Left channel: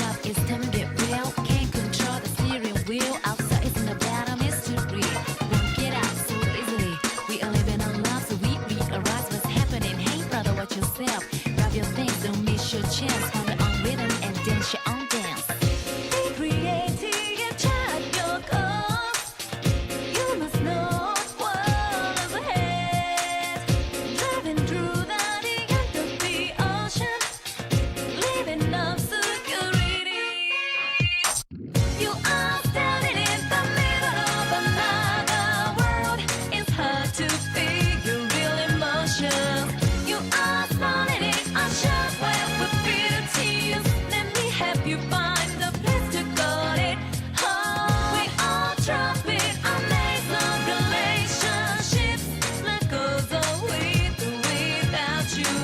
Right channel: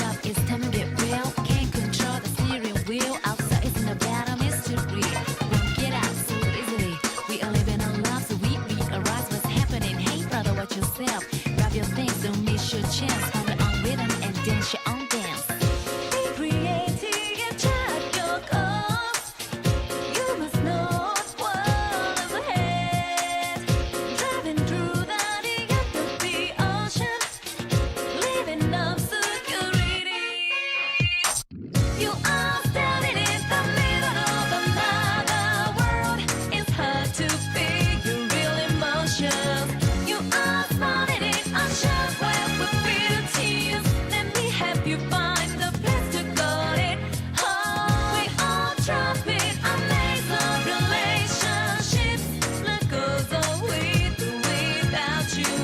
it up, it's time to get real. Can't control the steering wheel. Outside isn't about a mystery. Won't get out so easily. We are living our lives, so we realize what's happening. Hey brother, watch yourself. Grab your things, don't miss your chance. Find your own rhythm and dance your own dance. Be creative, chart your course. You must know what's ahead. Driving through the end of the ocean, living up security. You are standing in the middle of another world. It's hard to figure real emotions. You are starting in a shop where we feel tears. Let me help you find the place to go it. Oh, we all trumpet a maze of relationships. Life goes on with or without you.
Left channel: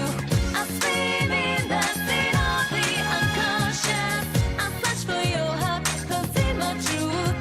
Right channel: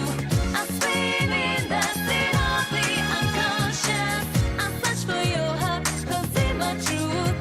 I swim in the sea of the unconscious. I search for your heart, cause it's my truth.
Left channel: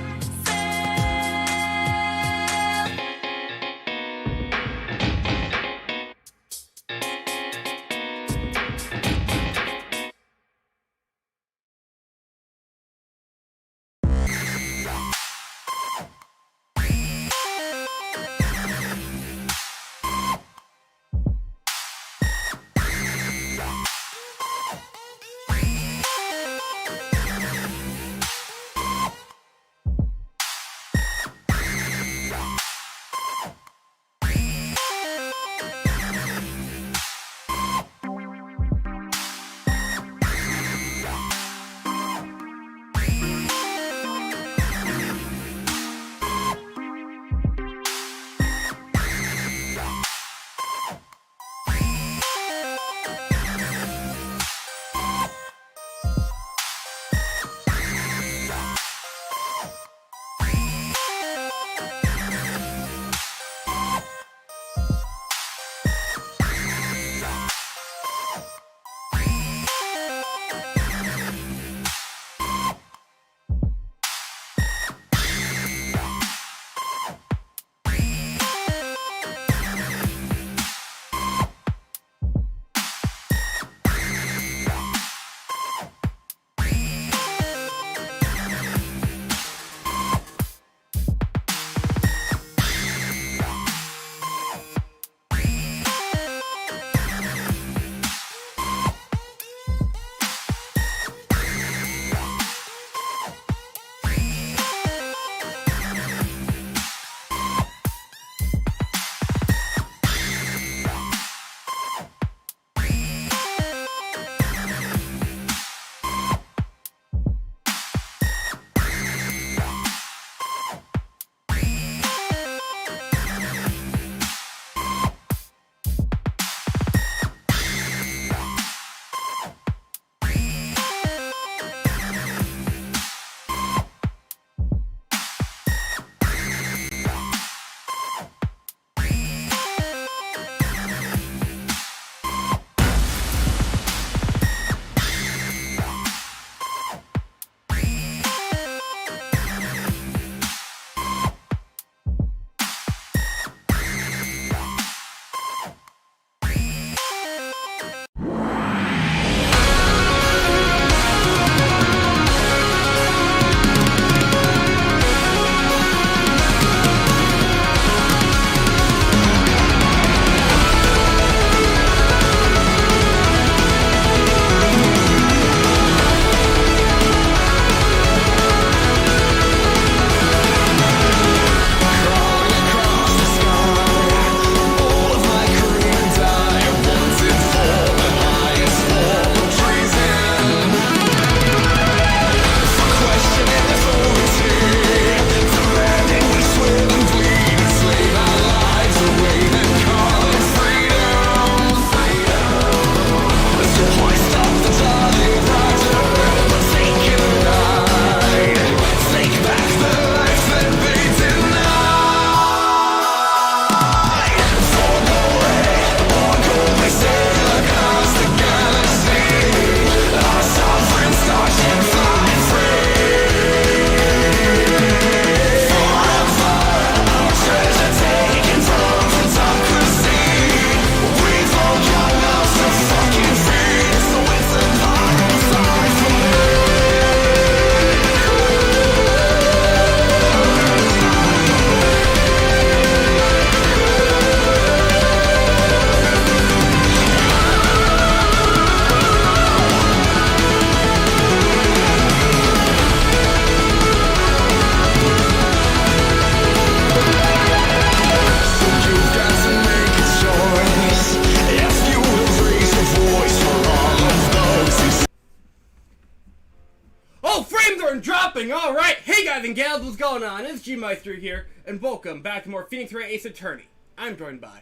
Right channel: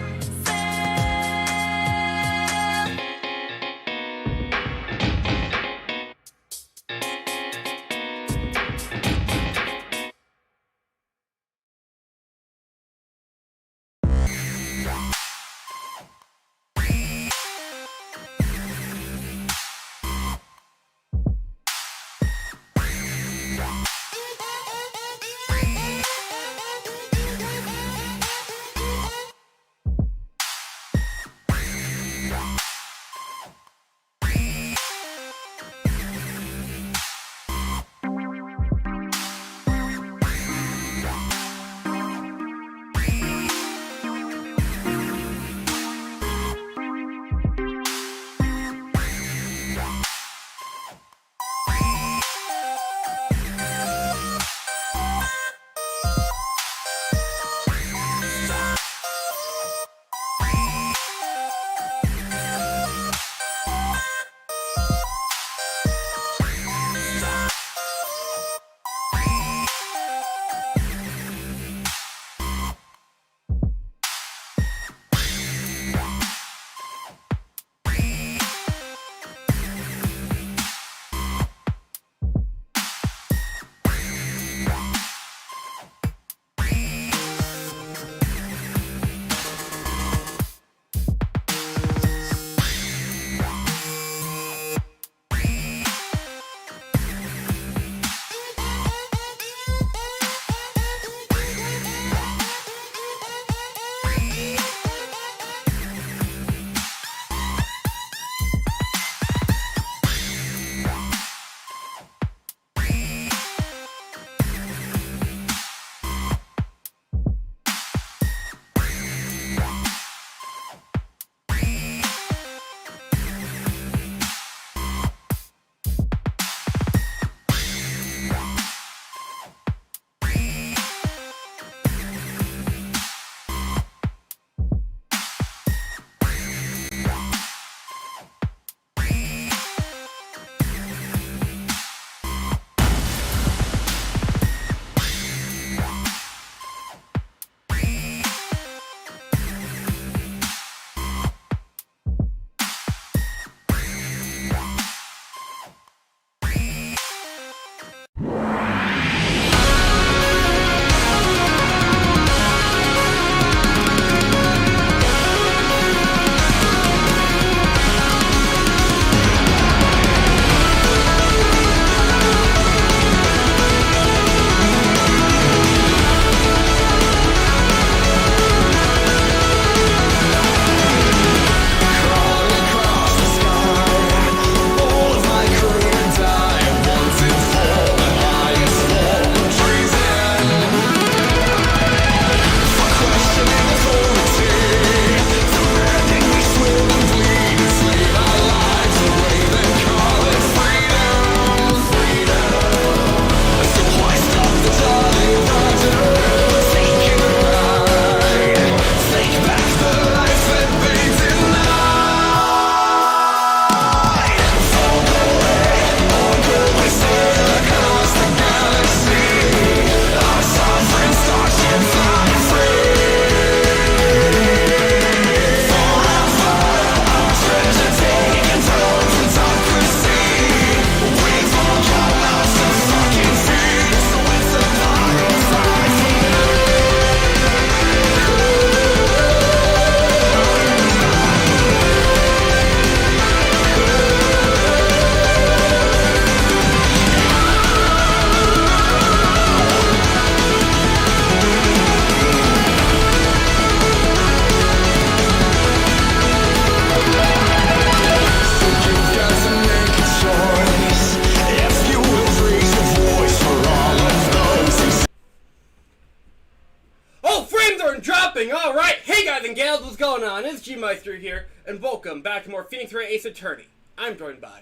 Frames aren't dropping! Alright! Hey guys and gals, what's going on? It's G-Meister here, and welcome back to more Phoenix Wright Ace Attorney. I'm joined by...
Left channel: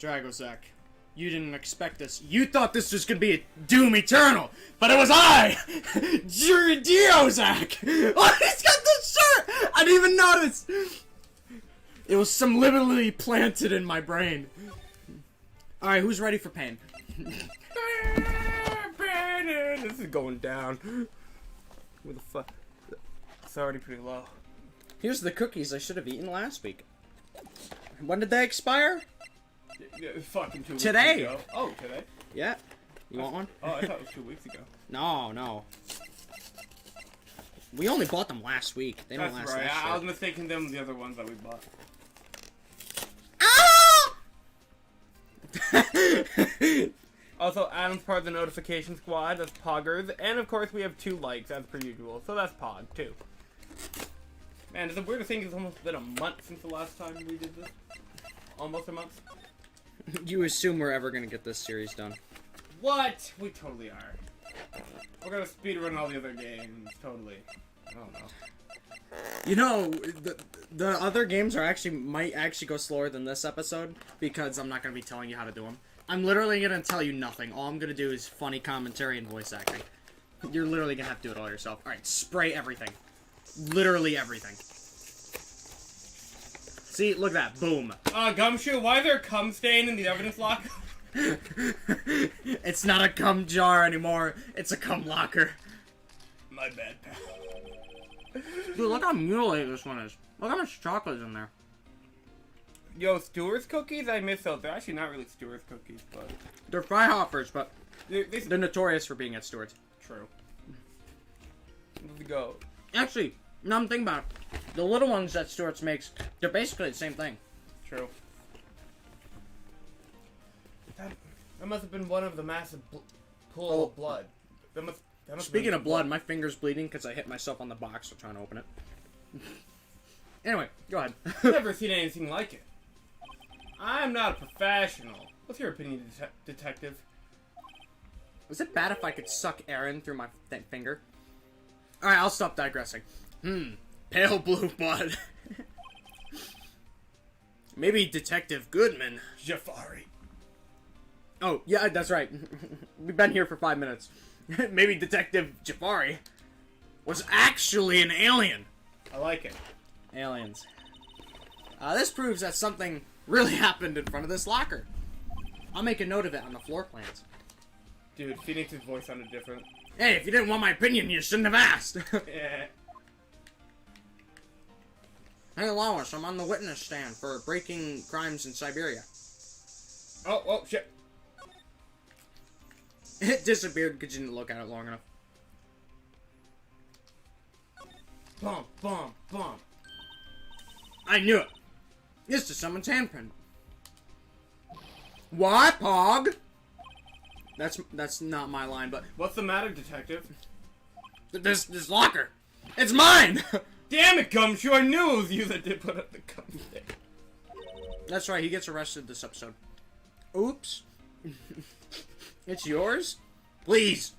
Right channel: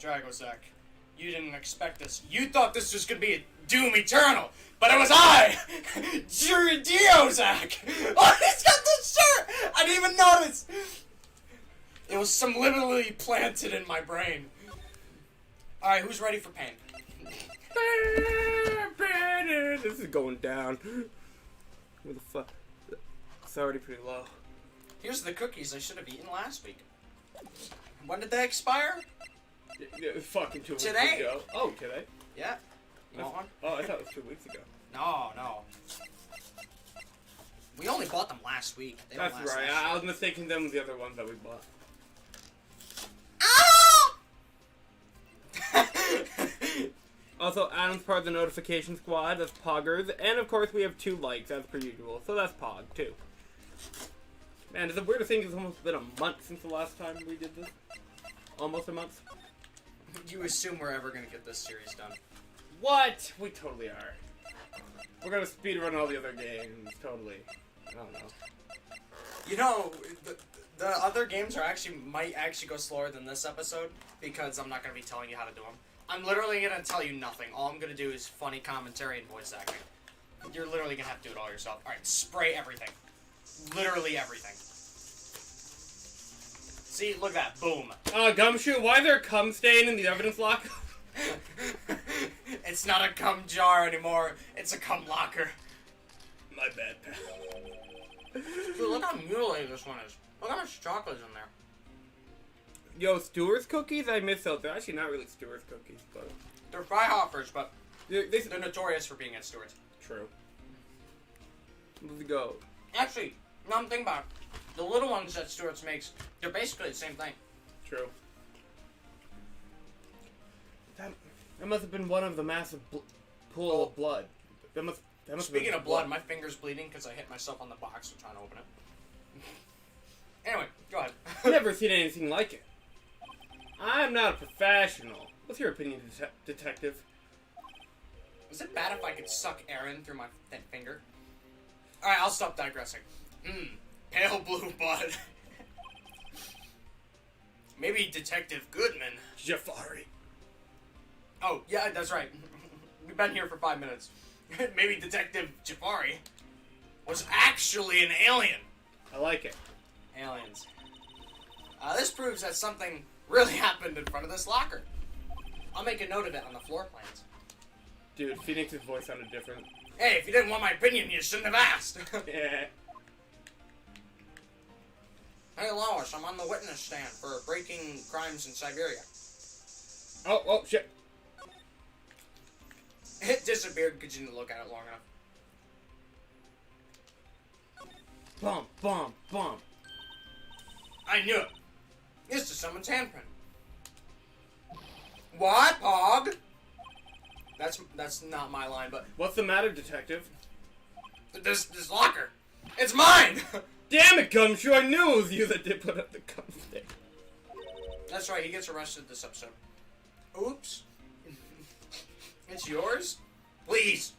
Dragozak, you didn't expect this. You thought this was gonna be a Doom Eternal, but it was I! Juridiozak! Oh, he's got the shirt! I didn't even notice! It was subliminally planted in my brain. Alright, who's ready for pain? This is going down. Where the fuck? It's already pretty low. Here's the cookies I should have eaten last week. When did they expire? Yeah, fucking 2 weeks Today. ago. Oh, today? Yeah. You want one? Oh, I thought it was 2 weeks ago. No. We only bought them last week. They don't That's last right. that I was shit. mistaking them with the other ones that we bought. Also, Adam's part of the notification squad. That's Poggers. And of course, we have 2 likes as per usual. So that's Pog, too. Man, it's a weird thing. It's almost been a month since the last time we did this. Almost a month. You assume we're ever gonna get this series done. What? We totally are. We're gonna speedrun all the other games. Totally. I don't know. You know, the other games might actually go slower than this episode because I'm not gonna be telling you how to do them. I'm literally gonna tell you nothing. All I'm gonna do is funny commentary and voice acting. You're literally gonna have to do it all yourself. Alright, spray everything. Literally everything. See, look at that. Boom. Gumshoe, why is there a cum stain in the evidence locker? It's not a cum jar anymore. It's a cum locker. My bad, pal. Dude, look how mutilated this one is. Look how much chocolate is in there. Yo, Stewart's cookies? I miss those. They're actually not really Stewart's cookies, but... They're Freihoffers, but They're they're notorious for being at Stewart's. true. Let's go. Actually, now I'm thinking about it. The little ones that Stewart's makes, they're basically the same thing. True. That must have been one of the massive pool of blood. That must Speaking of blood, my finger's bleeding because I hit myself on the box while trying to open it. Anyway, go ahead. I've never seen anything like it. I'm not a professional. What's your opinion, detective? Was it bad if I could suck Aaron through my finger? Alright, I'll stop digressing. Pale blue blood. Maybe Detective Goodman. Jafari. Oh, yeah, that's right. We've been here for 5 minutes. Maybe Detective Jafari was actually an alien. I like it. Aliens. This proves that something really happened in front of this locker. I'll make a note of it on the floor plans. Dude, Phoenix's voice sounded different. Hey, if you didn't want my opinion, you shouldn't have asked. Yeah. Hey, Lois, I'm on the witness stand for breaking crimes in Siberia. Oh, shit. It disappeared because you didn't look at it long enough. Bomb. I knew it. This is someone's handprint. What, Pog? That's not my line, but What's the matter, detective? this locker, it's mine. Damn it, Gumshoe! I knew it was you that did put up the cum stick. That's right. He gets arrested this episode. Oops. It's yours? Please.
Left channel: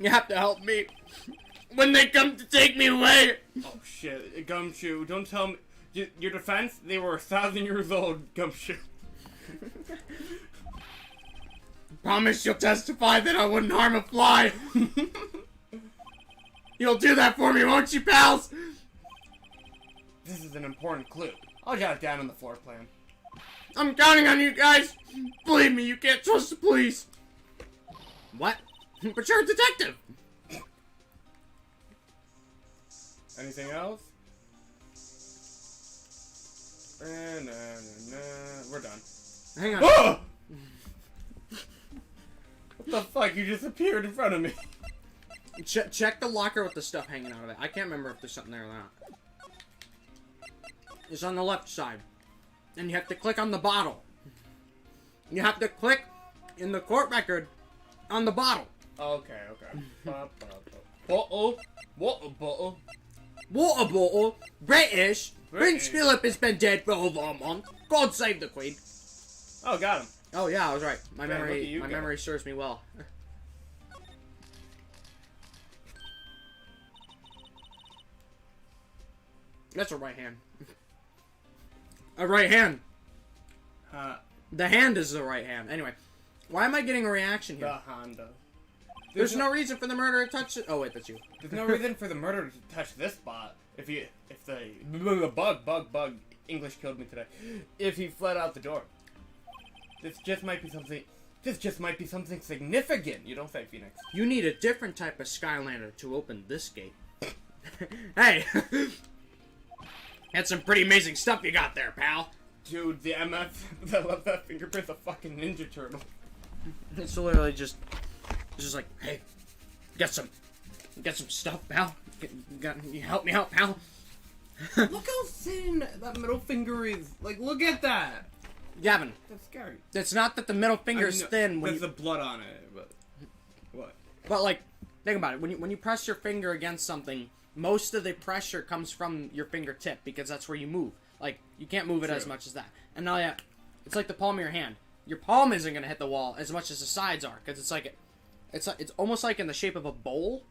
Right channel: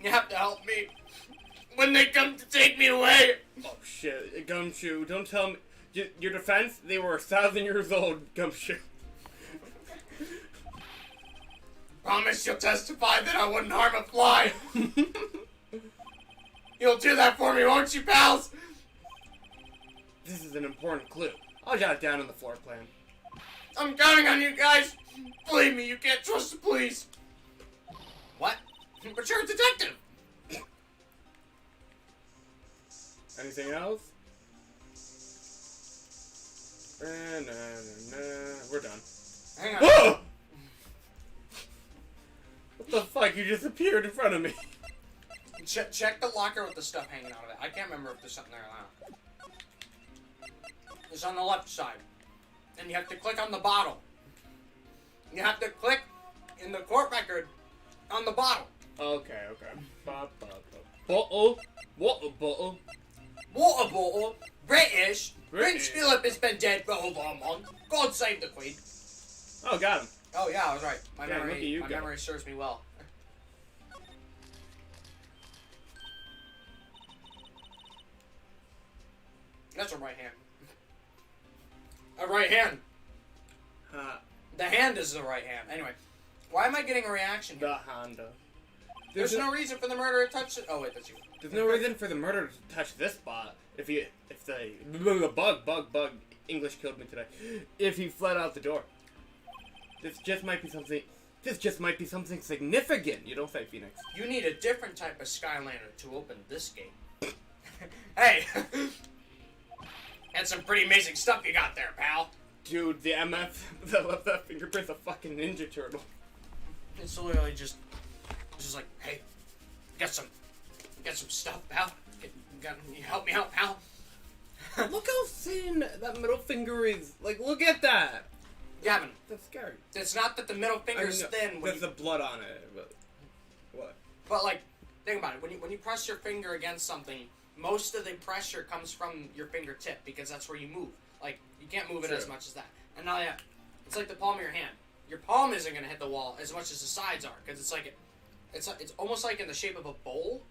You have to help me when they come to take me away. Oh shit, Gumshoe! Don't tell me. Your defense? They were 1,000 years old, Gumshoe. Promise you'll testify that I wouldn't harm a fly. You'll do that for me, won't you, pals? This is an important clue. I'll jot it down on the floor plan. I'm counting on you guys. Believe me, you can't trust the police. What? But you're a detective. Anything else? We're done. Hang on. Oh! What the fuck? You just appeared in front of me. Check the locker with the stuff hanging out of it. I can't remember if there's something there or not. It's on the left side. And you have to click on the bottle. You have to click in the court record on the bottle. Okay. Bottle. Water bottle. Water bottle. British. Prince Philip has been dead for over a month. God save the Queen. Oh, got him. Oh yeah, I was right. My Yeah, look at you memory serves me well. That's a right hand. A right hand. The hand is the right hand. Anyway, why am I getting a reaction here? The Honda. There's no reason for the murderer to touch it. Oh wait, that's you. There's no reason for the murderer to touch this spot. If the bug English killed me today. If he fled out the door. This just might be something significant. You don't say, Phoenix. You need a different type of Skylander to open this gate. Hey, that's some pretty amazing stuff you got there, pal. Dude, the MF that left that fingerprint's a fucking Ninja Turtle. It's literally just like, hey, get some stuff, pal. You help me out, pal. Look how thin that middle finger is. Like, look at that. Gavin, That's scary. it's not that the middle finger's thin. There's the blood on it, but what? But like, think about it. When you press your finger against something, most of the pressure comes from your fingertip because that's where you move. Like, you can't move it as much as that. And now, yeah, it's like the palm of your hand. Your palm isn't gonna hit the wall as much as the sides are because it's almost like in the shape of a bowl.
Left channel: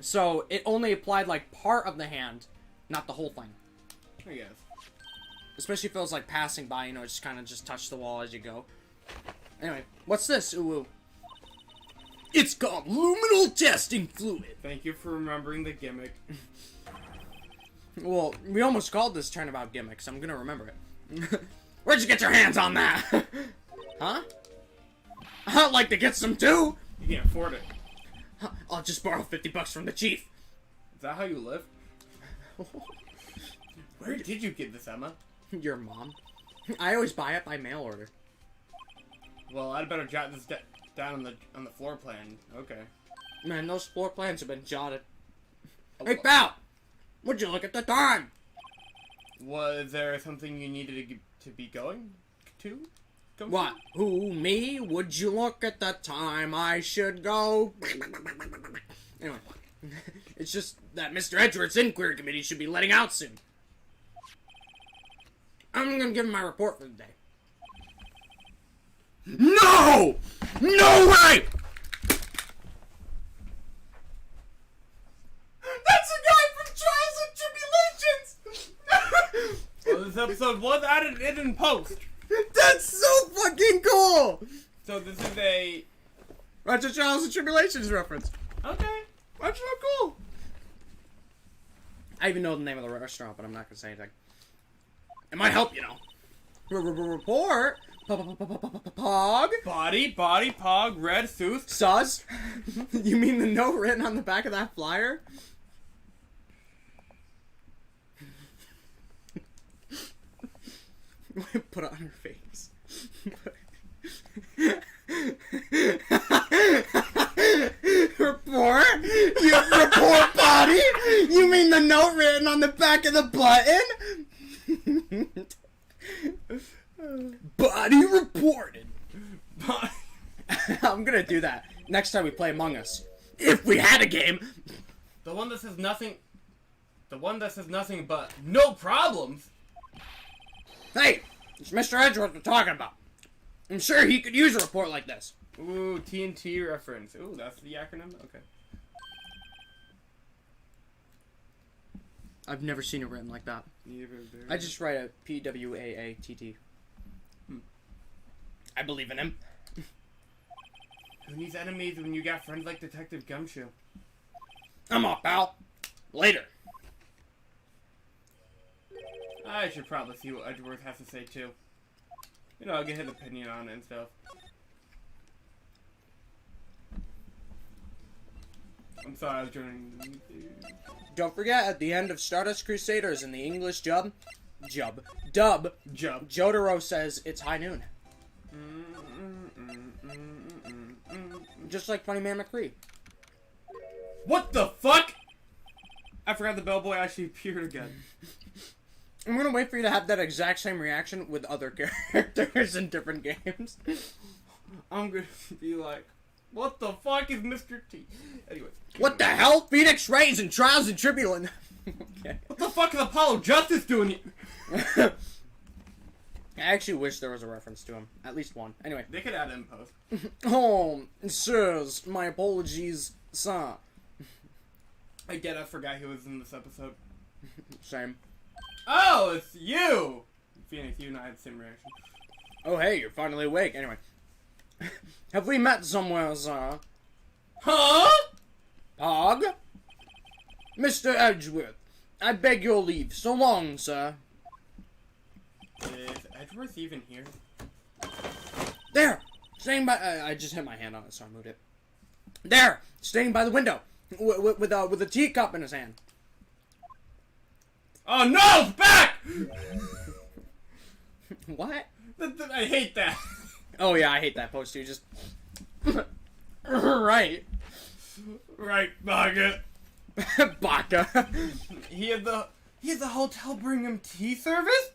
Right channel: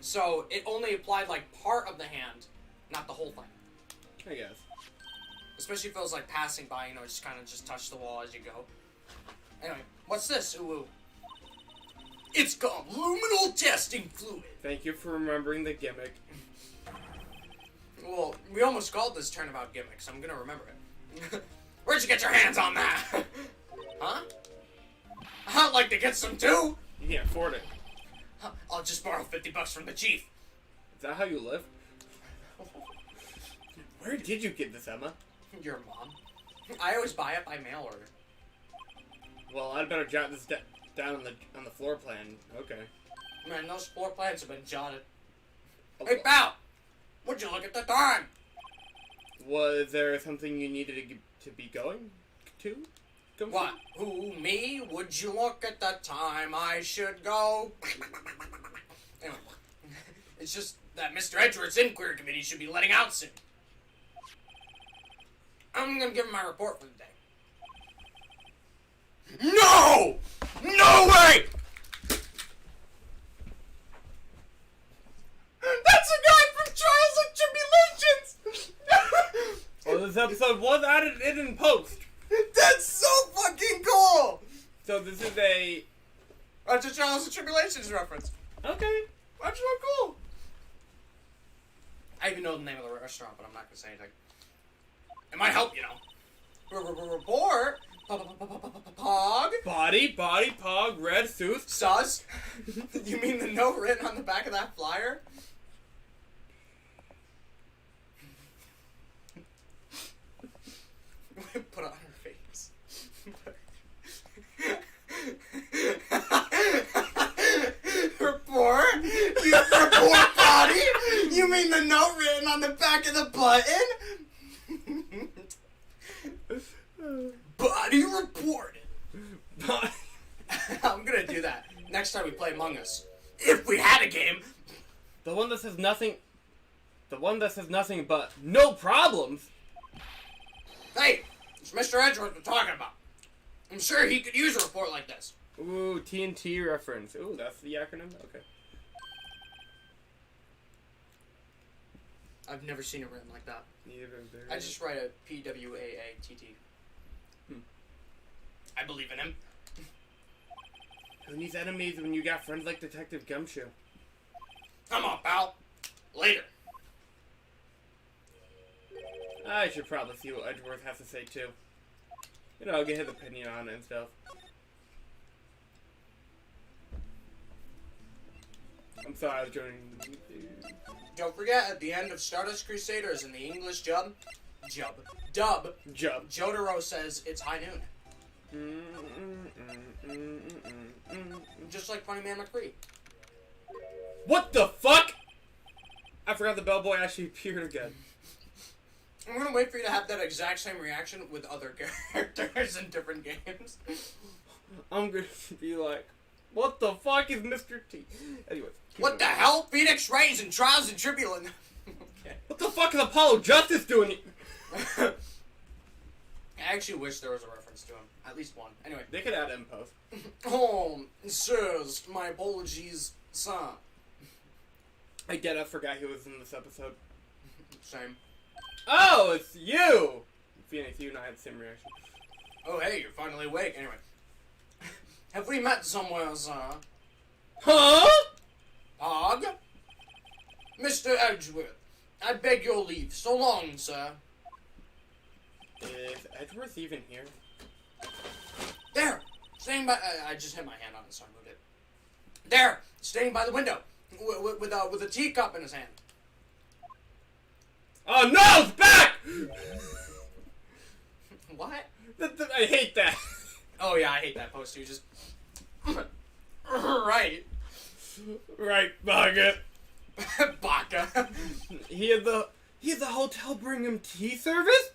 So it only applied like part of the hand, not the whole thing. I guess. Especially if it was like passing by, you know, just kind of just touch the wall as you go. Anyway, what's this? Ooh. It's called luminal testing fluid. Thank you for remembering the gimmick. Well, we almost called this Turnabout gimmick, so I'm gonna remember it. Where'd you get your hands on that? Huh? I'd like to get some too. You can't afford it. I'll just borrow $50 from the chief. Is that how you live? Where did you get this, Emma? Your mom. I always buy it by mail order. Well, I'd better jot this down on the floor plan. Okay. Man, those floor plans have been jotted. Hey, pal! Would you look at the time? Was there something you needed to be going to? What? Who, me? Would you look at the time I should go? Anyway, it's just that Mr. Edgeworth's inquiry committee should be letting out soon. I'm gonna give him my report for the day. No! No way! That's a guy from Trials and Tribulations! Well, this episode was added in post. That's so fucking cool! So this is a... That's a Trials and Tribulations reference. Okay. That's so cool. I even know the name of the restaurant, but I'm not gonna say anything. It might help, you know. Report. Pog. Body, pog, red, tooth. Sus. You mean the note written on the back of that flyer? Put it on her face. Report? You have report body? You mean the note written on the back of the button? Body reported. I'm gonna do that next time we play Among Us. If we had a game. The one that says nothing... The one that says nothing but no problems. Hey, it's Mr. Edgeworth we're talking about. I'm sure he could use a report like this. Ooh, TNT reference. Ooh, that's the acronym? Okay. I've never seen it written like that. I just write a P-W-A-A-T-T. I believe in him. Who needs enemies when you got friends like Detective Gumshoe? Come on, pal. Later. I should probably see what Edgeworth has to say, too. You know, I'll get his opinion on it and stuff. I'm sorry, I was joining. Don't forget, at the end of Stardust Crusaders in the English dub, Jotaro says it's high noon. Just like Funny Man McCree. What the fuck? I forgot the bellboy actually appeared again. I'm gonna wait for you to have that exact same reaction with other characters in different games. I'm gonna be like, what the fuck is Mr. T? Anyways. What the hell? Phoenix Wright in Trials and Tribulations. Okay. What the fuck is Apollo Justice doing? I actually wish there was a reference to him. At least one. Anyway. They could add it in post. Oh, sirs, my apologies, sir. I forgot he was in this episode. Same. Oh, it's you! Phoenix, you and I had the same reaction. Oh, hey, you're finally awake. Anyway. Have we met somewhere, sir? Huh? Pog? Mr. Edgeworth, I beg your leave. So long, sir. Is Edgeworth even here? There! Staying by... I just hit my hand on it, so I moved it. There! Staying by the window. With a teacup in his hand. Oh no! It's back! What? I hate that. Oh yeah, I hate that poster. You just... Right. Right, Baga. Baka. He had the hotel bring him tea service?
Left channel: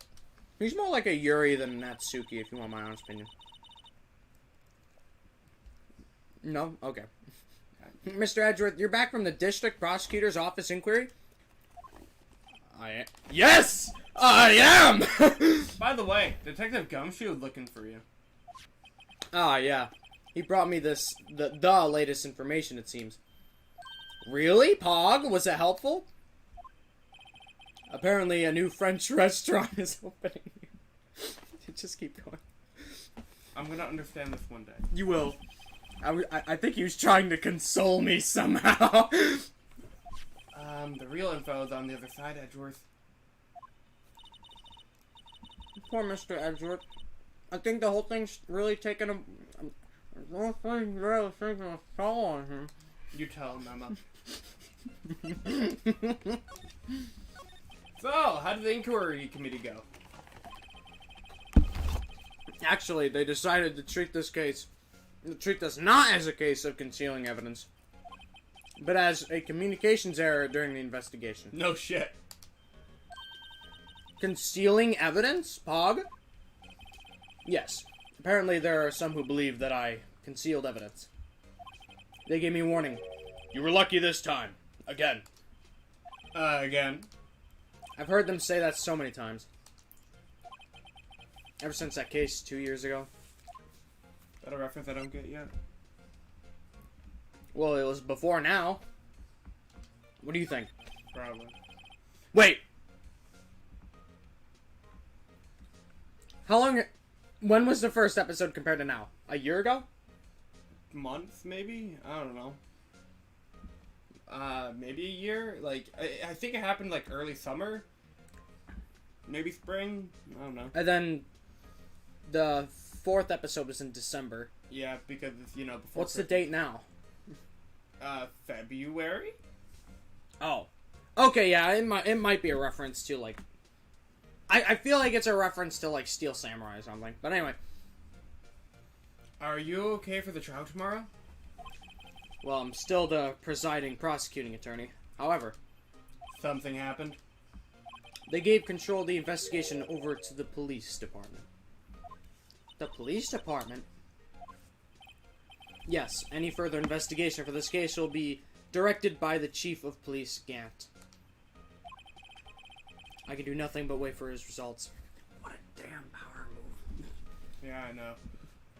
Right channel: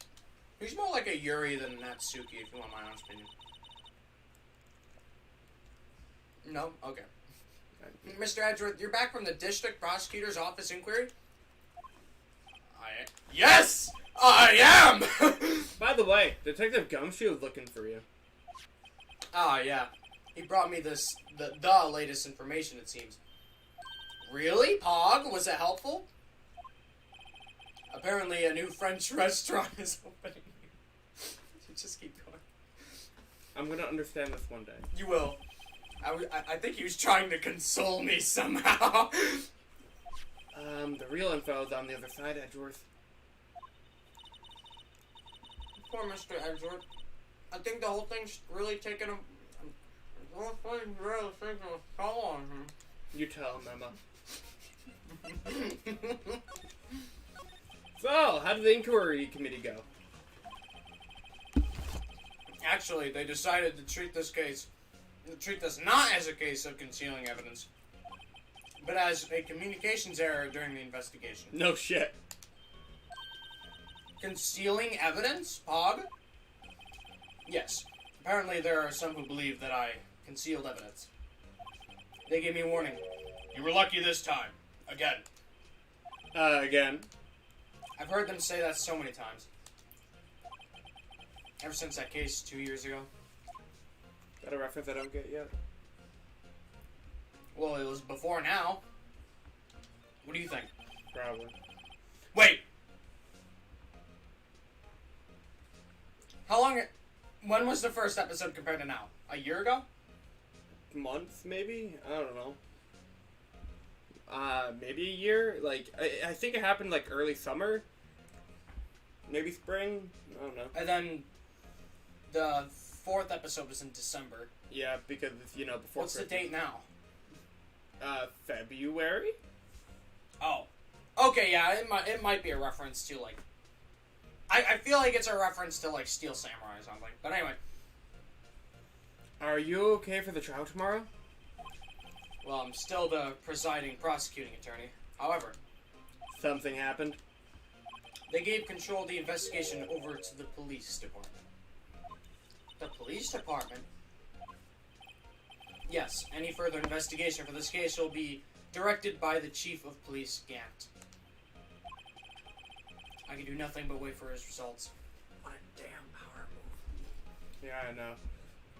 He's more like a Yuri than Natsuki, if you want my honest opinion. No? Okay. Mr. Edgeworth, you're back from the district prosecutor's office inquiry? Yes! I am! By the way, Detective Gumshoe is looking for you. Ah, yeah. He brought me the latest information, it seems. Really? Pog? Was it helpful? Apparently a new French restaurant is opening. Just keep going. I'm gonna understand this one day. You will. I think he was trying to console me somehow. The real info is on the other side, Edgeworth. Poor Mr. Edgeworth. I think the whole thing's really taken a... The whole thing's really taking a toll on him. You tell him, Emma. So, how did the inquiry committee go? Actually, they decided to treat this not as a case of concealing evidence, but as a communications error during the investigation. No shit. Concealing evidence, Pog? Yes. Apparently there are some who believe that I concealed evidence. They gave me a warning. You were lucky this time. Again. Again. I've heard them say that so many times. Ever since that case 2 years ago. Is that a reference I don't get yet? Well, it was before now. What do you think? Probably. Wait! How long... When was the first episode compared to now? A year ago? Months, maybe? I don't know. Maybe a year? Like, I think it happened, like, early summer? Maybe spring? I don't know. And then... The 4th episode was in December. Yeah, because it's, you know, before What's the Christmas. date now? February? Oh. Okay, yeah, it might be a reference to, like... I feel like it's a reference to, like, Steel Samurai or something. But anyway. Are you okay for the trial tomorrow? Well, I'm still the presiding prosecuting attorney. However, Something happened? they gave control of the investigation over to the police department. The police department? Yes, any further investigation for this case will be directed by the chief of police, Gant. I can do nothing but wait for his results. What a damn power move. Yeah, I know.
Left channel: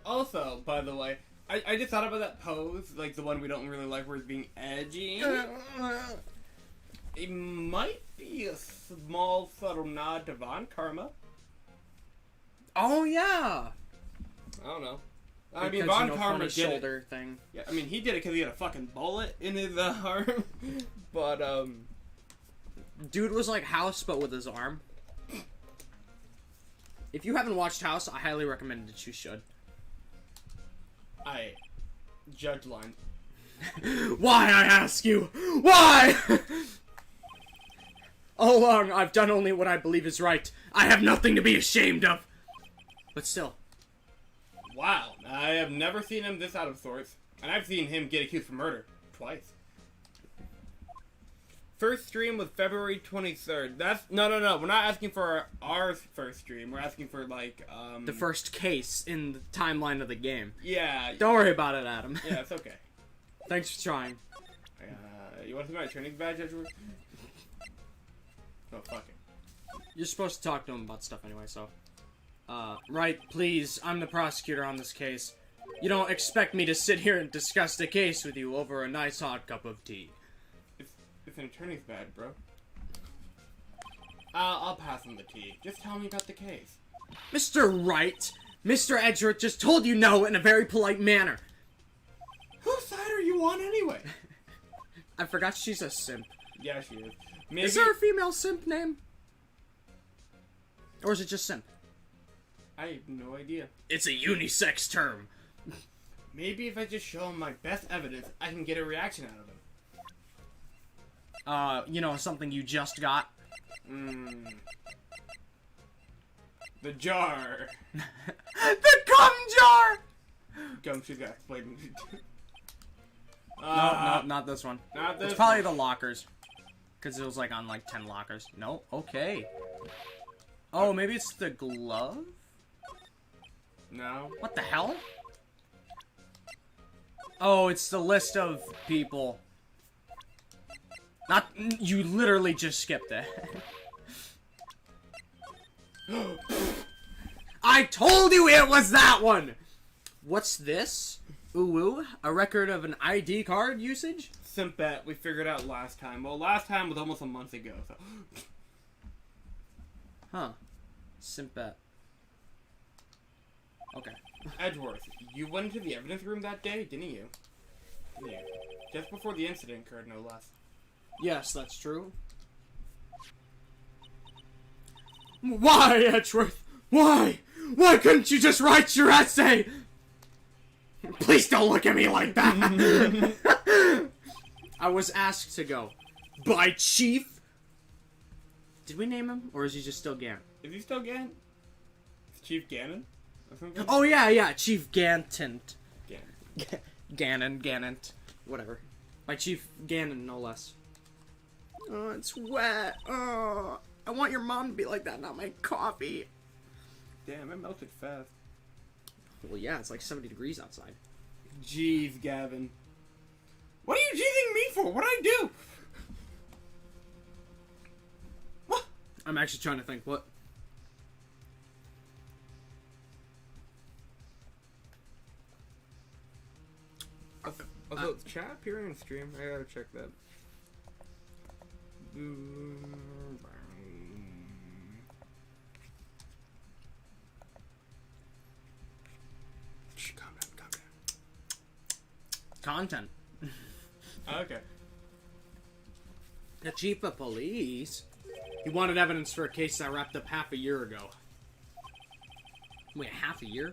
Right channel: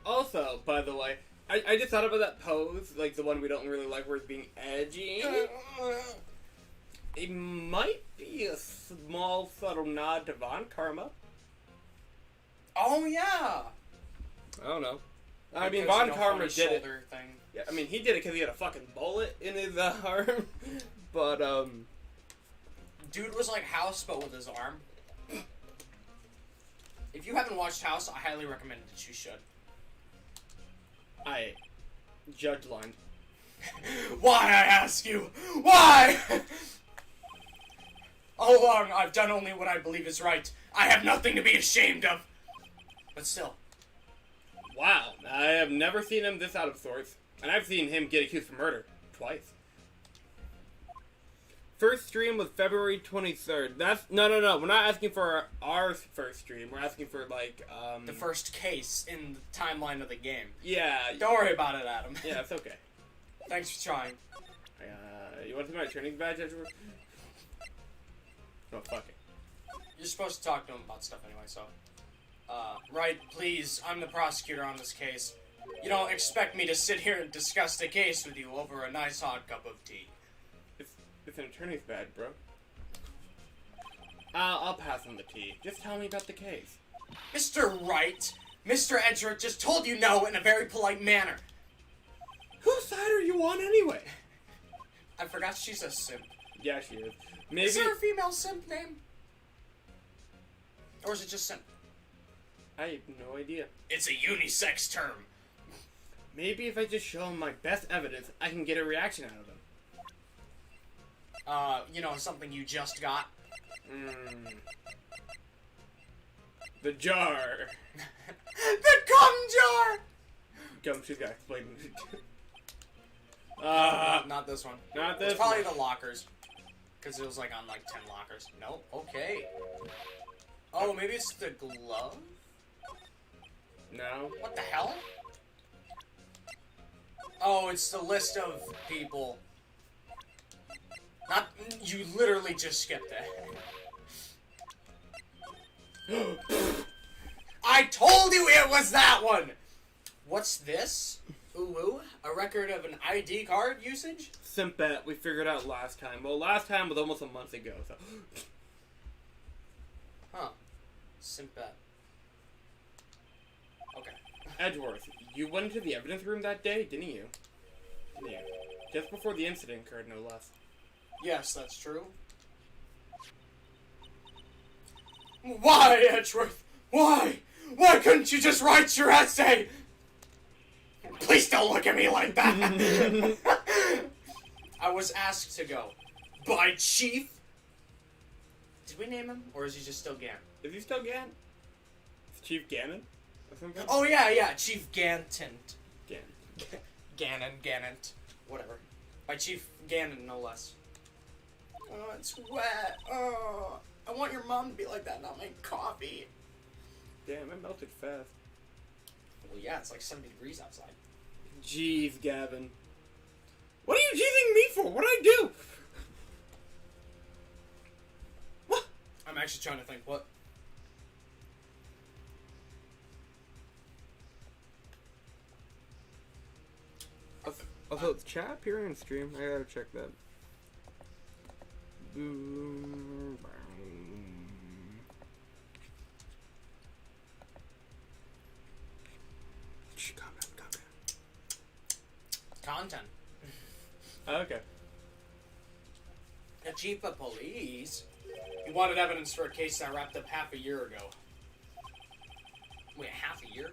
Also, by the way, I just thought about that pose, like the one we don't really like where it's being edgy. It might be a small, subtle nod to Von Karma. Oh, yeah! I don't know. I mean, Because, Von you know, Karma funny did it. shoulder thing. Yeah, I mean, he did it because he had a fucking bullet in his arm. But, Dude was like House, but with his arm. If you haven't watched House, I highly recommend that you should. Judge line. Why, I ask you? Why? All along, I've done only what I believe is right. I have nothing to be ashamed of. But still. Wow, I have never seen him this out of sorts. And I've seen him get accused for murder. Twice. First stream was February 23rd. That's... No. We're not asking for our first stream. We're asking for, like, The first case in the timeline of the game. Yeah. Don't worry about it, Adam. Yeah, it's okay. Thanks for trying. You want to see my training badge, Edward? Oh, fuck it. You're supposed to talk to him about stuff anyway, so... Right, please, I'm the prosecutor on this case. You don't expect me to sit here and discuss the case with you over a nice hot cup of tea. It's an attorney's badge, bro. I'll pass on the tea. Just tell me about the case. Mr. Wright, Mr. Edgeworth just told you no in a very polite manner. Whose side are you on anyway? I forgot she's a simp. Yeah, she is. Maybe... Is there a female simp name? Or is it just simp? I have no idea. It's a unisex term. Maybe if I just show him my best evidence, I can get a reaction out of him. You know, something you just got? The jar. The gum jar! She's got explained. Not this one. Not this It's probably one. the lockers. Because it was like on like 10 lockers. No? Okay. Oh, maybe it's the glove? No. What the hell? Oh, it's the list of people. Not- you literally just skipped it. I told you it was that one! What's this? Ooh, a record of an ID card usage? Simpet, we figured out last time. Well, last time was almost a month ago, so... Huh. Simpet. Okay. Edgeworth, you went into the evidence room that day, didn't you? Yeah. Just before the incident occurred, no less. Yes, that's true. Why, Edgeworth? Why? Why couldn't you just write your essay? Please don't look at me like that. I was asked to go. By Chief? Did we name him? Or is he just still Gann? Is he still Gann? Is Chief Gannon? Or something? Oh, yeah, Chief Ganton. Gannon. Gannant. Whatever. By Chief Gannon, no less. Oh, it's wet. Oh, I want your mom to be like that, not my coffee. Damn, it melted fast. Well, yeah, it's like 70 degrees outside. Jeez, Gavin. What are you jeezing me for? What'd I do? What? I'm actually trying to think, what? Also, it's chat appearing on stream. I gotta check that. Calm down. Content. Okay. The chief of police. He wanted evidence for a case that wrapped up half a year ago. Wait, half a year?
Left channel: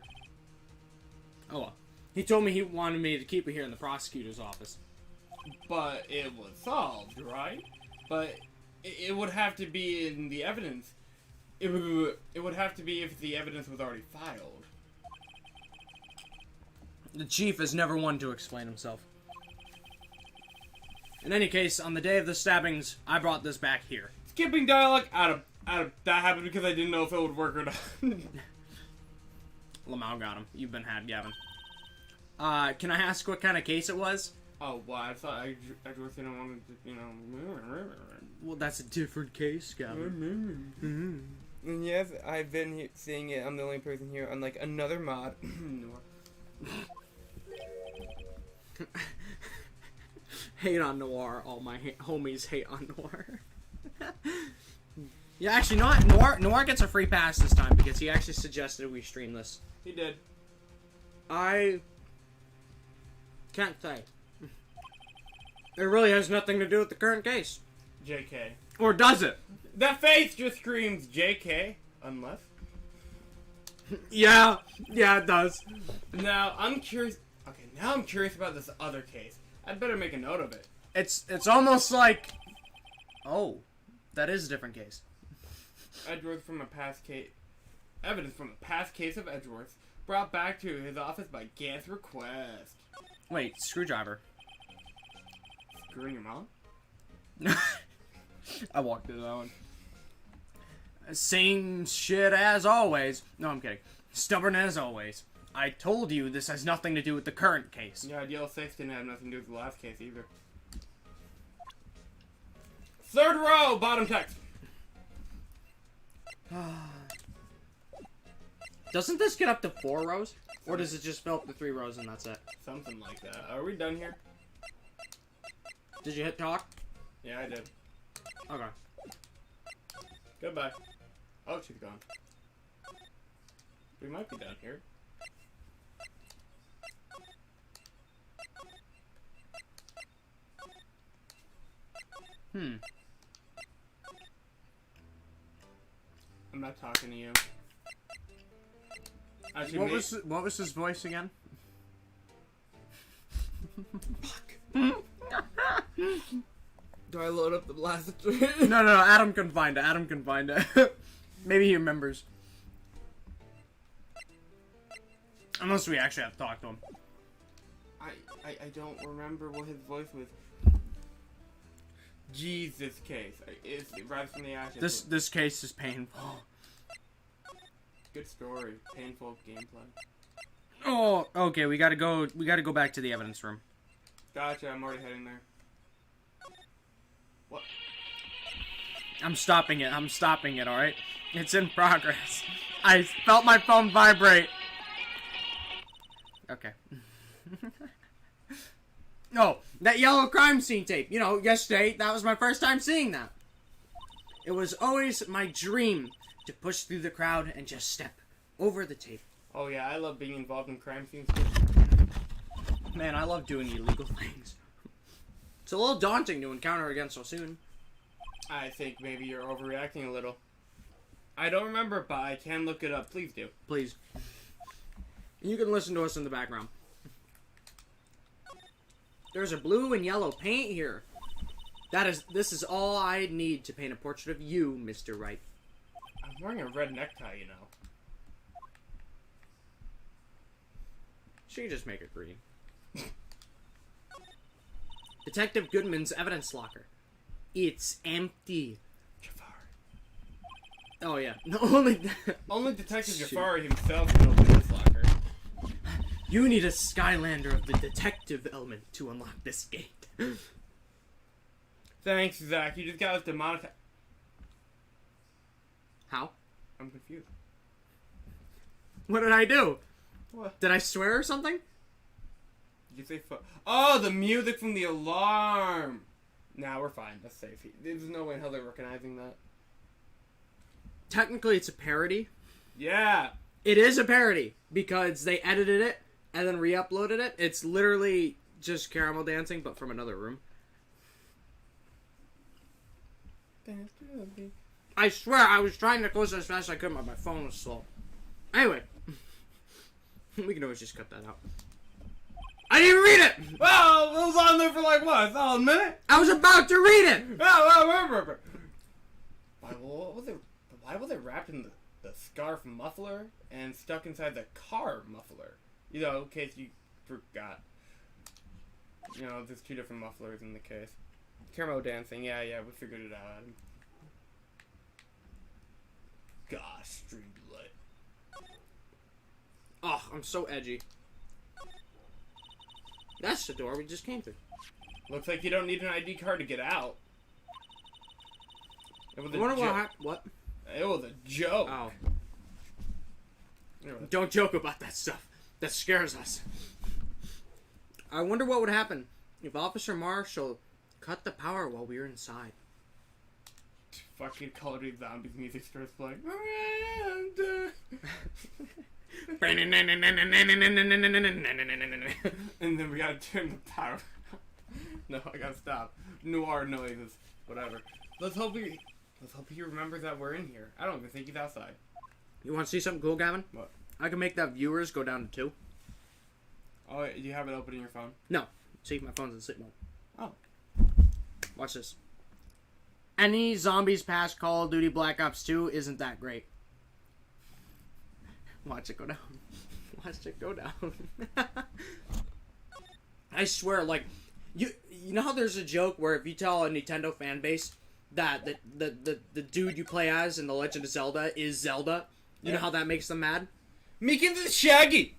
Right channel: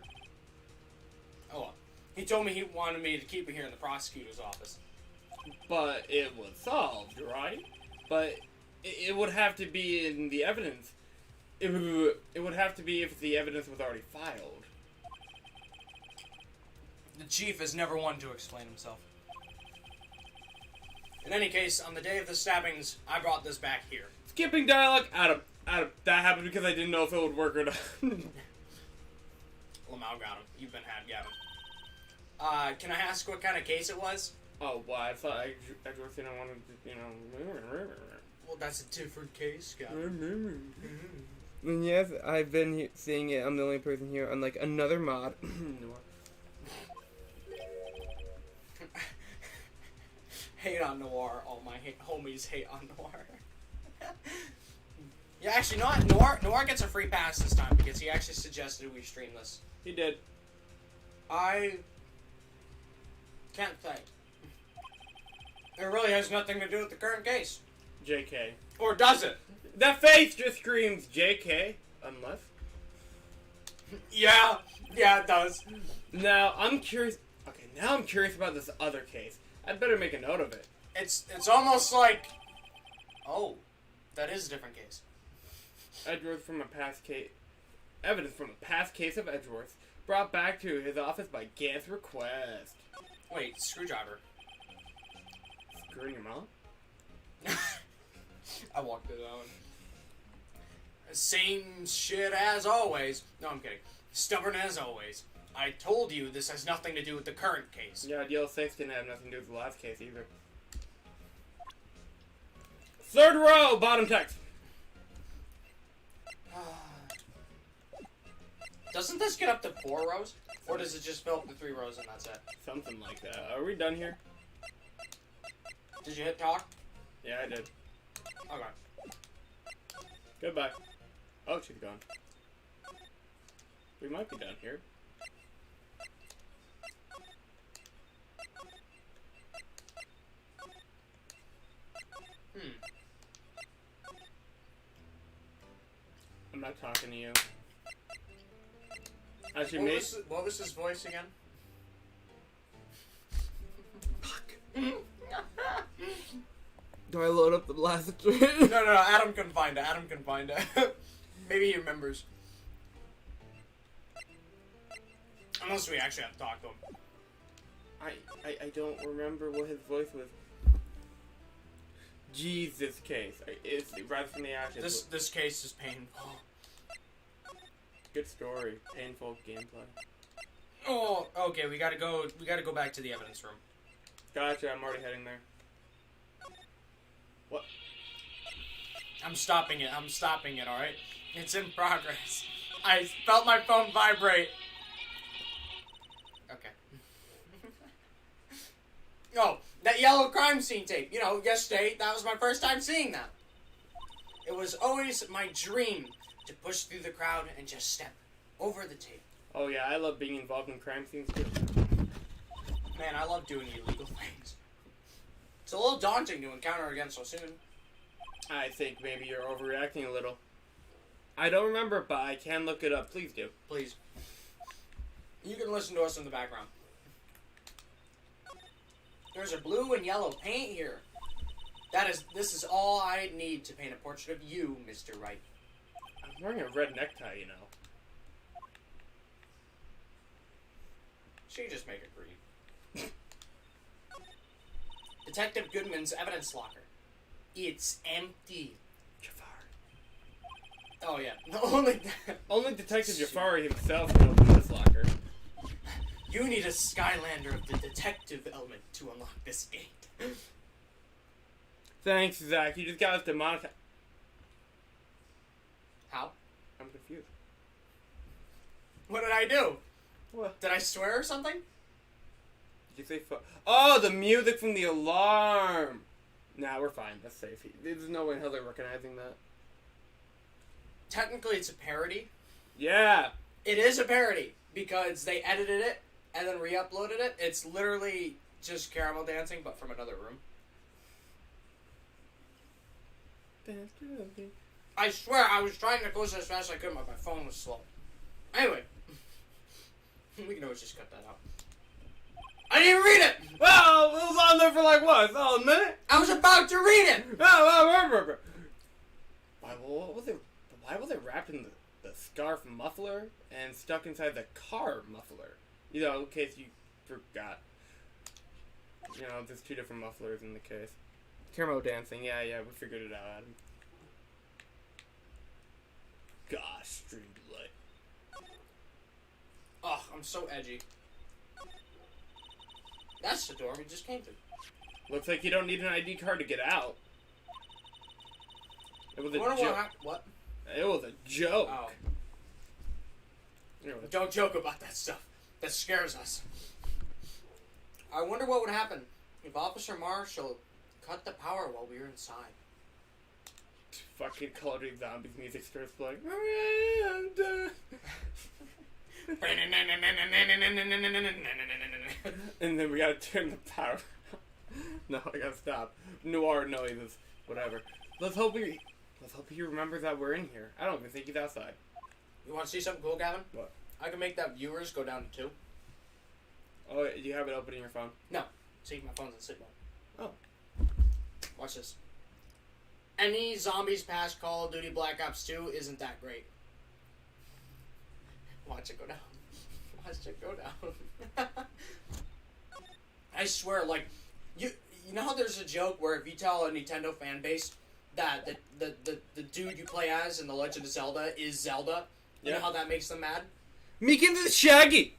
Oh, well. He told me he wanted me to keep it here in the prosecutor's office. But it was solved, right? But it would have to be in the evidence. It would have to be if the evidence was already filed. The chief is never one to explain himself. In any case, on the day of the stabbings, I brought this back here. Skipping dialogue out of that happened because I didn't know if it would work or not. Lamau got him. You've been had, Gavin. Can I ask what kind of case it was? Oh, well, I thought I just didn't want to, you know. Well, that's a different case, Gavin. And yes, I've been seeing it. I'm the only person here, unlike another mod. Hate on Noir. All my homies hate on Noir. Yeah, actually, Noir gets a free pass this time because he actually suggested we stream this. He did. I can't say. It really has nothing to do with the current case. JK. Or does it? That face just screams JK, unless. Yeah, it does. Now, I'm curious. Okay, now I'm curious about this other case. I'd better make a note of it. It's almost like... Oh, that is a different case. Edgeworth from a past case. Evidence from a past case of Edgeworth brought back to his office by Gant's request. Wait, screwdriver. Screwing your mom? I walked through that one. Same shit as always. No, I'm kidding. Stubborn as always. I told you this has nothing to do with the current case. Yeah, DL6 didn't have nothing to do with the last case either. Third row, bottom text. Doesn't this get up to 4 rows? Or does it just fill up to 3 rows and that's it? Something like that. Are we done here? Did you hit talk? Yeah, I did. Okay. Goodbye. Oh, she's gone. We might be down here. I'm not talking to you. Actually, What was his voice again? Fuck. Do I load up the last? No. Adam can find it. Adam can find it. Maybe he remembers. Unless we actually have to talk to him. I don't remember what his voice was. Jesus case. It's Rise from the Ashes. This case is painful. Good story. Painful gameplay. Oh, okay. We gotta go back to the evidence room. Gotcha. I'm already heading there. What? I'm stopping it. All right. It's in progress. I felt my phone vibrate. Okay. Oh, that yellow crime scene tape. You know, yesterday, that was my first time seeing that. It was always my dream to push through the crowd and just step over the tape. Oh yeah, I love being involved in crime scenes too. Man, I love doing illegal things. It's a little daunting to encounter again so soon. I think maybe you're overreacting a little. I don't remember it, but I can look it up. Please do. Please. You can listen to us in the background. There's a blue and yellow paint here. This is all I need to paint a portrait of you, Mr. Wright. I'm wearing a red necktie, you know. Should you just make it green? Detective Goodman's evidence locker. It's empty. Jafari. Oh yeah. No, only Detective Jafari himself can open this locker. You need a Skylander of the detective element to unlock this gate. Thanks, Zach. You just got us demonetized. How? I'm confused. What did I do? What? Did I swear or something? Did you say Oh, the music from the alarm! Nah, we're fine. That's safe. There's no way in hell they're recognizing that. Technically, it's a parody. Yeah! It is a parody, because they edited it and then re-uploaded it. It's literally just caramel dancing, but from another room. I swear, I was trying to close as fast as I could, but my phone was slow. Anyway. We can always just cut that out. I didn't read it! Well, it was on there for like, what, a solid minute? I was about to read it! Why was it wrapped in the scarf muffler and stuck inside the car muffler? You know, in case you forgot. You know, there's two different mufflers in the case. Caramel dancing, yeah, we figured it out, Adam. Gosh, Streamlight. Oh, I'm so edgy. That's the door we just came through. Looks like you don't need an ID card to get out. It was a joke. What? It was a joke. Oh. Anyway. Don't joke about that stuff. That scares us. I wonder what would happen if Officer Marshall cut the power while we were inside. Fucking Call of Duty Zombies music starts playing. And then we gotta turn the power. No, I gotta stop. Noir noises. Whatever. Let's hope he remembers that we're in here. I don't even think he's outside. You want to see something cool, Gavin? What? I can make that viewers go down to 2. Oh, you have it open in your phone? No. See, my phone's in sleep mode. Oh. Watch this. Any zombies past Call of Duty Black Ops 2 isn't that great. Watch it go down. Watch it go down. I swear, like, you know how there's a joke where if you tell a Nintendo fan base that the dude you play as in The Legend of Zelda is Zelda, you know how that makes them mad? Meekins is Shaggy!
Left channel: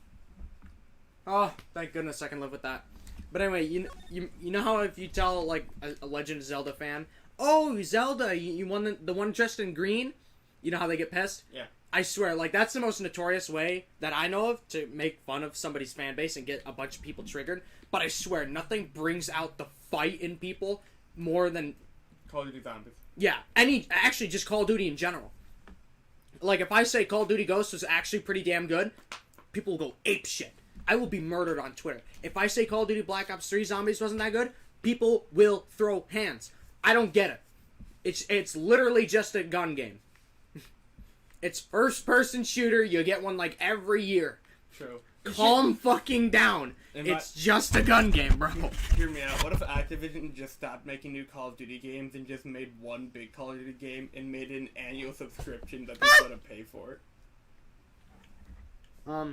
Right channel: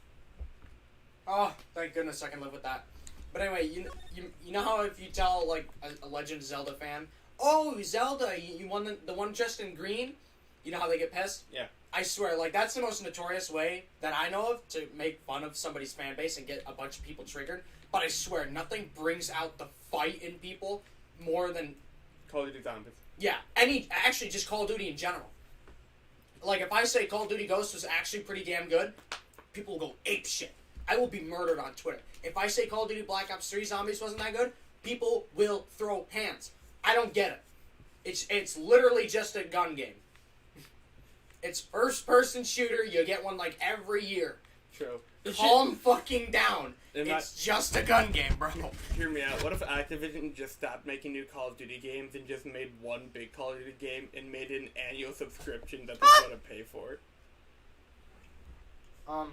Oh, thank goodness I can live with that. But anyway, you know how if you tell, like, a Legend of Zelda fan, oh, Zelda, you won the one dressed in green? You know how they get pissed? Yeah. I swear, like, that's the most notorious way that I know of to make fun of somebody's fan base and get a bunch of people triggered. But I swear, nothing brings out the fight in people more than Call of Duty Zombies. Yeah, actually just Call of Duty in general. Like, if I say Call of Duty Ghosts was actually pretty damn good, people will go ape shit. I will be murdered on Twitter. If I say Call of Duty Black Ops 3 Zombies wasn't that good, people will throw hands. I don't get it. It's literally just a gun game. It's first-person shooter. You get one, like, every year. True. Calm fucking down. It's just a gun game, bro. Hear me out. What if Activision just stopped making new Call of Duty games and just made one big Call of Duty game and made an annual subscription that people want to pay for? I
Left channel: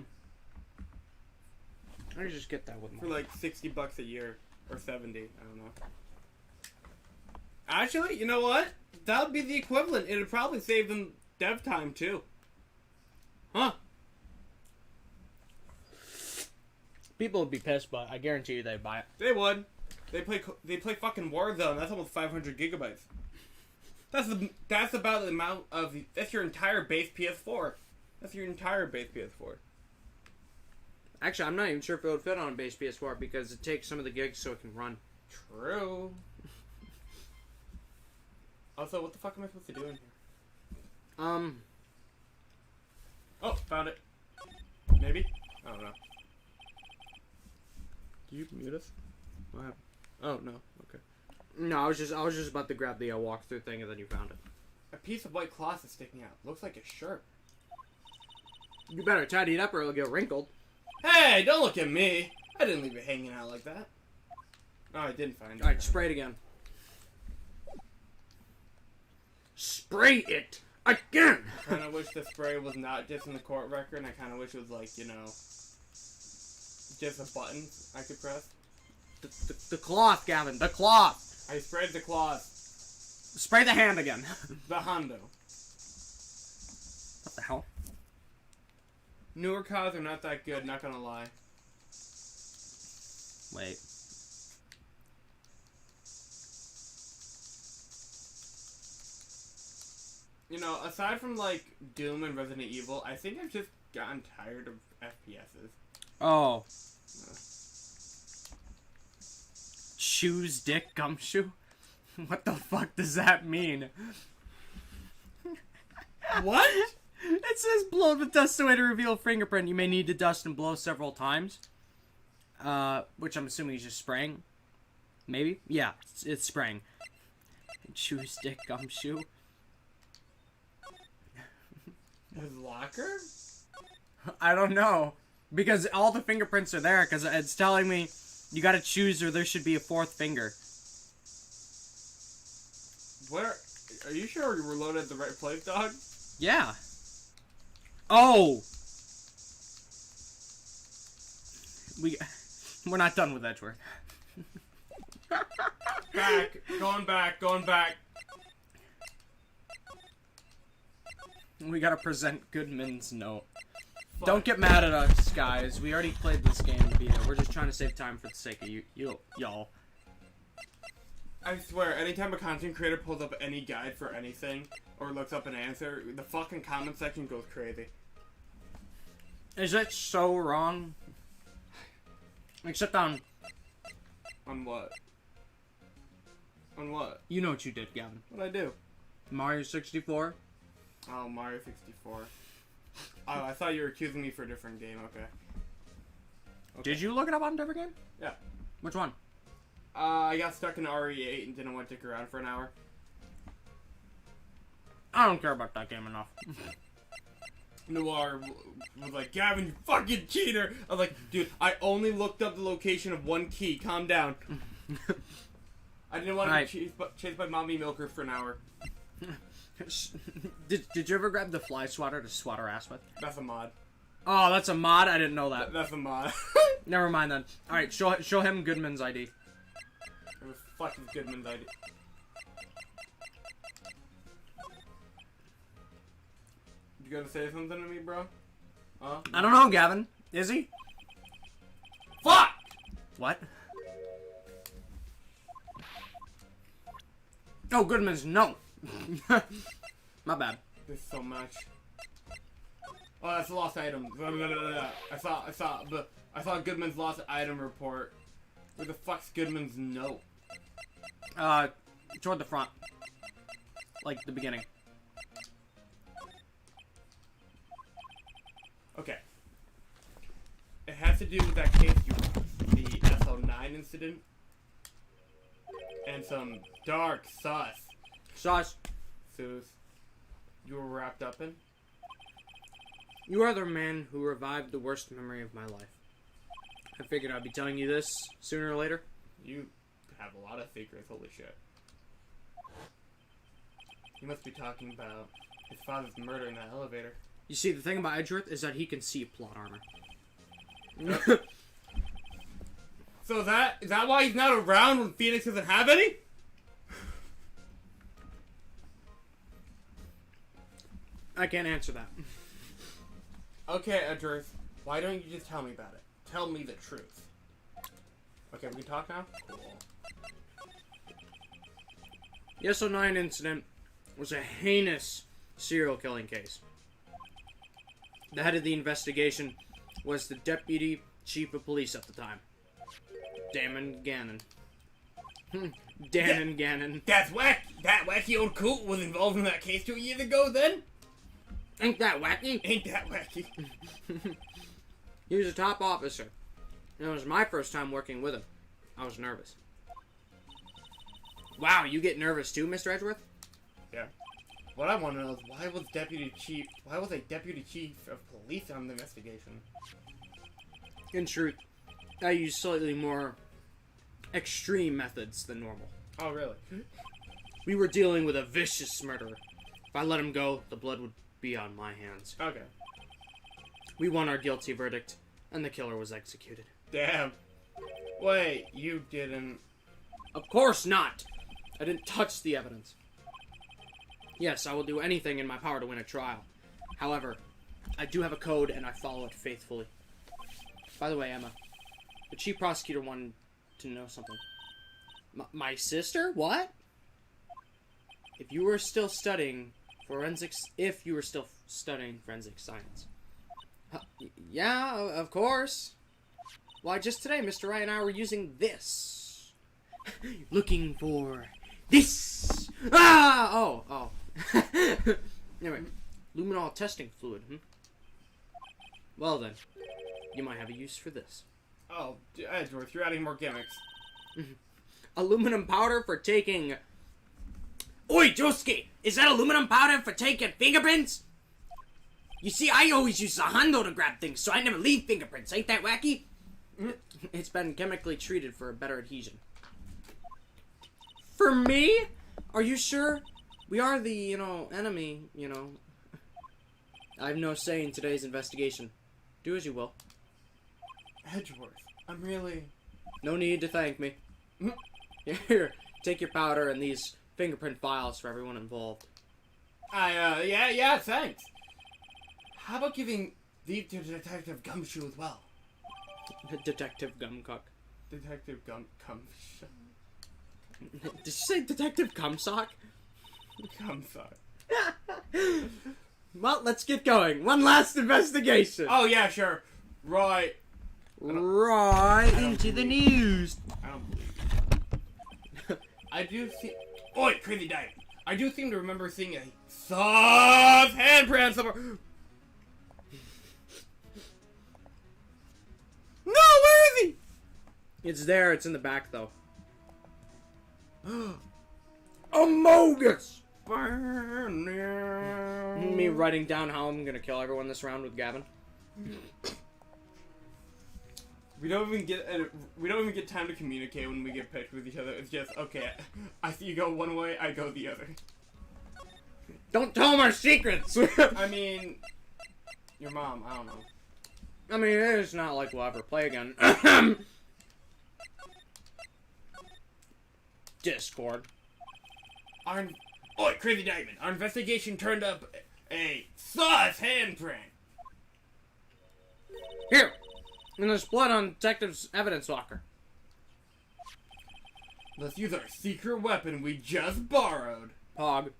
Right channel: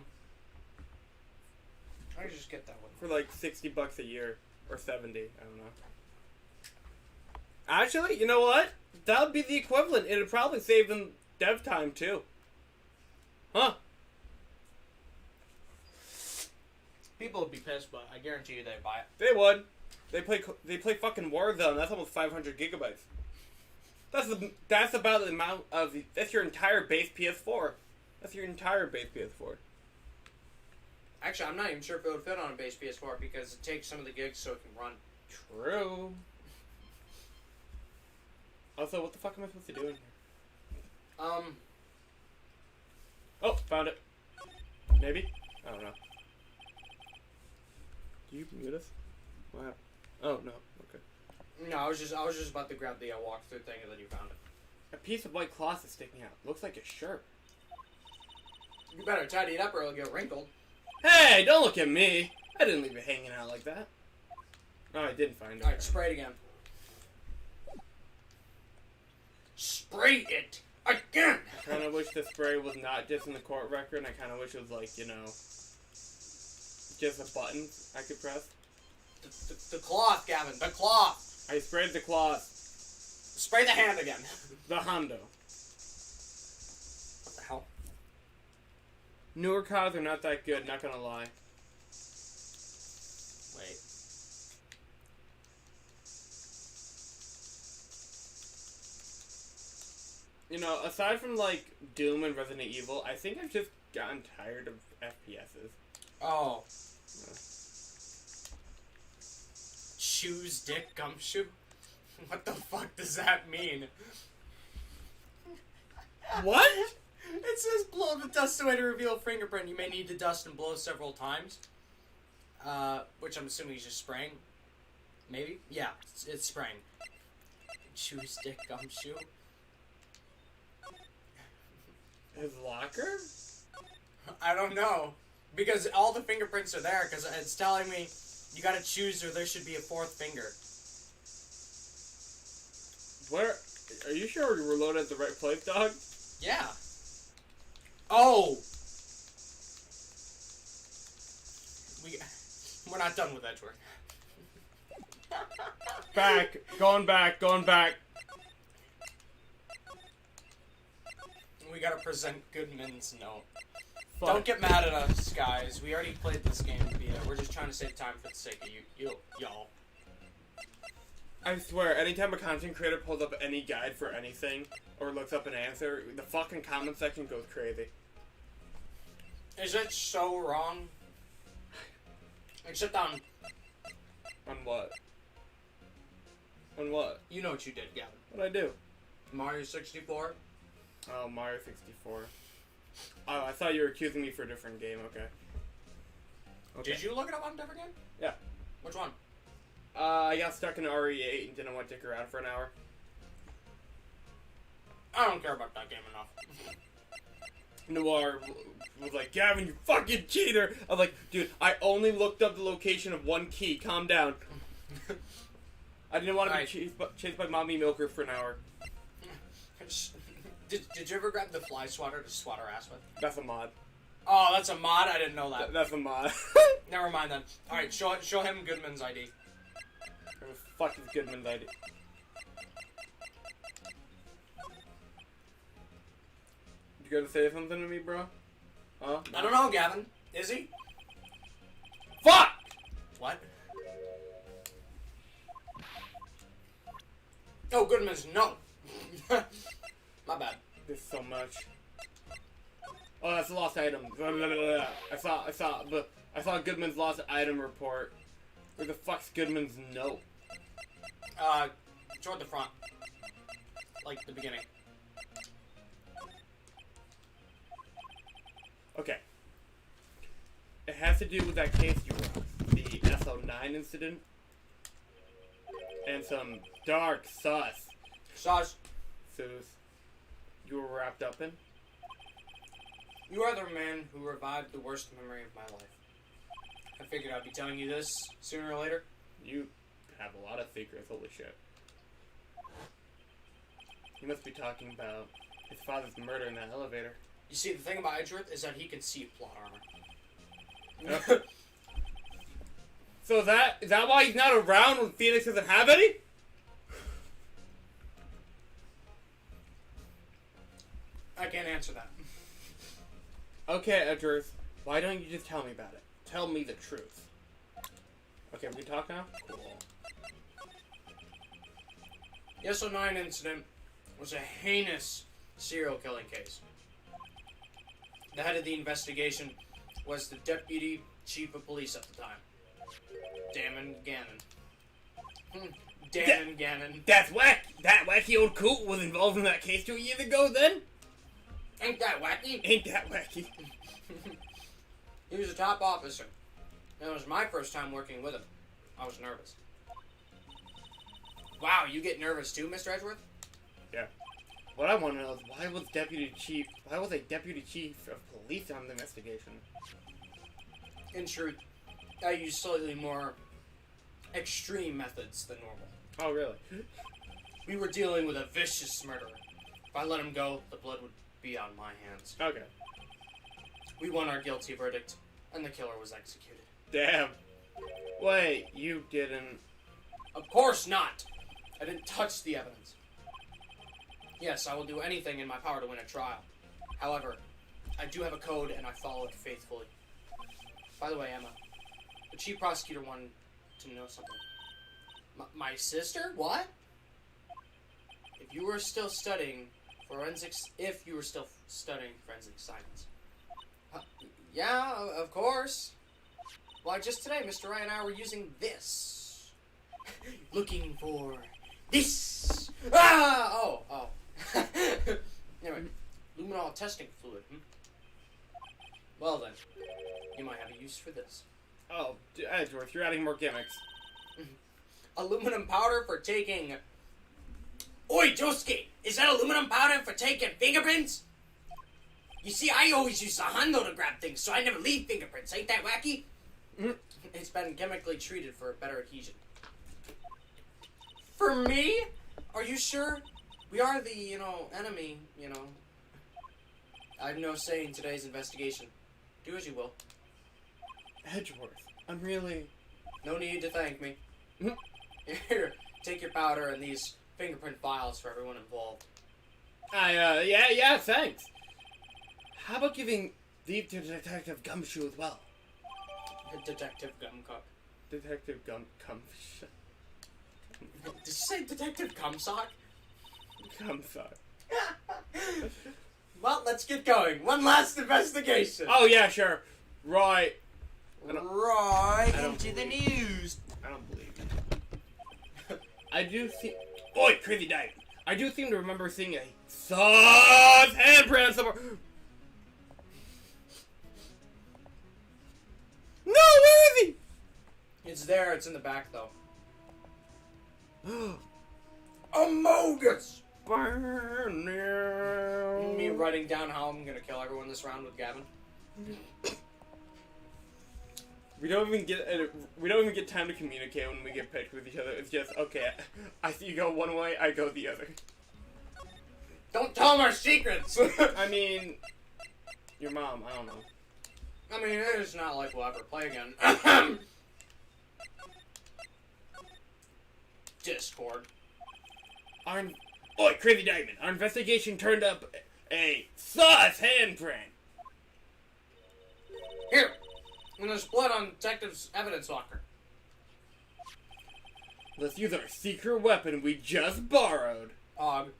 just get that with For like $60 a year or 70. I don't know. Actually, you know what? That would be the equivalent. It'd probably save them dev time too. Huh? People would be pissed, but I guarantee you they'd buy it. They would. They play fucking Warzone. That's almost 500 gigabytes. That's about the amount of that's your entire base PS4. That's your entire base PS4. Actually, I'm not even sure if it would fit on a base PS4 because it takes some of the gigs so it can run. True. Also, what the fuck am I supposed to do in here? Oh, found it. Maybe? I don't know. Do you mute us? What happened? Oh, no. Okay. No, I was just about to grab the walkthrough thing and then you found it. A piece of white cloth is sticking out. Looks like a shirt. You better tidy it up or it'll get wrinkled. Hey, don't look at me. I didn't leave it hanging out like that. Oh, I didn't find it. Alright, spray it again. Spray it again! I kind of wish the spray was not just in the court record, and I kind of wish it was like, you know, just a button I could press. The cloth, Gavin, the cloth! I sprayed the cloth. Spray the hand again. The Hondo. What the hell? Newer cars are not that good, not gonna lie. Wait. You know, aside from, like, Doom and Resident Evil, I think I've just gotten tired of FPSs. Oh. Shoes, dick, gumshoe? What the fuck does that mean? What? It says blow the dust away to reveal fingerprint. You may need to dust and blow several times. Which I'm assuming he's just spraying. Maybe? Yeah, it's spraying. Shoes, dick, gumshoe. His locker? I don't know. Because all the fingerprints are there, because it's telling me you gotta choose or there should be a fourth finger. Where? Are you sure we're loaded at the right place, dog? Yeah. Oh! We're not done with Edgeworth. Back. Going back. Going back. We gotta present Goodman's note. Fuck. Don't get mad at us, guys. We already played this game. We're just trying to save time for the sake of y'all. I swear, anytime a content creator pulls up any guide for anything, or looks up an answer, the fucking comment section goes crazy. Is it so wrong? Except on... On what? On what? You know what you did, Gavin. What'd I do? Mario 64? Oh, Mario 64. Oh, I thought you were accusing me for a different game, okay. Did you look it up on a different game? Yeah. Which one? I got stuck in RE8 and didn't want to dick around for an hour. I don't care about that game enough. Noir was like, Gavin, you fucking cheater! I was like, dude, I only looked up the location of one key. Calm down. I didn't want to be chased by Mommy Milker for an hour. Did you ever grab the fly swatter to swat her ass with? That's a mod. Oh, that's a mod? I didn't know that. That's a mod. Never mind then. Alright, show him Goodman's ID. It was fucking Goodman's ID. You gonna say something to me, bro? Huh? I don't know, Gavin. Is he? Fuck! What? Oh, Goodman's no. My bad. There's so much. Oh, that's a lost item. I saw Goodman's lost item report. Where the fuck's Goodman's note? Toward the front. Like the beginning. Okay. It has to do with that case you wrote. The SO9 incident. And some dark sus. Sus. You were wrapped up in? You are the man who revived the worst memory of my life. I figured I'd be telling you this sooner or later. You have a lot of secrets, holy shit. You must be talking about his father's murder in that elevator. You see, the thing about Edgeworth is that he can see plot armor. Yep. So is that why he's not around when Phoenix doesn't have any? I can't answer that. Okay, Edgeworth, why don't you just tell me about it? Tell me the truth. Okay, we can talk now? Cool. The SO9 incident was a heinous serial killing case. The head of the investigation was the deputy chief of police at the time. Damon Gannon. Damon Gannon. That's whack! That wacky old coot was involved in that case 2 years ago then? Ain't that wacky? Ain't that wacky? He was a top officer. That was my first time working with him. I was nervous. Wow, you get nervous too, Mr. Edgeworth? Yeah. What I want to know is why was a deputy chief of police on the investigation? In truth, I used slightly more extreme methods than normal. Oh, really? We were dealing with a vicious murderer. If I let him go, the blood would be on my hands. Okay. We won our guilty verdict, and the killer was executed. Damn. Wait, you didn't... Of course not! I didn't touch the evidence. Yes, I will do anything in my power to win a trial. However, I do have a code, and I follow it faithfully. By the way, Emma, the chief prosecutor wanted to know something. My sister? What? If you were still studying forensic science. Yeah, of course. Why, just today, Mr. Wright and I were using this. Looking for this. Ah! Oh. Anyway, luminol testing fluid. Well then, you might have a use for this. Oh, Edgeworth, you're adding more gimmicks. Aluminum powder for taking... Oi, Josuke! Is that aluminum powder for taking fingerprints? You see, I always use the handle to grab things, so I never leave fingerprints. Ain't that wacky? It's been chemically treated for a better adhesion. For me? Are you sure? We are the, enemy, I have no say in today's investigation. Do as you will. Edgeworth, I'm really... No need to thank me. Here, take your powder and these fingerprint files for everyone involved. Yeah, thanks. How about giving these to Detective Gumshoe as well? Detective Gumcock. Detective Gumshoe. Did you say Detective Gumsock? Gumsock. Well, let's get going. One last investigation. Oh, yeah, sure. Right. Right I don't into the believe news. I don't believe you. I do see... Oi, crazy dive. I do seem to remember seeing a sus handprint somewhere. No, where is he? It's there. It's in the back, though. Amogus! Me writing down how I'm gonna kill everyone this round with Gavin. We don't even get time to communicate when we get picked with each other. It's just, okay, I see you go one way, I go the other. Don't tell them our secrets! I mean, your mom, I don't know. I mean, it's not like we'll ever play again. Discord. Oi, Crazy Diamond, our investigation turned up a sus handprint. Here! And there's blood on Detective's evidence locker. Let's use our secret weapon we just borrowed. Pog.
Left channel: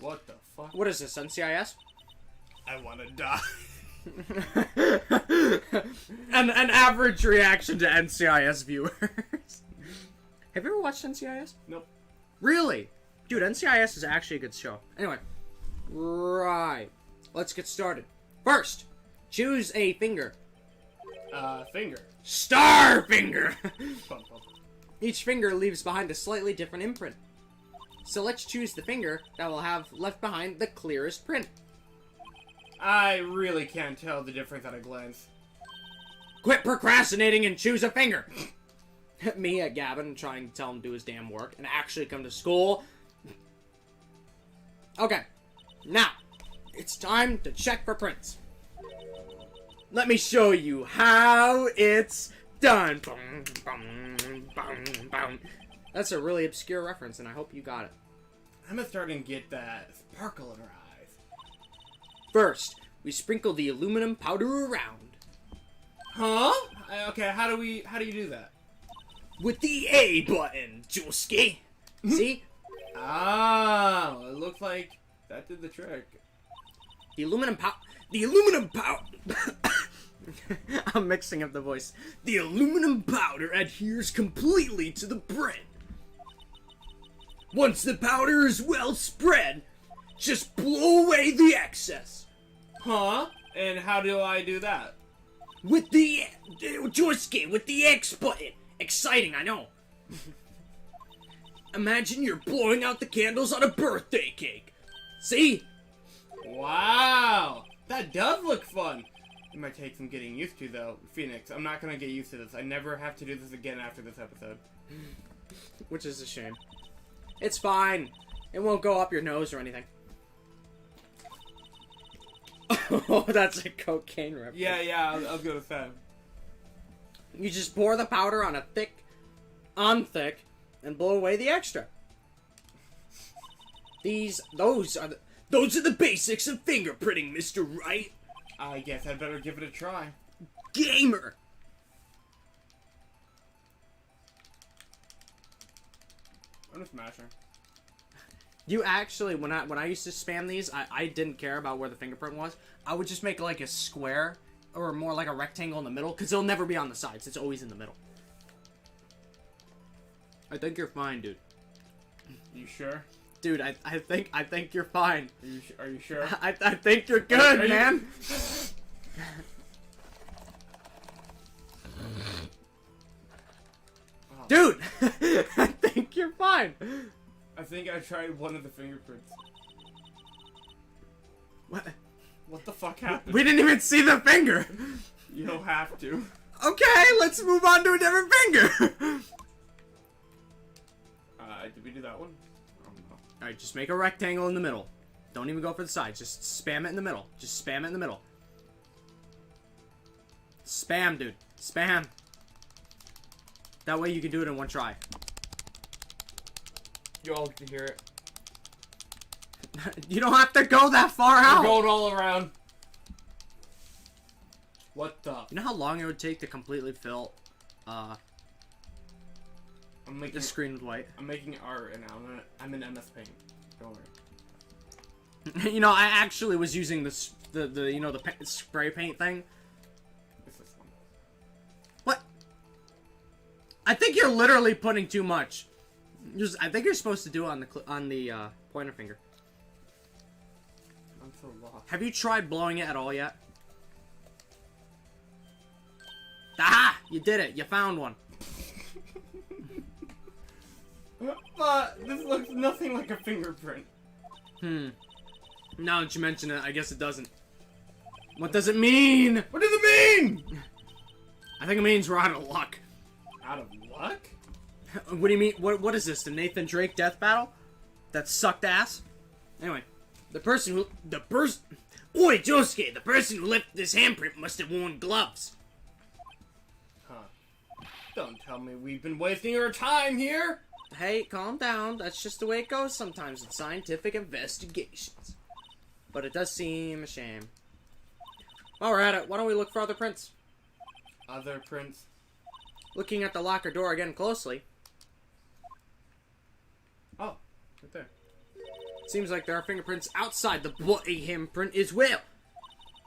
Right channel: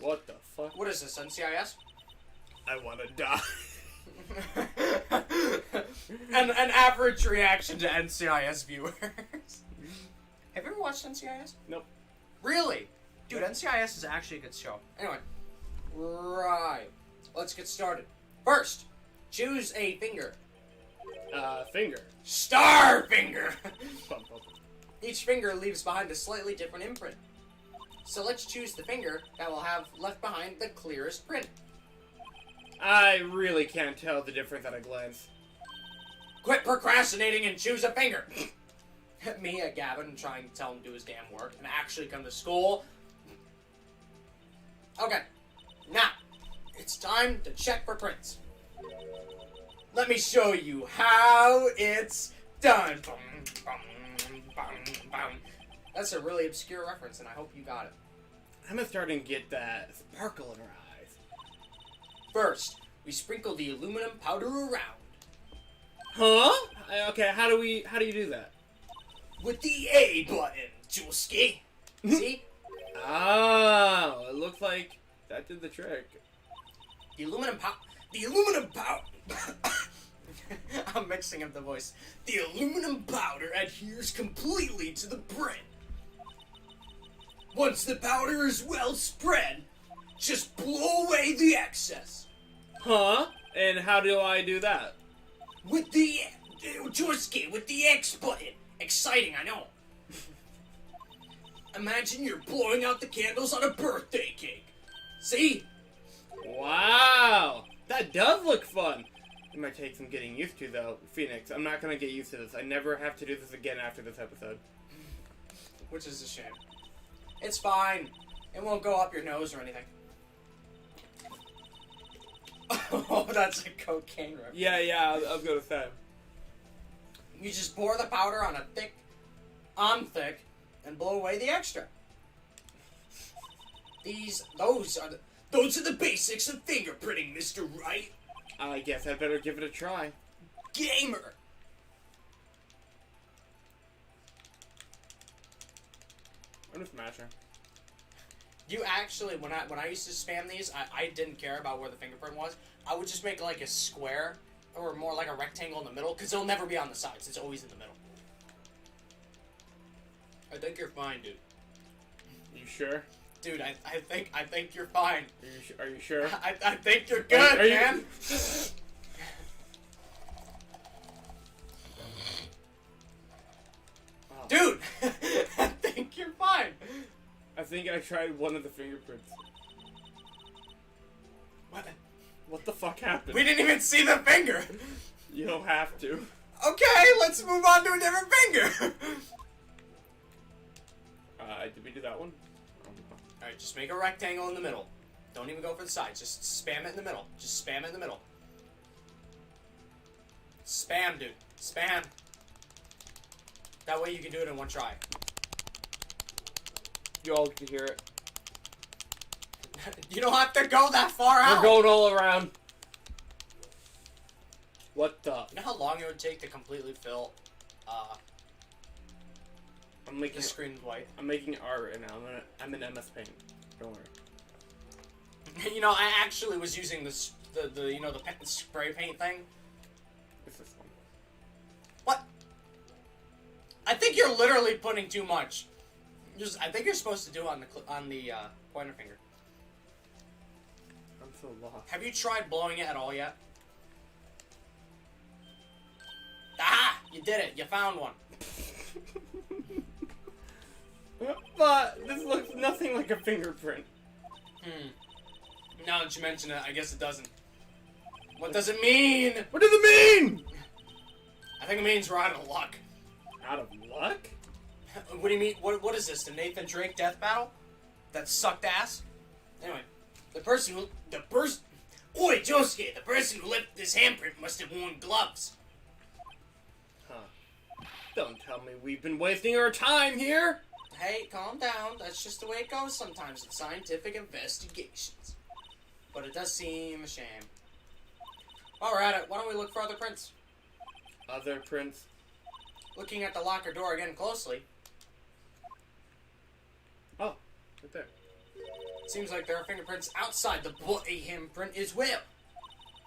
What the fuck? What is this, NCIS? I wanna die. An average reaction to NCIS viewers. Have you ever watched NCIS? Nope. Really? Dude, NCIS is actually a good show. Anyway. Right. Let's get started. First, choose a finger. Finger. Star finger! Bum, bum. Each finger leaves behind a slightly different imprint. So let's choose the finger that will have left behind the clearest print. I really can't tell the difference at a glance. Quit procrastinating and choose a finger! Me at Gavin trying to tell him to do his damn work and actually come to school. Okay, now, it's time to check for prints. Let me show you how it's done. That's a really obscure reference, and I hope you got it. I'm starting to get that sparkle in her eyes. First, we sprinkle the aluminum powder around. Huh? Okay, how do you do that? With the A button, Juski. See? Oh, it looks like that did the trick. The aluminum powder. I'm mixing up the voice. The aluminum powder adheres completely to the print. Once the powder is well spread, just blow away the excess. Huh? And how do I do that? With the Juski, with the X button. Exciting, I know. Imagine you're blowing out the candles on a birthday cake. See? Wow, that does look fun. It might take some getting used to, though. Phoenix, I'm not gonna get used to this. I never have to do this again after this episode. Which is a shame. It's fine. It won't go up your nose or anything. Oh, that's a cocaine reference. Yeah, I was gonna say. You just pour the powder on thick, and blow away the extra. Those are the basics of fingerprinting, Mr. Wright. I guess I'd better give it a try. Gamer. I'm a smasher. You actually, when I used to spam these, I didn't care about where the fingerprint was. I would just make like a square, or more like a rectangle in the middle, because it'll never be on the sides. It's always in the middle. I think you're fine, dude. You sure? Dude, I think you're fine. Are you sure? I think you're good, Are you- man. Oh. Dude, I think you're fine. I think I tried one of the fingerprints. What? What the fuck happened? We didn't even see the finger. You don't have to. Okay, let's move on to a different finger. Did we do that one? I don't know. Alright, just make a rectangle in the middle. Don't even go for the sides. Just spam it in the middle. Just spam it in the middle. Spam, dude. Spam. That way you can do it in one try. You all get to hear it. You don't have to go that far out. We're going all around. What the? You know how long it would take to completely fill I'm making the screen with white? I'm making art and now I'm in MS Paint. Don't worry. You know, I actually was using the spray paint thing. What's this one? What? I think you're literally putting too much. I think you're supposed to do it on the pointer finger. I'm so lost. Have you tried blowing it at all yet? Aha! You did it. You found one. But this looks nothing like a fingerprint. Now that you mention it, I guess it doesn't. What does it mean? What does it mean? I think it means we're out of luck. Out of luck? What do you mean? What is this? The Nathan Drake death battle? That sucked ass? Anyway, Oi, Josuke, the person who left this handprint must have worn gloves. Huh. Don't tell me we've been wasting our time here. Hey, calm down. That's just the way it goes sometimes with scientific investigations. But it does seem a shame. While we're at it, why don't we look for other prints? Other prints? Looking at the locker door again closely. Oh, right there. Seems like there are fingerprints outside the bloody handprint as well.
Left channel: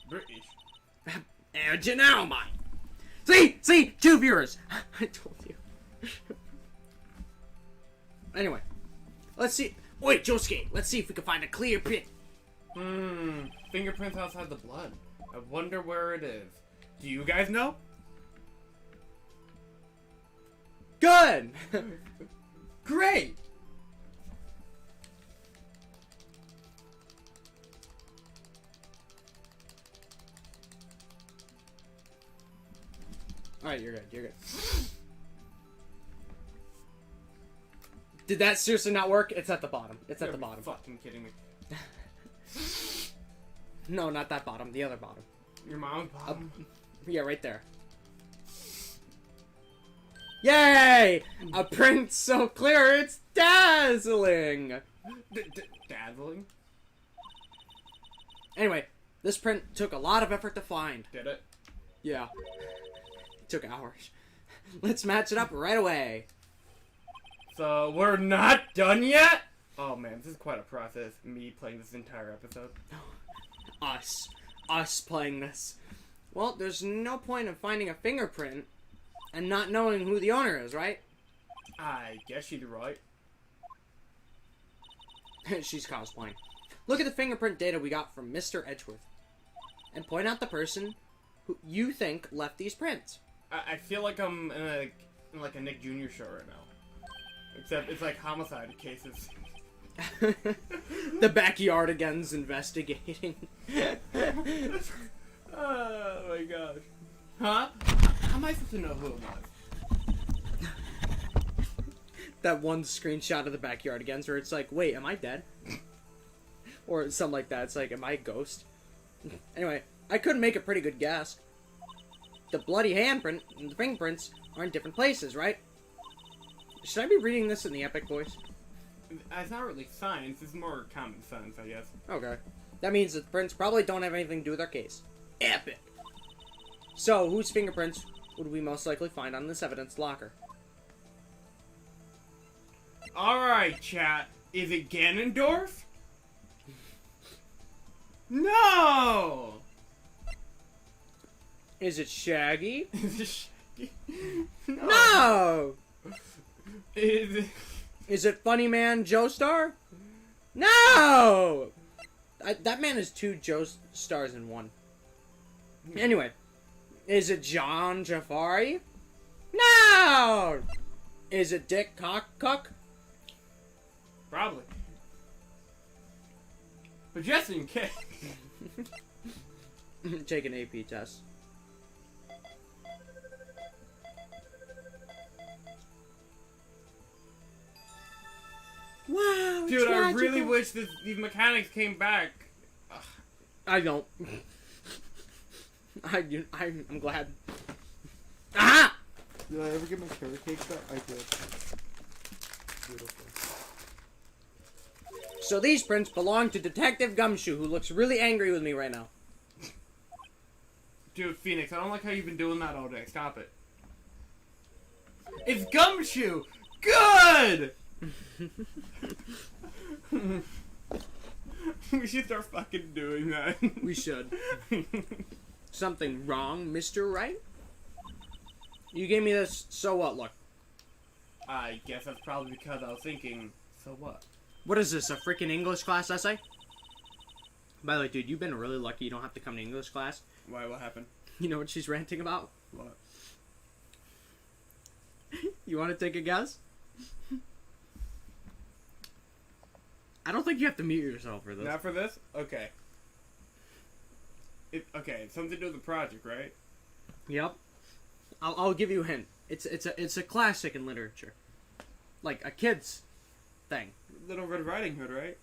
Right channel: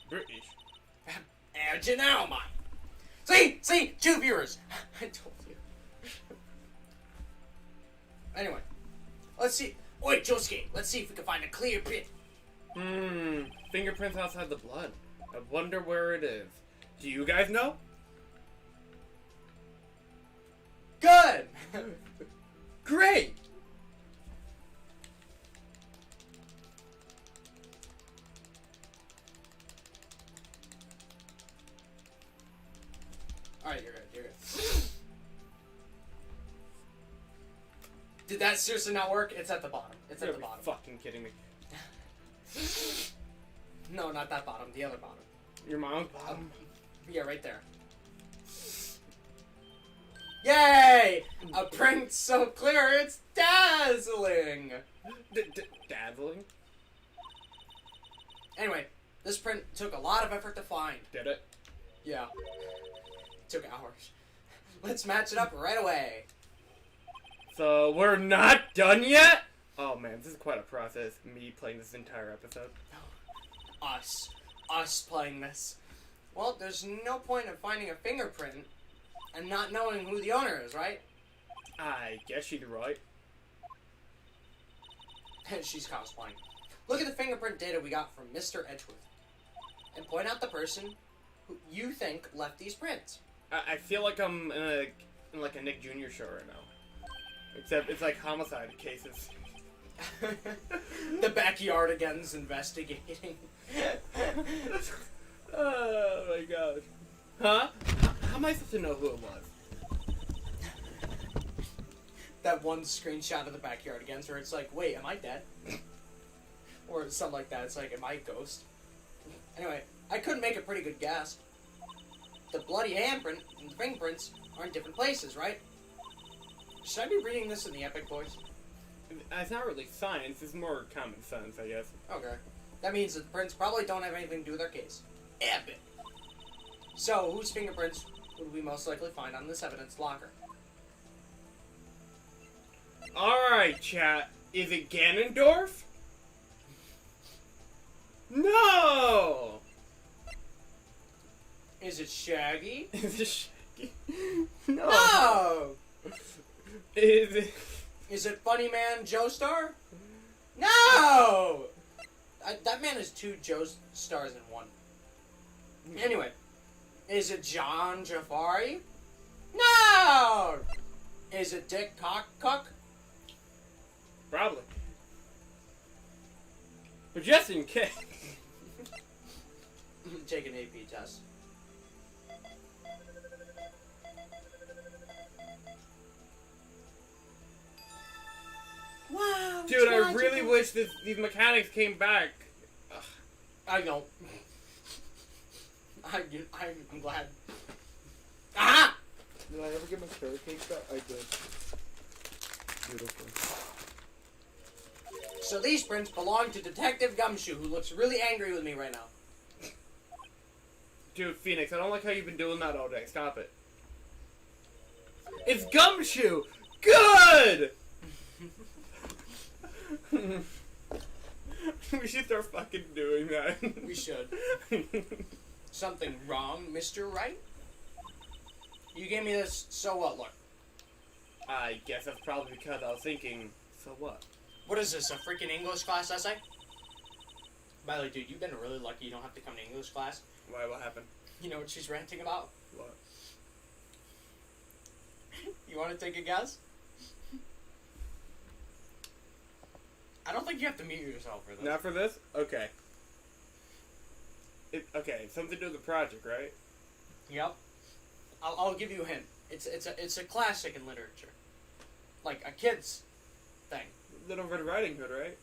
British. And you now, man. See, 2 viewers. I told you. Anyway, let's see. Wait, Josuke, let's see if we can find a clear print. Fingerprints outside the blood. I wonder where it is. Do you guys know? Good! Great! Alright, you're good, you're good. Did that seriously not work? It's at the bottom. It's at the bottom. Fucking kidding me. No, not that bottom. The other bottom. Your mom's bottom? Yeah, right there. Yay! A print so clear it's dazzling! Dazzling? Anyway, this print took a lot of effort to find. Did it? Yeah. It took hours. Let's match it up right away. So, we're not done yet? Oh man, this is quite a process, me playing this entire episode. Us playing this. Well, there's no point in finding a fingerprint and not knowing who the owner is, right? I guess she's right. She's cosplaying. Look at the fingerprint data we got from Mr. Edgeworth. And point out the person who you think left these prints. I feel like I'm in like a Nick Jr. show right now. Except it's like homicide cases. The backyardigans investigating. Oh my gosh. Huh? How am I supposed to know who it was? That one screenshot of the backyardigans where it's like, wait, am I dead? Or something like that. It's like, am I a ghost? Anyway, I couldn't make a pretty good guess. The bloody handprint and the fingerprints are in different places, right? Should I be reading this in the epic voice? It's not really science, it's more common sense, I guess. Okay. That means that the prints probably don't have anything to do with our case. Epic! So, whose fingerprints would we most likely find on this evidence locker? Alright, chat. Is it Ganondorf? No! Is it Shaggy? Is it Shaggy? No! Is it... Is it Funny Man Joestar? No! That man is two Joestars in one. Anyway, is it John Jafari? No! Is it Dick Cockcock? Probably. But just in case. Take an AP test. Wow, Dude, I really wish these mechanics came back. Ugh. I don't. I'm glad. Aha! Did I ever get my carrot cake back? I did. Beautiful. So these prints belong to Detective Gumshoe, who looks really angry with me right now. Dude, Phoenix, I don't like how you've been doing that all day. Stop it. It's Gumshoe! Good! We should start fucking doing that. We should. Something wrong, Mr. Wright? You gave me this, so what, look. I guess that's probably because I was thinking, so what? What is this, a freaking English class essay? By the way, dude, you've been really lucky you don't have to come to English class. Why, what happened? You know what she's ranting about? What? You want to take a guess? I don't think you have to mute yourself for this. Not for this? Okay. Okay, something to do with the project, right? Yep. I'll give you a hint. It's a classic in literature. Like a kid's thing. Little Red Riding Hood, right?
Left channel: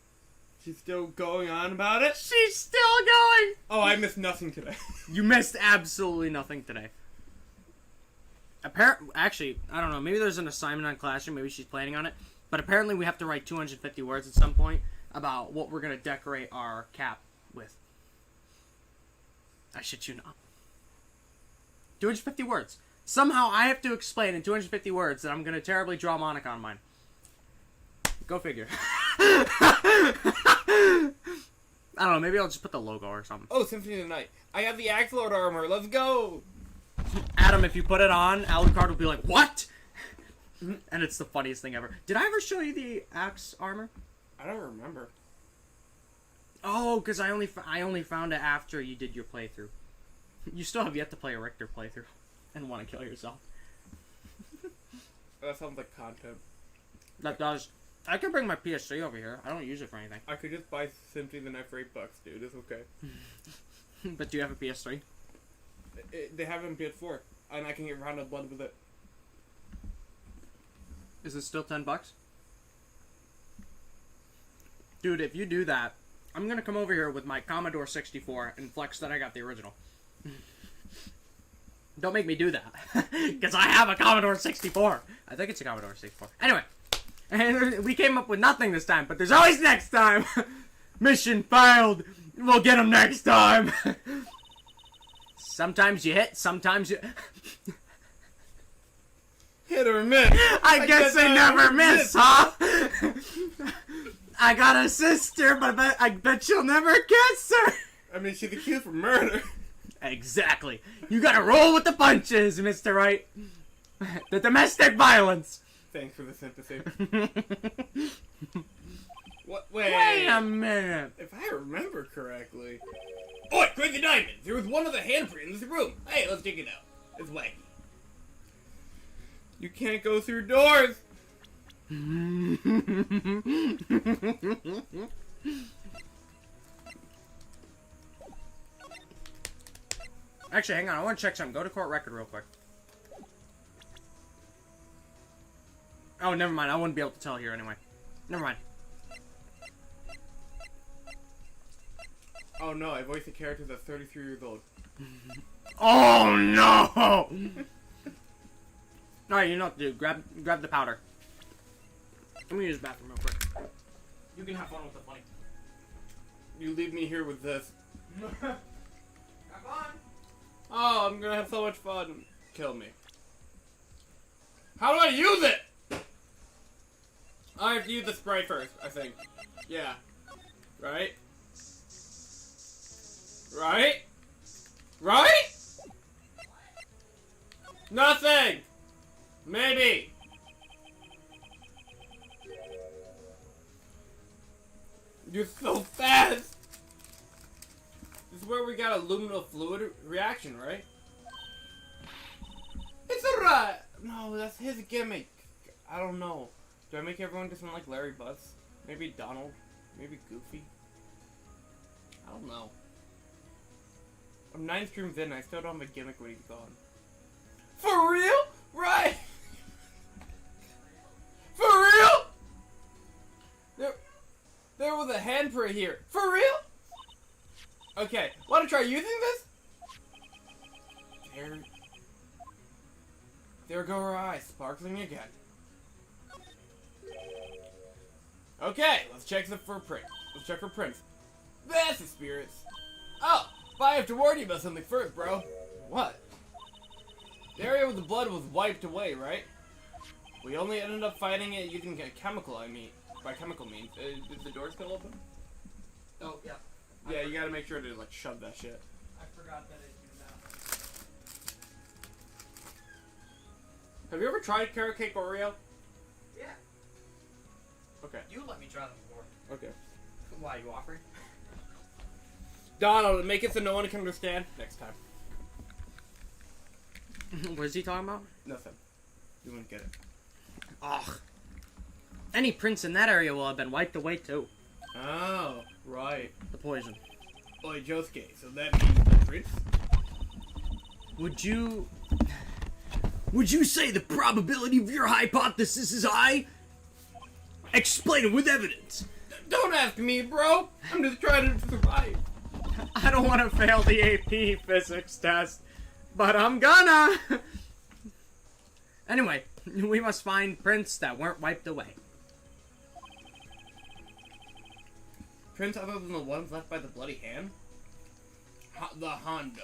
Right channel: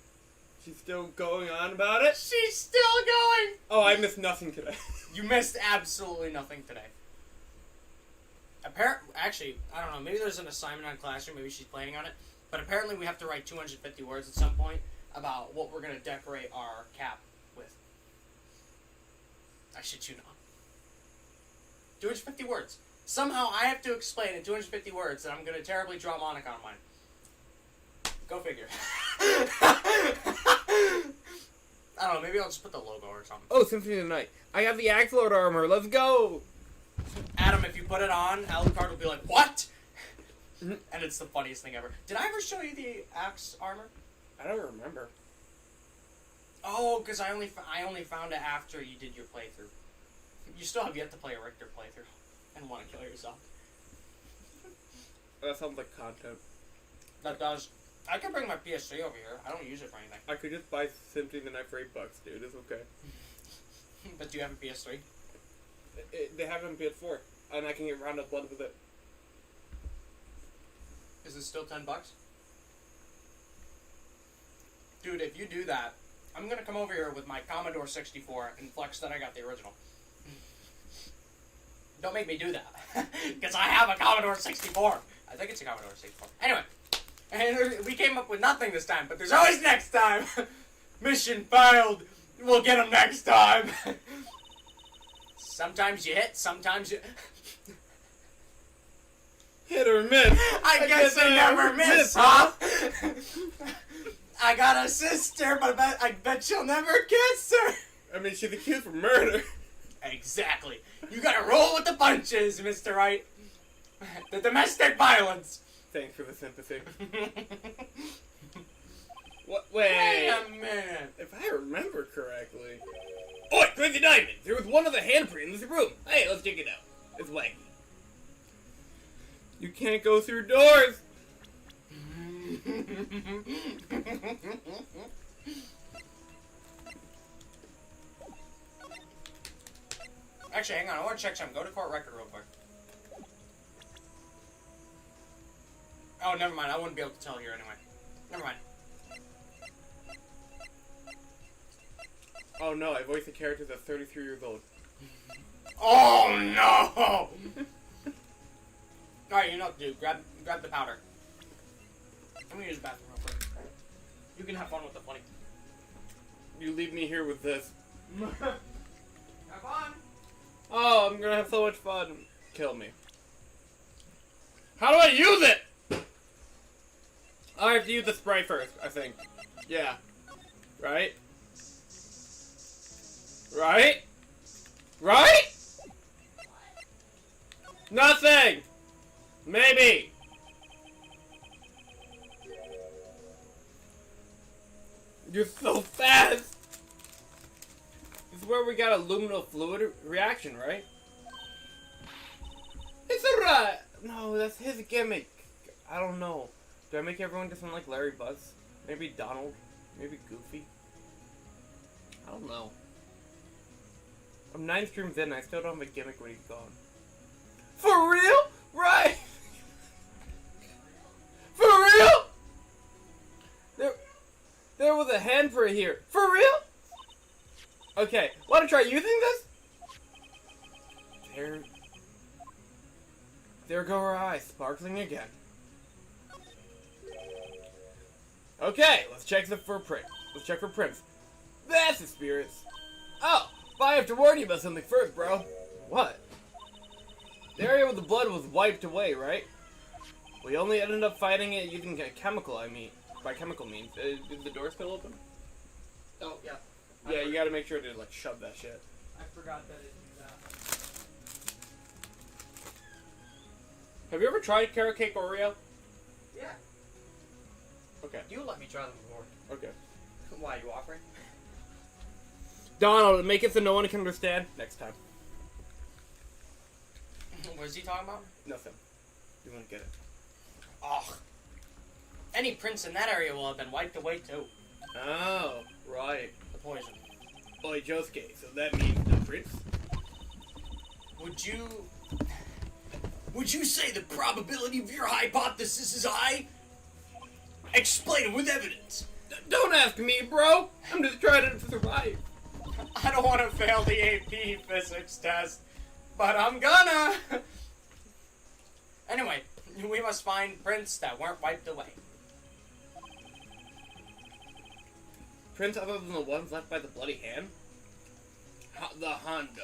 She's still going on about it? She's still going! Oh, I missed nothing today. You missed absolutely nothing today. Actually, I don't know. Maybe there's an assignment on Classroom. Maybe she's planning on it. But apparently we have to write 250 words at some point about what we're going to decorate our cap with. I shit you not. 250 words. Somehow I have to explain in 250 words that I'm going to terribly draw Monica on mine. Go figure. I don't know. Maybe I'll just put the logo or something. Oh, Symphony of the Night. I have the Axolotl armor. Let's go! Adam, if you put it on, Alucard will be like, what? And it's the funniest thing ever. Did I ever show you the axe armor? I don't remember. Oh, because I only found it after you did your playthrough. You still have yet to play a Richter playthrough and want to kill yourself. That sounds like content. That does. I could bring my PS3 over here. I don't use it for anything. I could just buy Simply the Knife for $8, dude. It's okay. But do you have a PS3? They have it in PS4, and I can get Round of Blood with it. Is it still $10? Dude, if you do that, I'm gonna come over here with my Commodore 64 and flex that I got the original. Don't make me do that. Because I have a Commodore 64. I think it's a Commodore 64. Anyway. And we came up with nothing this time, but there's always next time. Mission failed. We'll get him next time. Sometimes you hit, sometimes you... Hit or miss. I guess I never miss, huh? I got a sister, but I bet you'll never kiss her. I mean, she's accused for murder. Exactly. You gotta roll with the punches, Mr. Wright. The domestic violence. Thanks for the sympathy. What? Wait. Wait a minute. If I remember correctly. Oi, Crazy Diamond! There was one other handprint in this room. Hey, let's check it out. It's wacky. You can't go through doors. Actually, hang on. I want to check something. Go to court record real quick. Oh, never mind. I wouldn't be able to tell here anyway. Never mind. Oh no, I voiced a character that's 33 years old. Oh no! Alright, you know what to do. Grab the powder. Let me use the bathroom real quick. You can have fun with the funny. You leave me here with this. Have fun! Oh, I'm gonna have so much fun. Kill me. How do I use it? I have to use the spray first, I think. Yeah. Right? Right? Right? Nothing! Maybe! You're so fast! This is where we got a luminal fluid reaction, right? It's a right! No, that's his gimmick. I don't know. Do I make everyone just sound like Larry Buzz? Maybe Donald? Maybe Goofy? I don't know. I'm 9 streams in, I still don't have a gimmick when he's gone. For real? Right! For real? There was a handprint here. For real? Okay, wanna try using this? There go her eyes, sparkling again. Okay, let's check for prints. Let's check for prints. That's the spirits. Oh, but I have to warn you about something first, bro. What? The area with the blood was wiped away, right? We only ended up fighting it using a chemical, by chemical means. Is the door still open? Oh, yeah. Yeah, you gotta make sure to, like, shove that shit. I forgot that it did that. Have you ever tried carrot cake Oreo? Yeah. Okay. You let me try them before. Okay. Why, you offering? Donald, make it so no one can understand. Next time. What is he talking about? Nothing. You won't get it. Ugh. Any prints in that area will have been wiped away too. Oh, right. The poison. Oi, Josuke, so that means the prince? Would you say the probability of your hypothesis is high? Explain it with evidence. Don't ask me, bro. I'm just trying to survive. I don't want to fail the AP physics test, but I'm gonna. Anyway, we must find prints that weren't wiped away. Prints other than the ones left by the bloody hand? The Hondo.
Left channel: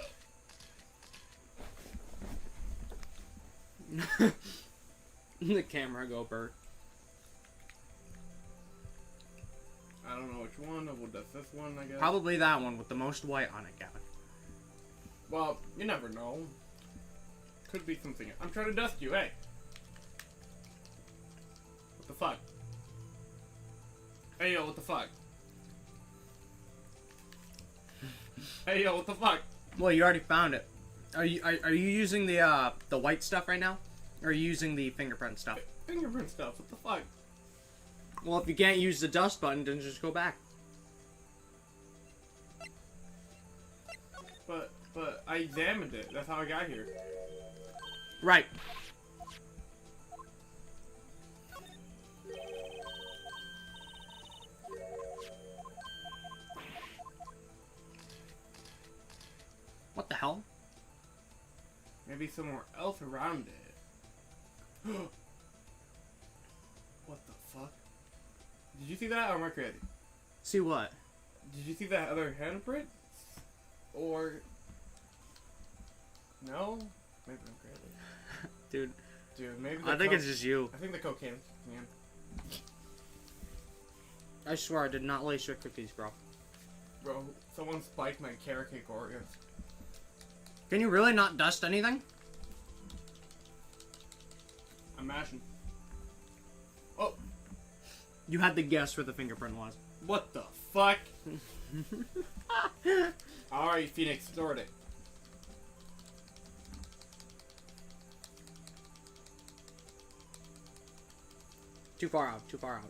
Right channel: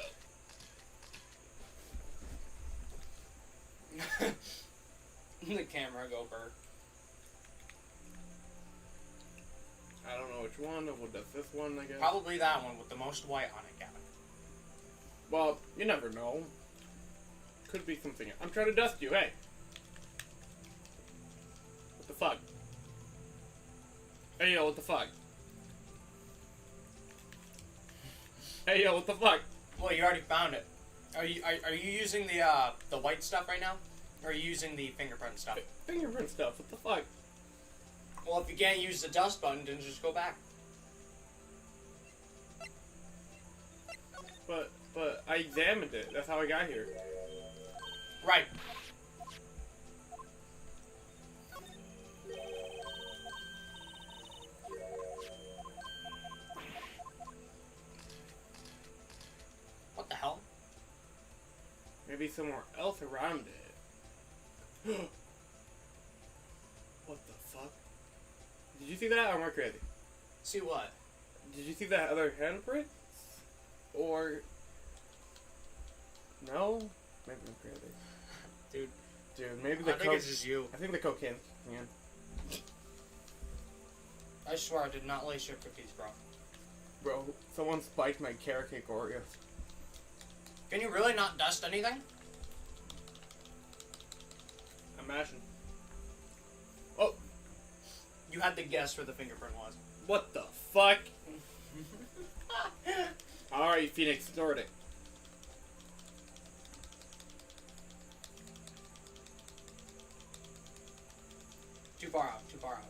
The camera go Bert. I don't know which one. What does this one, I guess? Probably that one with the most white on it, Gavin. Well, you never know. Could be something. I'm trying to dust you, hey. fuck? Hey yo, what the fuck? Hey yo, what the fuck? Well, you already found it. Are you using the white stuff right now? Or are you using the fingerprint stuff? Fingerprint stuff, what the fuck? Well, if you can't use the dust button, then just go back. But I examined it. That's how I got here. Right. What the hell? Maybe somewhere else around it. What the fuck? Did you see that, or am I crazy? See what? Did you see that other handprint? Or... No? Maybe I'm crazy. Dude, maybe the I think it's just you. I think the cocaine. Man. I swear I did not lace your cookies, bro. Bro, someone spiked my carrot cake Oreos. Can you really not dust anything? I'm mashing. Oh! You had to guess where the fingerprint was. What the fuck? Alright, Phoenix, sort it. Too far out, too far out.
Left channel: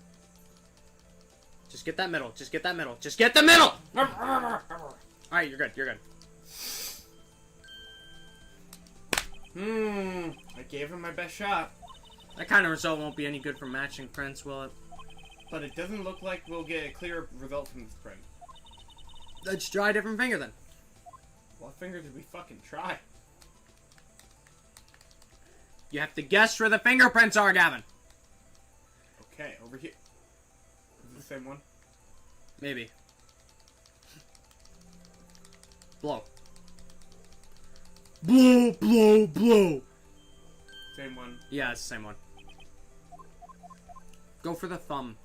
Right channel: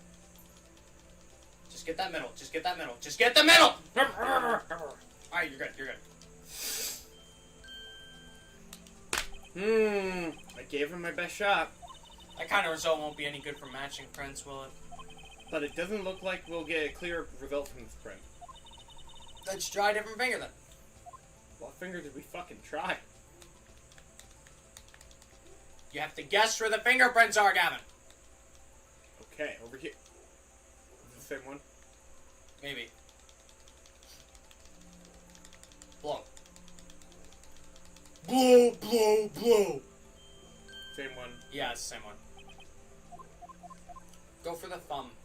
Just get that middle, just get that middle, just get the middle! Alright, you're good, you're good. I gave him my best shot. That kind of result won't be any good for matching prints, will it? But it doesn't look like we'll get a clear result from this print. Let's try a different finger then. What finger did we fucking try? You have to guess where the fingerprints are, Gavin. Okay, over here. Is it the same one? Maybe. Blow. Blow, blow, blow. Same one. Yeah, it's the same one. Go for the thumb.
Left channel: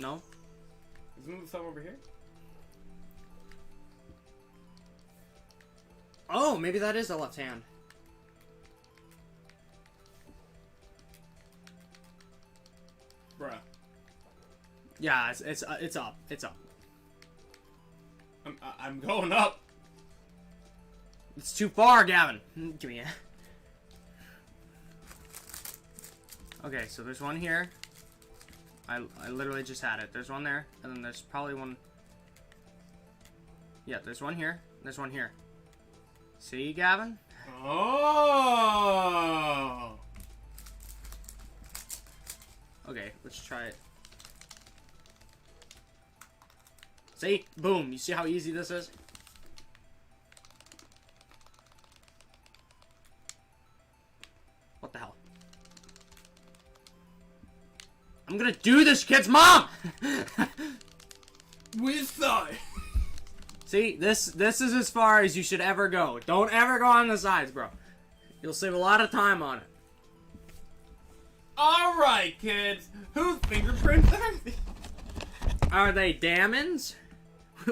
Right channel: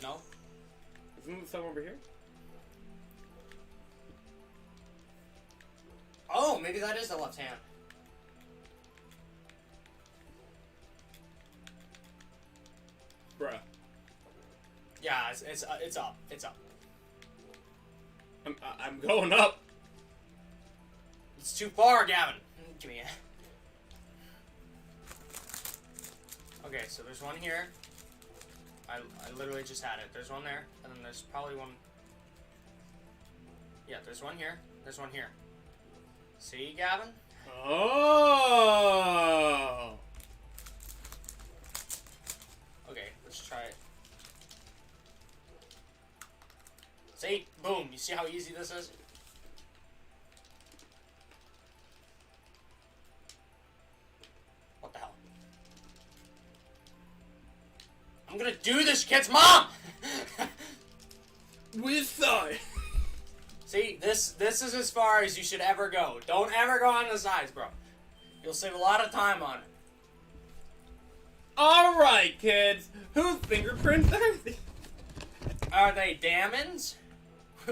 No? Isn't the thumb over here? Oh, maybe that is the left hand. Bruh. Yeah, it's up. It's up. I'm going up. It's too far, Gavin. Give me it. Okay, so there's one here. I literally just had it. There's one there, and then there's probably one. Yeah, there's one here. There's one here. See, Gavin? Oh. Okay, let's try it. See? Boom. You see how easy this is? What the hell? I'm gonna do this, kid's mom! Which side? See, this is as far as you should ever go. Don't ever go on the sides, bro. You'll save a lot of time on it. Alright, kids. Whose fingerprints are these? Are they Damon's?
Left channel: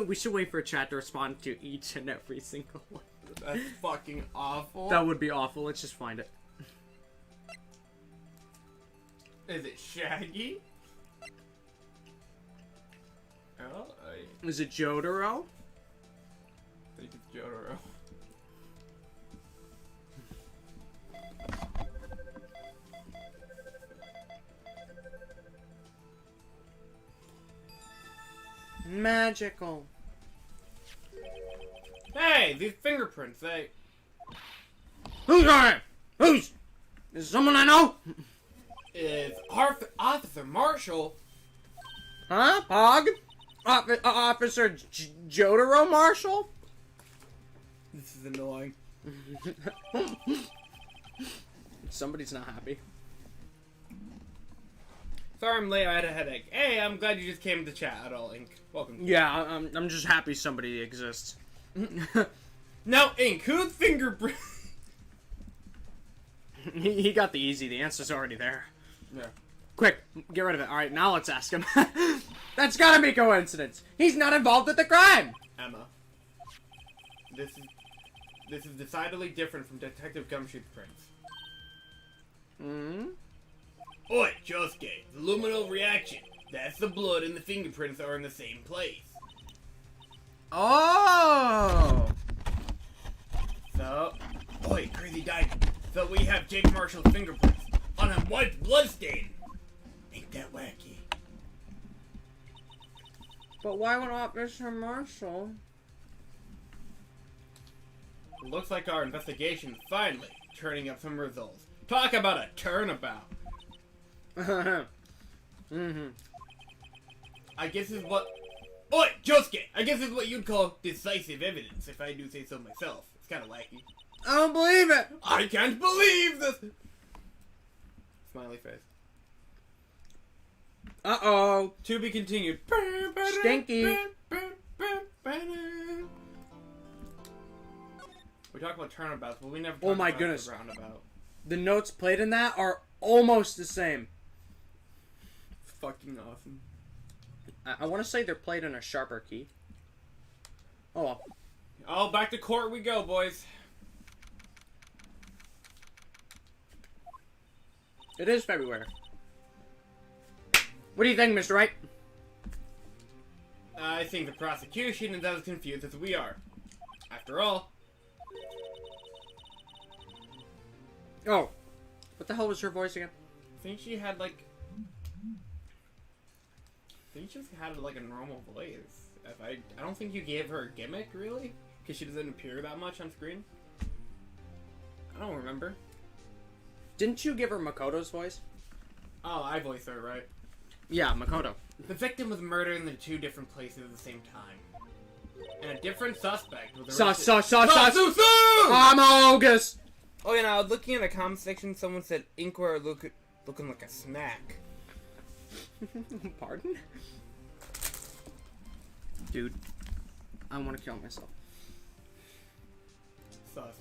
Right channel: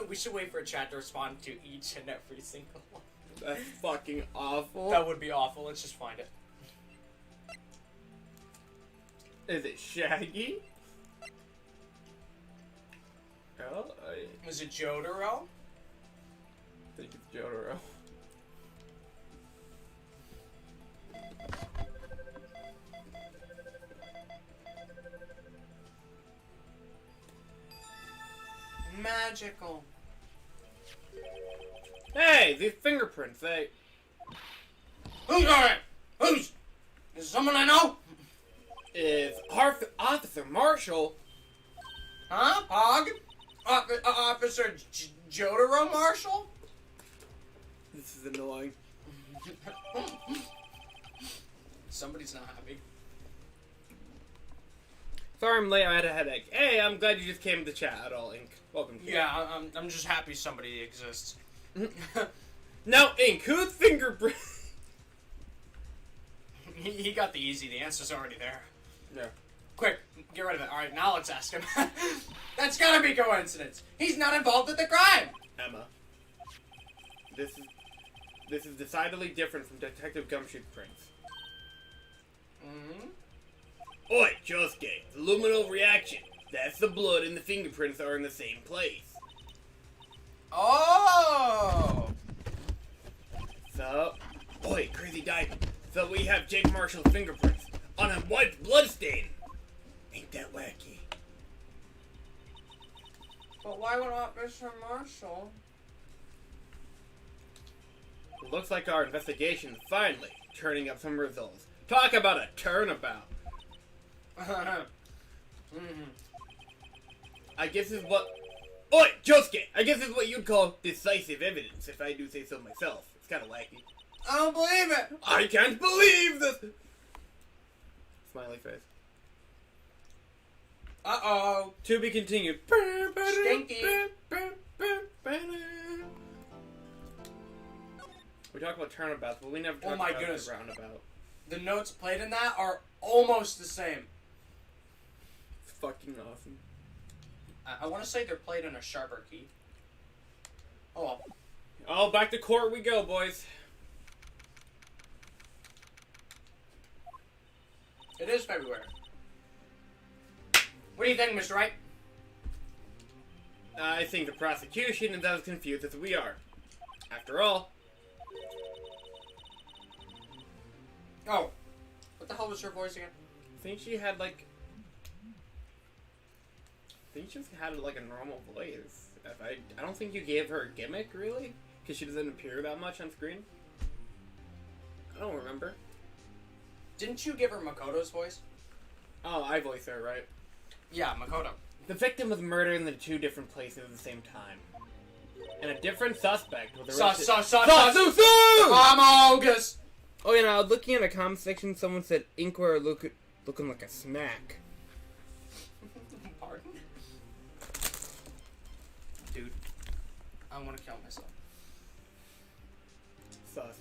We should wait for a chat to respond to each and every single one. That's fucking awful. That would be awful. Let's just find it. Is it Shaggy? Oh, I Is it Jotaro? think it's Jotaro. Magical. Hey, these fingerprints, they... Who's on it? Who's? Is it someone I know? Is Officer Marshall... Huh? Pog? Officer Jotaro Marshall? This is annoying. Somebody's not happy. Sorry I'm late, I had a headache. Hey, I'm glad you just came to chat at all, Ink. Welcome to Yeah, I'm just happy somebody exists. Now, Ink, whose fingerprint... He got the easy. The answer's already there. Yeah. Quick, get rid of it. Alright, now let's ask him. That's gotta be coincidence. He's not involved with the crime. Emma. This is decidedly different from Detective Gumshoe's prints. Hmm? Oi, Josuke, the luminal reaction. That's the blood and the fingerprints are in the same place. Oh! So, oi, crazy diamond. So we have Jake Marshall's fingerprints on a white bloodstain. Ain't that wacky? But why would not Mr. Marshall? Looks like our investigation is finally turning up some results. Talk about a turnabout. Mm-hmm. I guess this is what... Oi, Josuke! I guess this is what you'd call decisive evidence, if I do say so myself. It's kind of wacky. I don't believe it! I can't believe this! Smiley face. Uh-oh. To be continued. Stinky. We talk about turnabouts, but we never Oh talk my about goodness. the roundabout. The notes played in that are almost the same. Fucking awesome. I want to say they're played in a sharper key. Oh well. Oh, back to court we go, boys. It is February. What do you think, Mr. Wright? I think the prosecution is as confused as we are. After all... Oh. What the hell was her voice again? I think she had like... I think she just had like a normal voice. I don't think you gave her a gimmick, really? Because she doesn't appear that much on screen. I don't remember. Didn't you give her Makoto's voice? Oh, I voiced her, right? Yeah, Makoto. The victim was murdered in the two different places at the same time. And a different suspect was arrested... I'm August! Oh, you know, looking in the comment section, someone said Inkware looking like a smack. Pardon? Dude, I want to kill myself. Sus.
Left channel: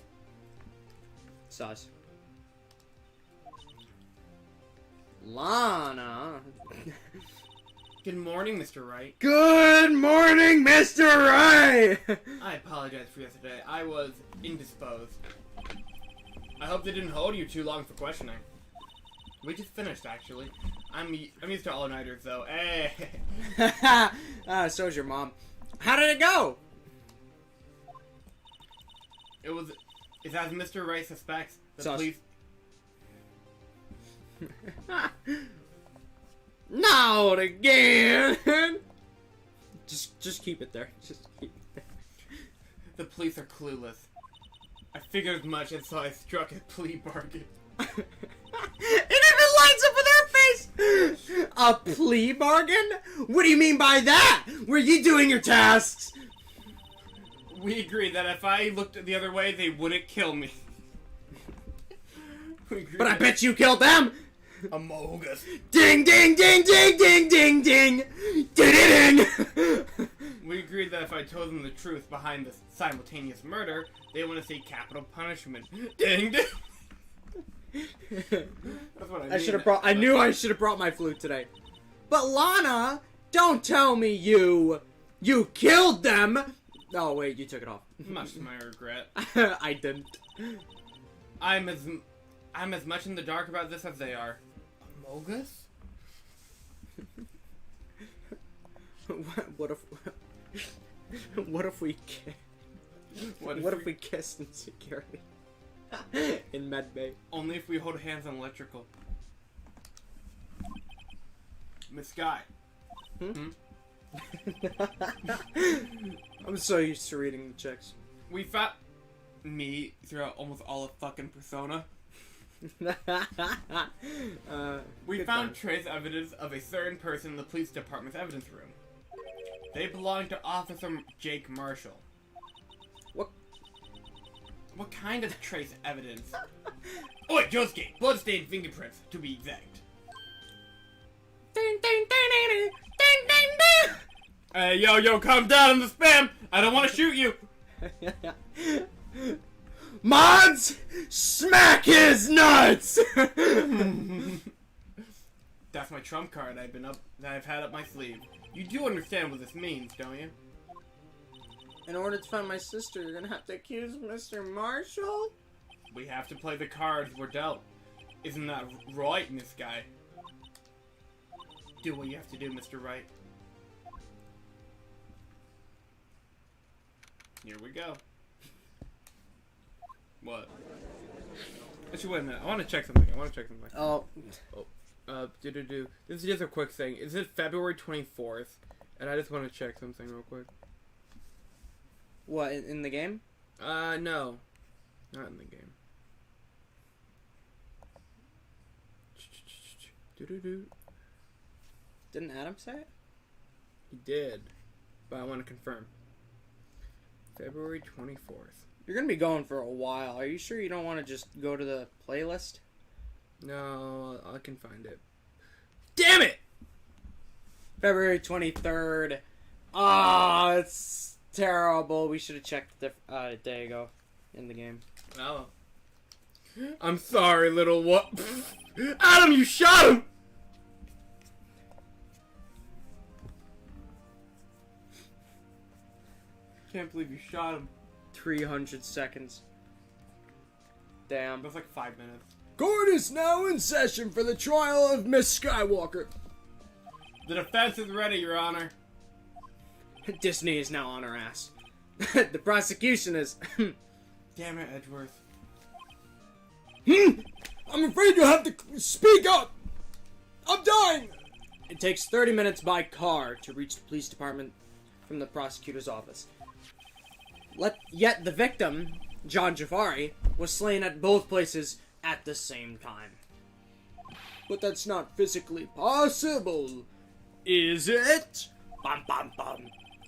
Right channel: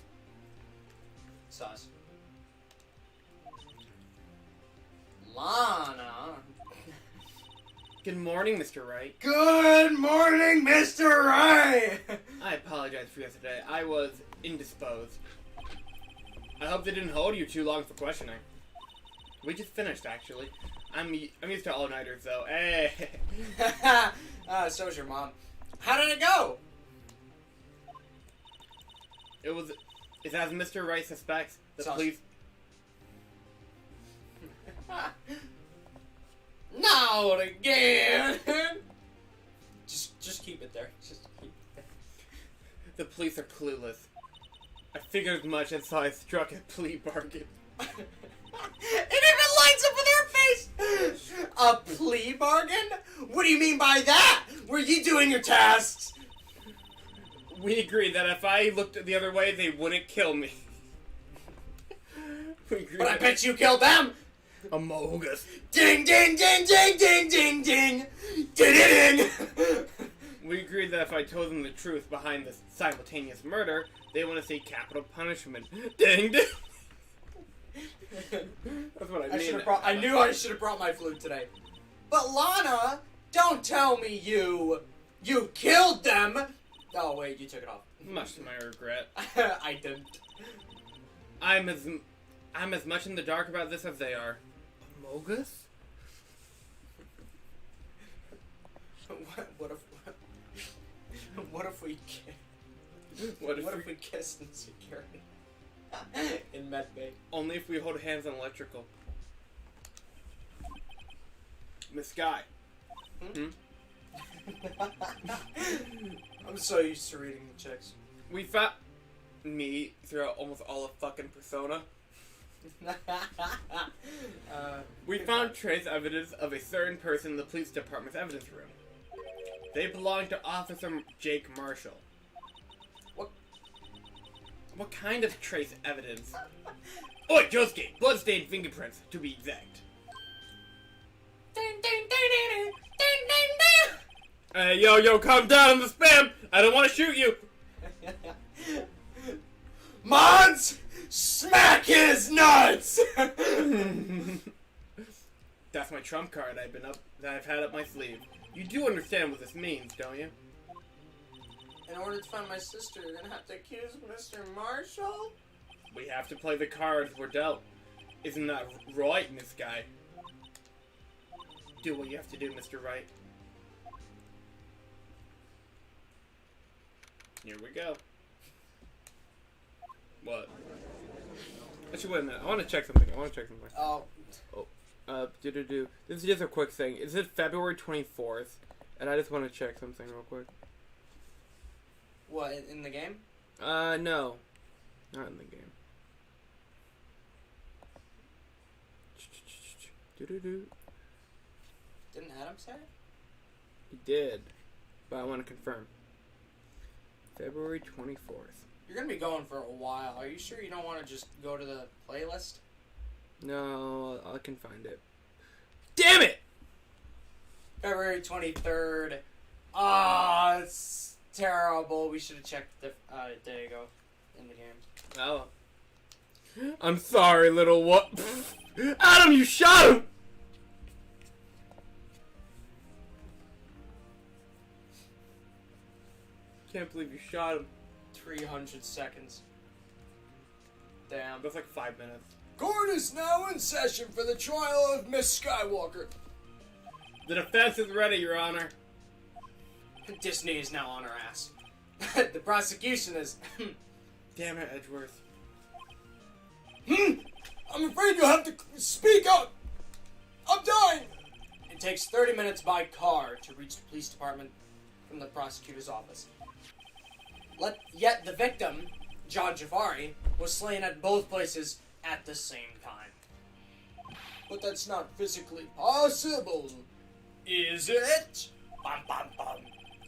Sus. Lana. Good morning, Mr. Wright. Good morning, Mr. Wright! I apologize for yesterday. I was indisposed. I hope they didn't hold you too long for questioning. We just finished, actually. I'm used to all-nighters, though. Hey. So's your mom. How did it go? It's as Mr. Wright suspects. The Sus. police... Not again! Just keep it there. Just keep it there. The police are clueless. I figured as much, and so I struck a plea bargain. It even lines up with her face! A plea bargain? What do you mean by that? Were you doing your tasks? We agreed that if I looked the other way, they wouldn't kill me. We agreed But I that- bet you killed them! Amogus. Ding ding ding ding ding ding ding! Ding ding! We agreed that if I told them the truth behind this simultaneous murder, they want to see capital punishment. Ding ding! That's what I mean. I knew I should have brought my flute today. But Lana, don't tell me you killed them! Oh wait, you took it off. Much to my regret. I didn't. I'm as much in the dark about this as they are. Amogus? What if we What if we kissed in security? In medbay. Only if we hold hands on electrical. Miss Guy. Hmm? I'm so used to reading the checks. We found me throughout almost all of fucking Persona. We found trace evidence of a certain person in the police department's evidence room. They belong to Officer Jake Marshall. What kind of trace evidence? Oi, Josuke! Bloodstained fingerprints, to be exact. Ding, ding, ding, ding, ding, ding, ding. Hey, yo, calm down on the spam! I don't want to shoot you! Mods, smack his nuts! That's my trump card that I've had up my sleeve. You do understand what this means, don't you? In order to find my sister, you're gonna have to accuse Mr. Marshall? We have to play the cards we're dealt. Isn't that right, Miss Guy? Do what you have to do, Mr. Wright. Here we go. What? Actually, wait a minute. I want to check something. Oh, This is just a quick thing. Is it February 24th? And I just want to check something real quick. what, in the game? No. Not in the game. Didn't Adam say it? He did. But I want to confirm. February 24th. You're gonna be going for a while. Are you sure you don't want to just go to the playlist? No, I can find it. Damn it! February 23rd. Ah, it's terrible. We should have checked the day ago in the game. Oh. I'm sorry, little what? Adam, you shot him! Can't believe you shot him. 300 seconds. Damn. That's like 5 minutes. Court is now in session for the trial of Miss Skywalker. The defense is ready, Your Honor. Disney is now on her ass. The prosecution is... Damn it, Edgeworth. I'm afraid you'll have to speak up! I'm dying! It takes 30 minutes by car to reach the police department from the prosecutor's office. Yet the victim, John Jafari, was slain at both places at the same time. But that's not physically possible, is it? Bum, bum, bum.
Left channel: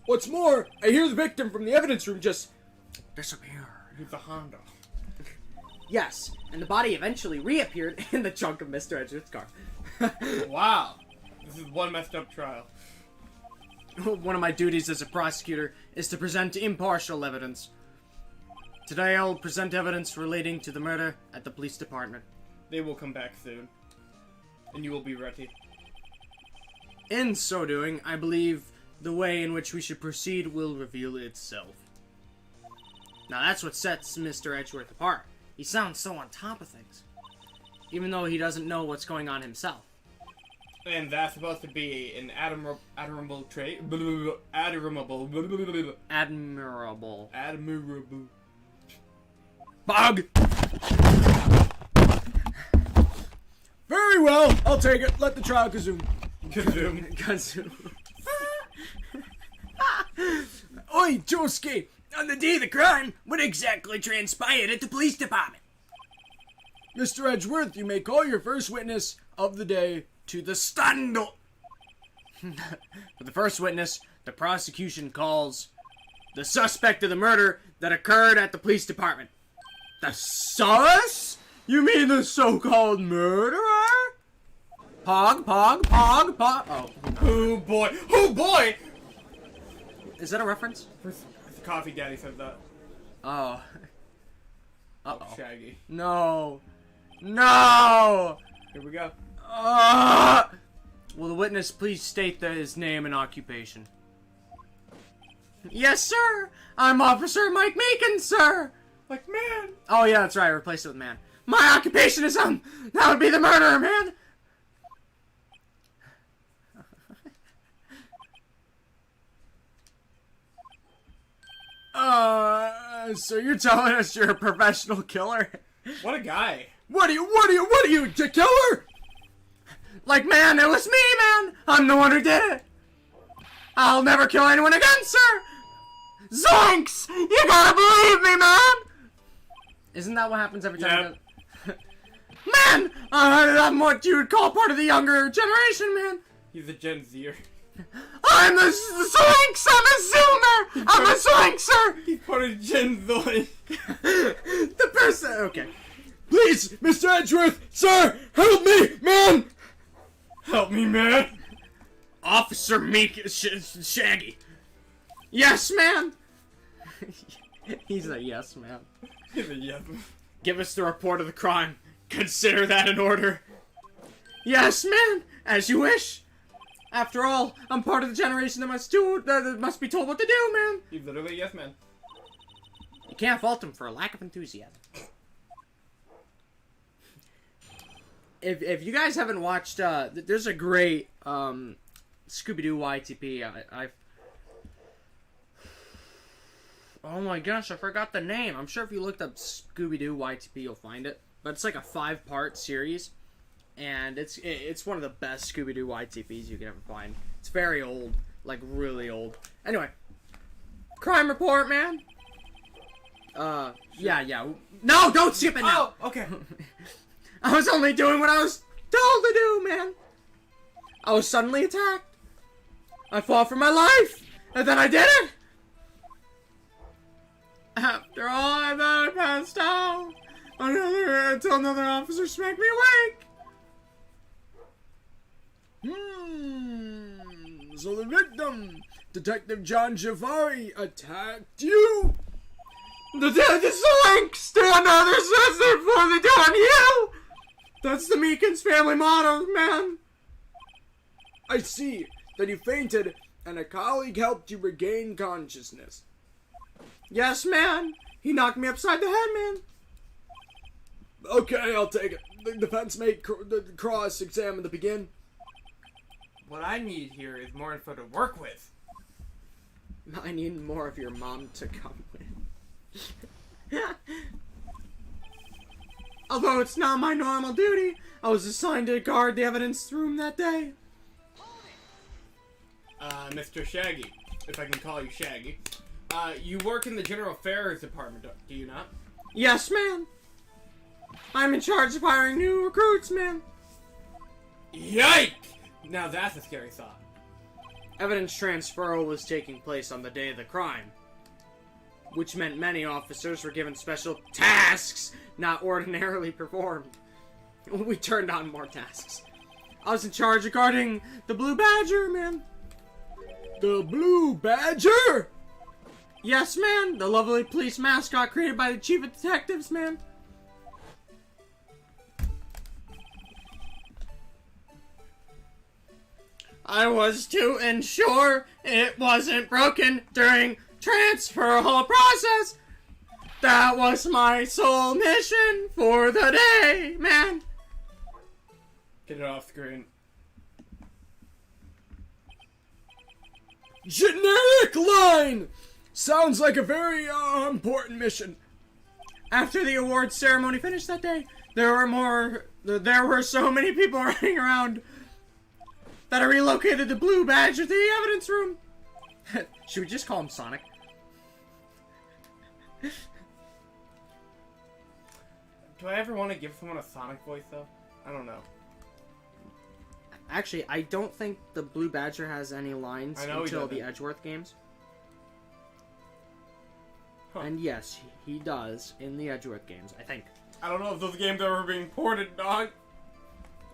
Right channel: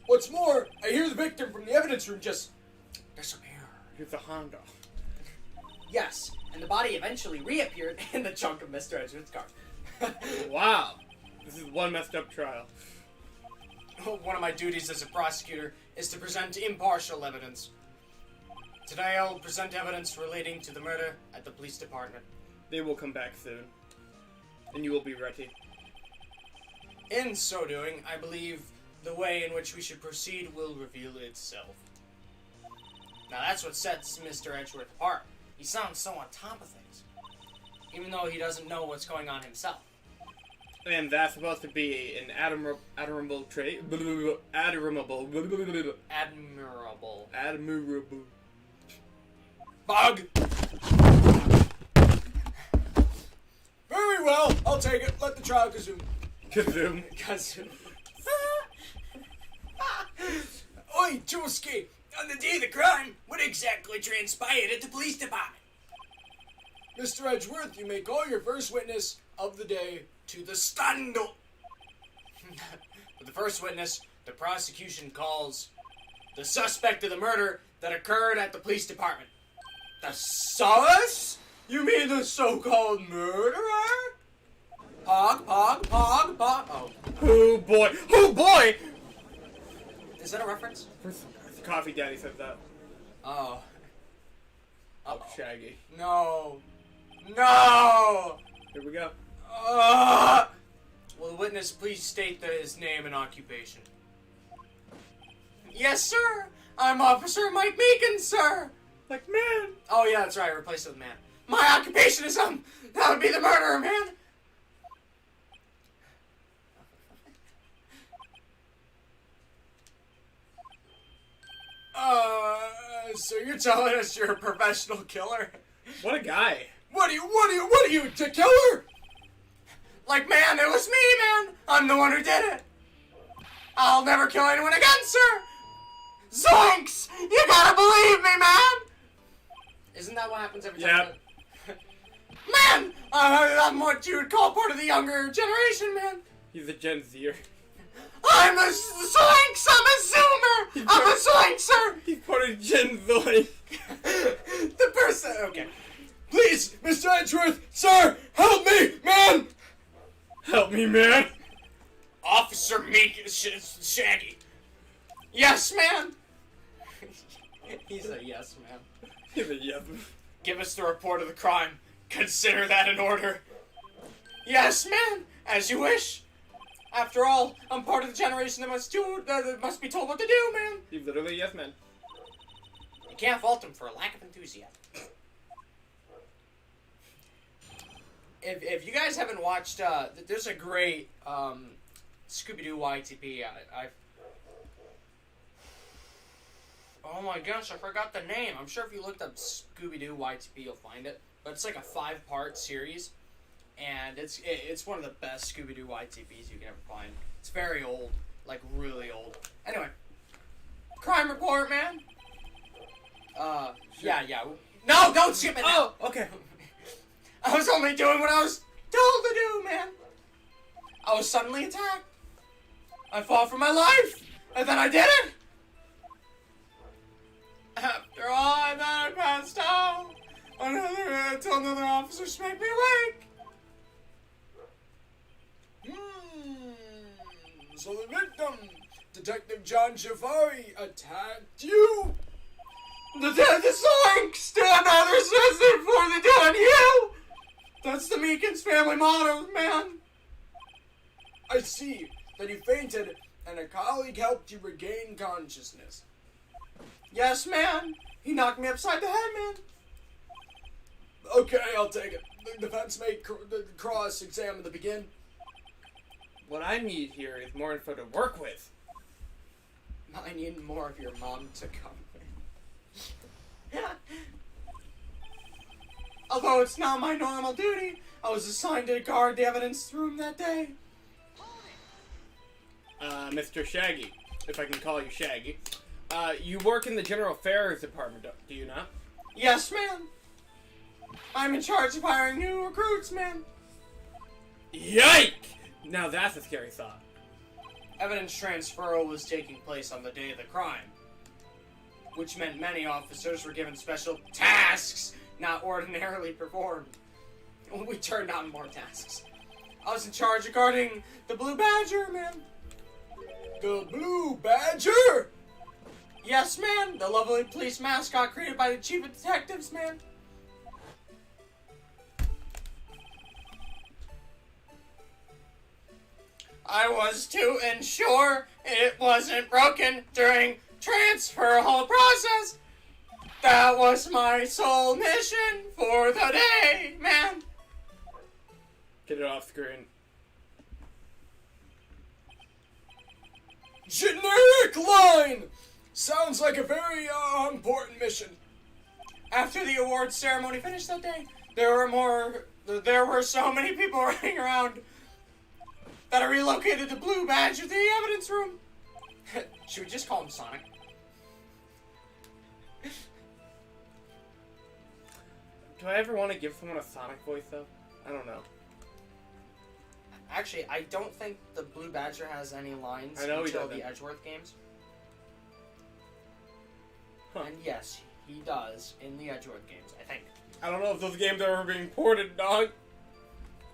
What's more, I hear the victim from the evidence room just disappear. It's a Honda. Yes, and the body eventually reappeared in the trunk of Mr. Edgeworth's car. Wow. This is one messed up trial. One of my duties as a prosecutor is to present impartial evidence. Today I will present evidence relating to the murder at the police department. They will come back soon. And you will be ready. In so doing, I believe the way in which we should proceed will reveal itself. Now that's what sets Mr. Edgeworth apart. He sounds so on top of things, even though he doesn't know what's going on himself. And that's supposed to be an admirable trait. Admirable. Admirable. Admirable. Bug! Very well, I'll take it. Let the trial resume. Kazoom. Resume. Oi, Josuke! On the day of the crime, what exactly transpired at the police department? Mr. Edgeworth, you may call your first witness of the day to the stand. For the first witness, the prosecution calls the suspect of the murder that occurred at the police department. The sus? You mean the so-called murderer? Pog, pog, pog, pog. Oh. Oh boy. Oh boy! Is that a reference? The coffee daddy said that. Oh. Oh, Shaggy. No. No! Here we go. Will the witness please state his name and occupation? Yes, sir! I'm Officer Mike Meakin, sir! Like, man! Oh, yeah, that's right. I replaced it with man. My occupation is, that would be the murderer, man! So you're telling us you're a professional killer? What a guy. What are you, a killer? Like, man, it was me, man! I'm the one who did it! I'll never kill anyone again, sir! Zoinks! You gotta believe me, man! Isn't that what happens every time? Yep. Man! I'm what you would call part of the younger generation, man! He's a Gen Zer. I'm the Zoinks! I'm a Zoomer! I'm a Zoinkser! He's part of Gen Zoid. The person... Okay. Please, Mr. Edgeworth! Sir! Help me! Man! Help me, man! Officer Shaggy. Yes, man! He's a yes, man. He's a yes. Give us the report of the crime. Consider that an order. Yes, man! As you wish. After all, I'm part of the generation that must be told what to do, man. He's literally a yes man. You can't fault him for a lack of enthusiasm. if you guys haven't watched, there's a great Scooby-Doo YTP. Oh my gosh, I forgot the name. I'm sure if you looked up Scooby-Doo YTP, you'll find it. But it's like a 5-part series, and it's one of the best Scooby-Doo YTPs you can ever find. It's very old, like really old. Anyway, crime report, man. Yeah. No, don't skip it now. Oh, okay. I was only doing what I was told to do, man. I was suddenly attacked. I fought for my life, and then I did it. After all, I then passed out. Until another officer smacked me awake. So the victim, Detective John Jafari, attacked you? The Zoink! Stand on their sister before they do on you! That's the Meekins family motto, man. I see. Then you fainted, and a colleague helped you regain consciousness. Yes, man. He knocked me upside the head, man. Okay, I'll take it. The defense may cross-examine to begin. What I need here is more info to work with. I need more of your mom to come in. Although it's not my normal duty, I was assigned to guard the evidence room that day. Mr. Shaggy, if I can call you Shaggy. You work in the General Affairs Department, do you not? Yes, ma'am. I'm in charge of hiring new recruits, man. Yike! Now that's a scary thought. Evidence transfer was taking place on the day of the crime, which meant many officers were given special tasks not ordinarily performed. We turned on more tasks. I was in charge of guarding the Blue Badger, man. The Blue Badger? Yes, man. The lovely police mascot created by the chief of detectives, man. I was to ensure it wasn't broken during transfer whole process. That was my sole mission for the day, man. Get it off screen. Generic line! Sounds like a very important mission. After the awards ceremony finished that day, there were so many people running around that I relocated the Blue Badge to the evidence room. Should we just call him Sonic? Do I ever want to give someone a Sonic voice, though? I don't know. Actually, I don't think the Blue Badger has any lines until the Edgeworth games. Huh. And yes, he does in the Edgeworth games, I think. I don't know if those games are ever being ported, dog.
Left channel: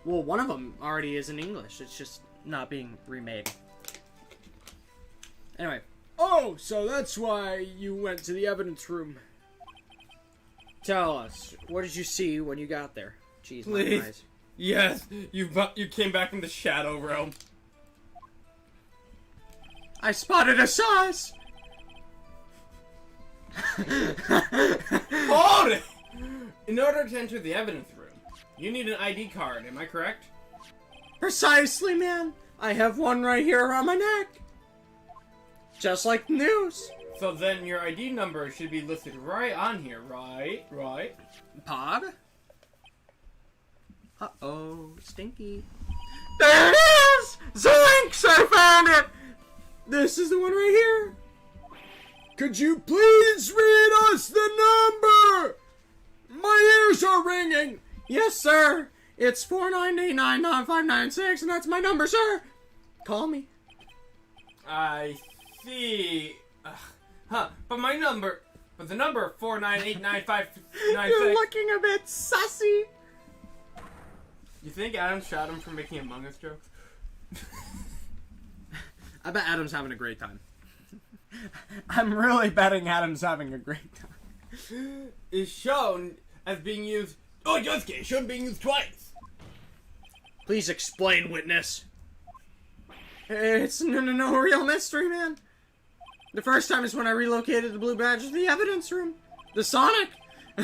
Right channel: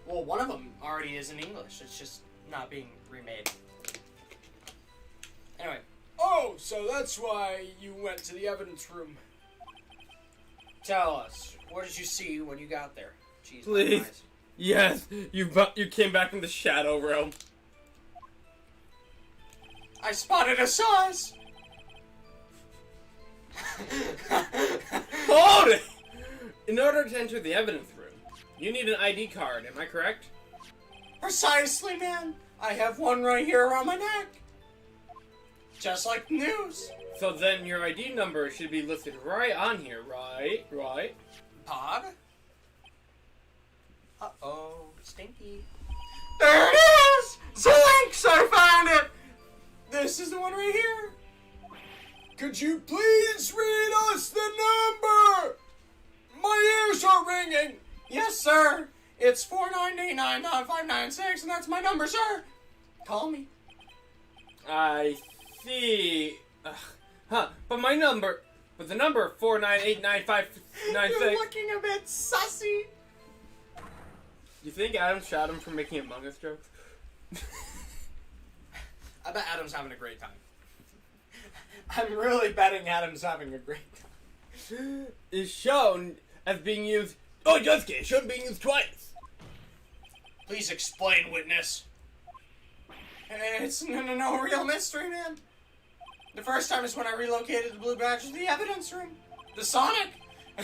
Well, one of them already is in English. It's just not being remade. Anyway. Oh, so that's why you went to the evidence room. Tell us, what did you see when you got there? Jeez, Please. my eyes. Yes, you came back from the Shadow Realm. I spotted a sauce! Hold it! In order to enter the evidence room, you need an ID card, am I correct? Precisely, man. I have one right here around my neck. Just like the news. So then your ID number should be listed right on here, right? Right? Pod? Uh-oh, stinky. There it is! Zoinks! I found it! This is the one right here. Could you please read us the number? My ears are ringing. Yes, sir. It's 4999596, and that's my number, sir. Call me. I see. But the number 4989596. You're looking a bit sussy. You think Adam shot him for making Among Us jokes? I bet Adam's having a great time. I'm really betting Adam's having a great time. Is shown as being used. Oh, just kidding. Shown being used twice. Please explain, witness. It's no real mystery, man. The first time is when I relocated the Blue Badge to the evidence room. The Sonic.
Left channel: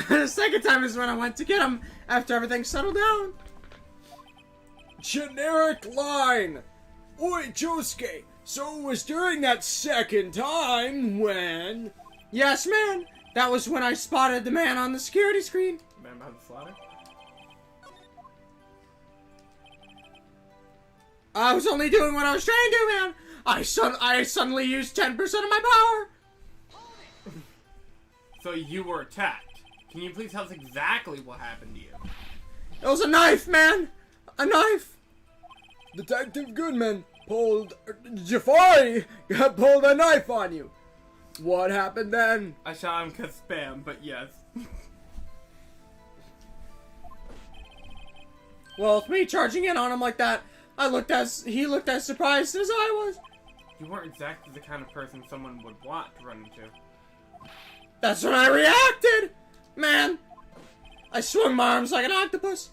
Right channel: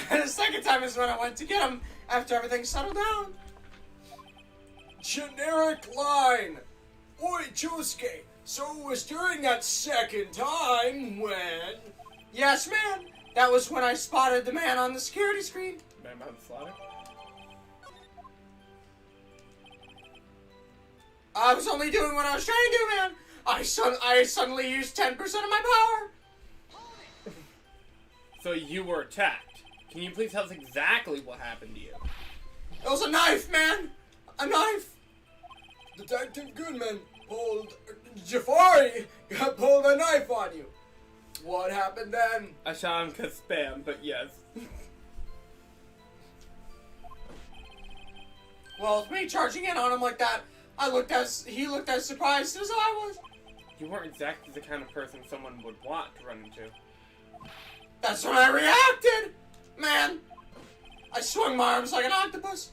The second time is when I went to get him after everything settled down. generic line. Oi, Josuke. So it was during that second time when... Yes, man. That was when I spotted the man on the security screen. Man behind the slaughter? I was only doing what I was trying to do, man. I suddenly used 10% of my power. So you were attacked. Can you please tell us exactly what happened to you? It was a knife, man. A knife. Detective Goodman pulled... Jafari pulled a knife on you. What happened then? I shot him because spam, but yes. Well, with me charging in on him like that, he looked as surprised as I was. You weren't exactly the kind of person someone would want to run into. That's when I reacted! Man, I swung my arms like an octopus.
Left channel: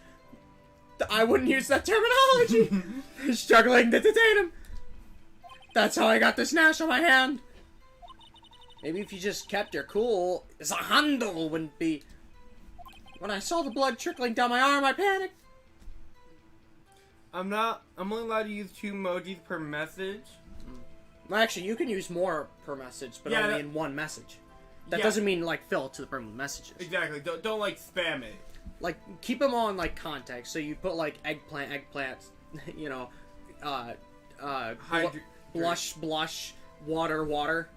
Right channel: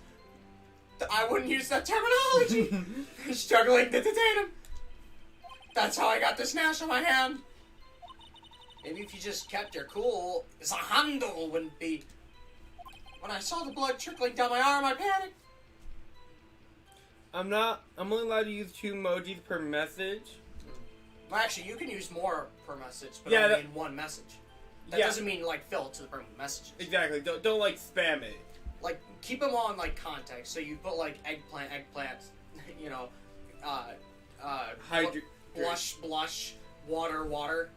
I wouldn't use that terminology. Struggling to detain him. That's how I got this nash on my hand. Maybe if you just kept your cool, the handle wouldn't be. When I saw the blood trickling down my arm, I panicked. I'm only allowed to use 2 emojis per message. Well, actually, you can use more per message, but Yeah, only in one message. That Yeah. doesn't mean, like, fill it to the brim with messages. Exactly. Don't like spam it. Like, keep them all in, like, context. So you put, like, eggplant, you know, blush, water,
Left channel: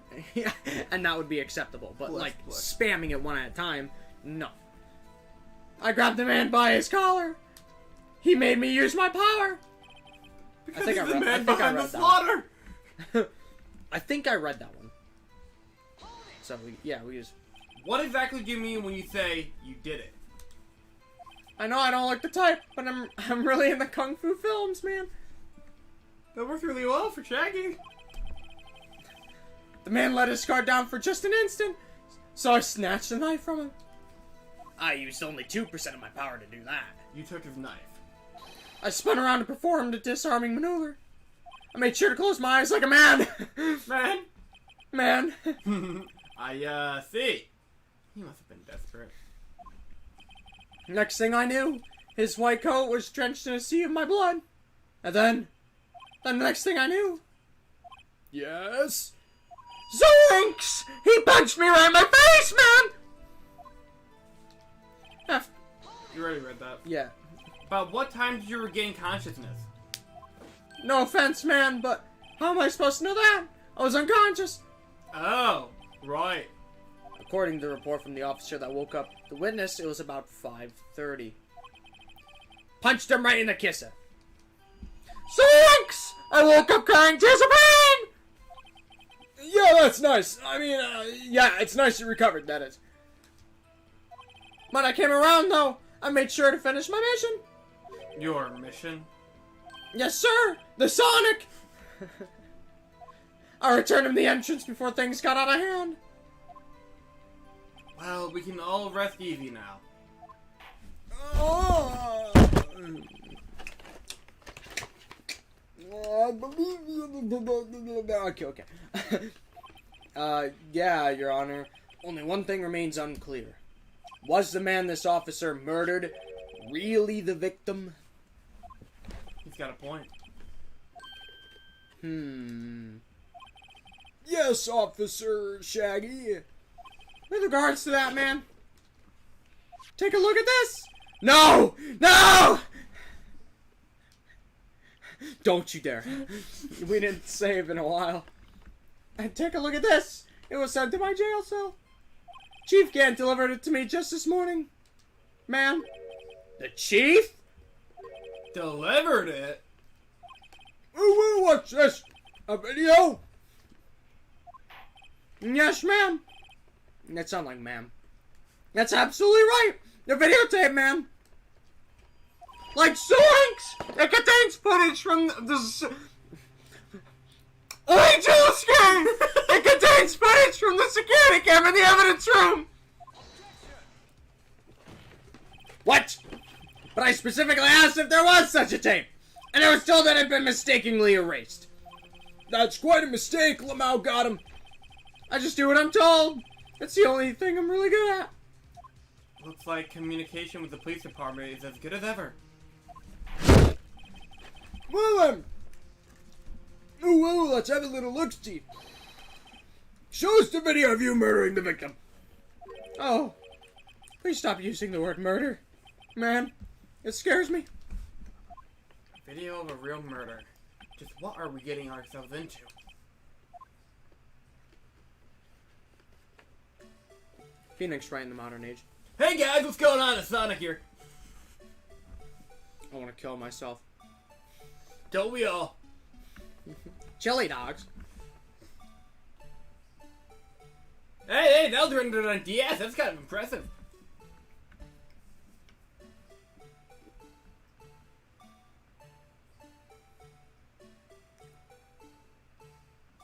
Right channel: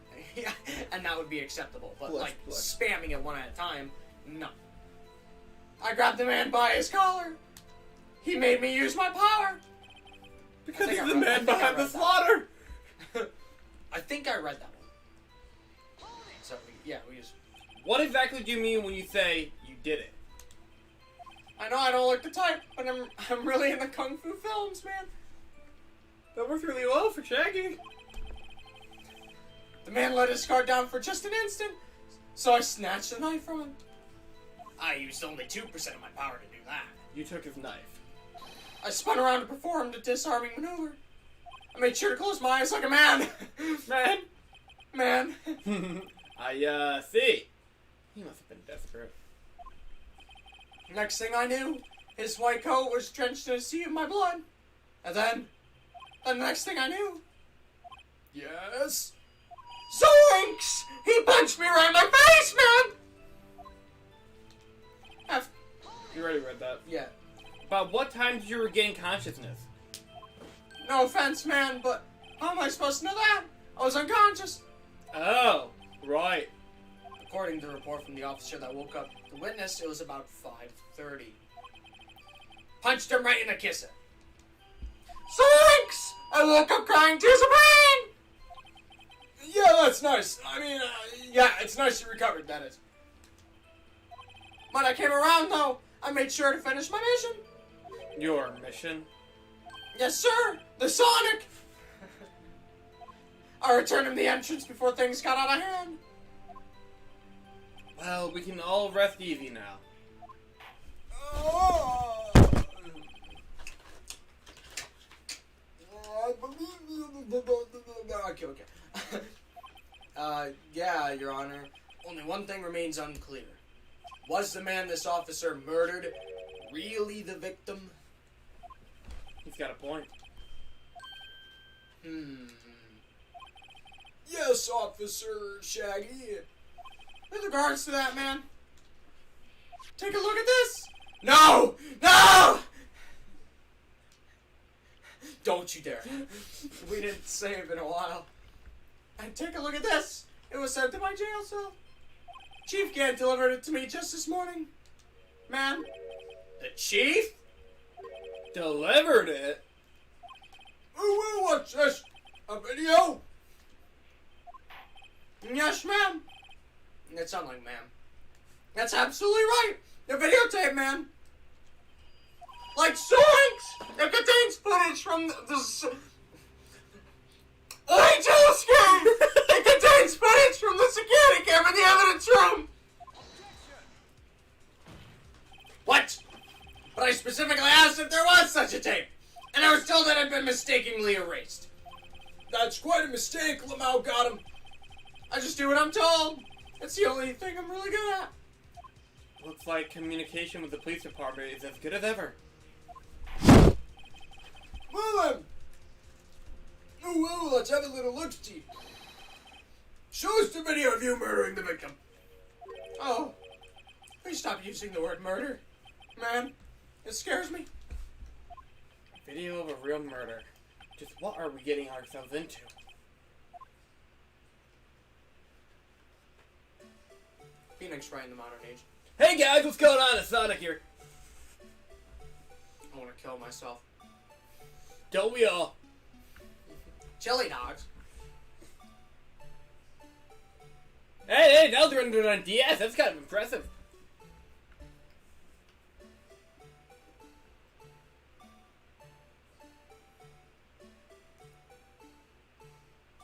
and that would be acceptable. But, Blush, like, blush. spamming it one at a time, no. I grabbed the man by his collar. He made me use my power. Because I think he's I the read- I man think I behind the read that. slaughter! I think I read that one. So, we use... What exactly do you mean when you say you did it? I know I don't look the type, but I'm really into kung fu films, man. That worked really well for Shaggy. The man let his guard down for just an instant, so I snatched the knife from him. I used only 2% of my power to do that. You took his knife. I spun around to perform the disarming maneuver. I made sure to close my eyes like a man. Man. I see. He must have been desperate. Next thing I knew, his white coat was drenched in a sea of my blood. And then the next thing I knew, Yes? Zoinks! He punched me right in my face, man! You already read that. Yeah. About what time did you regain consciousness? No offense, man, but how am I supposed to know that? I was unconscious. Oh, right. According to the report from the officer that woke up the witness, it was about 5:30. Punched him right in the kisser. Zoinks! I woke up crying tears of pain! Yeah, that's nice. I mean, yeah, it's nice you recovered, that is. When I came around, though, I made sure to finish my mission. Your mission? Yes, sir! The Sonic! I returned him the entrance before things got out of hand. Well, we can all rest easy now. Okay. Yeah, Your Honor. Only one thing remains unclear. Was the man this officer murdered really the victim? He's got a point. Yes, Officer Shaggy. With regards to that, man, take a look at this. No! No! Don't you dare. We didn't save in a while. And take a look at this. It was sent to my jail cell. Chief Gant delivered it to me just this morning. Man. The chief? Delivered it? Ooh, what's this? A video? Yes, ma'am. That sounds like ma'am. That's absolutely right. The videotape, man. Like Zoinks! It contains footage from the... Oi, Josuke! It contains footage from the security camera in the evidence room! What? But I specifically asked if there was such a tape, and I was told that it had been mistakenly erased. That's quite a mistake, Lamau got him. I just do what I'm told. That's the only thing I'm really good at. Looks like communication with the police department is as good as ever. let's have a little look-see. Show us the video of you murdering the victim. Oh, please stop using the word murder. Man, it scares me. Video of a real murder. Just what are we getting ourselves into? Phoenix Wright in the modern age. Hey guys, what's going on? It's Sonic here. I want to kill myself. Don't we all? Chili dogs. Hey, that was rendered on DS. That's kind of impressive.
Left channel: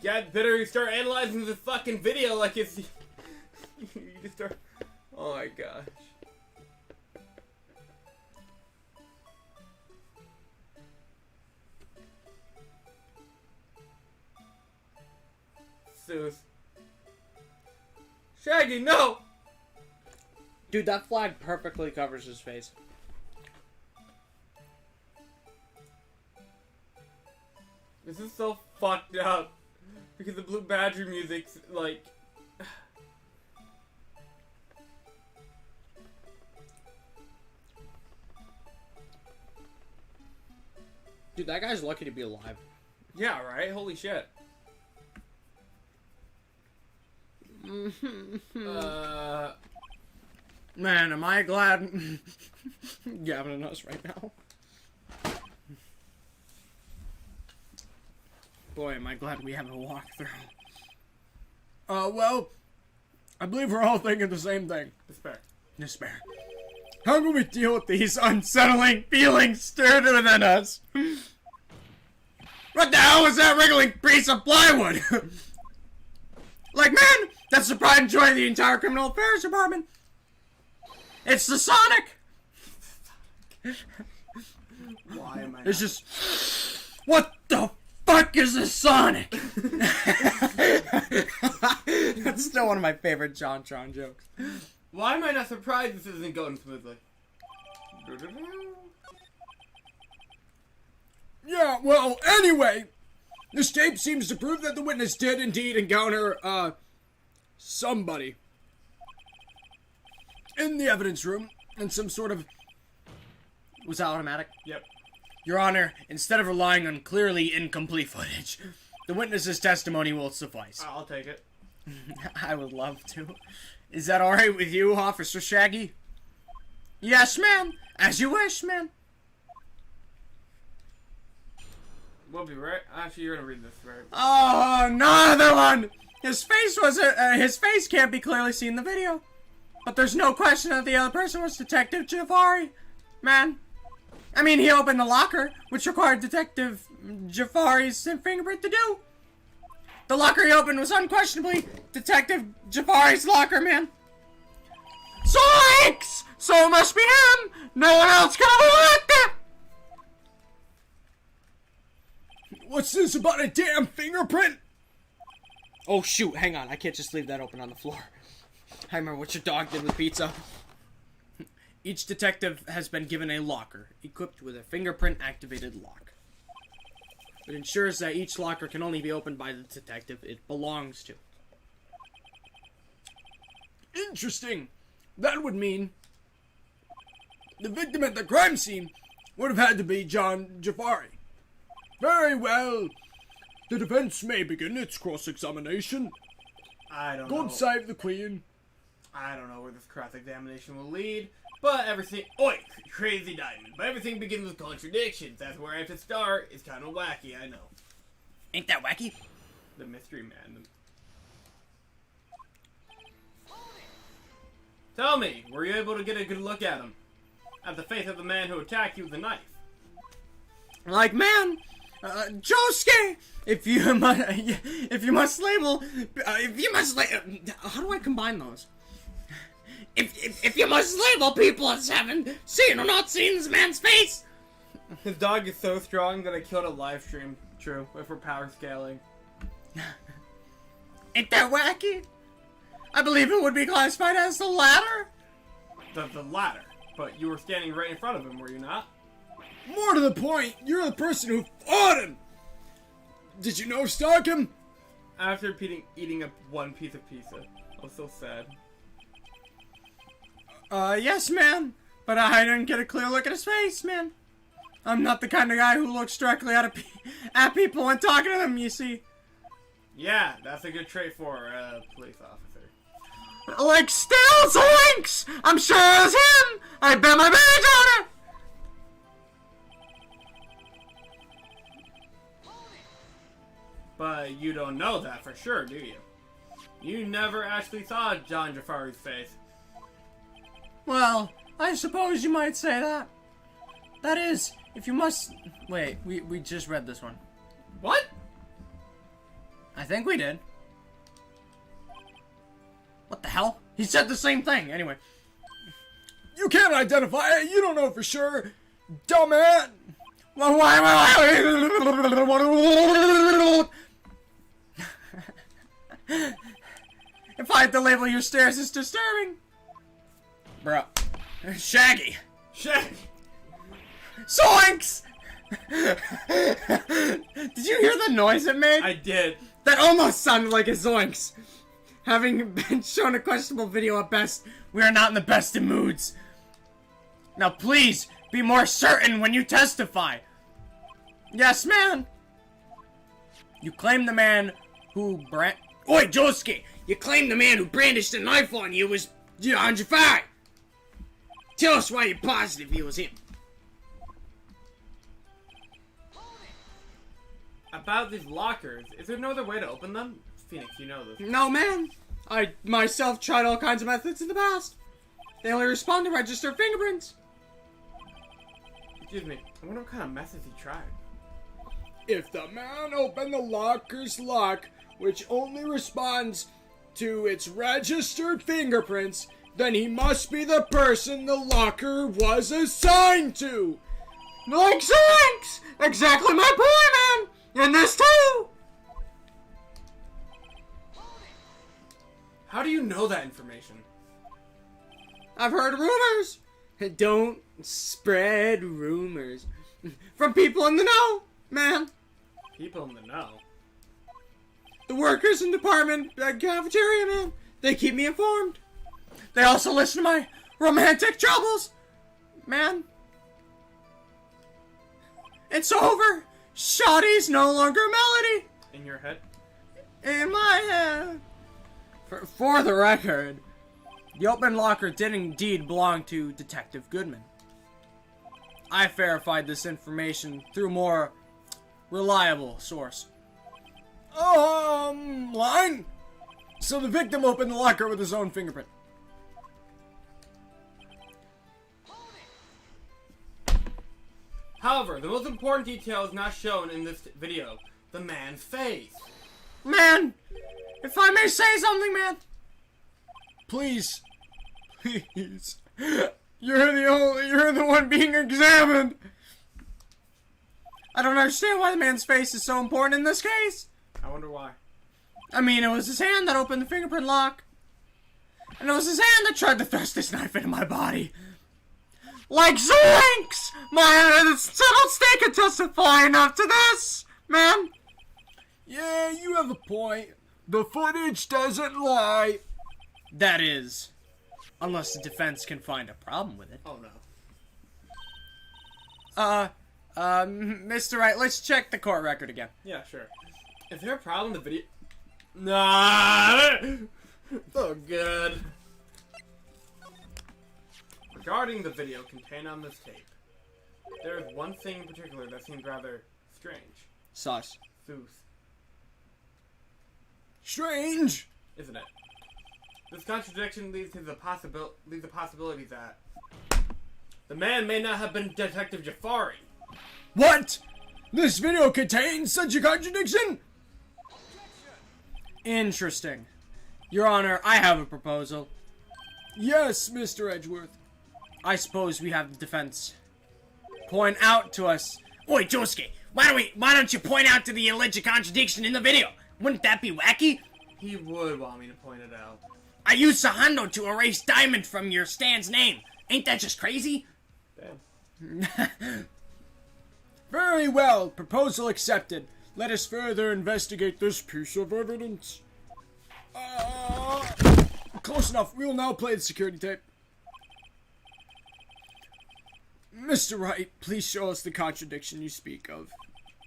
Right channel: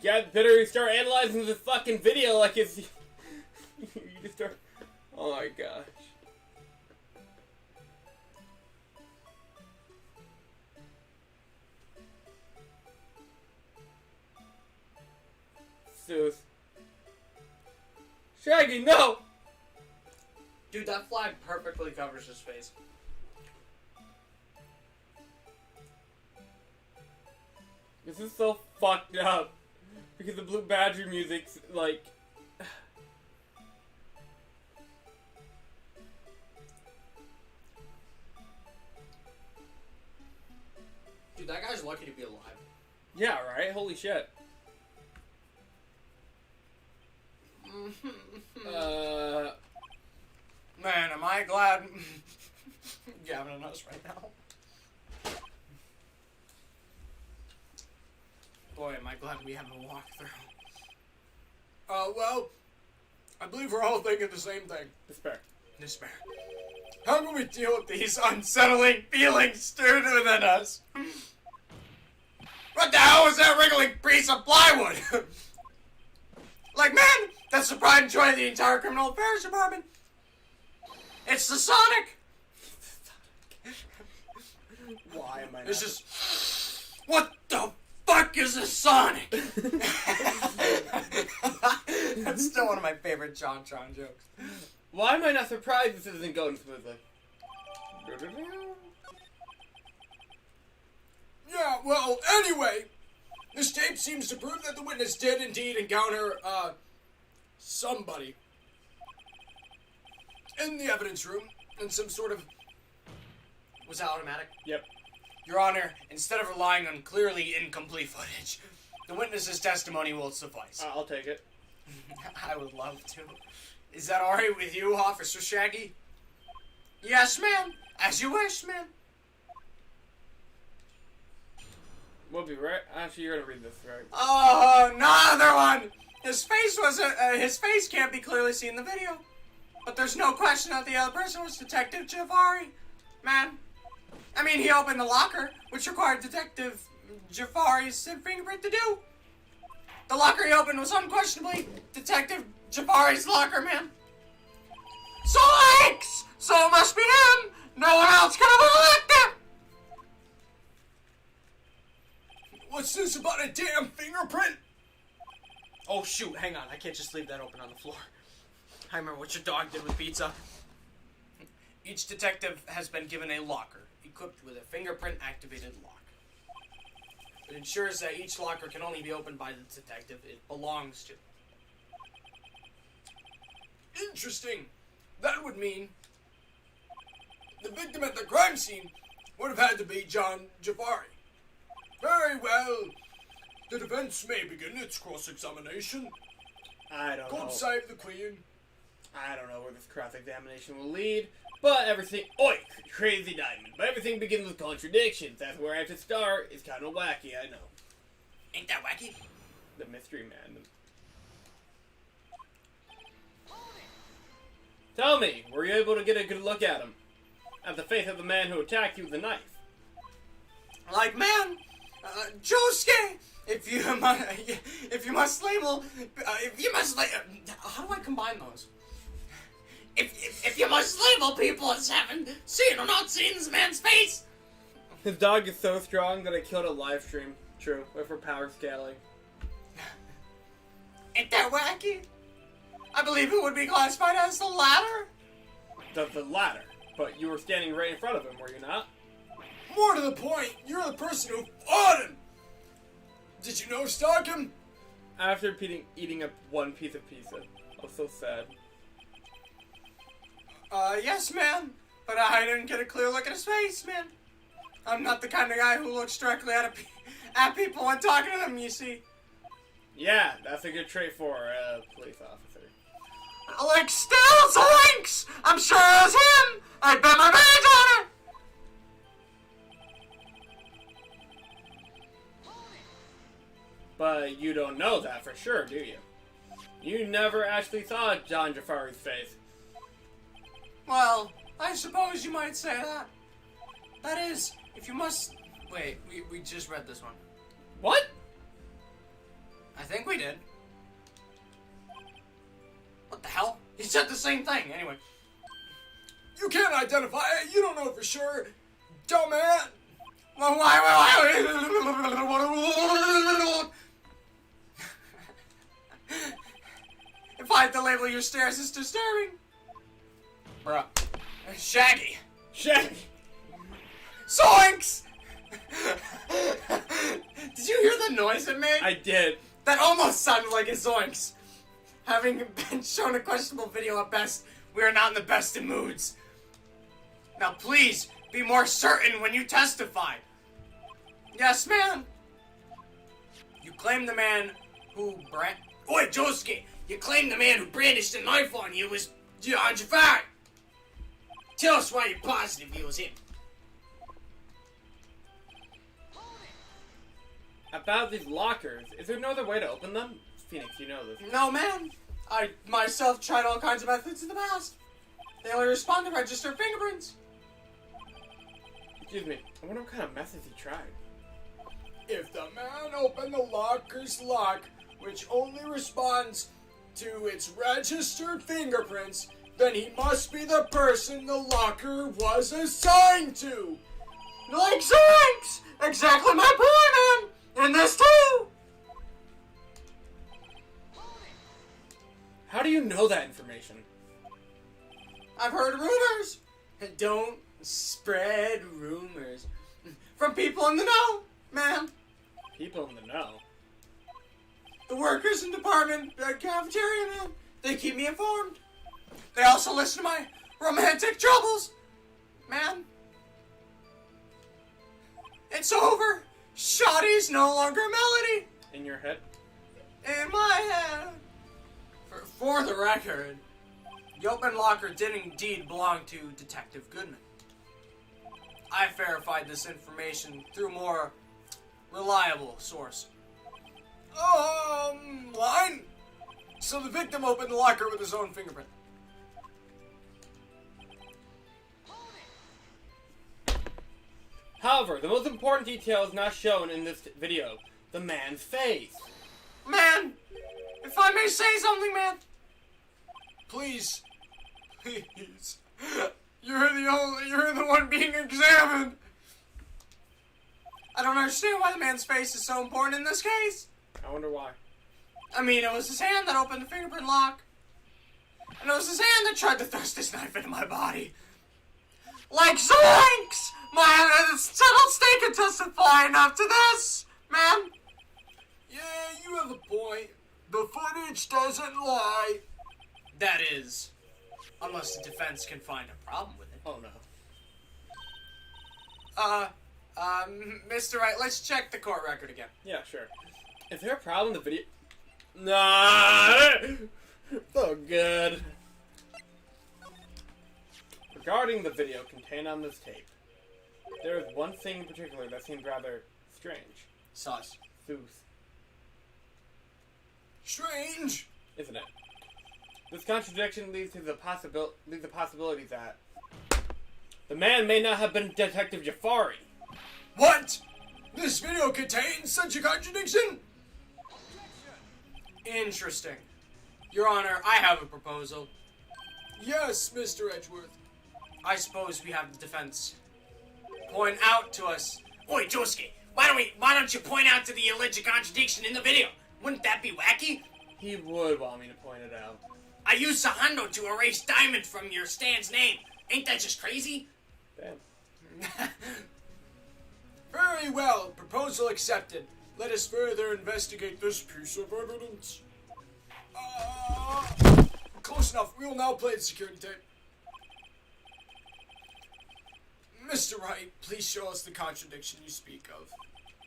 Yeah, better start analyzing the fucking video like it's... you just start... Oh my gosh. Seuss. Shaggy, no! Dude, that flag perfectly covers his face. This is so fucked up. Because the Blue Badger music's like... Dude, that guy's lucky to be alive. Yeah, right? Holy shit. Man, am I glad you're having us right now. Boy, am I glad we have a walkthrough. Well, I believe we're all thinking the same thing. Despair. Despair. How can we deal with these unsettling feelings stirred within us? What the hell was that wriggling piece of plywood? Like, man, that's the pride and joy of the entire criminal affairs department. It's the Sonic. Why am I It's just, what the fuck is the Sonic? That's still one of my favorite JonTron jokes. Why am I not surprised this isn't going smoothly? Yeah, well, anyway, this tape seems to prove that the witness did indeed encounter, somebody in the evidence room in some sort of... Was that automatic? Yep. Your Honor, instead of relying on clearly incomplete footage, the witness's testimony will suffice. I'll take it. I would love to. Is that alright with you, Officer Shaggy? Yes, ma'am. As you wish, ma'am. We'll be right. Actually, you're gonna read this, right? Oh, another one! His face can't be clearly seen in the video. But there's no question that the other person was Detective Jafari. Man. I mean, he opened the locker, which required Detective Jafari's fingerprint to do. The locker he opened was unquestionably Detective Jafari's locker, man. Zoinks! So it must be him! No one else could have unlocked it! What's this about a damn fingerprint? Oh shoot, hang on, I can't just leave that open on the floor. I remember what your dog did with pizza. Each detective has been given a locker, equipped with a fingerprint-activated lock. It ensures that each locker can only be opened by the detective it belongs to. Interesting. That would mean the victim at the crime scene would have had to be John Jafari. Very well. The defense may begin its cross-examination. I don't know. God save the Queen. I don't know where this cross-examination will lead, but everything... Oi! Crazy diamond. But everything begins with contradictions. That's where I have to start. It's kind of wacky, I know. Ain't that wacky? The mystery man. Tell me, were you able to get a good look at him? At the face of the man who attacked you with a knife? Like, man, Josuke, if you must label, how do I combine those? If you must label people as having seen or not seen this man's face. His dog is so strong that I killed a live stream. True, if we're power scaling. Ain't that wacky? I believe it would be classified as the latter. The latter. But you were standing right in front of him, were you not? More to the point, you're the person who fought him. Did you no stalk him? After eating up one piece of pizza. I was so sad. Yes, man. But I didn't get a clear look at his face, man. I'm not the kind of guy who looks directly at people when talking to them, you see. Yeah, that's a good trait for a police officer. Like, still Zoinks! I'm sure it was him! I bet my badge on it! But you don't know that for sure, do you? You never actually saw John Jafari's face. Well, I suppose you might say that. That is, if you must... Wait, we just read this one. What? I think we did. What the hell? He said the same thing, anyway. You can't identify it. You don't know for sure. Dumbass. Well, why? If I had to label your stares as disturbing. Bruh. Shaggy. Shaggy! Zoinks! Did you hear the noise it made? I did. That almost sounded like a zoinks. Having been shown a questionable video at best, we are not in the best of moods. Now please, be more certain when you testify. Yes, man. You claim the man who Oi, Josuke! You claim the man who brandished a knife on you was John Jafari. Tell us why you're positive it was him. About these lockers, is there no other way to open them? Phoenix, you know this. No, man. I myself tried all kinds of methods in the past. They only respond to registered fingerprints. Excuse me, I wonder what kind of methods he tried. If the man opened the locker's lock, which only responds to its registered fingerprints, then he must be the person the locker was assigned to. Like Zoinks! Exactly my point, man! And this too! How do you know that information? I've heard rumors. Don't spread rumors. From people in the know, man. People in the know. The workers in department cafeteria, man. They keep me informed. They also listen to my romantic troubles. Man. It's over. Shoddy's no longer a melody. In your head? In my head. For the record, the open locker did indeed belong to Detective Goodman. I verified this information through a more reliable source. Line? So the victim opened the locker with his own fingerprint. However, the most important detail is not shown in this video. The man's face. Man, if I may say something, man. Please. Please. You're the one being examined. I don't understand why the man's face is so important in this case. I wonder why. I mean, it was his hand that opened the fingerprint lock. And it was his hand that tried to thrust this knife into my body. Like Zoinks! Man, settled state can testify enough to this, man. Yeah, you have a point. The footage doesn't lie. That is, unless the defense can find a problem with it. Oh no. Mr. Wright, let's check the court record again. Yeah, sure. Is there a problem with the video? Nah! So good. Regarding the video contained on this tape, there is one thing in particular that seems rather strange. Sus. Seuss. Strange. Isn't it? This contradiction leads to the possibility that the man may not have been Detective Jafari. What? This video contains such a contradiction? Interesting. Your Honor, I have a proposal. Yes, Mr. Edgeworth. I suppose we have the defense point out to us. Oi, Josuke, why don't you point out to the alleged contradiction in the video? Wouldn't that be wacky? He would want me to point it out. I used Sahando to erase Diamond from your Stan's name. Ain't that just crazy? Damn. Very well. Proposal accepted. Let us further investigate this piece of evidence. Close enough. We will now play the security tape. Mr. Wright, please show us the contradiction you speak of.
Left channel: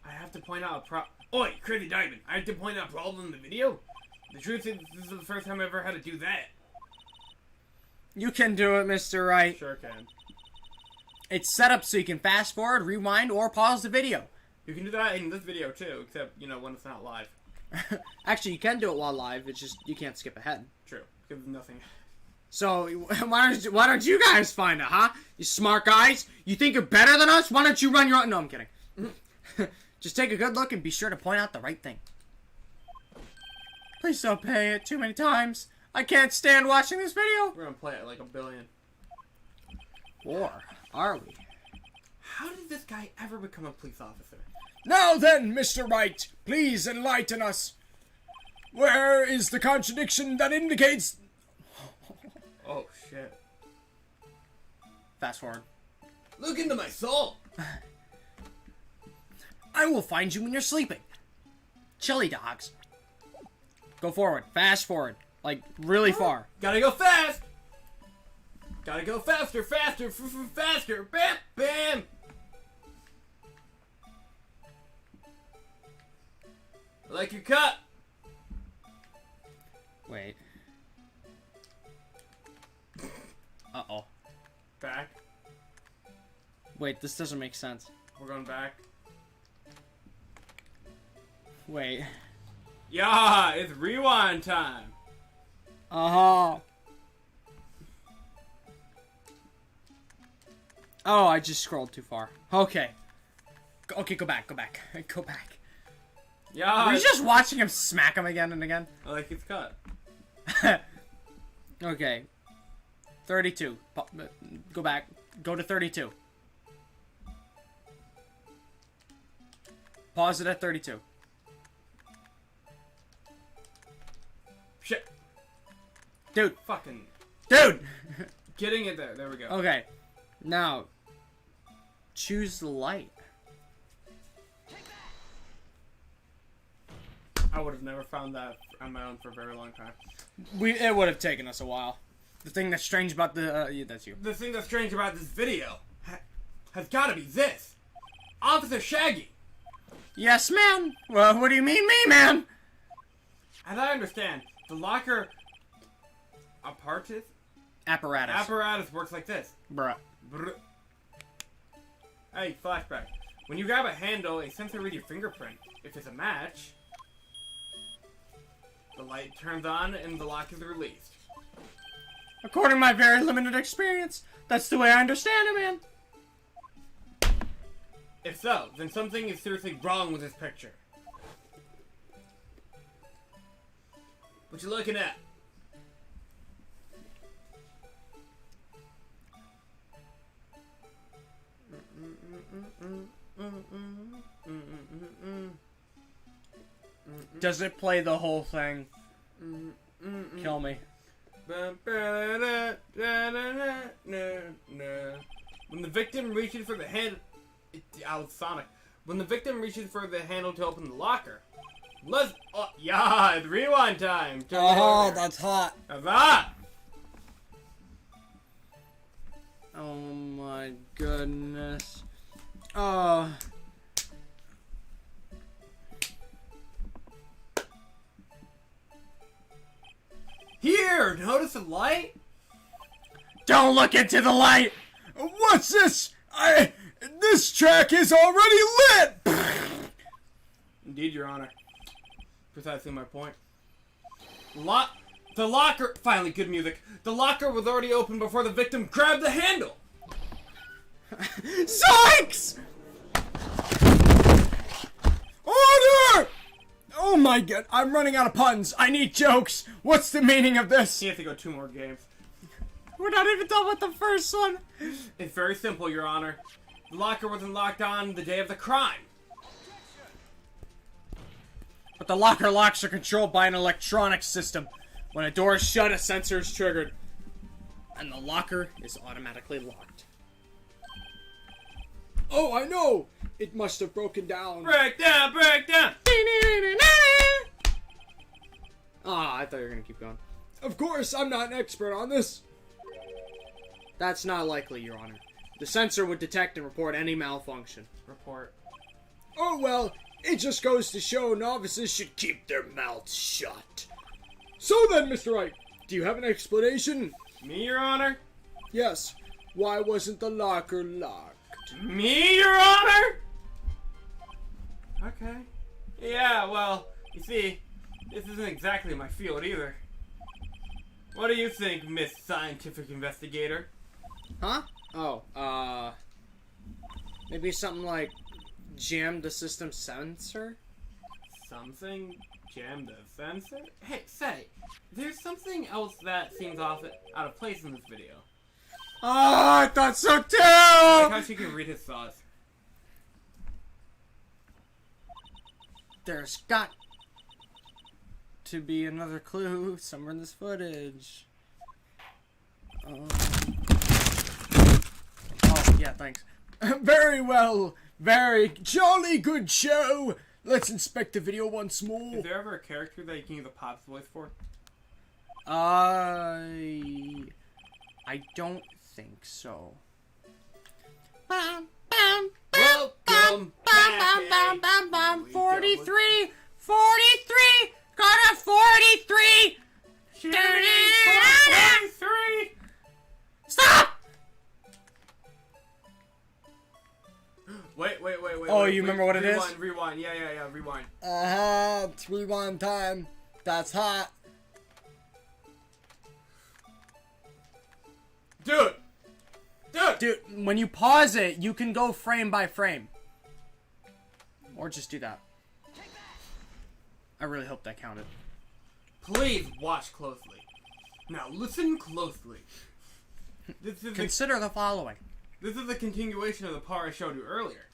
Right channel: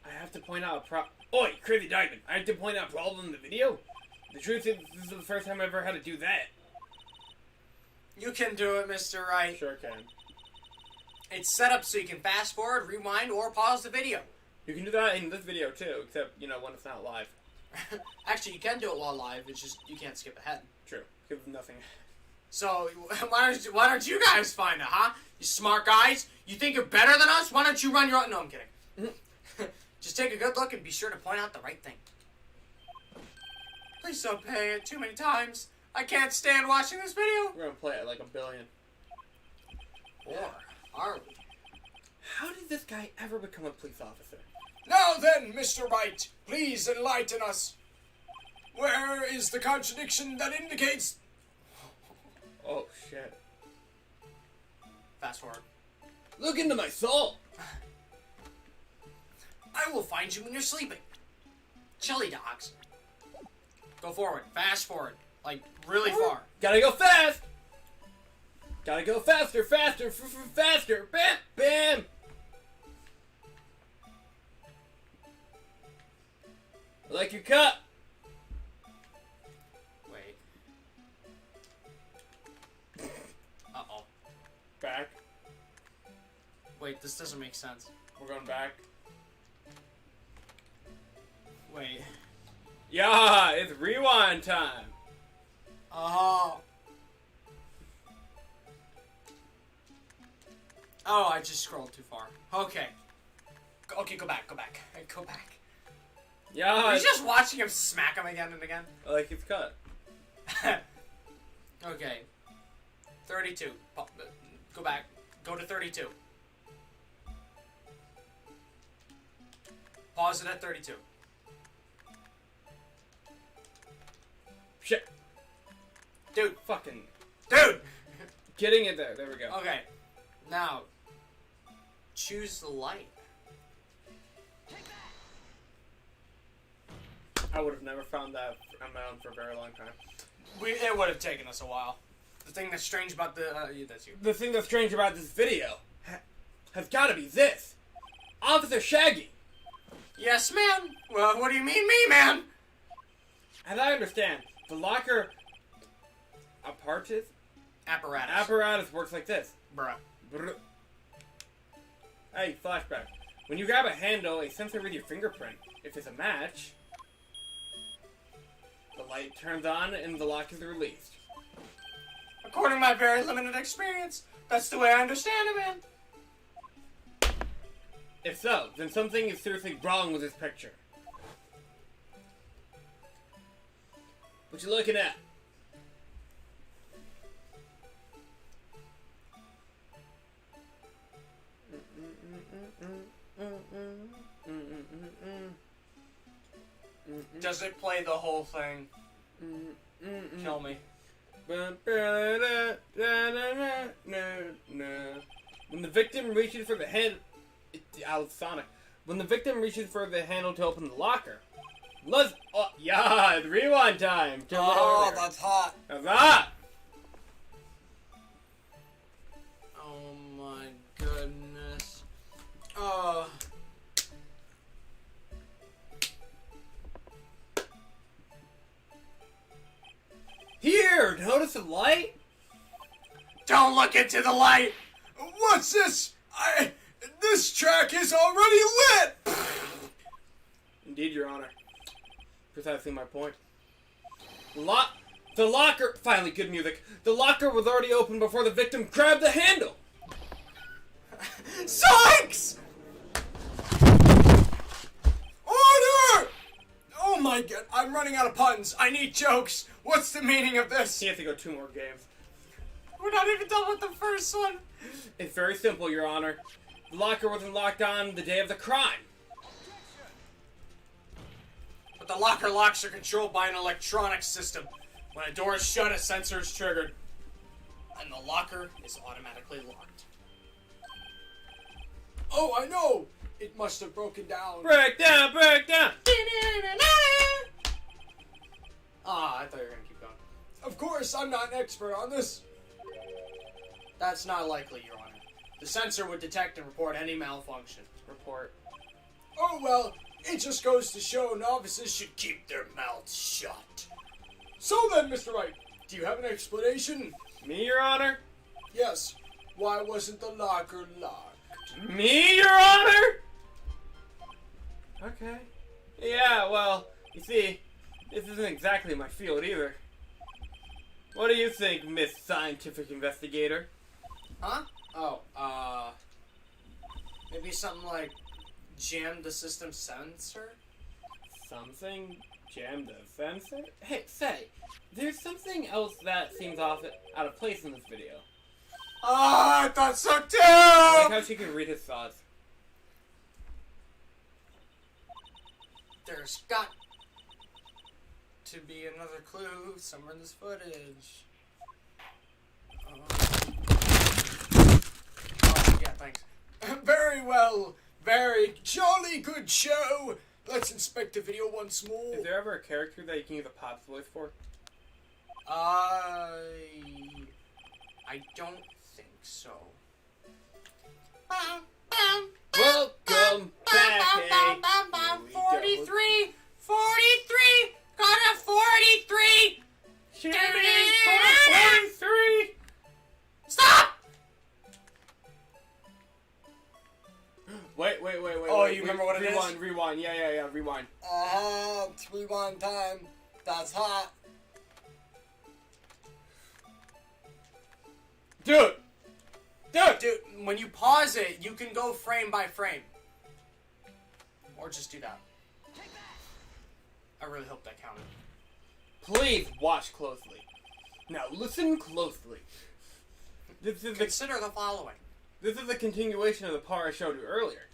I have to point out Oi, Crazy Diamond! I have to point out a problem in the video? The truth is, this is the first time I ever had to do that. You can do it, Mr. Wright. Sure can. It's set up so you can fast forward, rewind, or pause the video. You can do that in this video too, except, when it's not live. Actually, you can do it while live, it's just you can't skip ahead. True. Because nothing. So, why don't you guys find it, huh? You smart guys? You think you're better than us? Why don't you run your own... No, I'm kidding. Just take a good look and be sure to point out the right thing. Please don't play it too many times. I can't stand watching this video. We're gonna play it like a billion. Or are we? How did this guy ever become a police officer? Now then, Mr. Wright, please enlighten us. Where is the contradiction that indicates... Oh, shit. Fast forward. Look into my soul! I will find you when you're sleeping. Chili dogs. Go forward. Fast forward. Like, really far. Gotta go fast! Gotta go faster, faster, faster! Bam! Bam! I like your cut! Wait. Uh-oh. Back. Wait, this doesn't make sense. We're going back. Wait. Yeah, it's rewind time! Uh-huh. Oh, I just scrolled too far. Okay. Okay, go back, go back. Go back. Yeah! Are you just watching him smack him again and again? I like his cut. Okay. 32. Go back. Go to 32. Pause it at 32. Shit. Dude. Fucking. Dude! Getting it there. There we go. Okay. Now, choose the light. I would have never found that on my own for a very long time. It would have taken us a while. The thing that's strange about the... that's you. The thing that's strange about this video has got to be this. Officer Shaggy. Yes, man. Well, what do you mean, me, man? As I understand, the locker apparatus works like this. Bruh. Brr. Hey, flashback. When you grab a handle, a sensor reads your fingerprint. If it's a match, the light turns on and the lock is released. According to my very limited experience, that's the way I understand it, man. If so, then something is seriously wrong with this picture. What you looking at? Does it play the whole thing? Kill me. When the victim reaches for the hand, Sonic. When the victim reaches for the handle to open the locker, let's. Oh, yeah, it's rewind time. Oh, that's hot. That's hot. Oh my goodness. Oh. Here, notice the light? Don't look into the light! What's this? This track is already lit! Indeed, Your Honor. Precisely my point. The locker... Finally, good music. The locker was already open before the victim grabbed the handle! Zoinks! Order! Oh my god, I'm running out of puns. I need jokes. What's the meaning of this? He has to go 2 more games. We're not even done with the first one. It's very simple, Your Honor. The locker wasn't locked on the day of the crime. But the locker locks are controlled by an electronic system. When a door is shut, a sensor is triggered. And the locker is automatically locked. Oh, I know! It must have broken down. Break down, break down! course, I'm not an expert on this. That's not likely, Your Honor. The sensor would detect and report any malfunction. Report. Oh well, it just goes to show novices should keep their mouths shut. So then, Mr. Wright, do you have an explanation? Me, Your Honor? Yes. Why wasn't the locker locked? Me, Your Honor? Okay. Yeah, well, you see, this isn't exactly my field either. What do you think, Miss Scientific Investigator? Huh? Oh, maybe something like jam the system sensor? Something jammed the sensor? Hey, say, there's something else that seems out of place in this video. Oh, I thought so I like too! how she can read his thoughts. There's got to be another clue somewhere in this footage. Oh, yeah, thanks. Very well. Very jolly good show. Let's inspect the video once more. Is there ever a character that you can use a Pop's voice for? I don't think so. Welcome back. 43! 43! Got a 43! Shooting for 43! Stop! Wait. Oh, you remember what it is? Rewind. Yeah, rewind. It's rewind time. That's hot. Dude! Dude, when you pause it, you can go frame by frame. Or just do that. I really hope that counted. Please watch closely. Now listen closely. This is Consider the following. This is a continuation of the part I showed you earlier.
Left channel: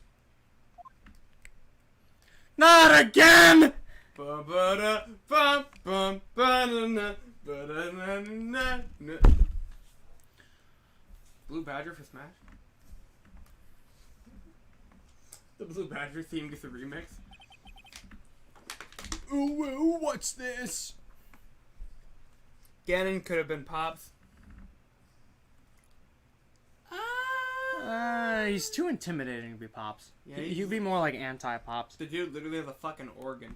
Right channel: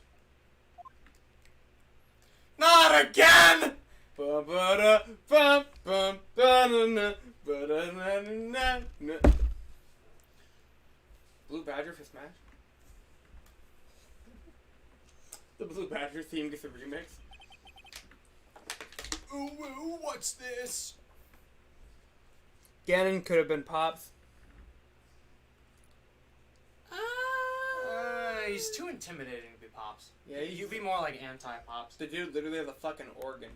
Not again! Blue Badger for Smash? The Blue Badger theme gets a remix. Ooh, what's this? Ganon could have been Pops. He's too intimidating to be Pops. Yeah, He'd be more like anti-Pops. The dude literally has a fucking organ.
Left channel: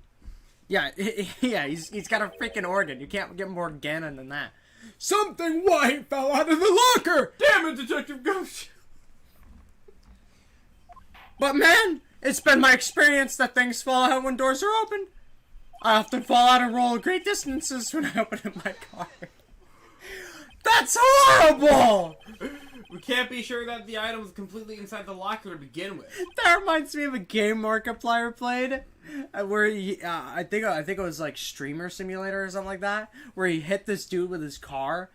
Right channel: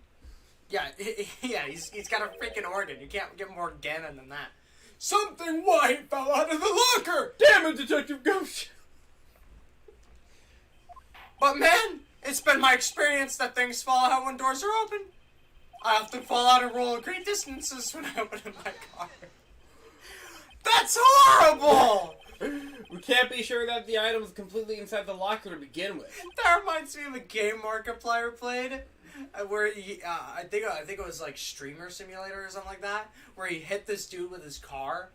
Yeah, he's got a freaking organ. You can't get more Ganon than that. Something white fell out of the locker! Damn it, Detective Ghost! But man, it's been my experience that things fall out when doors are open. I often fall out and roll great distances when I open up my car. That's horrible! We can't be sure that the item was completely inside the locker to begin with. That reminds me of a game Markiplier played, where he, I think it was like Streamer Simulator or something like that, where he hit this dude with his car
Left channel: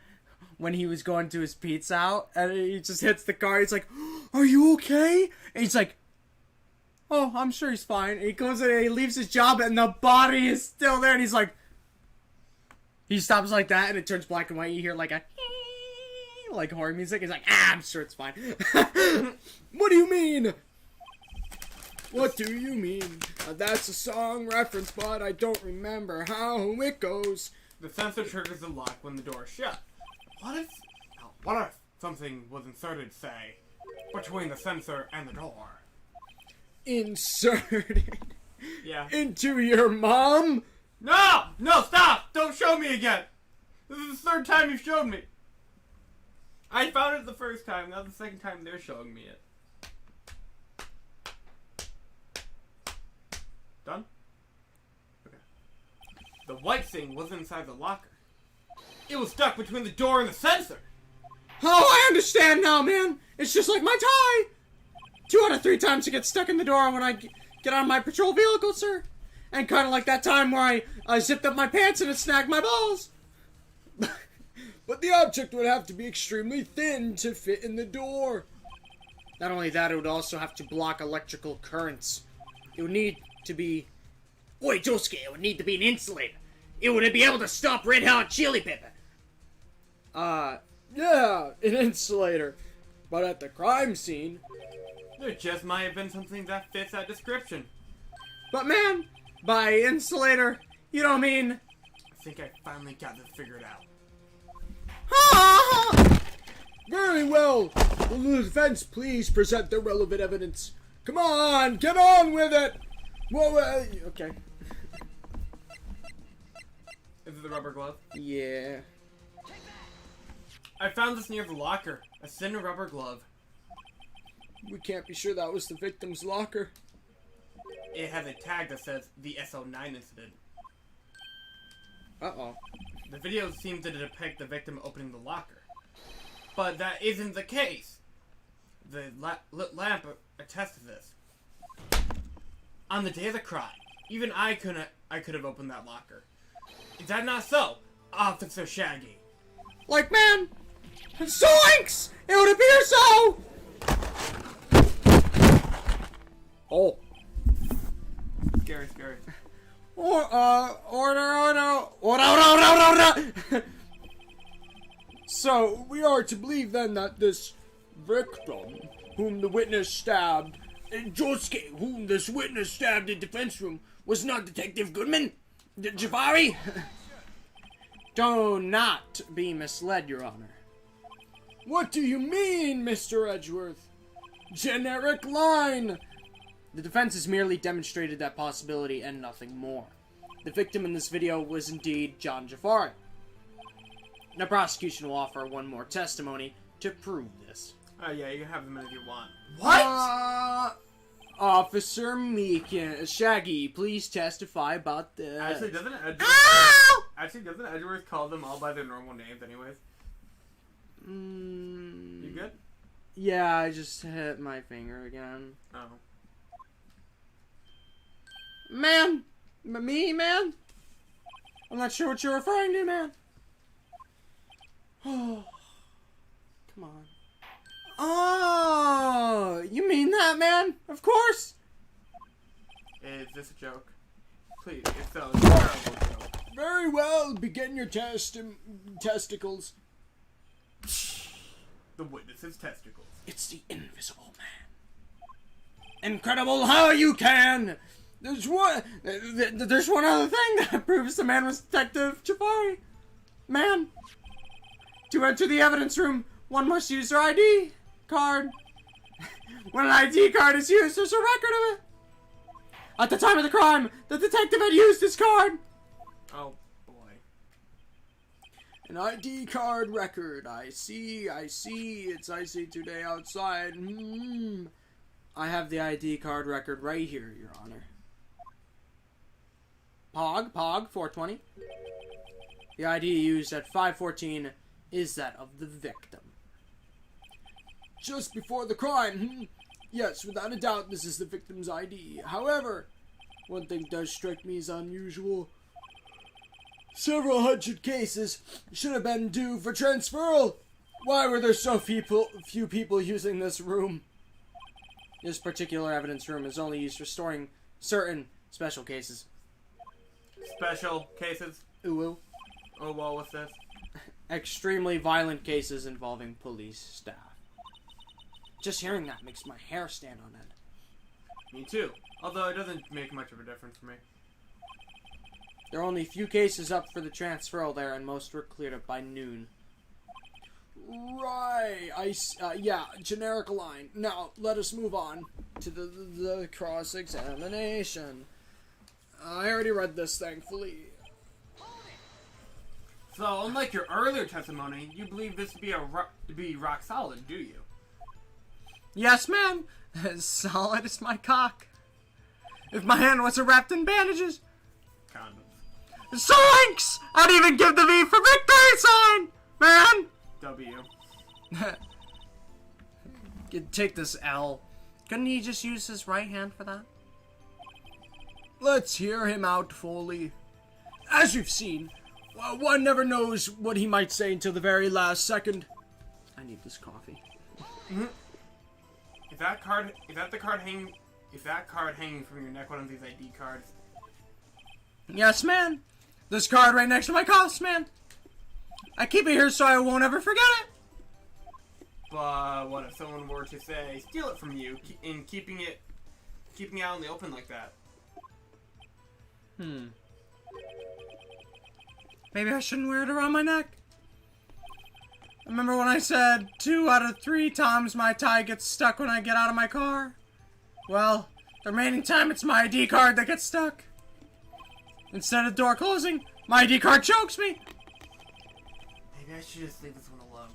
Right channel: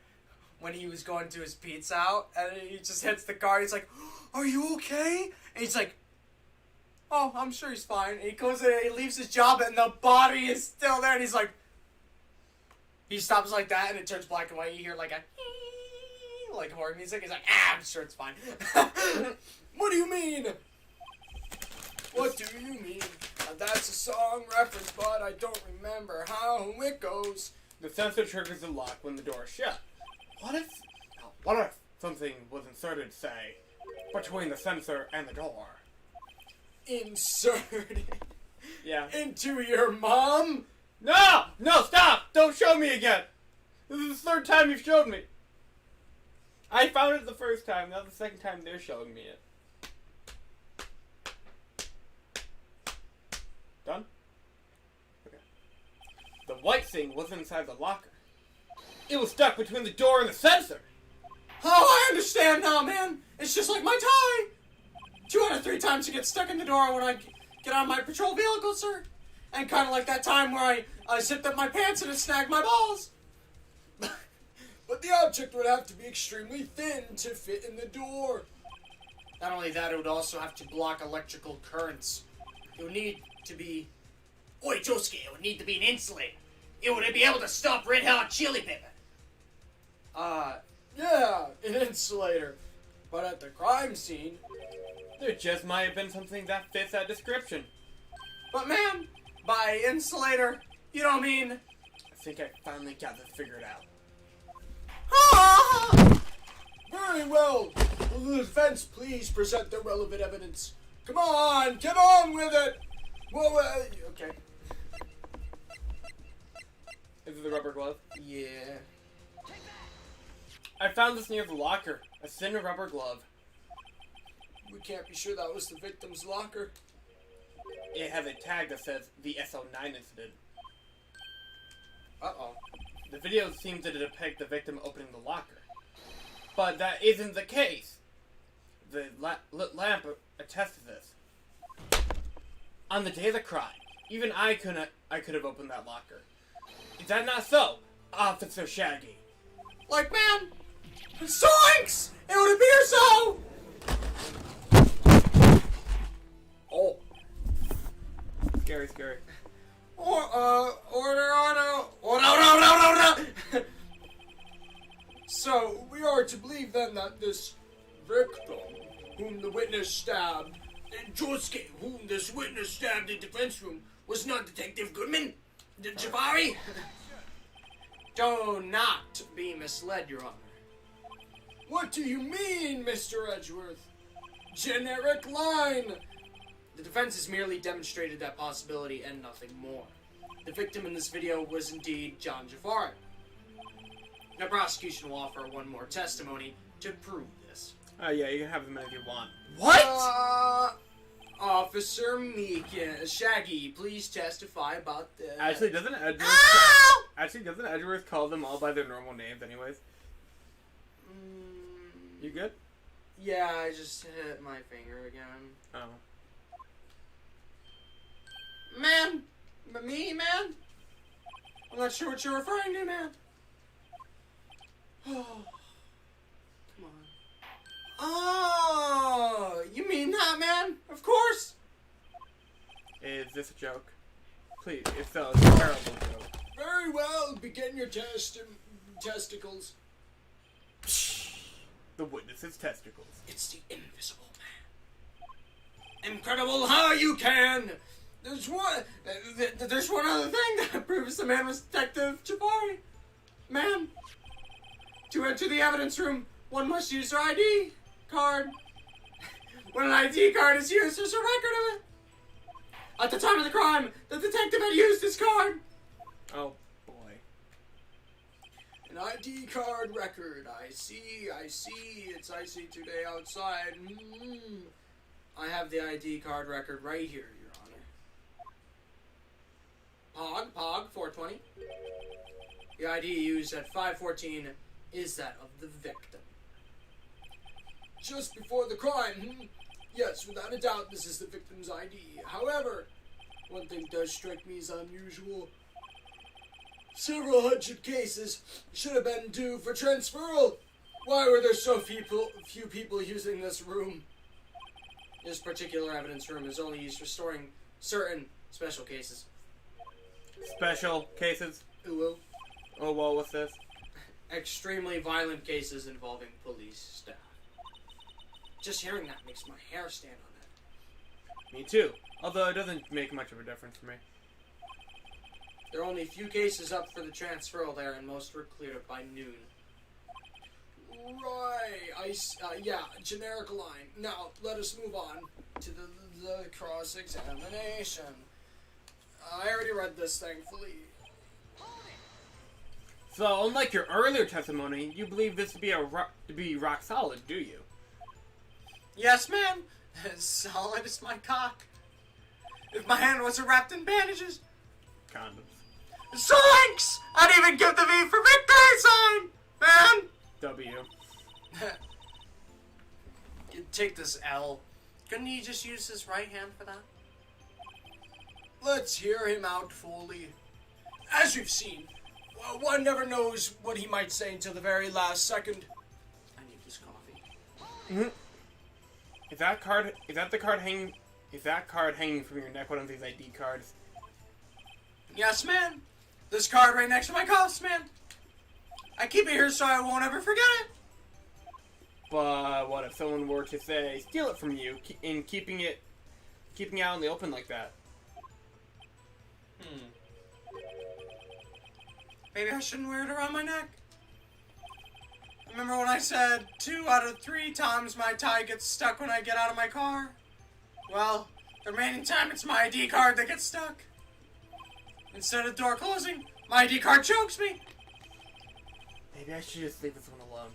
when he was going to his pizza out, and he just hits the car. He's like, "Are you okay?" And he's like, "Oh, I'm sure he's fine." And he goes in and he leaves his job, and the body is still there, and he's like, he stops like that, and it turns black and white. You hear like a like horror music. He's like, I'm sure it's fine. What do you mean? What do you mean? That's a song reference, but I don't remember how it goes. The sensor triggers the lock when the door is shut. What if something was inserted, say, between the sensor and the door? Inserted Yeah. into your mom? No! No, stop! Don't show me again! This is the third time you've showed me. I found it the first time, now the second time they're showing me it. Done? Okay. The white thing wasn't inside the locker. It was stuck between the door and the sensor! Oh, I understand now, man. It's just like my tie. 2 out of 3 times it gets stuck in the door when I get on my patrol vehicle, sir. And kind of like that time where I zipped up my pants and it snagged my balls. But the object would have to be extremely thin to fit in the door. Not only that, it would also have to block electrical currents. It would need to be... Oi, Josuke, it would need to be an insulator. It would be able to stop red hot chili pepper. Yeah, an insulator. But at the crime scene... There just might have been something that fits that description. But man, by insulator, you don't mean... I think I finally got this figured out. Very well. Will the defense please present their relevant evidence? Come on, get on with it. Well, okay. Is it the rubber glove? Yeah. I found this near the locker. A thin rubber glove. We can't be sure that was the victim's locker. It has a tag that says the SO9 incident. Uh-oh. The video seems to depict the victim opening the locker. But that isn't the case. The lit lamp attests to this. On the day of the crime, even I could have opened that locker. Is that not so, Officer Shaggy? Like, man, zoinks! It would appear so! Oh. Scary, scary. Order. So, we are to believe then that this victim, whom the witness stabbed, and Josuke, whom this witness stabbed in defense room, was not Detective Goodman? Jafari? Do not be misled, Your Honor. What do you mean, Mr. Edgeworth? Generic line! The defense has merely demonstrated that possibility and nothing more. The victim in this video was indeed John Jafari. The prosecution will offer one more testimony to prove this. Oh yeah, you can have them if you want. What? Officer Meekin, Shaggy, please testify about this. Actually, doesn't Edgeworth call them all by their normal names anyways? You good? Yeah, I just hit my finger again. Oh. Man! Me, man? I'm not sure what you're referring to, man. Oh. Come on. Oh! You mean that, man? Of course! Is this a joke? Please, if so, it's a terrible joke. Very well, begin your testicles. The witness's testicles. It's the invisible man. Incredible how you can! There's one other thing that proves the man was Detective Jafari. Man, to enter the evidence room, one must use their ID card. When an ID card is used, there's a record of it. At the time of the crime, the detective had used his card. Oh boy. An ID card record. I see. It's icy today outside. I have the ID card record right here, Your Honor. Pog, 420. The ID used at 514 is that of the victim. Just before the crime. Yes, without a doubt, this is the victim's ID. However, one thing does strike me as unusual. Several hundred cases should have been due for transferal. Why were there so few people using this room? This particular evidence room is only used for storing certain special cases. Special cases? Ooh. Oh well, what's this? Extremely violent cases involving police staff. Just hearing that makes my hair stand on end. Me too. Although it doesn't make much of a difference for me. There are only a few cases up for the transferal there, and most were cleared up by noon. Right. Yeah, generic line. Now, let us move on to the cross-examination. I already read this, thankfully. So, unlike your earlier testimony, you believe this to be rock solid, do you? Yes, ma'am. As solid as my cock. If my hand wasn't wrapped in bandages. Condoms. Zoinks! I'd even give the V for victory sign, man. W. Take this L. Couldn't he just use his right hand for that? Let's hear him out fully. As we've seen, one never knows what he might say until the very last second. I need this coffee. Is that the card hanging from your neck one of these ID cards? Yes, man. This card right next to my cuffs, man. I keep it here so I won't ever forget it. But what if someone were to say, steal it from you, in keeping it out in the open like that? Maybe I shouldn't wear it around my neck. Remember when I said 2 out of 3 times my tie gets stuck when I get out of my car? Well, the remaining time it's my ID card that gets stuck. Instead of the door closing, my ID card chokes me. Maybe I should just leave this one alone.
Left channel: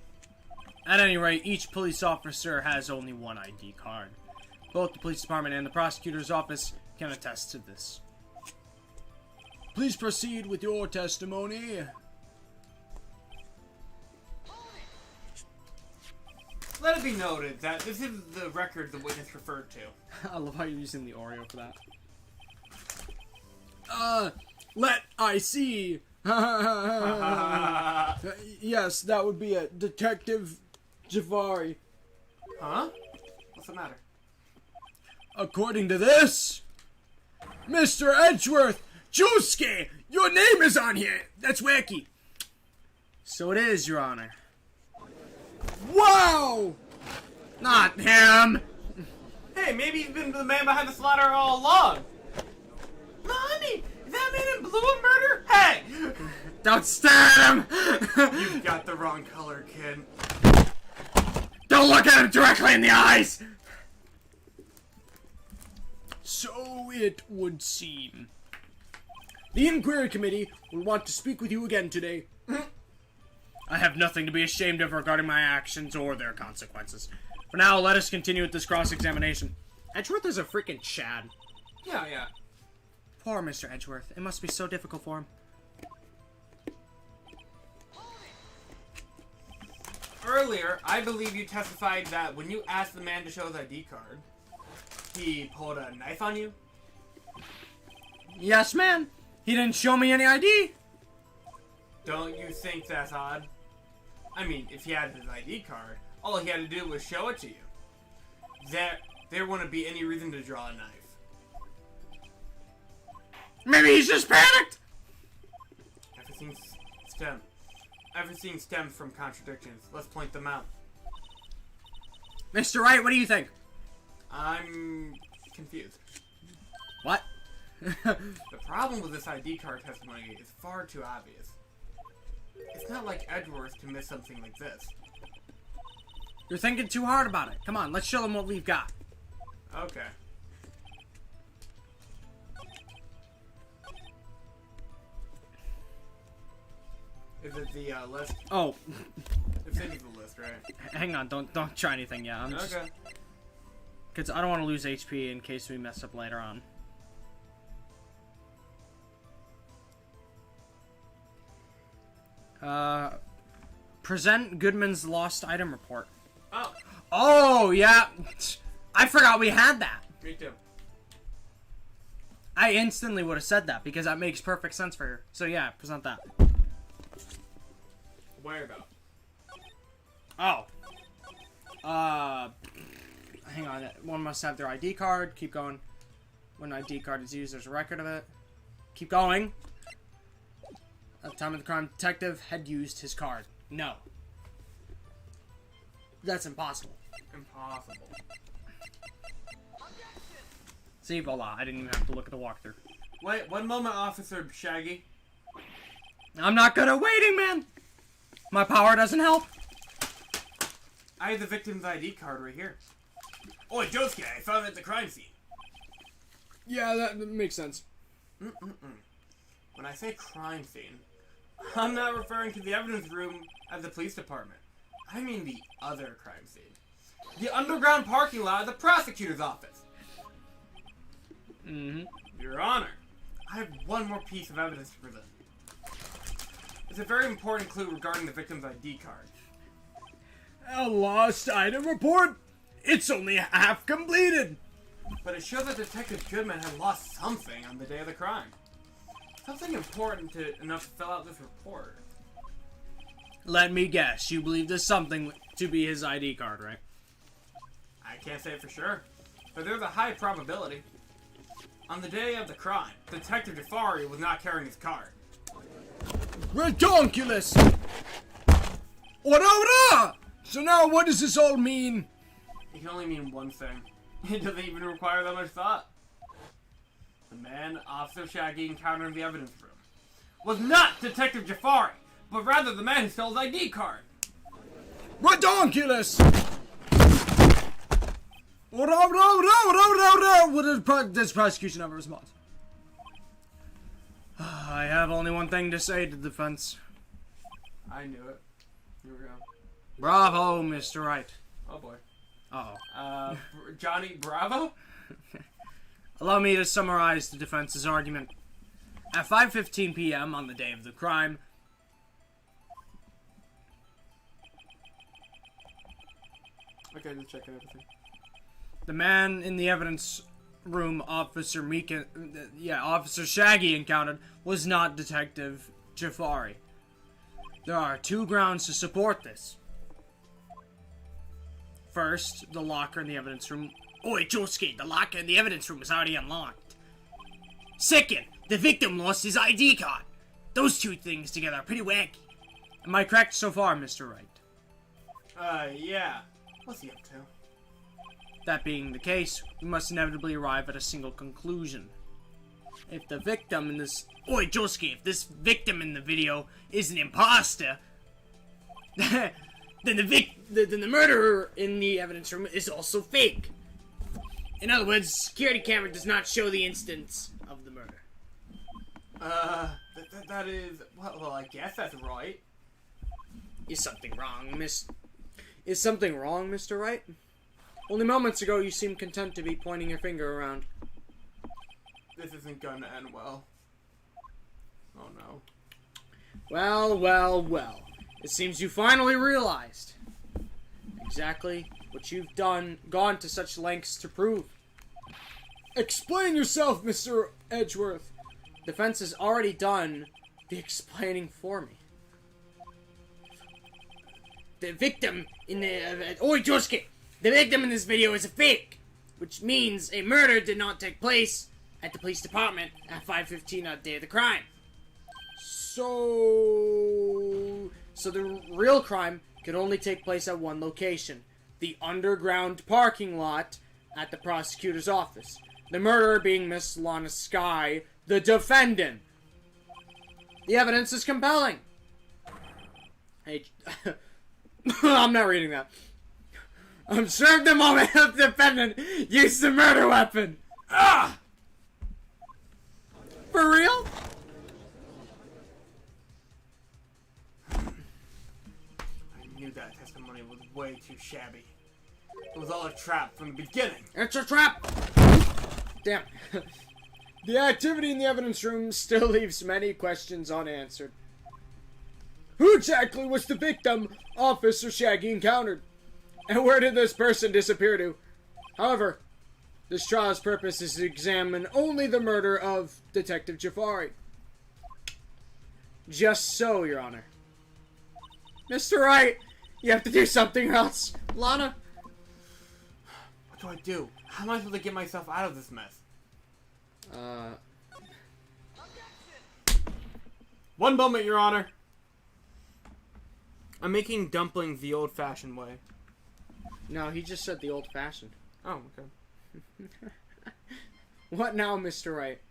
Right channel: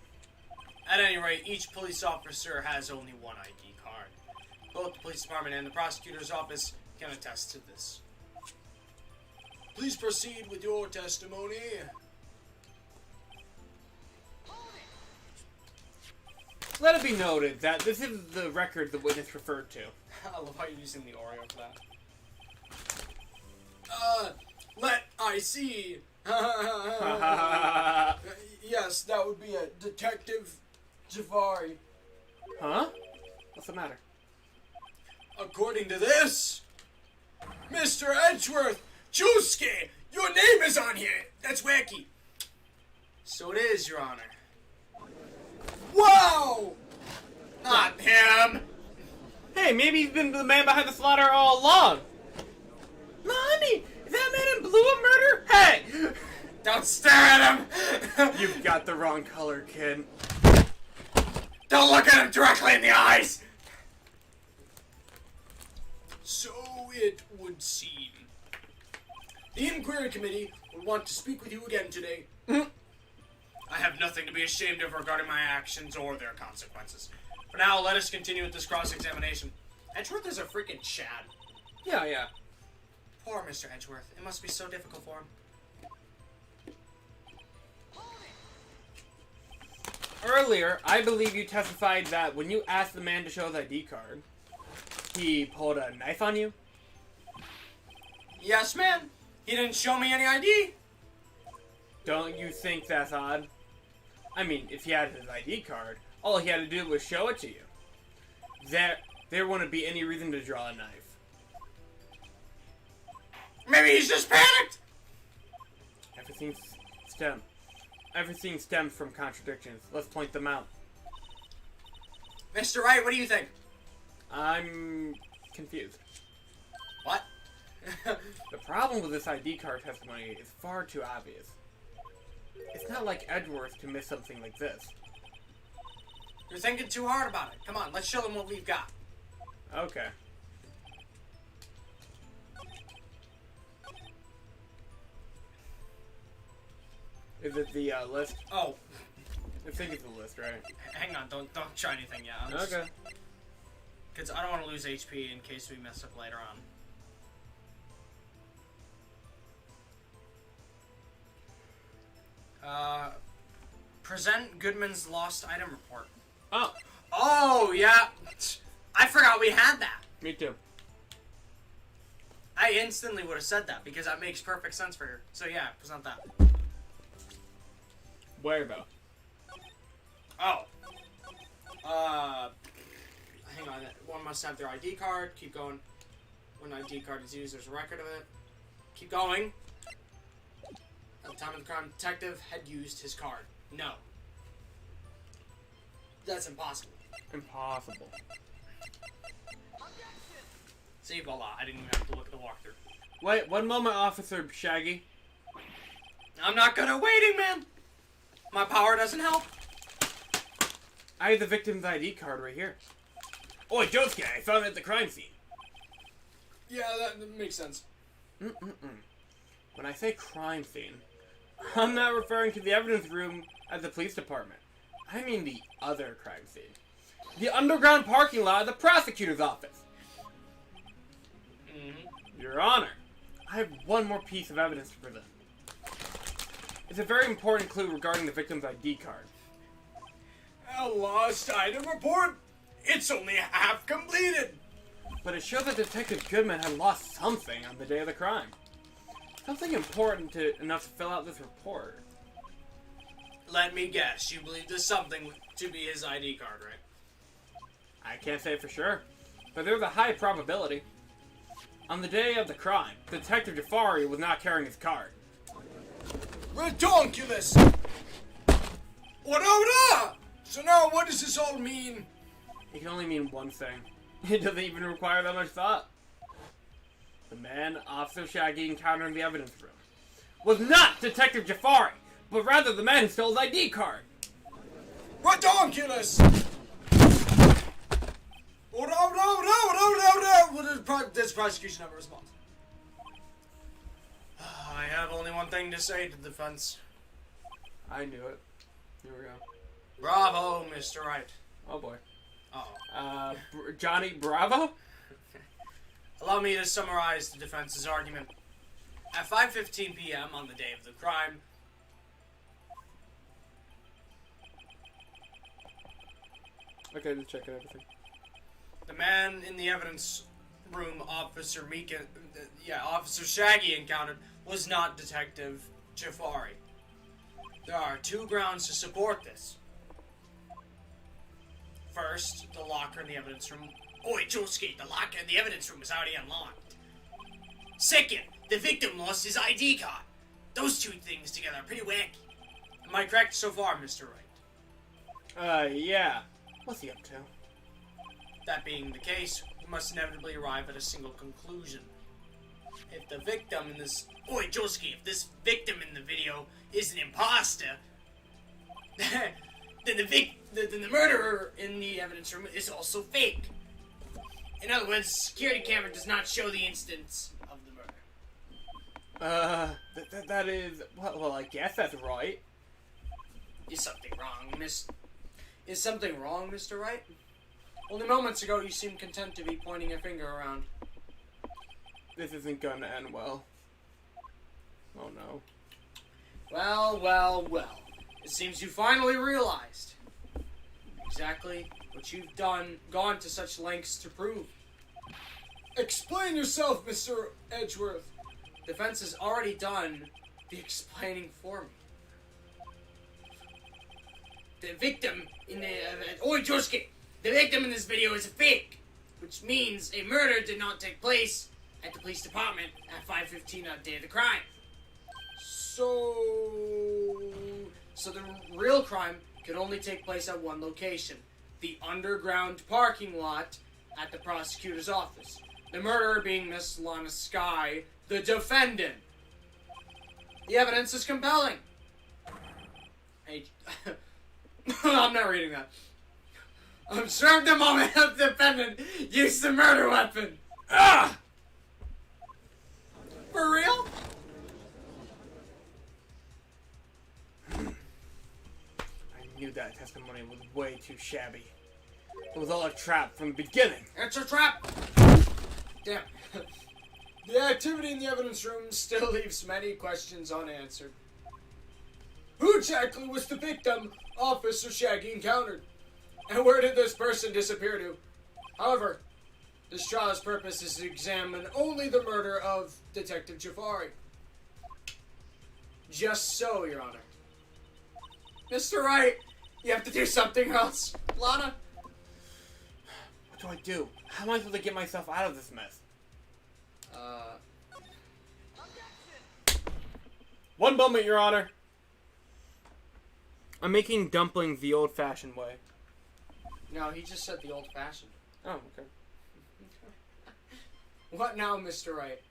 At any rate, each police officer has only one ID card. Both the police department and the prosecutor's office can attest to this. Please proceed with your testimony. Let it be noted that this is the record the witness referred to. I love how you're using the Oreo for that. Let I see. Yes, that would be a Detective Jafari. Huh? What's the matter? According to this, Mr. Edgeworth, Juski, your name is on here. That's wacky. So it is, Your Honor. Wow! Not him! Hey, maybe he's been the man behind the slaughter all along. Mommy, is that man in blue a murder? Hey! Don't stare at him! You've got the wrong color, kid. Don't look at him directly in the eyes! So it would seem. The Inquiry Committee will want to speak with you again today. I have nothing to be ashamed of regarding my actions or their consequences. For now, let us continue with this cross-examination. Edgeworth is a freaking Chad. Yeah. Poor Mr. Edgeworth. It must be so difficult for him. Earlier, I believe you testified that when you asked the man to show his ID card, he pulled a knife on you? Yes, ma'am. He didn't show me any ID. Don't you think that's odd? I mean, if he had his ID card, all he had to do was show it to you. There wouldn't be any reason to draw a knife. Maybe he's just panicked. Everything stems from contradictions. Let's point them out. Mr. Wright, what do you think? I'm confused. What? The problem with this ID card testimony is far too obvious. It's not like Edgeworth to miss something like this. You're thinking too hard about it. Come on, let's show them what we've got. Okay. Is it the list? Oh, I think it's the list, right? hang on. Don't try anything yet. Okay. Because I don't want to lose HP in case we mess up later on. Present Goodman's lost item report. Oh, Oh, yeah. I forgot we had that. me too. I instantly would have said that because that makes perfect sense for her. So yeah, present that. Where though? Oh. Hang on. One must have their ID card. Keep going. When ID card is used, there's a record of it. Keep going. At the time of the crime, detective had used his card. No. That's impossible. Impossible. See, voila. I didn't even have to look at the walkthrough. Wait, one moment, Officer Shaggy. I'm not good at waiting, man. My power doesn't help. I have the victim's ID card right here. Oi, Josuke, I found it at the crime scene. Yeah, that makes sense. When I say crime scene, I'm not referring to the evidence room at the police department. I mean the other crime scene. The underground parking lot at the prosecutor's office. Your Honor, I have one more piece of evidence to present. It's a very important clue regarding the victim's ID card. A lost item report? It's only half completed. But it shows that Detective Goodman had lost something on the day of the crime. Something important enough to fill out this report. Let me guess. You believe there's something to be his ID card, right? I can't say for sure, but there's a high probability. On the day of the crime, Detective Jafari was not carrying his card. Redonkulous! Ora! So now what does this all mean? It can only mean one thing. It doesn't even require that much thought. The man Officer Shaggy encountered in the evidence room was not Detective Jafari, but rather the man who stole his ID card. Redonkulous! Oh, no. What does prosecution have a response? I have only one thing to say to the defense. I knew it. Here we go. Bravo, Mr. Wright. Oh boy. Uh-oh. Johnny Bravo? Allow me to summarize the defense's argument. At 5:15 p.m. on the day of the crime, Okay, just checking everything. the man in the evidence room Officer Shaggy encountered was not Detective Jafari. There are two grounds to support this. First, the locker in the evidence room. Oi, Josuke, the locker in the evidence room is already unlocked. Second, the victim lost his ID card. Those two things together are pretty wacky. Am I correct so far, Mr. Wright? Yeah. What's he up to? That being the case, we must inevitably arrive at a single conclusion. If the victim in this... Oi, Josuke, if this victim in the video is an imposter, then the murderer in the evidence room is also fake. In other words, security camera does not show the instance of the murder. That is... Well, I guess that's right. Is something wrong, Mr. Wright? Only moments ago you seemed content to be pointing your finger around. This isn't gonna end well. Oh no. Well. It seems you finally realized exactly what you've gone to such lengths to prove. Explain yourself, Mr. Edgeworth. Defense has already done the explaining for me. The victim in the... Oi, Josuke! The victim in this video is a fake, which means a murder did not take place at the police department at 5:15 on the day of the crime. So the real crime could only take place at one location, the underground parking lot at the prosecutor's office. The murderer being Miss Lana Sky, the defendant. The evidence is compelling. Hey, I'm not reading that. Observe the moment of the defendant used the murder weapon. Ah! For real? I knew that testimony was way too shabby. It was all a trap from the beginning. It's a trap! Damn. The activity in the evidence room still leaves many questions unanswered. Who exactly was the victim Officer Shaggy encountered? And where did this person disappear to? However, this trial's purpose is to examine only the murder of Detective Jafari. Just so, Your Honor. Mr. Wright, you have to do something else. Lana? What do I do? How am I supposed to get myself out of this mess? One moment, Your Honor. I'm making dumplings the old-fashioned way. No, he just said the old-fashioned. Oh, okay. What now, Mr. Wright?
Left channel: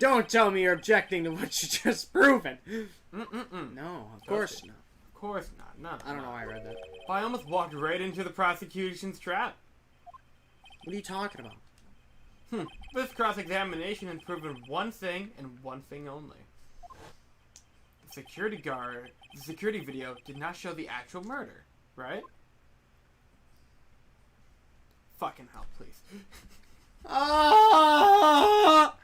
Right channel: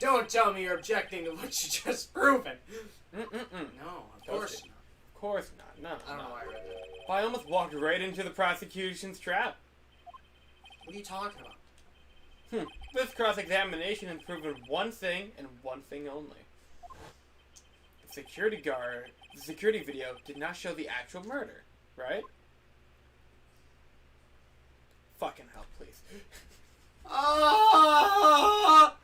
Don't tell me you're objecting to what you just proven. No, Of course not. Of course not. No, I don't know why I read that. Well, I almost walked right into the prosecution's trap. What are you talking about? This cross-examination has proven one thing and one thing only. The security video did not show the actual murder, right? Fucking hell, please. Ah!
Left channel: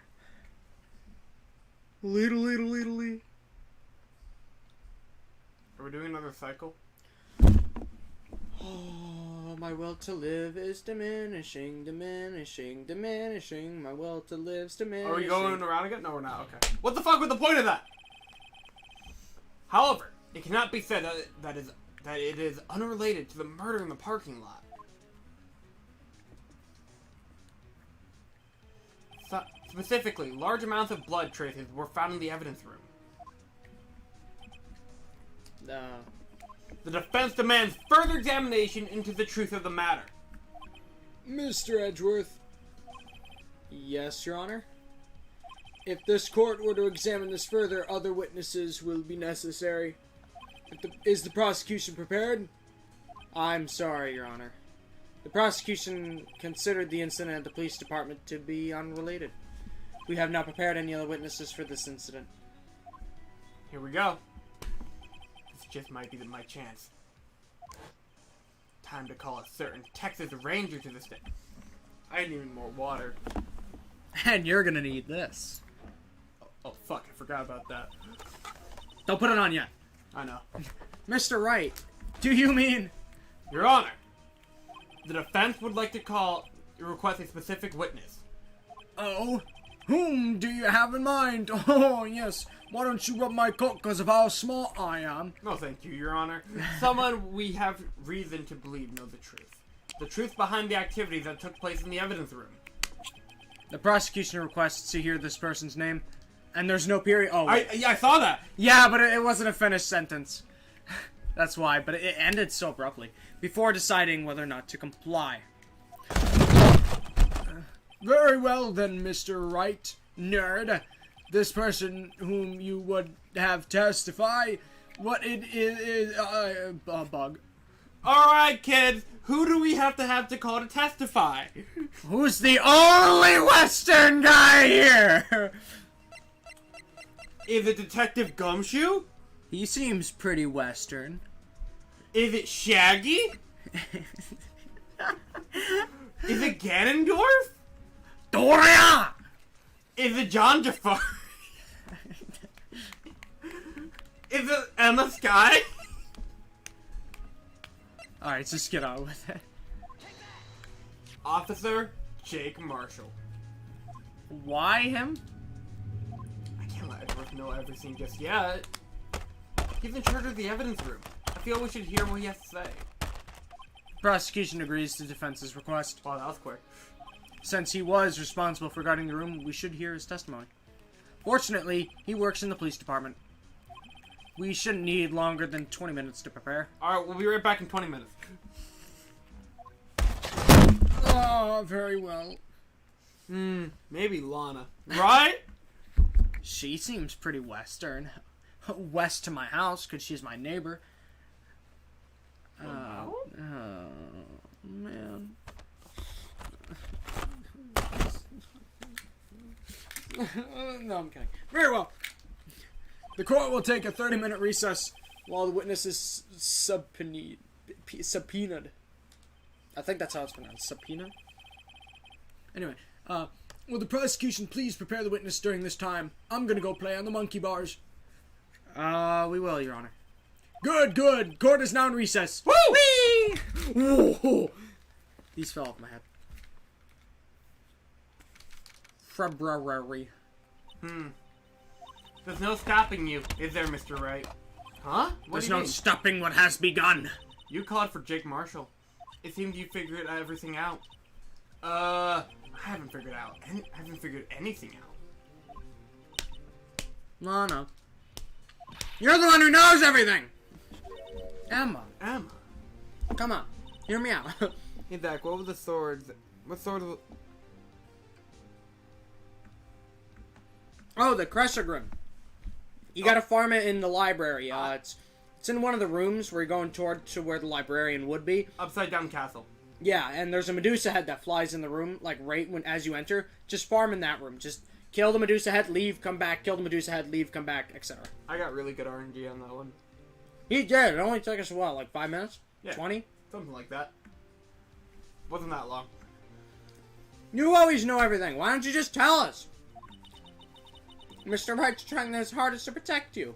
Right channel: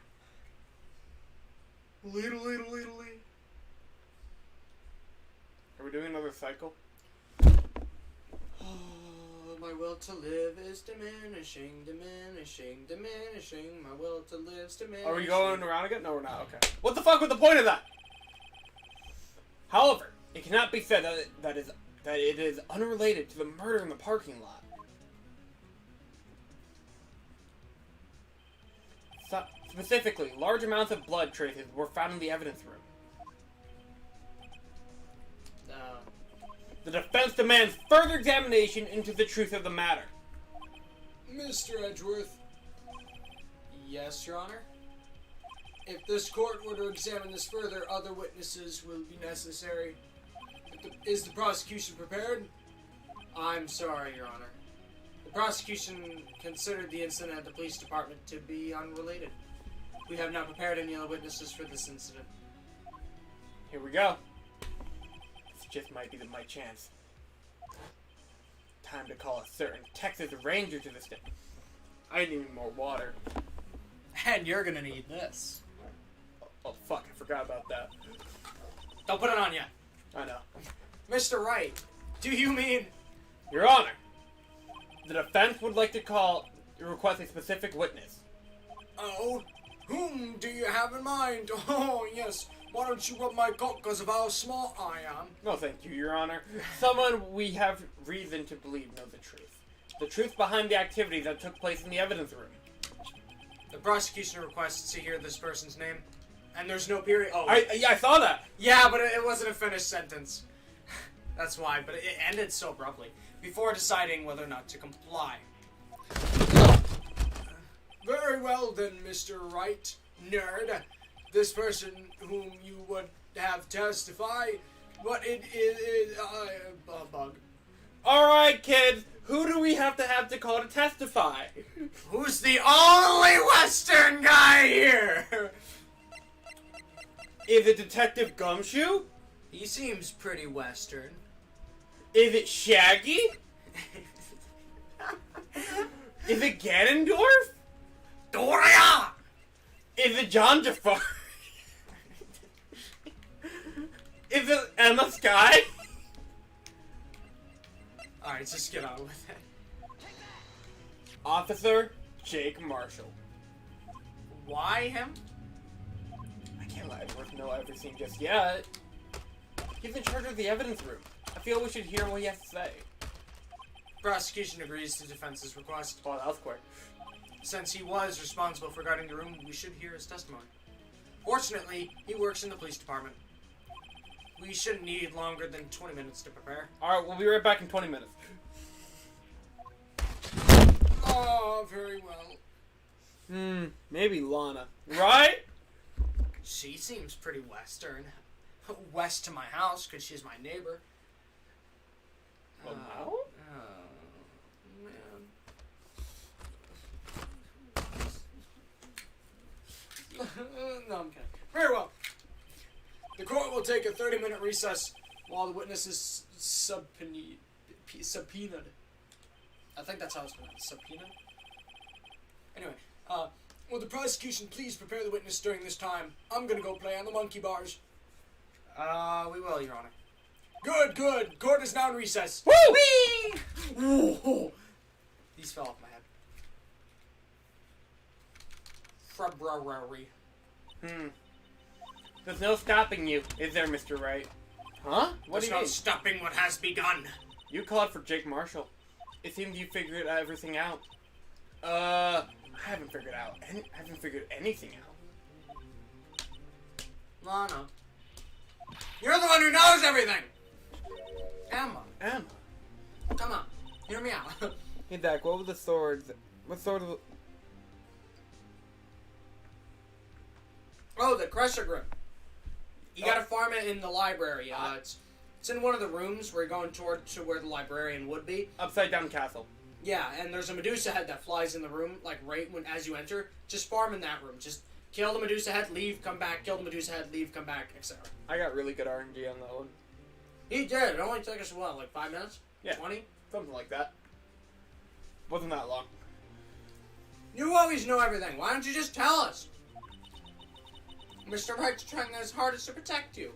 Little. Are we doing another cycle? Oh, my will to live is diminishing. My will to live's diminishing. Are we going around again? No, we're not. Okay. What the fuck was the point of that? However, it cannot be said that it is unrelated to the murder in the parking lot. Specifically, large amounts of blood traces were found in the evidence room. The defense demands further examination into the truth of the matter. Mr. Edgeworth, Yes, Your Honor. if this court were to examine this further, other witnesses will be necessary. Is the prosecution prepared? I'm sorry, Your Honor. The prosecution considered the incident at the police department to be unrelated. We have not prepared any other witnesses for this incident. Here we go. This just might be my chance. Time to call a certain Texas Ranger to the stand. I need more water. And you're gonna need this. Oh, fuck, I forgot about that. Don't put it on yet. I know. Mr. Wright, do you mean... Your Honor, the defense would like to request a specific witness. Oh, whom do you have in mind? Oh, yes. Why don't you rub my coat because of how smart I am? No, thank you, Your Honor. Someone we have reason to believe knows the truth. The truth behind the activities that took place in the evidence room. The prosecution requests to hear this person's name, and there's no period... Oh. I saw that! Yeah, but it wasn't a finished sentence. That's why, but it ended so abruptly. Before deciding whether or not to comply. Very well then, Mr. Wright, nerd. This person whom you would have testify, what it is a bug. Alright, kids, who do we have to call to testify? Who's the only Western guy here? Is it Detective Gumshoe? He seems pretty Western. Is it Shaggy? Is it Ganondorf? Doria! Is it John Jafar? Is it Emma Sky? Alright, just get on with it. Officer Jake Marshall. Why him? I can't let Edward know everything just yet. He's in charge of the evidence room. I feel we should hear what he has to say. Prosecution agrees to defense's request. Well, that was quick. Since he was responsible for guarding the room, we should hear his testimony. Fortunately, he works in the police department. We shouldn't need longer than 20 minutes to prepare. Alright, we'll be right back in 20 minutes. Oh, very well. Maybe Lana. Right? She seems pretty Western. West to my house, because she's my neighbor. Wow. Man. No, I'm kidding. Very well. The court will take a 30-minute recess while the witness is subpoenaed. I think that's how it's pronounced. Subpoena? Anyway, will the prosecution please prepare the witness during this time? I'm gonna go play on the monkey bars. We will, Your Honor. Good, good. Court is now in recess. Woo! Whoa! These fell off my head. February. There's no stopping you, is there, Mr. Wright? Huh? What There's do you no mean? stopping what has begun. You called for Jake Marshall. It seems you figured everything out. I haven't figured anything out. Lana. You're the one who knows everything! Emma. Come on. Hear me out. Hey, Dak, what were the swords? What sort of... Oh, the Crusher Grim. You gotta farm it in the library. It's in one of the rooms. We're going toward to where the librarian would be. Upside down castle. Yeah, and there's a Medusa head that flies in the room, like right when as you enter. Just farm in that room. Just kill the Medusa head, leave, come back. Kill the Medusa head, leave, come back, etc. I got really good RNG on that one. He did. It only took us what, like 5 minutes? Yeah. 20? Something like that. Wasn't that long. You always know everything. Why don't you just tell us? Mr. Wright's trying his hardest to protect you.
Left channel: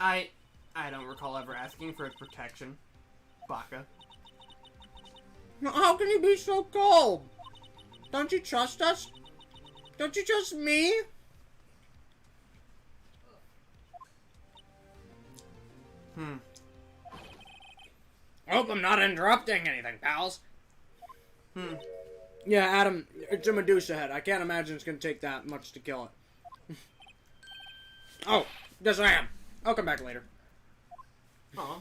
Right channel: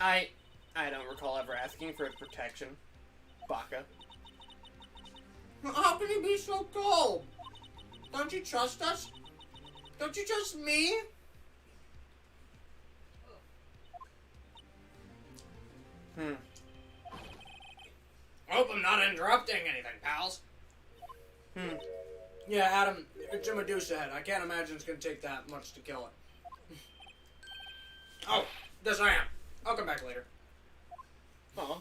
I don't recall ever asking for his protection. Baka. How can you be so cold? Don't you trust us? Don't you trust me? I hope I'm not interrupting anything, pals. Yeah, Adam, it's a Medusa head. I can't imagine it's gonna take that much to kill it. Oh, yes I am. I'll come back later. Aw.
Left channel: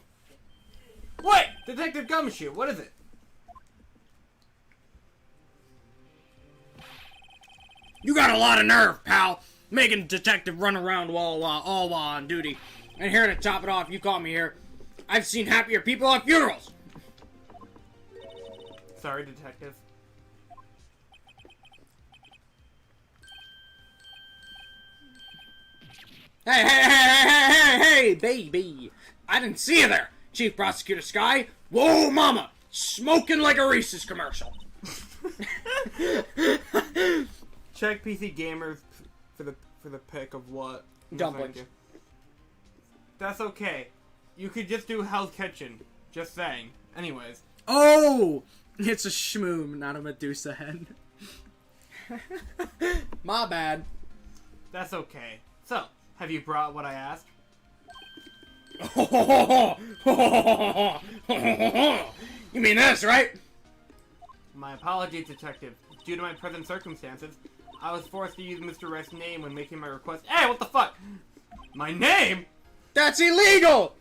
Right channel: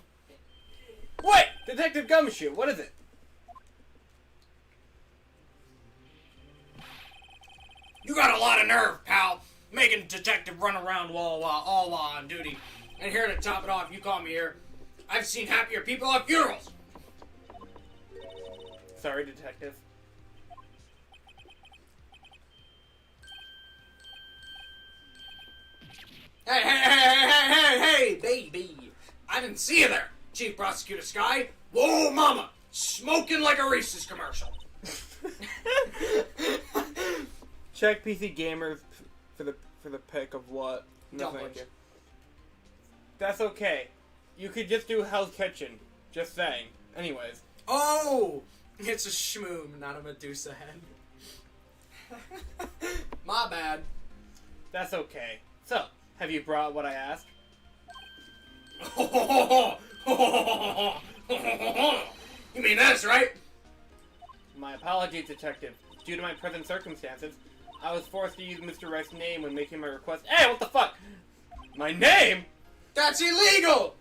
Wait! Detective Gumshoe, what is it? You got a lot of nerve, pal. Making a detective run around all while on duty. And here to top it off, you call me here. I've seen happier people at funerals. sorry, detective. Hey, baby! I didn't see you there, Chief Prosecutor Sky. Whoa, mama! Smoking like a Reese's commercial. Check PC Gamers for the pick of what? No, Dumplings. thank you. That's okay. You could just do Hell's Kitchen. Just saying. Anyways. Oh! It's a shmoom, not a Medusa head. My bad. That's okay. So, have you brought what I asked? You mean this, right? My apologies, detective. Due to my present circumstances, I was forced to use Mr. Wright's name when making my request. Hey, what the fuck? My name? That's illegal!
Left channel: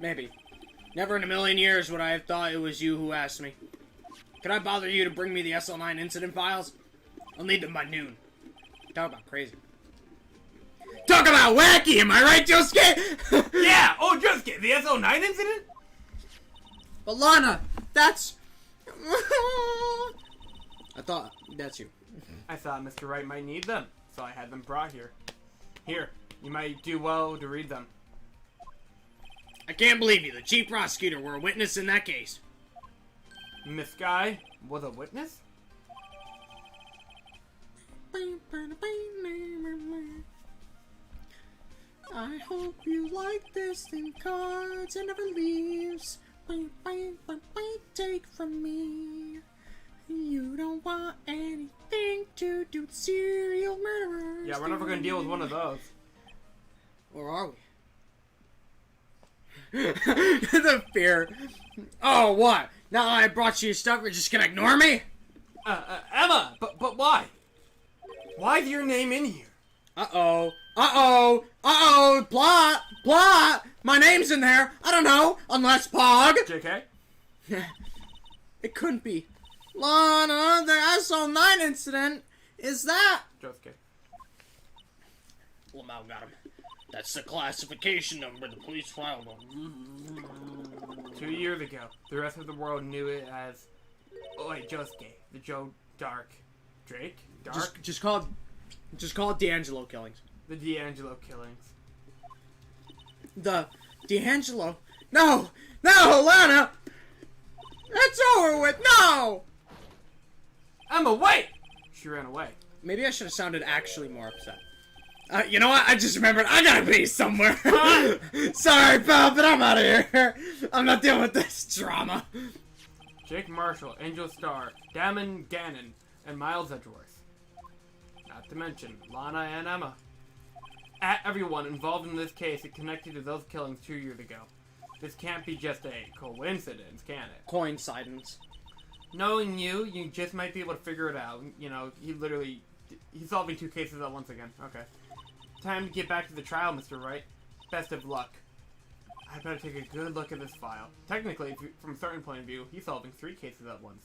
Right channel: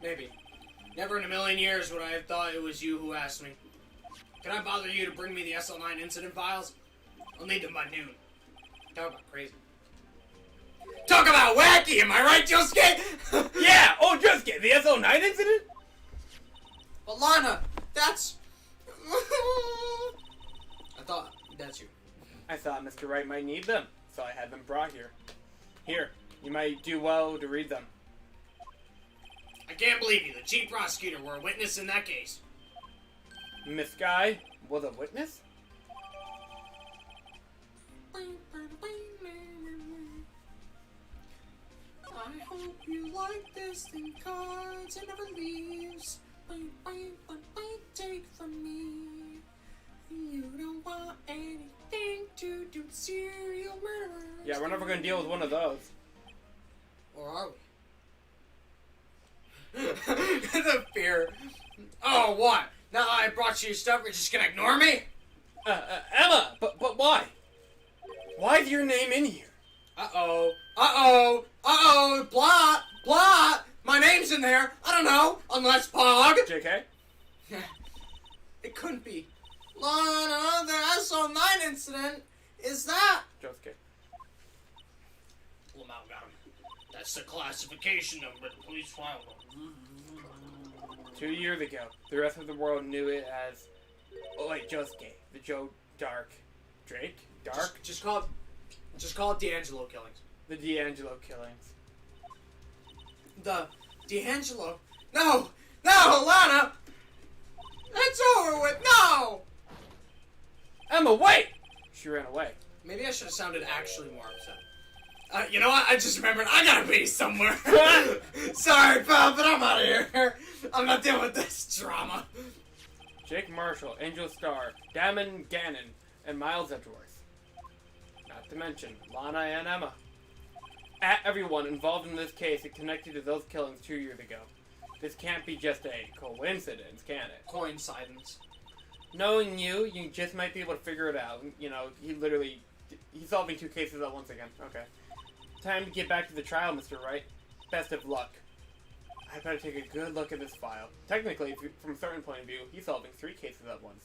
Maybe. Never in a million years would I have thought it was you who asked me. Can I bother you to bring me the SL9 incident files? I'll need them by noon. Talk about crazy. Talk about wacky, am I right, Josuke? Yeah! Oh, just get the SO9 incident? But Lana, that's... I thought that's you. I thought Mr. Wright might need them, so I had them brought here. Here, you might do well to read them. I can't believe you, the chief prosecutor, were a witness in that case. Miss Guy was a witness? I hope you like this thing, cards and never leaves. Take from me. You don't want anything to do with serial murderers. Yeah, we're never gonna deal with one of those. Or are we? The fear. Oh, what? Now that I brought you your stuff, you're just gonna ignore me? Emma! But why? Why's your name in here? Uh-oh. Uh-oh. Uh-oh. Plot. Plot. My name's in there. I don't know. Unless Pog. JK? It couldn't be. Lana, the SO9 incident. Is that? Josuke. Well, now got him. That's the classification number the police filed on. 2 years ago, the rest of the world knew it as... Oh wait, Josuke. The Joe Dark. Drake? Dark? Just call it D'Angelo killings. The D'Angelo killings. The D'Angelo? No! No, Lana! It's over with! No! Emma, wait! She ran away. Maybe I should have sounded actually more upset. You know what? I just remembered I gotta be somewhere. Sorry, pal, but I'm out of here. I'm not dealing with this drama. Jake Marshall, Angel Starr, Damon Gannon, and Miles Edgeworth. Not to mention Lana and Emma. Everyone involved in this case is connected to those killings 2 years ago. This can't be just a coincidence, can it? Coincidence. Knowing you just might be able to figure it out. You know, he's solving 2 cases at once again. Okay. Time to get back to the trial, Mr. Wright. Best of luck. I better take a good look at this file. Technically, from a certain point of view, he's solving 3 cases at once.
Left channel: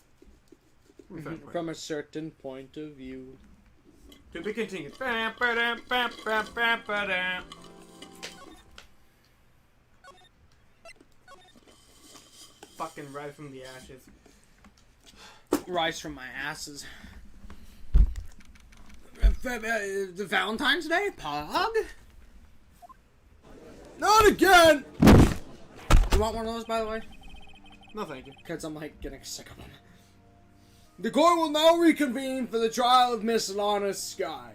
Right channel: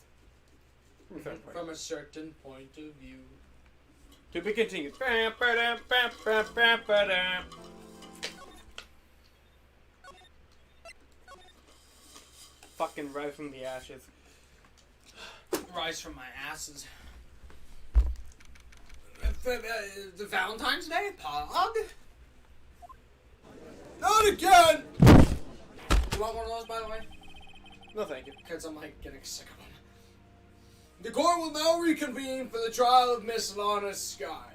From a certain point of view. To be continued. Bam, ba-dam, bam, bam, bam, ba-dam. Fucking rise from the ashes. Rise from my asses. The Valentine's Day? Pog? Not again! You want one of those, by the way? No, thank you. Because I'm, like, getting sick of them. The court will now reconvene for the trial of Miss Lana Sky.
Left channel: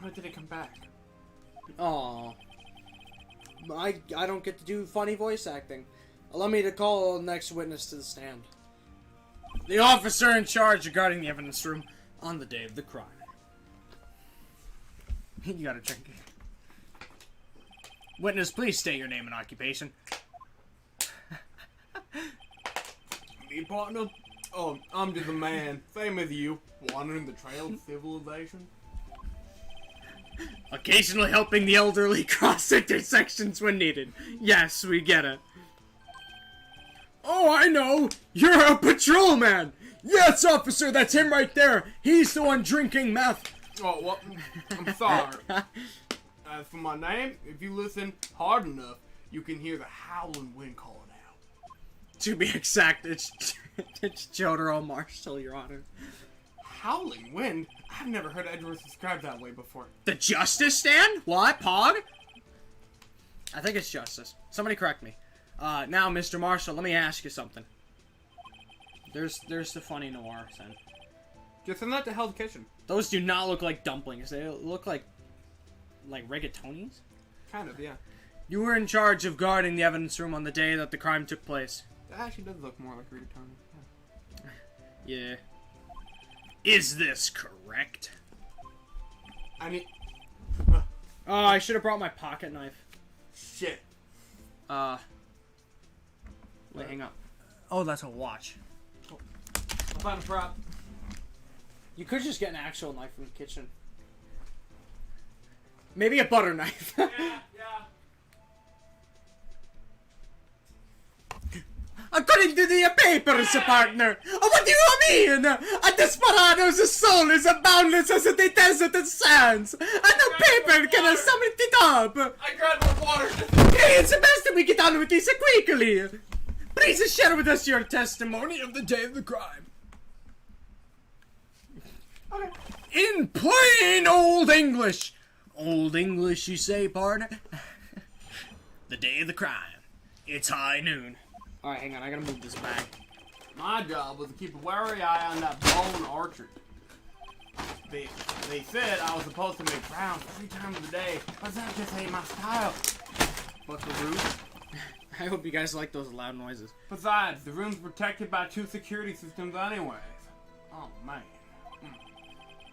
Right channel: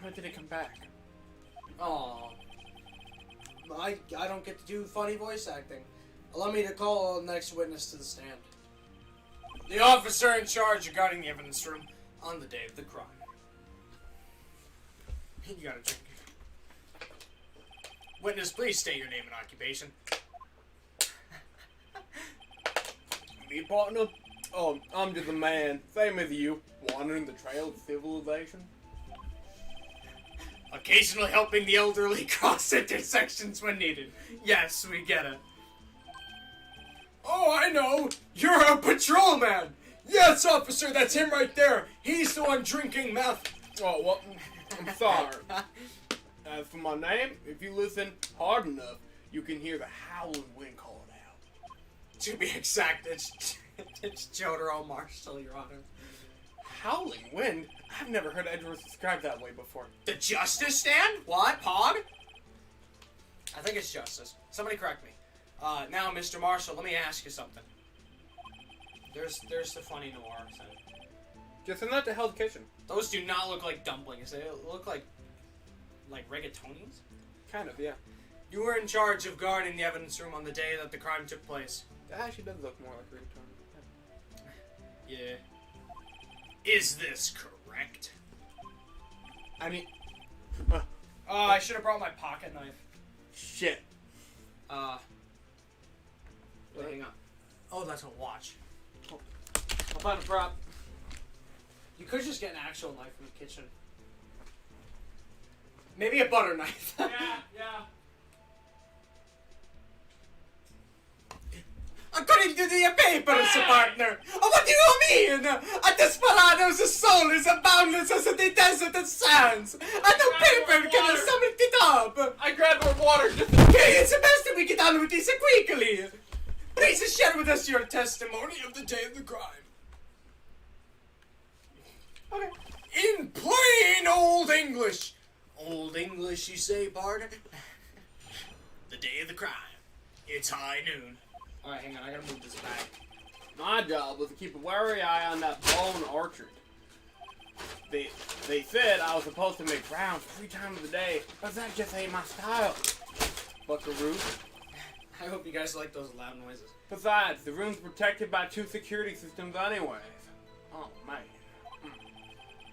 How did it come back? Aw. I don't get to do funny voice acting. Allow me to call the next witness to the stand. The officer in charge regarding the evidence room on the day of the crime. You gotta drink. Witness, please state your name and occupation. Me, partner? Oh, I'm just a man. Same as you. Wandering the trail of civilization. Occasionally helping the elderly cross intersections when needed. Yes, we get it. Oh, I know! You're a patrolman! Yes, officer, that's him right there! He's the one drinking meth! Oh, well, I'm sorry. As for my name, if you listen hard enough, you can hear the howling wind calling out. To be exact, it's It's Jotaro Marshall, Your Honor. Howling wind? I've never heard Edgeworth described that way before. The Justice Stand? What, Pog? I think it's Justice. Somebody correct me. Now, Mr. Marshall, let me ask you something. There's the funny noir scene. Just not the Hell's Kitchen. Those do not look like dumplings. They look like rigatonis? Kind of, yeah. You were in charge of guarding the evidence room on the day that the crime took place. That actually does look more like rigatoni. Yeah. Is this correct? I mean... Oh, I should have brought my pocket knife. shit. Wait, hang on. Oh, that's a watch. I'll find a prop. You could just get an actual knife from the kitchen. Maybe a butter knife. Yeah. According to the papers, partner. What do you mean? A desperado's soul is as boundless as the desert it sands. And no paper can sum it up. I grabbed more water. Okay, it's best that we get on with this quickly. Please share with us your testimony Of the day of the crime. Okay. In plain old English. Old English, you say, partner? The day of the crime. It's high noon. Alright, hang on, I gotta move this back. My job was to keep a wary eye on that bone orchard. They said I was supposed to make rounds 3 times a day, but that just ain't my style. But the roof? I hope you guys like those loud noises. Besides, the room's protected by 2 security systems anyways. Oh, man.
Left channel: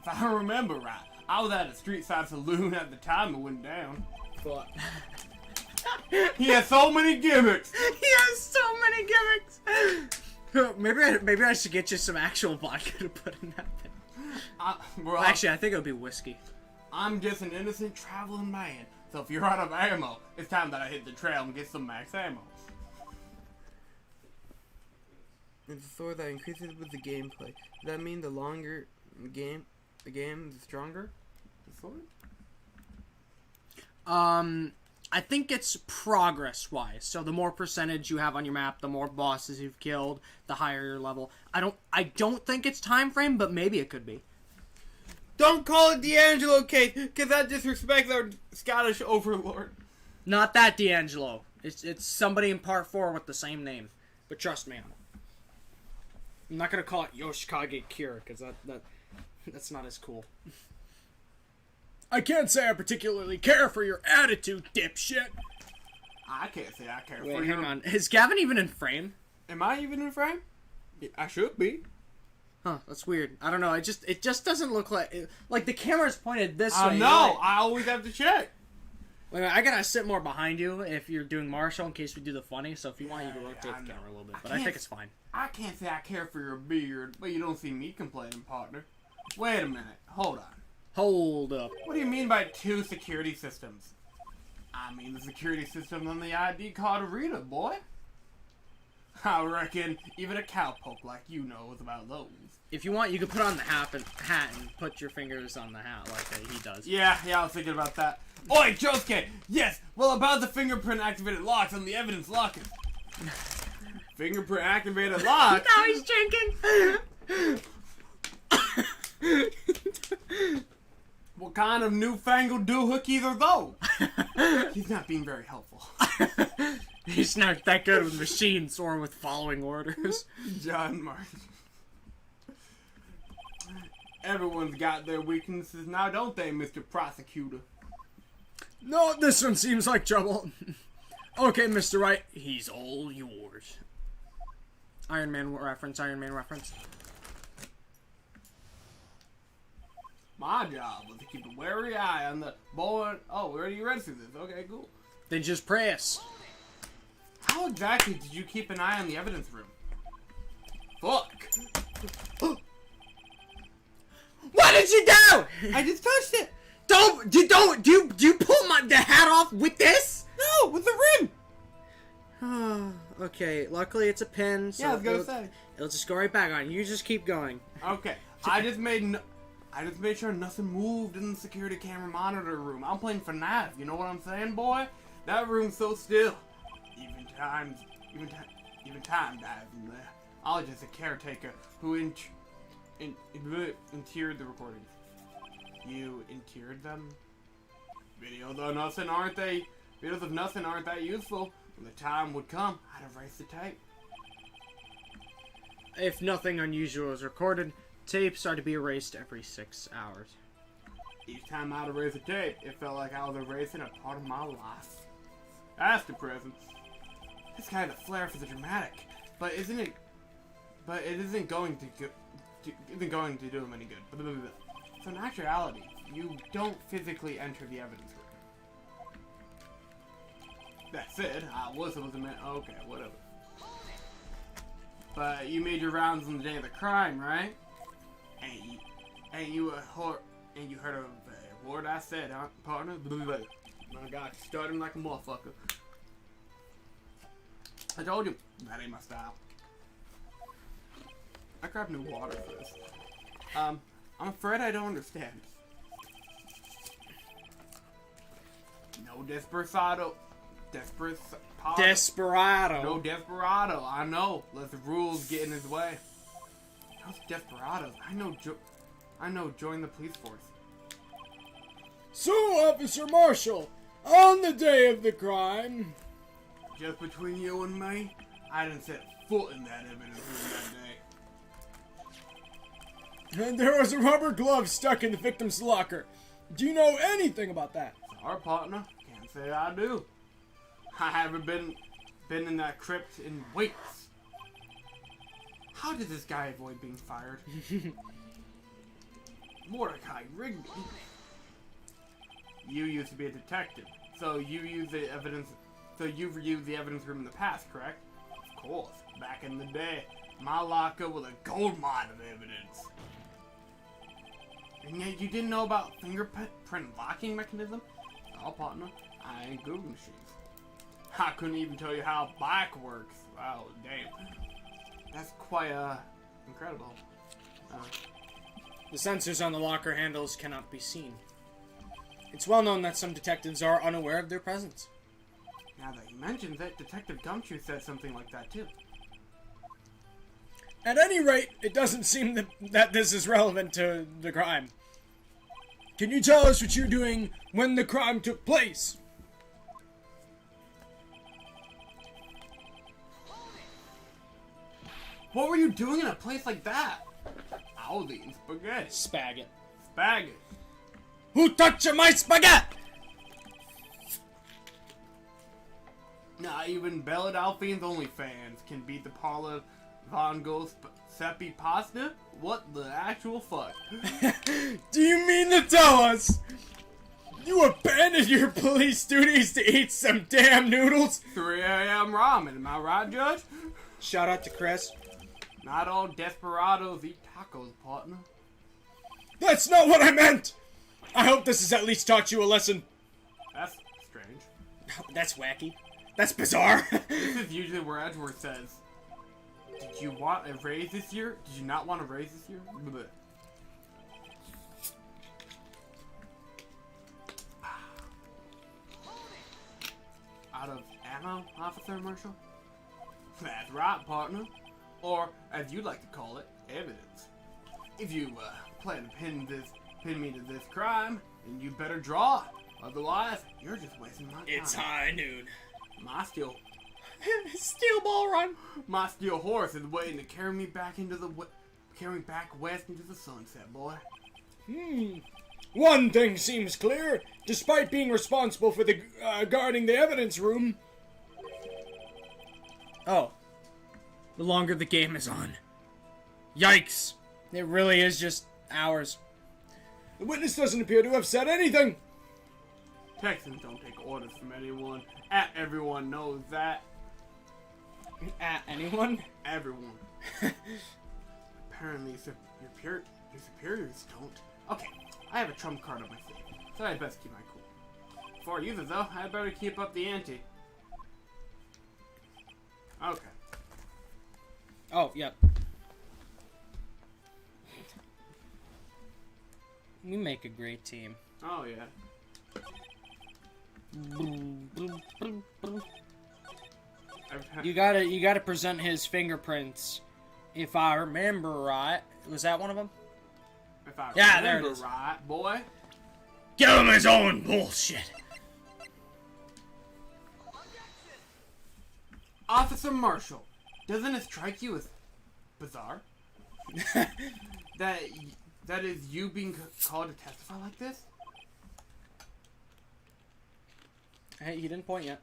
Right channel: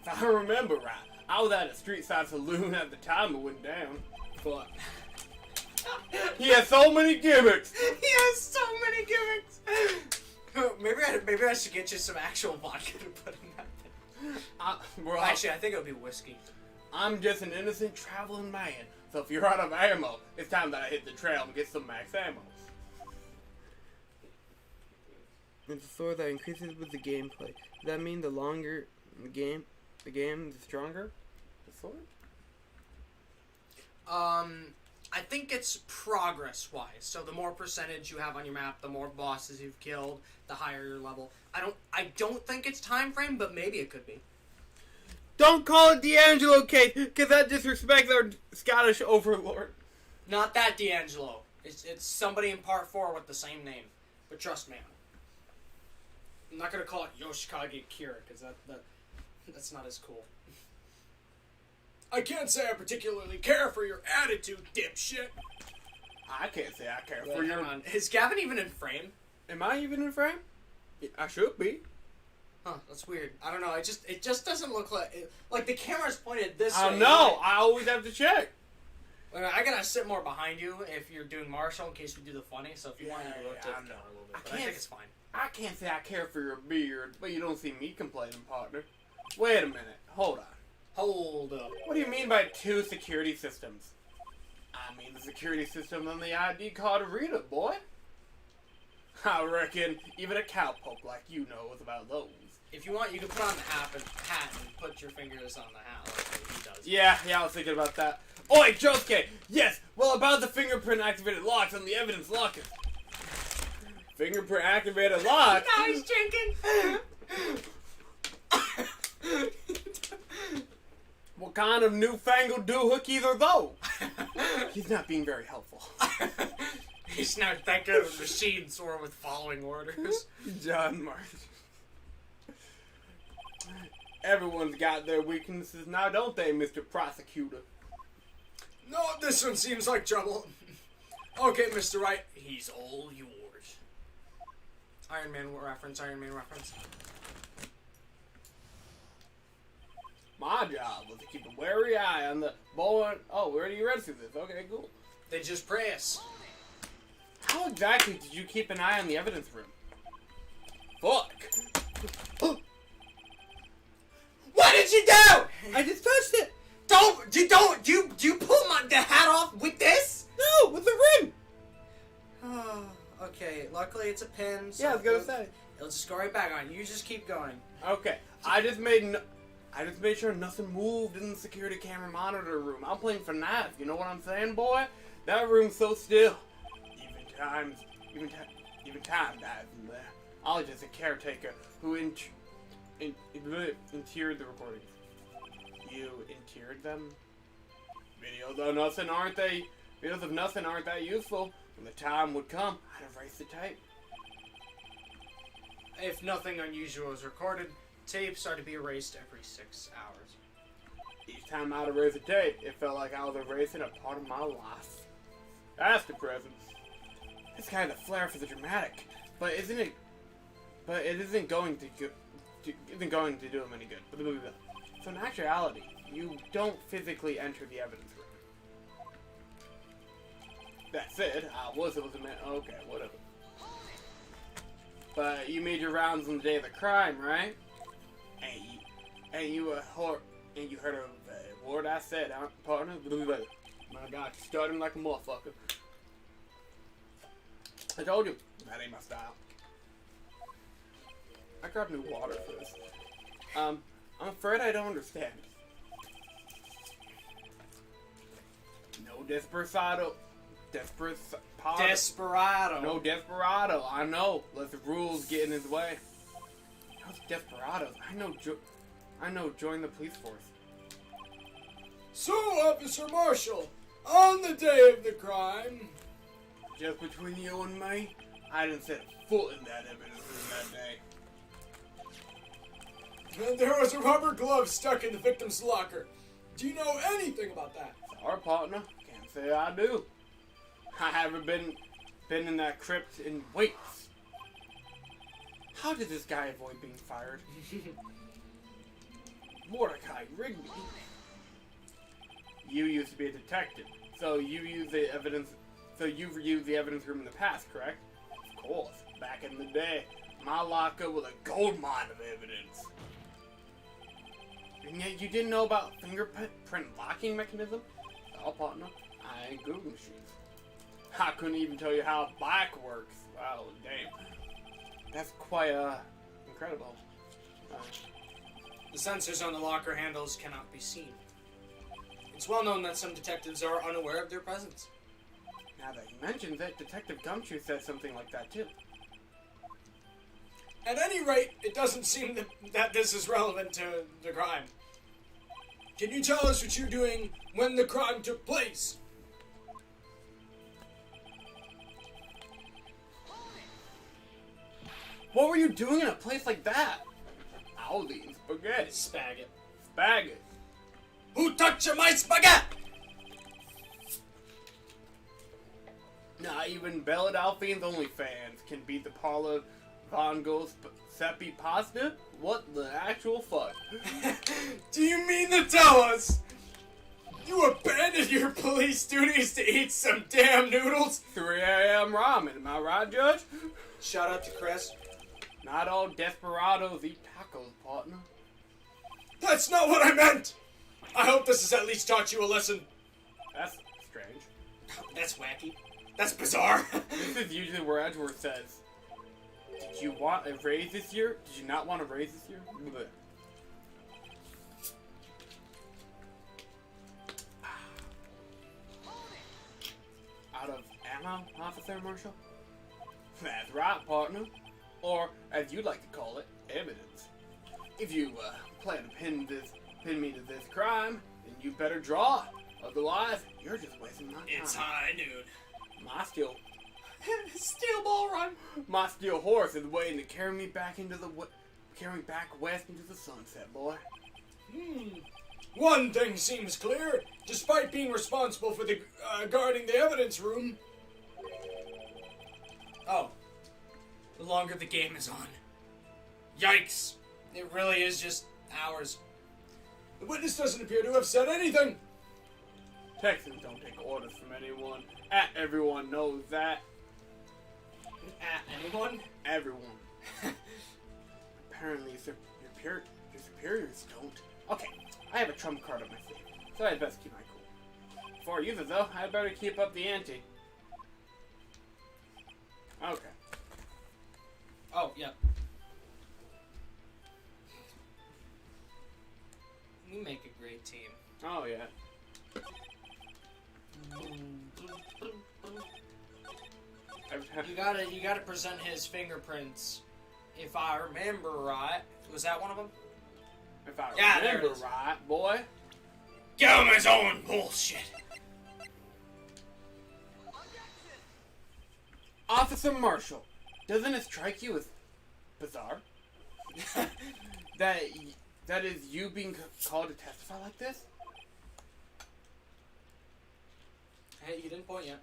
If I remember right, I was at a street-side saloon at the time it went down. But He has so many gimmicks! he has so many gimmicks! Maybe I should get you some actual vodka to put in that thing. Well, Actually, I think it would be whiskey. I'm just an innocent traveling man, so if you're out of ammo, it's time that I hit the trail and get some max ammo. It's a sword that increases with the gameplay. Does that mean the longer the game, the stronger? The sword? I think it's progress-wise. So the more percentage you have on your map, the more bosses you've killed, the higher your level. I don't think it's time frame, but maybe it could be. Don't call it D'Angelo case, because that disrespects our Scottish overlord. Not that D'Angelo. It's somebody in part 4 with the same name. But trust me, I'm not gonna call it Yoshikage Kira, because that's not as cool. I can't say I particularly care for your attitude, dipshit. I can't say I care Wait, for you. hang on. Is Gavin even in frame? Am I even in frame? Yeah, I should be. Huh, that's weird. I don't know. It just doesn't look like the camera's pointed this I way. know. I always have to check. Like, I gotta sit more behind you if you're doing Marshall in case we do the funny. So if you want, you can rotate the I camera know. a little bit. I But I can't think it's fine. I can't say I care for your beard, but you don't see me complaining, partner. Wait a minute. Hold on. Hold up. What do you mean by 2 security systems? I mean the security system on the ID card reader, boy. I reckon even a cowpoke like you knows about those. If you want, you can put on the hat and put your fingers on the hat like he does. Yeah, I was thinking about that. Oi, Josuke! Yes, well about the fingerprint activated locks on the evidence locker. Fingerprint activated locks? Now he's drinking! What kind of newfangled doohickeys are those? He's not being very helpful. He's not that good with machines or with following orders. John Martin. Everyone's got their weaknesses now, don't they, Mr. Prosecutor? No, this one seems like trouble. Okay, Mr. Wright. He's all yours. Iron Man reference, Iron Man reference. My job was to keep a wary eye on the boy. Oh, we already read through this. Okay, cool. Then just press. How exactly did you keep an eye on the evidence room? Fuck. What did you do? I just touched it. Do you pull the hat off with this? No, with the rim. Okay, luckily it's a pin. So Yeah, I was gonna say. It'll just go right back on. You just keep going. Okay, I just made sure nothing moved in the security camera monitor room. I'm playing FNAF, you know what I'm saying, boy? That room's so still. Even time dies in there. I was just a caretaker who interred the recordings. You interred them? Videos of nothing, aren't they? Videos of nothing aren't that useful. When the time would come, I'd erase the tape. If nothing unusual is recorded, tapes are to be erased every 6 hours. Each time I'd erase a tape, it felt like I was erasing a part of my life. That's depressing. This kind of flair for the dramatic, but it isn't going to do him any good. So in actuality, you don't physically enter the evidence room. That said, I was supposed to admit, okay, whatever. But you made your rounds on the day of the crime, right? Ain't you a whore? Ain't you heard of a word I said, huh, partner? My God, you're starting like a motherfucker. I told you, that ain't my style. I grabbed new water for this. I'm afraid I don't understand. No desperado. Desperado. No desperado. I know. Let the rules get in his way. Those desperados. I know. Join the police force. So, Officer Marshall, on the day of the crime, Just between you and me, I didn't set foot in that evidence room that day. and there was a rubber glove stuck in the victim's locker. Do you know anything about that? Our partner, can't say I do. I haven't been in that crypt in weeks. How did this guy avoid being fired? Mordecai Rigby. You used to be a detective, so you used the evidence. So you've used the evidence room in the past, correct? Of course. Back in the day, my locker was a gold mine of evidence. And yet you didn't know about fingerprint locking mechanism? Oh, partner, I ain't Google machines. I couldn't even tell you how a bike works. Wow, damn. That's quite, incredible. The sensors on the locker handles cannot be seen. It's well known that some detectives are unaware of their presence. Now that you mentioned it, Detective Gumshoe said something like that too. At any rate, it doesn't seem that this is relevant to the crime. Can you tell us what you're doing when the crime took place? What were you doing in a place like that? I was eating spaghetti. Spaggot. Spaghetti. Who touched my spaghetti? Not even Bella Delphine's OnlyFans can beat the Paula Von Gogh Seppi pasta? What the actual fuck? Do you mean to tell us you abandoned your police duties to eat some damn noodles? 3 a.m. ramen, am I right, Judge? Shout out to Chris. Not all desperados eat tacos, partner. That's not what I meant! I hope this has at least taught you a lesson. That's strange. That's wacky. That's bizarre. This is usually where Edgeworth says, did you want a raise this year? Did you not want a raise this year? Bleh. Out of ammo, Officer Marshall? That's right, partner. Or, as you'd like to call it, evidence. If you plan to pin me to this crime, then you better draw. Otherwise, you're just wasting my time. It's high noon. My steel Steel ball run. My steel horse is waiting to carry me back west into the sunset, boy. One thing seems clear. Despite being responsible for the guarding the evidence room, Oh. The longer the game is on. Yikes. It really is just hours. the witness doesn't appear to have said anything. Texans don't take orders from anyone. Everyone knows that. Anyone? Everyone. Apparently, your superiors don't. Okay, I have a trump card up my sleeve, so I'd best keep my cool. Before I use it, though, I'd better keep up the ante. Okay. Oh, yeah. We make a great team. Oh, yeah. You gotta present his fingerprints If I remember right, was that one of them? If I Yeah, there it remember is. right, boy. Give him his own bullshit. Officer Marshall, doesn't it strike you as bizarre that is you being called to testify like this? Hey, he didn't point yet.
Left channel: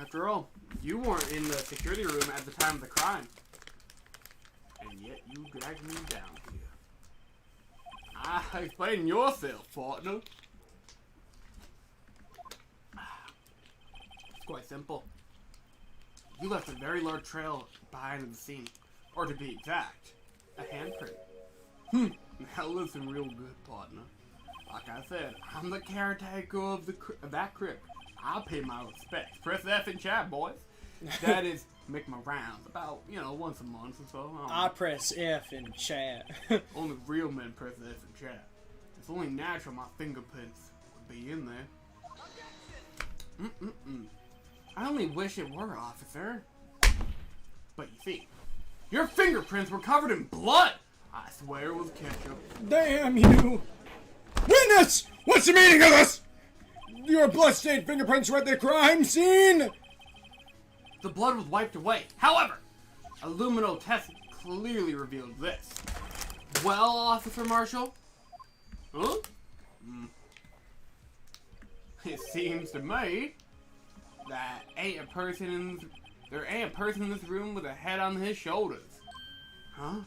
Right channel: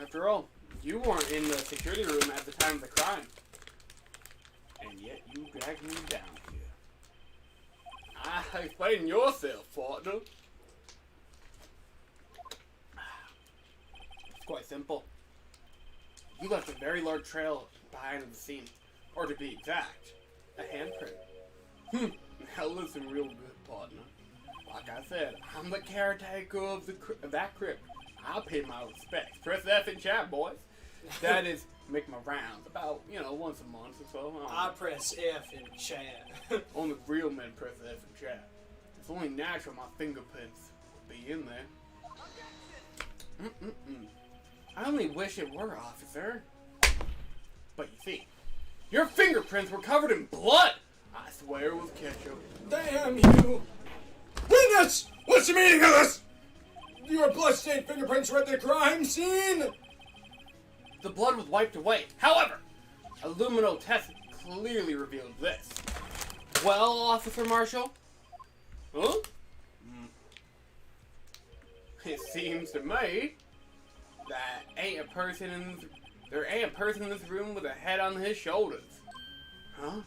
After all, you weren't in the security room at the time of the crime, and yet you dragged me down here. Explain yourself, partner. It's quite simple. You left a very large trail behind the scene, or to be exact, a handprint. Now listen real good, partner. Like I said, I'm the caretaker of that crypt. I'll pay my respects. Press F in chat, boys. That is, make my rounds about, once a month or so. I press F in chat. Only real men press F in chat. It's only natural my fingerprints would be in there. I only wish it were, officer. But you see, your fingerprints were covered in blood. I swear it was ketchup. Damn you! Witness! What's the meaning of this? Your bloodstained fingerprints were at the crime scene! The blood was wiped away. However, a lumino test clearly revealed this. Well, Officer Marshall? Huh? It seems to me that there ain't a person in this room with a head on his shoulders. Huh?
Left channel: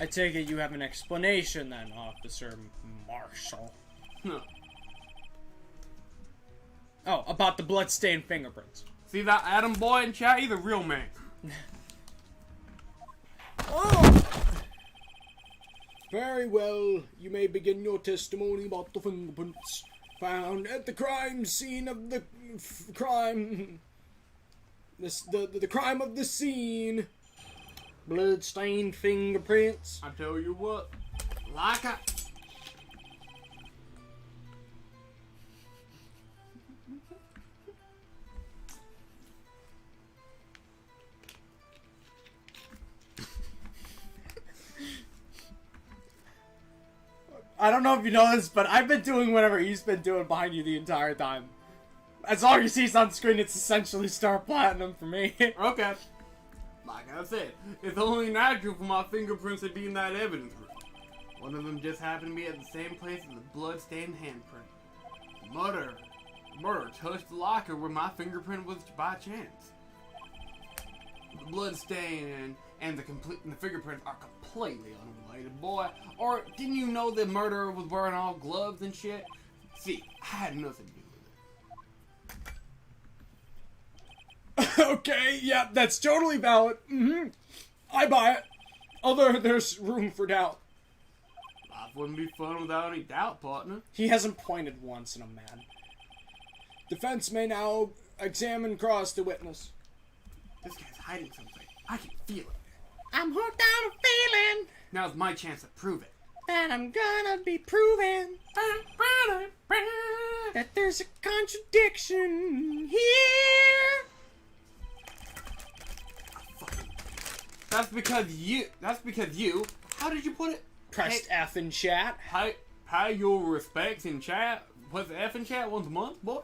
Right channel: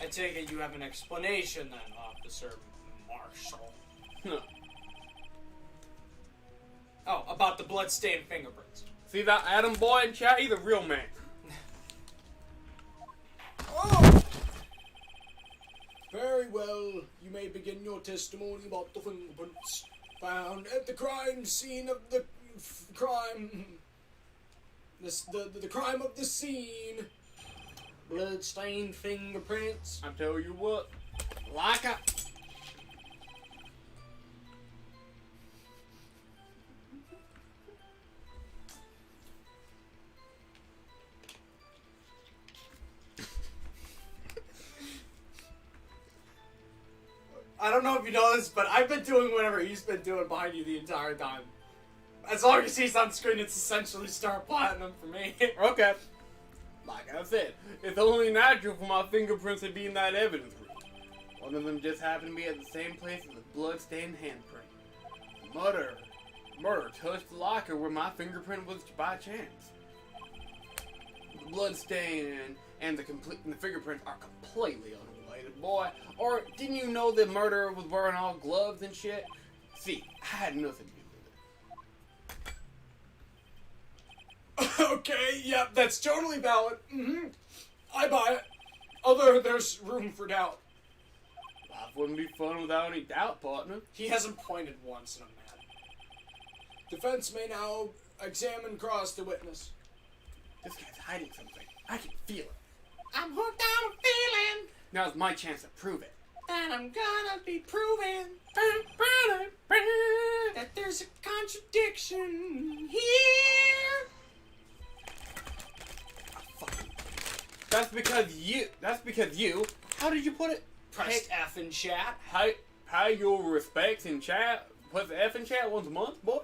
I take it you have an explanation then, Officer Marshall. No. Oh, about the bloodstained fingerprints. See that Adam boy in chat? He's a real man. Oh! Very well, you may begin your testimony about the fingerprints found at the crime scene of the crime. The crime of the scene. Bloodstained fingerprints. I tell you what, like I don't know if you know this, but I've been doing whatever he's been doing behind you the entire time. As long as he's on screen, it's essentially Star Platinum for me. Okay. Like I said, it's only natural for my fingerprints to be in that evidence room. One of them just happened to be at the same place as the blood-stained handprint. Murder touched the locker where my fingerprint was by chance. The blood stain and the fingerprints are completely unrelated, boy. Or didn't you know the murderer was wearing all gloves and shit? See, I had nothing to do with it. Okay, yeah, that's totally valid. I buy it. Although there's room for doubt. Life wouldn't be fun without any doubt, partner. He hasn't pointed once, and I'm mad. Defense may now examine cross the witness. This guy's hiding something. I can feel it. I'm hooked on a feeling Now's my chance to prove it. that I'm gonna be proven that there's a contradiction here. That's because you. How did you put it? Press F in chat. Pay your respects in chat. Put the F in chat once a month, boy.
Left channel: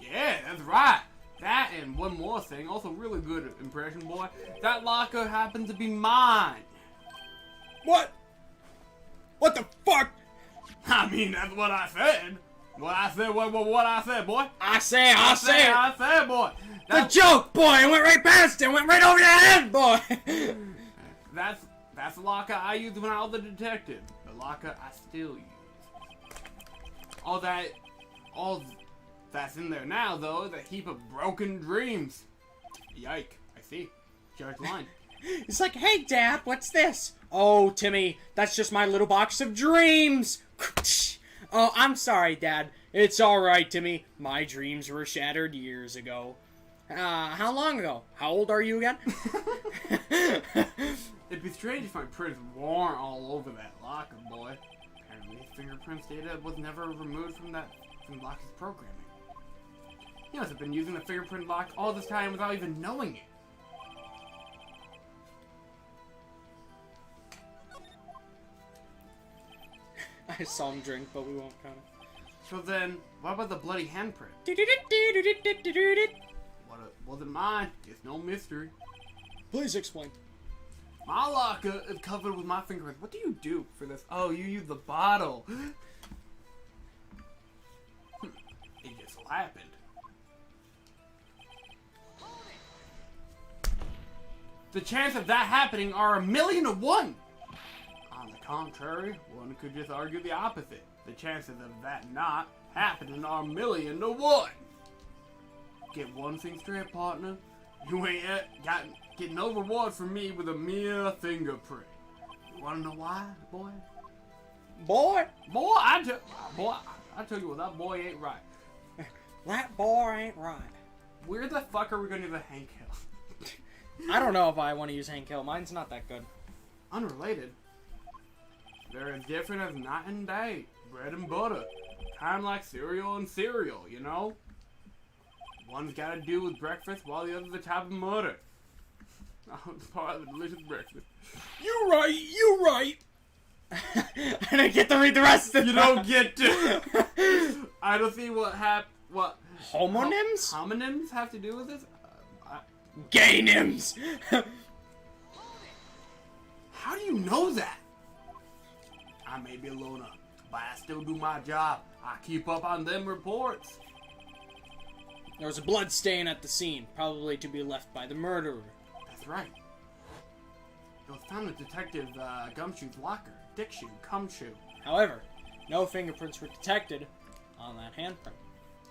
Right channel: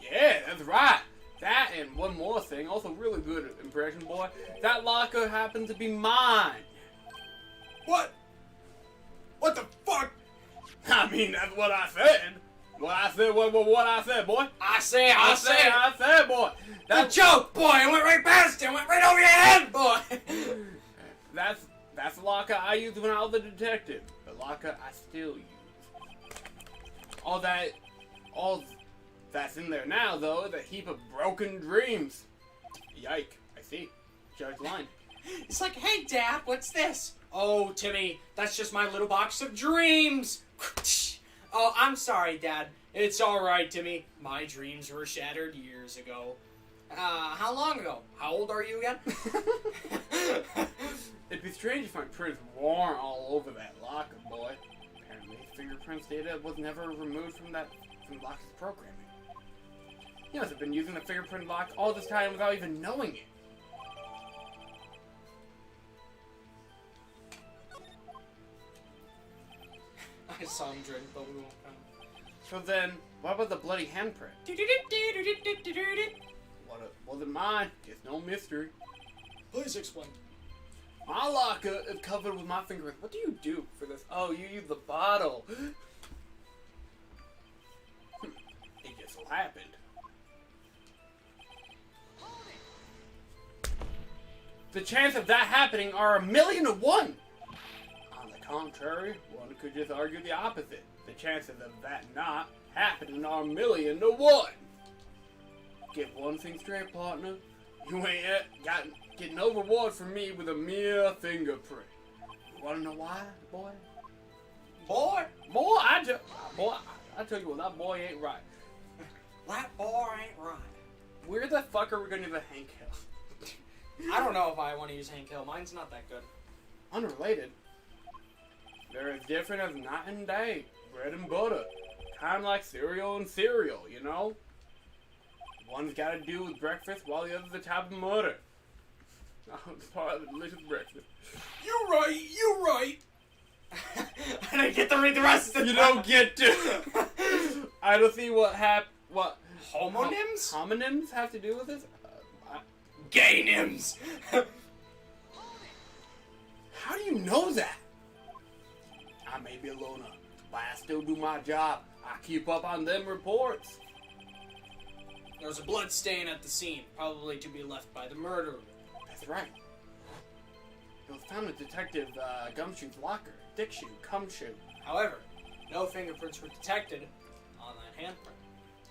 Yeah, that's right. That and one more thing, also really good impression, boy. That locker happened to be mine. What? What the fuck? I mean, that's what I said. What I said, boy. I say, boy. The That's joke, boy. It went right past it. Went right over your head, boy. that's the locker I used when I was a detective. The locker I still use. All that's in there now, though, is a heap of broken dreams. Yike. I see. Judge line. It's like, hey, Dad, what's this? Oh, Timmy, that's just my little box of dreams. Oh, I'm sorry, Dad. It's alright, Timmy. My dreams were shattered years ago. How long ago? How old are you again? It'd be strange if my prints weren't all over that locker, boy. Apparently, fingerprints data was never removed from the locker's programming. He must have been using the fingerprint lock all this time without even knowing it. I saw him drink, but we won't count. So then, what about the bloody handprint? Wasn't mine. It's no mystery. Please explain. My locker is covered with my fingerprints. What do you do for this? Oh, you use the bottle. It just so happened. The chances of that happening are 1,000,000 to 1. On the contrary, one could just argue the opposite. The chances of that not happening are 1,000,000 to 1. Get one thing straight, partner. You ain't getting no reward from me with a mere fingerprint. You wanna know why, boy? Boy? Boy, I tell you what, that boy ain't right. That boy ain't right. Where the fuck are we gonna do the Hank Hill? I don't know if I want to use Hank Hill. Mine's not that good. Unrelated. They're as different as night and day. Bread and butter. Kind of like cereal and cereal, you know? One's got to do with breakfast while the other's a type of murder. Oh, it's part of the delicious breakfast. You're right. You're right. I didn't get to read the rest of You don't get to. I don't see what Homonyms? Homonyms have to do with this. Gay-nyms! How do you know that? I may be a loner, but I still do my job. I keep up on them reports. There was a blood stain at the scene, probably to be left by the murderer. That's right. It was found in Detective Gumshoe's locker. Dick shoe, cum shoe. However, no fingerprints were detected on that handprint.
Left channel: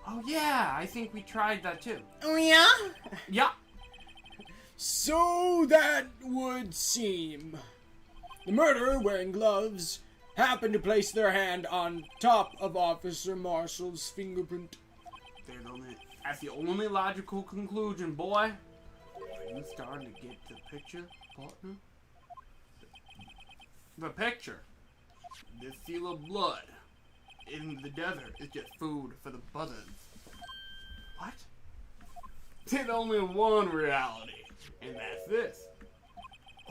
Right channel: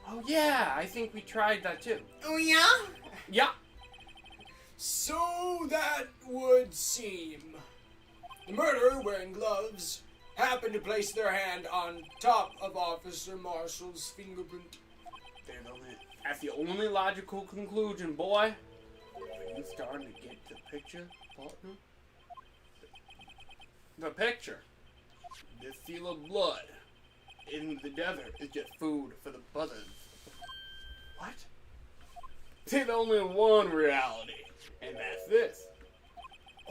Oh yeah, I think we tried that too. Oh yeah? Yeah. So that would seem. The murderer, wearing gloves, happened to place their hand on top of Officer Marshall's fingerprint. That's the only logical conclusion, boy. Are you starting to get the picture, partner? The picture. This seal of blood in the desert is just food for the buzzards. What? There's only one reality, and that's this.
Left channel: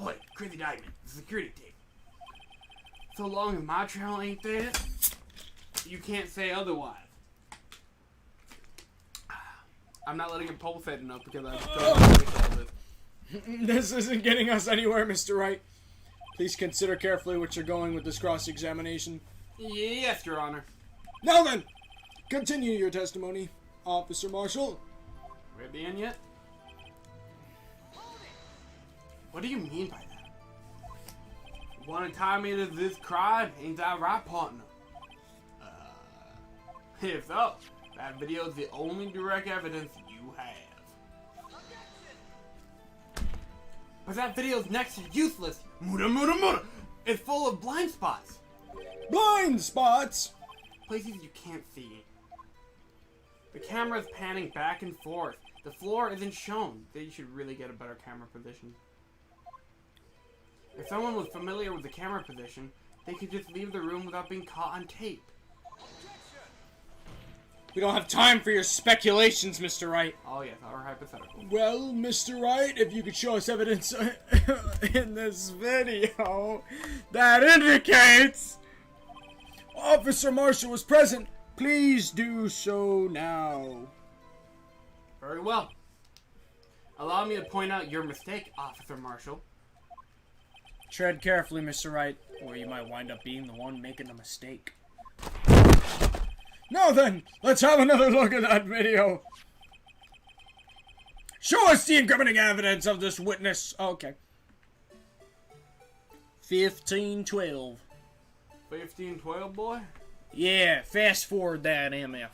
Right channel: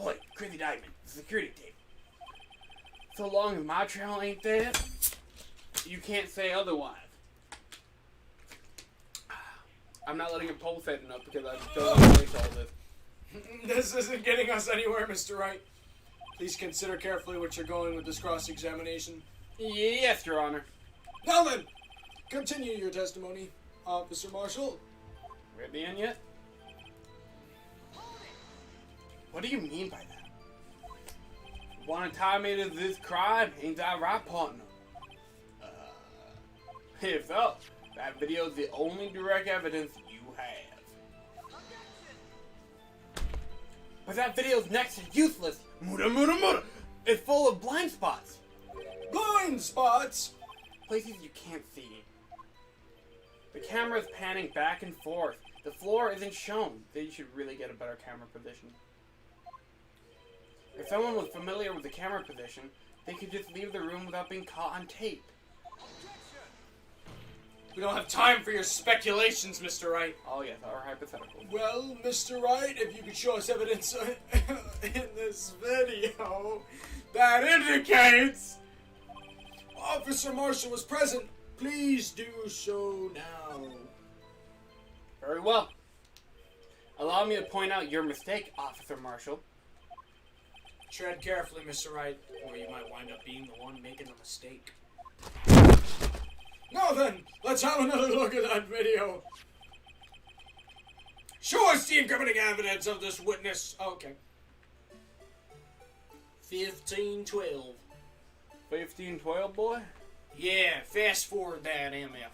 Oi, Crazy Diamond, the security tape. So long as my trail ain't there, you can't say otherwise. I'm not letting it pulsate enough because I still want to finish all this. This isn't getting us anywhere, Mr. Wright. Please consider carefully what you're going with this cross-examination. Yes, Your Honor. Now then, continue your testimony, Officer Marshall. We're at the end yet? What do you mean by that? Want to tie me to this crime? Ain't that right, partner? If so, that video is the only direct evidence you have. But that video's next to useless. Muda muda muda! It's full of blind spots. Blind spots! Places you can't see. The camera's panning back and forth. The floor isn't shown. They should really get a better camera position. If someone was familiar with the camera position, they could just leave the room without being caught on tape. We don't have time for your speculations, Mr. Wright. Oh yes, our hypothetical. Well, Mr. Wright, if you could show us evidence in this video that indicates Officer Marshall was present, please do so now. Very well. Allow me to point out your mistake, Officer Marshall. Tread carefully, Mr. Wright, or you might wind up being the one making the mistake. Now then, let's have another look at that video. Show us the incriminating evidence of this witness. Okay. 1512. 1512, boy? Yeah, fast forward that, MF.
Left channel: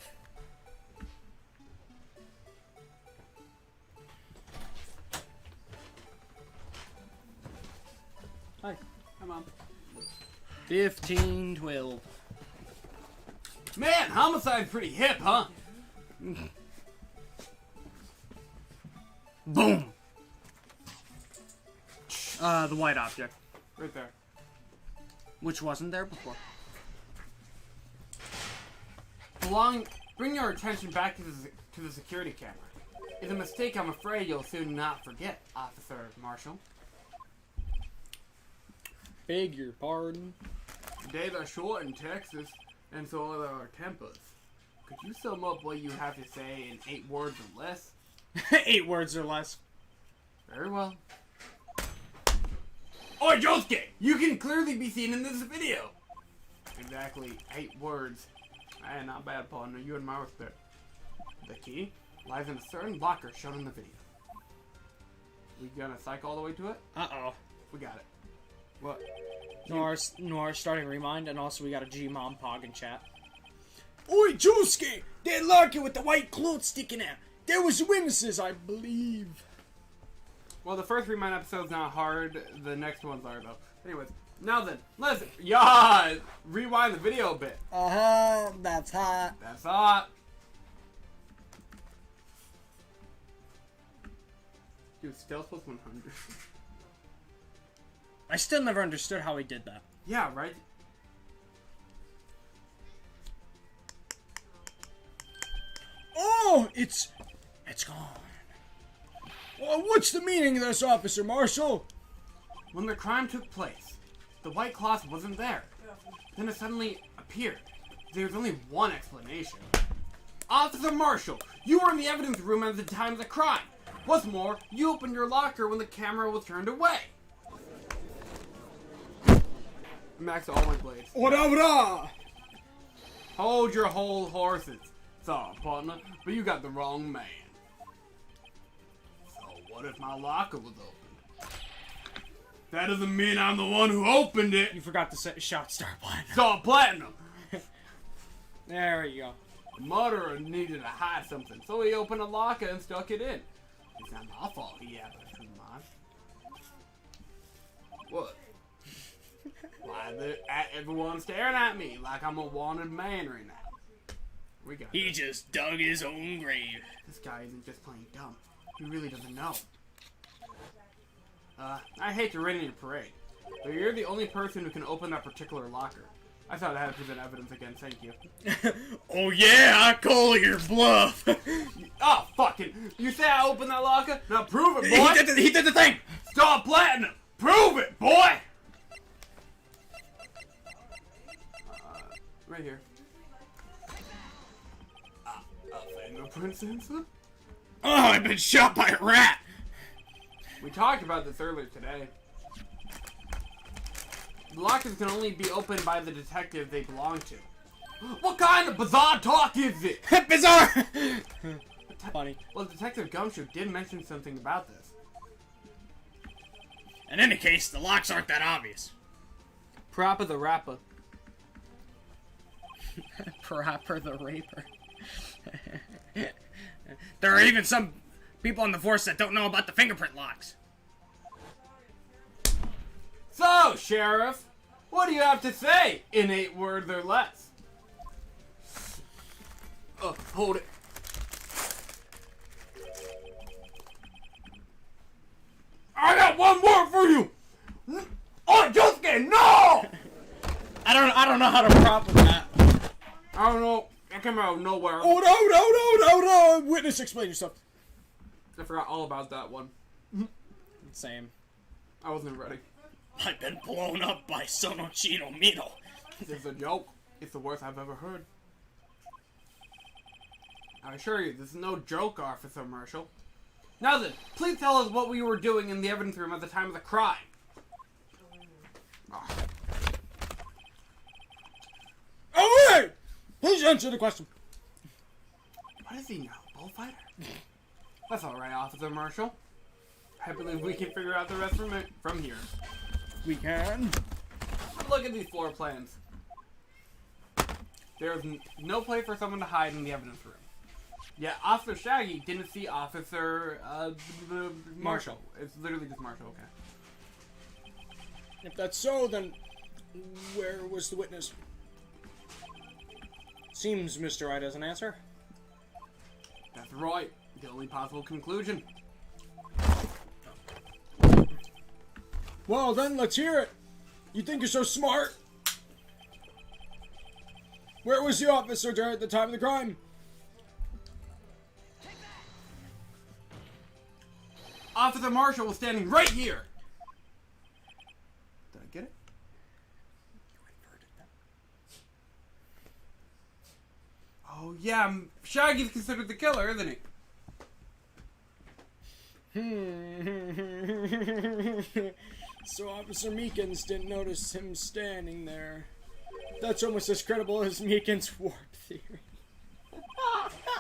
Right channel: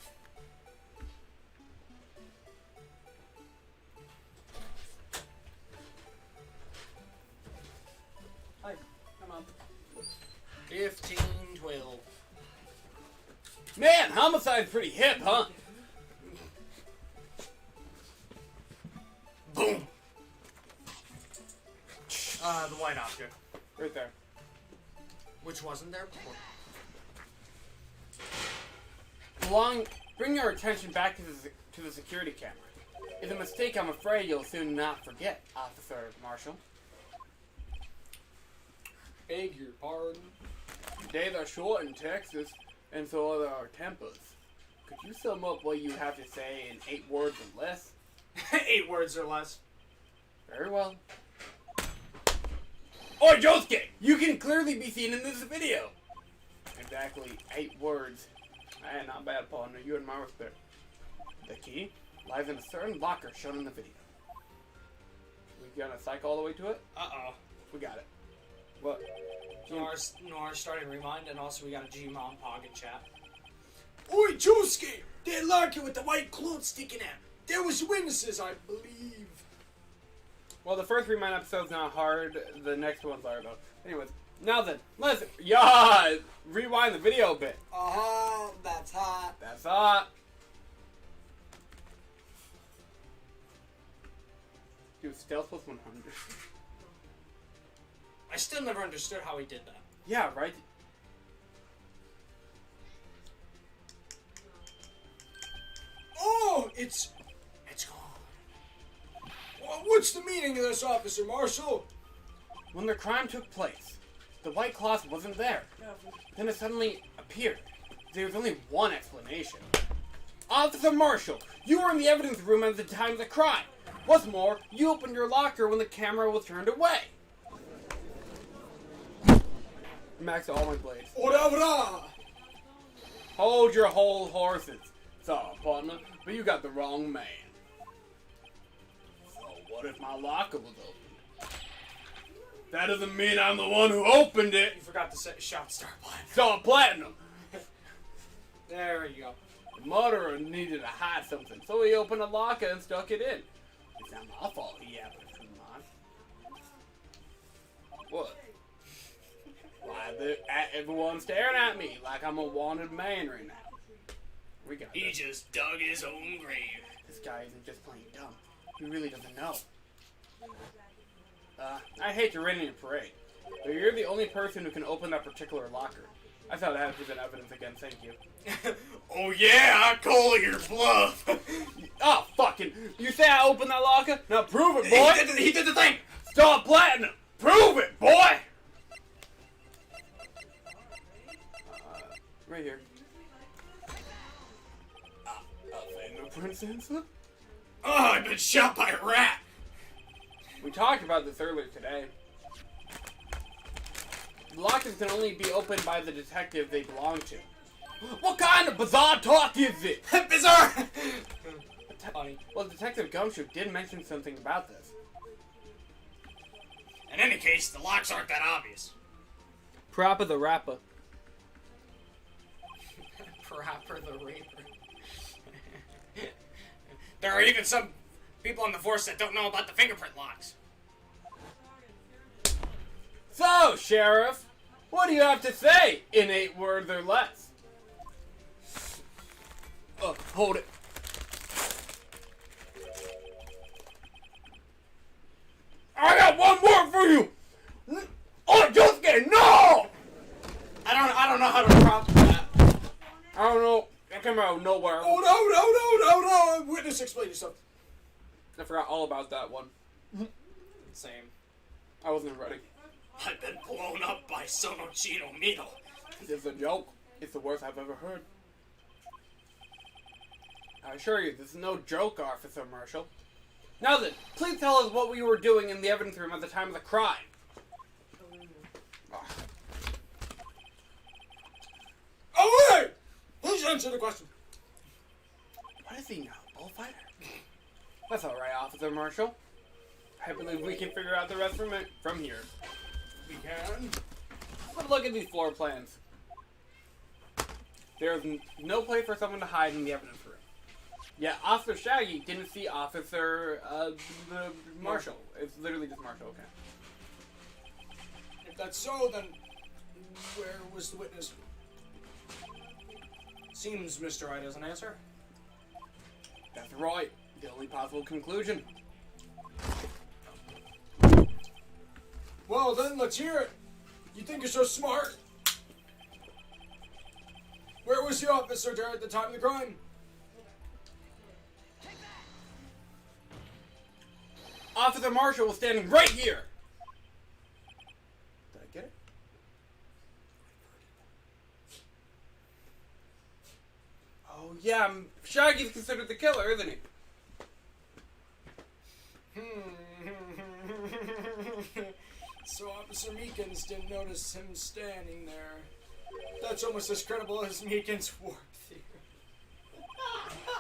Hi, come on. 1512. Man, homicide's pretty hip, huh? Boom! The white object. Right there. Which wasn't there before. bring your attention back to the security camera. It's a mistake I'm afraid you'll soon not forget, Officer Marshall. Beg your pardon. Days are short in Texas, and so are our tempers. Could you sum up what you have to say in 8 words or less? 8 words or less. Very well. Oi, Josuke! You can clearly be seen in this video! Exactly 8 words. Not bad, partner. You and my respect. The key lies in a certain locker shown in the video. We gonna psych all the way to it? Uh-oh. We got it. What? Noir starting Remind, and also we got a G-Mom Pog in chat. Oi, Josuke! That locker with the white clothes sticking out. There was witnesses, I believe. Well, the first Remind episode's not hard. The next ones are, though. Anyways, now then, let's rewind the video a bit. Uh-huh, that's hot. That's hot. Dude, stealth plus 100. I still never understood how he did that. Yeah, right? Oh, it's gone. Well, what's the meaning of this, Officer Marshall? When the crime took place, the white cloth wasn't there. Then it suddenly appeared. There's only one explanation. Officer Marshall, you were in the evidence room at the time of the crime. What's more, you opened your locker when the camera was turned away. Max all my blades. Ora! Hold your whole horses. Sorry, partner, but you got the wrong man. So what if my locker was open? That doesn't mean I'm the one who opened it. You forgot to shout Star Platinum. Star Platinum. There you go. The murderer needed to hide something, so he opened a locker and stuck it in. It's not my fault he happened to mine. What? Why everyone's staring at me like I'm a wanted man right now? We got He this. just dug his own grave. This guy isn't just playing dumb. He really doesn't know. I hate to rain in your parade, but you're the only person who can open that particular locker. I thought I had to present evidence again, thank you. Oh yeah, I call your bluff. Oh, fucking! You say I opened that locker? Now prove it, boy! He did the thing! Star Platinum! Prove it, boy! Right here. A fingerprint sensor? Oh, I've been shot by a rat! We talked about this earlier today. The lockers can only be opened by the detective they belong to. What kind of bizarre talk is it? Bizarre! Funny. Well, Detective Gumshoe did mention something about this. In any case, the locks aren't that obvious. Proper the rapper. Proper the Raper. There are even some people in the force that don't know about the fingerprint locks. So, Sheriff, what do you have to say in 8 words or less? Hold it. I got one word for you! Oh, Josuke, no! I don't know how to prop that. I don't know. That came out of nowhere. Oh, no. Witness, explain yourself. I forgot all about that one. Same. I wasn't ready. I've been blown up by Sonochino Mino. It's a joke. It's the worst I've ever heard. I assure you, this is no joke, Officer Marshall. Now then, please tell us what we were doing in the evidence room at the time of the crime. Oh. Oh, wait! Please answer the question. What is he now? Bullfighter? That's alright, Officer Marshall. I believe we can figure out the rest from here. We can. Let's look at these floor plans. There's no place for someone to hide in the evidence room. Yet Officer Shaggy didn't see Officer Marshall. It's literally just Marshall, okay. If that's so, then where was the witness? Seems Mr. Wright doesn't answer. That's right. The only possible conclusion. Well, then let's hear it. You think you're so smart? Where was the officer there at the time of the crime? Officer Marshall was standing right here. Did I get it? Oh yeah, Shaggy's considered the killer, isn't he? So Officer Meekins didn't notice him standing there. That's almost as credible as Meekins' warp theory.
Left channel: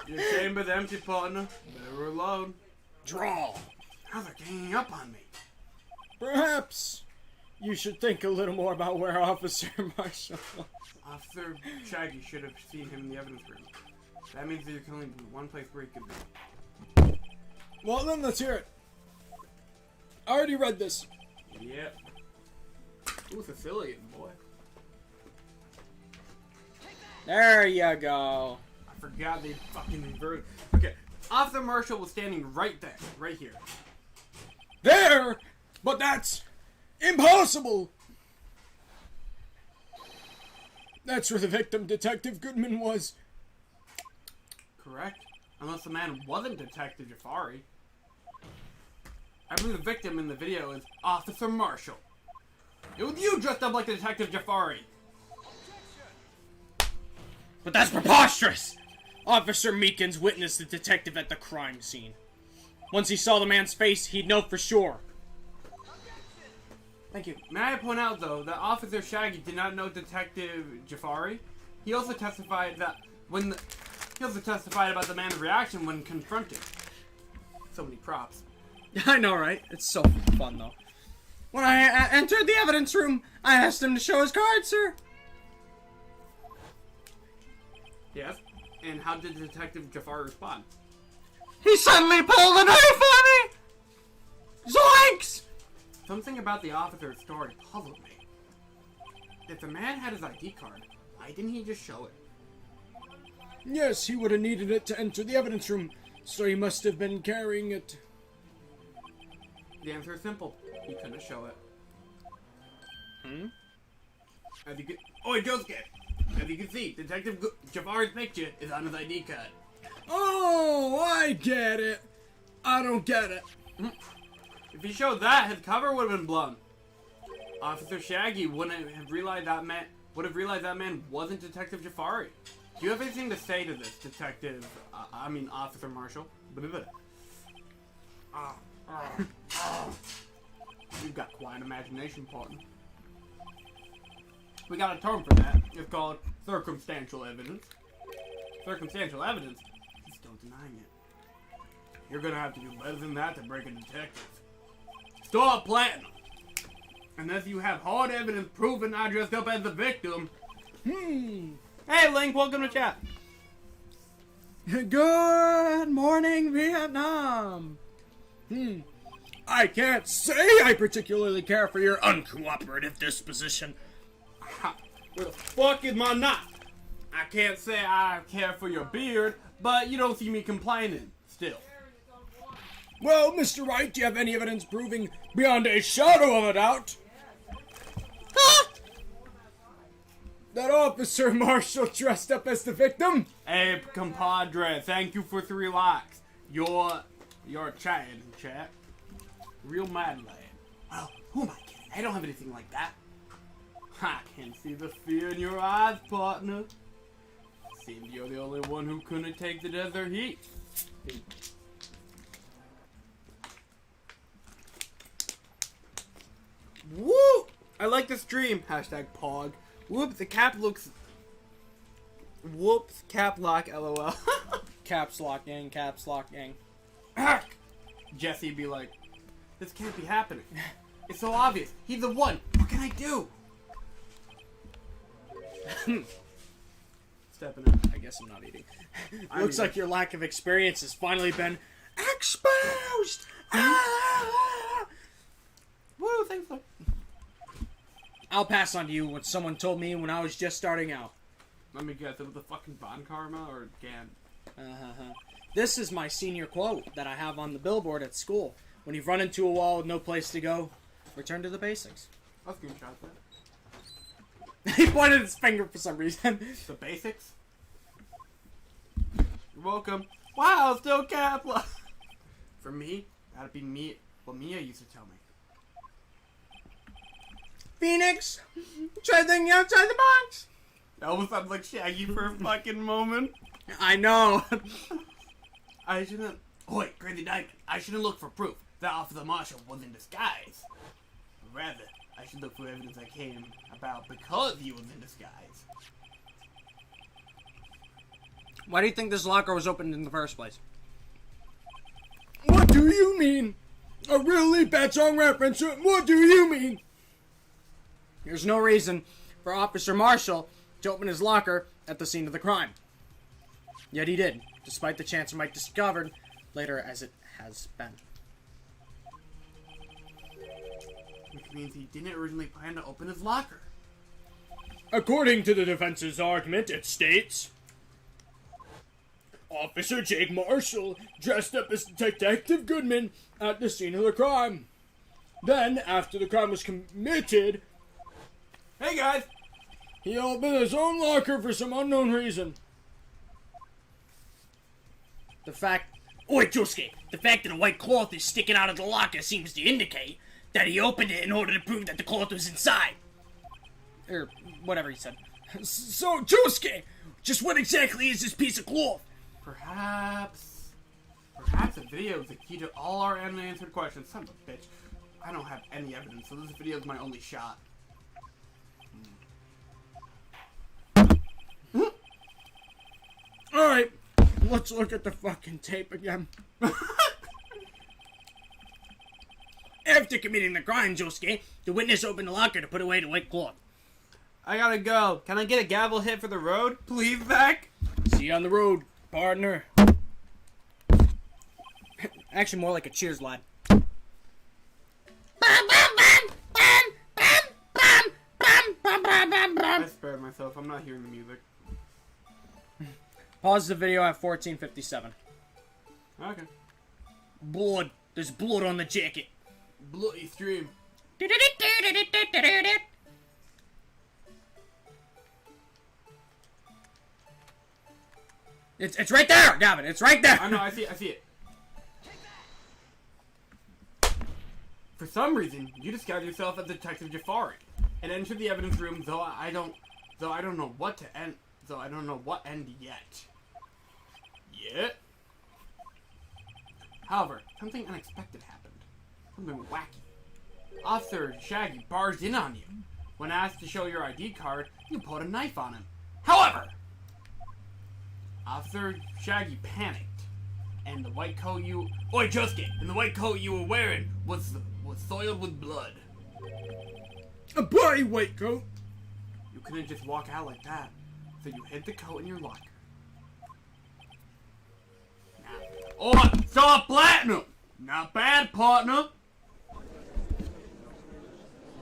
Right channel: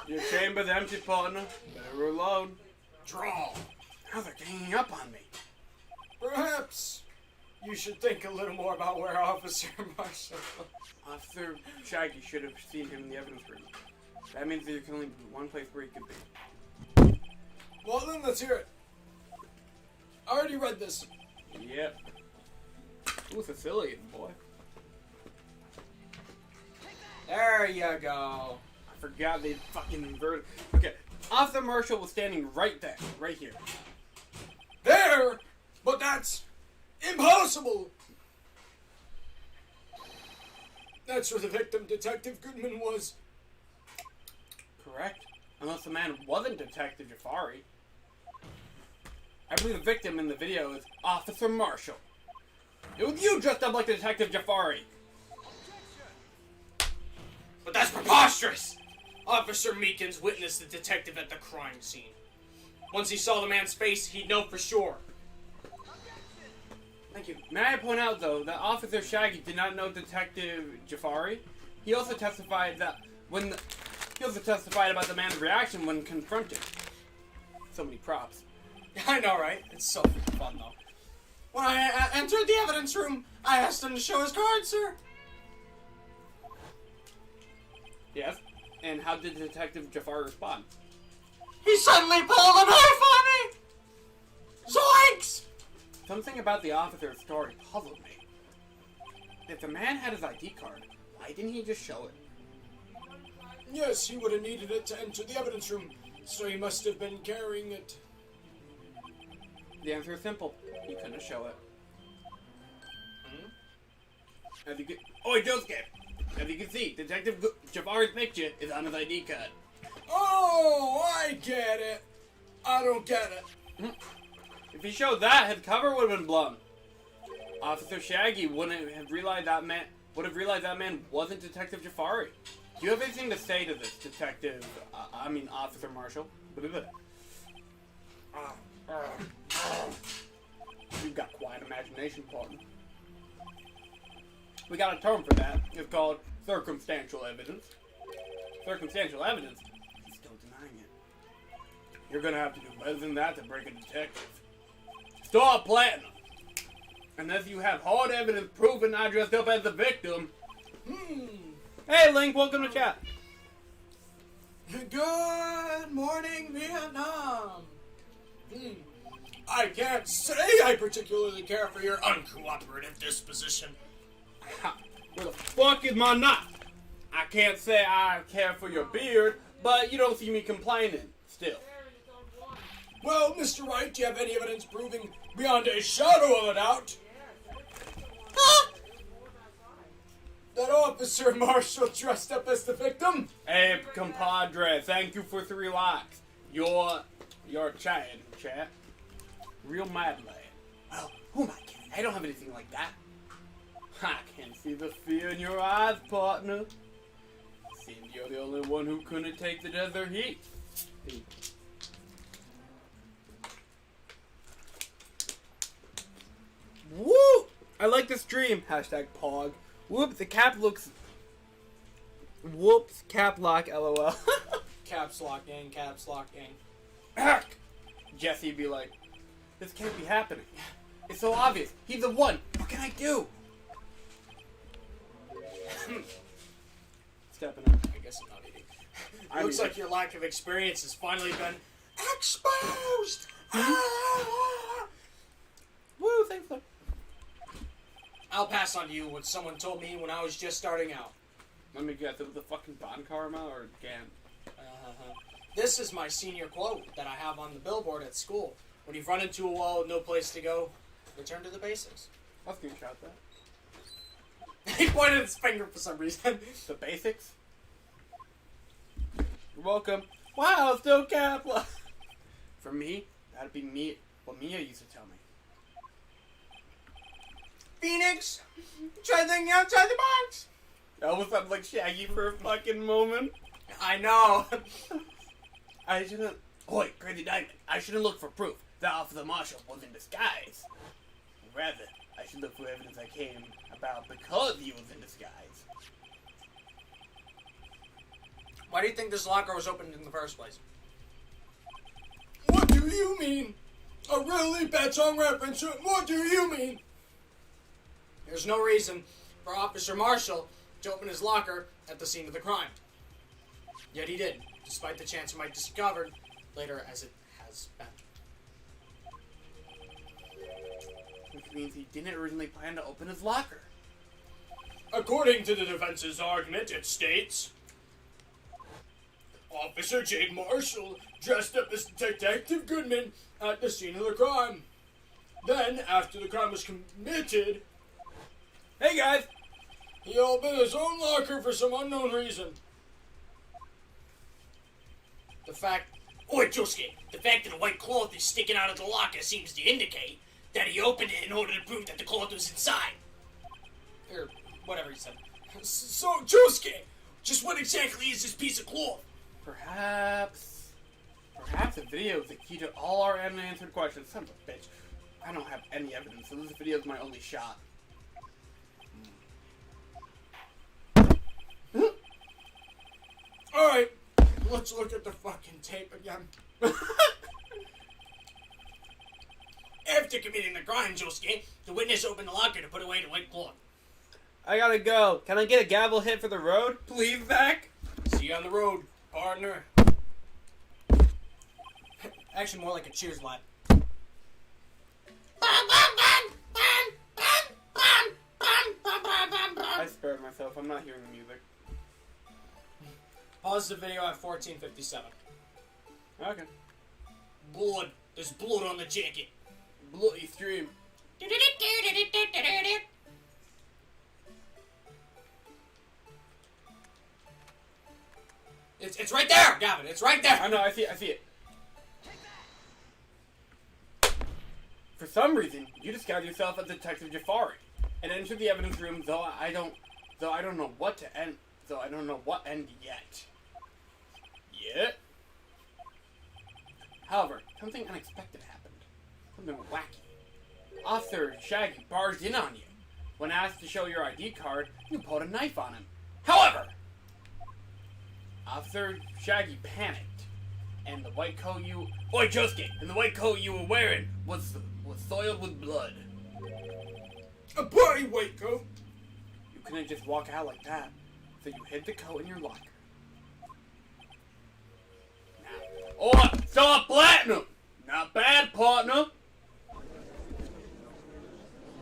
Your chamber's empty, partner. Better reload. Draw. Now they're ganging up on me. Perhaps you should think a little more about where Officer Marshall. Officer Shaggy should have seen him in the evidence room. That means there can only be one place where he could be. Well then, let's hear it. I already read this. Yep. Ooh, Sicilian, boy. There you go. I forgot they fucking inverted. Okay, Officer Marshall was standing right there, right here. There! But that's impossible! That's where the victim, Detective Goodman, was. Correct. Unless the man wasn't Detective Jafari. I believe the victim in the video is Officer Marshall. It was you dressed up like Detective Jafari. But that's preposterous! Officer Meekins witnessed the detective at the crime scene. Once he saw the man's face, he'd know for sure. Thank you. May I point out, though, that Officer Shaggy did not know Detective Jafari. He also testified that he also testified about the man's reaction when confronted. So many props. I know, right? It's so fun, though. When I entered the evidence room, I asked him to show his card, sir. Yes. And how did Detective Jafari respond? He suddenly pulled a knife on me! Zoinks! Something about the officer's story puzzled me. If the man had his ID card, why didn't he just show it? Yes, he would have needed it to enter the evidence room, so he must have been carrying it. The answer is simple. He couldn't show it. As you can, Josuke! As you can see, Detective Jafari's picture is on his ID card. Oh, I get it. I don't get it. If he showed that, his cover would have been blown. Officer Shaggy wouldn't have realized that man wasn't Detective Jafari. Do you have anything to say to this, Officer Marshall? You've got quite an imagination, partner. We got a term for that. It's called circumstantial evidence. Circumstantial evidence? He's still denying it. You're gonna have to do better than that to break a detective. Stop planting! Unless you have hard evidence proving I dressed up as the victim. Hey, Link, welcome to chat. Good morning, Vietnam. I can't say I particularly care for your uncooperative disposition. Where the fuck is my knife? I can't say I care for your beard, but you don't see me complaining, still. Well, Mr. Wright, do you have any evidence proving beyond a shadow of a doubt that Officer Marshall dressed up as the victim? Hey, compadre, thank you for 3 likes. You're chatting, chat. Real mad lad. Well, who am I kidding? I don't have anything like that. I can see the fear in your eyes, partner. Seems you're the only one who couldn't take the desert heat. Woo! I like the stream. Hashtag Pog. Whoop, the cap looks... Whoops, cap lock, lol. Caps lock gang, caps lock gang. Jesse be like, this can't be happening. It's so obvious. He's the one. What can I do? Stepping in. I guess I'm not eating. Looks like your lack of experience has finally been exposed! Woo, thanks. I'll pass on to you what someone told me when I was just starting out. Let me guess, it was the fucking Bon Karma or Gan? This is my senior quote that I have on the billboard at school. When you've run into a wall with no place to go, return to the basics. I'll screenshot that. He pointed his finger for some reason. The basics? You're welcome. Wow, still cap lock. For me, that'd be me. what Mia used to tell me. Phoenix, try thinking outside the box. That almost sounds like Shaggy for a fucking moment. I know. I shouldn't... Oi, Crazy Diamond, I shouldn't look for proof that Officer Marshall was in disguise. Rather, I should look for evidence that came about because he was in disguise. Why do you think this locker was opened in the first place? What do you mean? A really bad song reference. What do you mean? There's no reason for Officer Marshall to open his locker at the scene of the crime. Yet he did, despite the chance it might be discovered later as it has been. Which means he didn't originally plan to open his locker. According to the defense's argument, it states, Officer Jake Marshall dressed up as Detective Goodman at the scene of the crime. Then, after the crime was committed, Hey guys! he opened his own locker for some unknown reason. The fact... Oi, Josuke, the fact that a white cloth is sticking out of the locker seems to indicate that he opened it in order to prove that the cloth was inside. Or whatever he said. So, Josuke, just what exactly is this piece of cloth? Perhaps a video is the key to all our unanswered questions. Son of a bitch. I don't have any evidence, so this video is my only shot. Alright, let's look at the fucking tape again. After committing the crime, Josuke, the witness opened the locker to put away the white cloth. I gotta go. Can I get a gavel hit for the road? Please, Zach? See you on the road, partner. Actually, more like a cheers lad. I spared myself. I'm not hearing the music. Pause the video at 14:57. Okay. Blood. There's blood on the jacket. Bloody stream. It's right there, Gavin. It's right there. I know, I see it. For some reason, you disguise yourself as Detective Jafari and enter the evidence room, though I don't know what end yet. However, something unexpected happened. Something wacky. Officer Shaggy barged in on you. When asked to show your ID card, you pulled a knife on him. However, Officer Shaggy panicked, and the white coat you... Oi, Josuke! And the white coat you were wearing was soiled with blood. A bloody white coat. You couldn't just walk out like that, so you hid the coat in your locker. Now, stop platinum! Not bad, partner!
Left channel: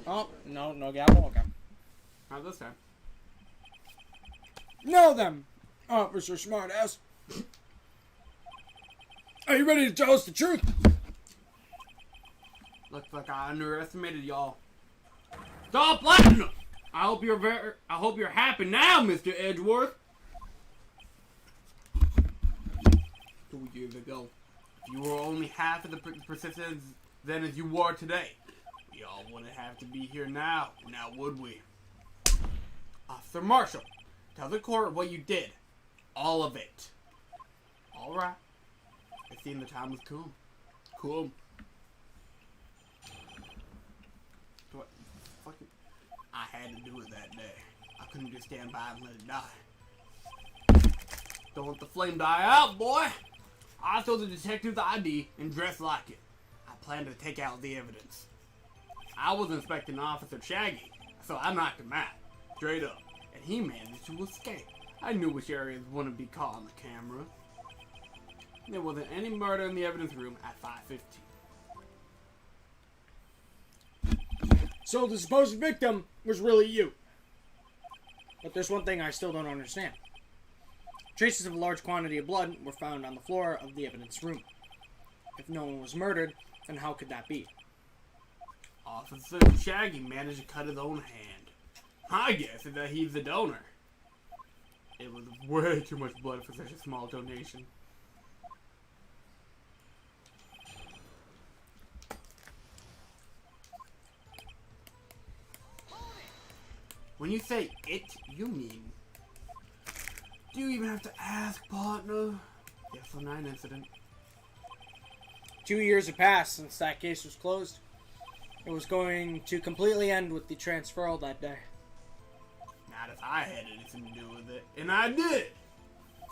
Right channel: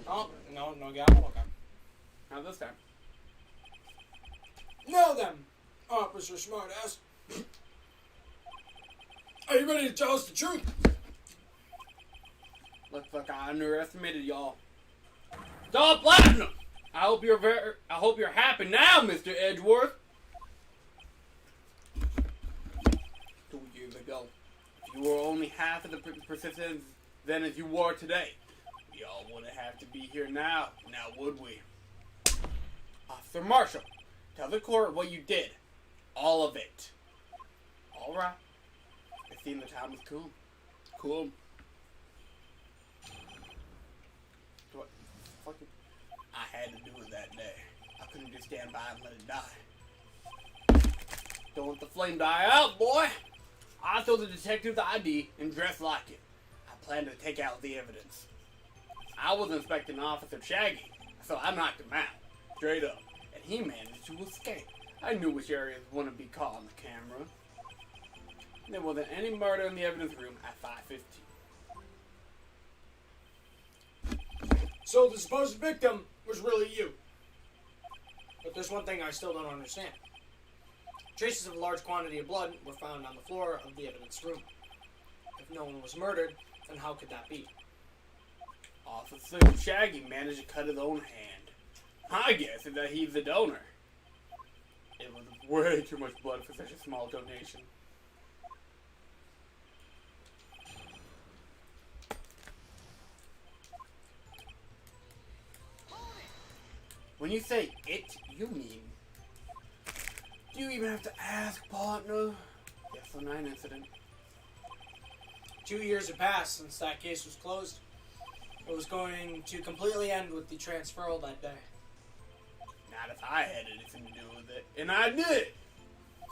Oh, no gavel. Okay. Not this time. Now then, Officer Smartass. Are you ready to tell us the truth? Looks like I underestimated y'all. Stop platinum! I hope you're happy now, Mr. Edgeworth. 2 years ago, if you were only half of the persistent then as you were today, we all wouldn't have to be here now would we? Officer Marshall, tell the court what you did. All of it. Alright. It seemed the time was cool. Cool. I had to do it that day. I couldn't just stand by and let it die. Don't let the flame die out, boy! I stole the detective's ID and dressed like it. I planned to take out the evidence. I was inspecting Officer Shaggy, so I knocked him out. Straight up. And he managed to escape. I knew which areas wouldn't be caught on the camera. There wasn't any murder in the evidence room at 5:15. So the supposed victim was really you. But there's one thing I still don't understand. Traces of a large quantity of blood were found on the floor of the evidence room. If no one was murdered, then how could that be? Officer Shaggy managed to cut his own hand. My guess is that he's the donor. It was way too much blood for such a small donation. When you say it, you mean... Do you even have to ask, partner? Yes or 9 incident. 2 years have passed since that case was closed. It was going to completely end with the transferal that day. Not if I had anything to do with it. And I did!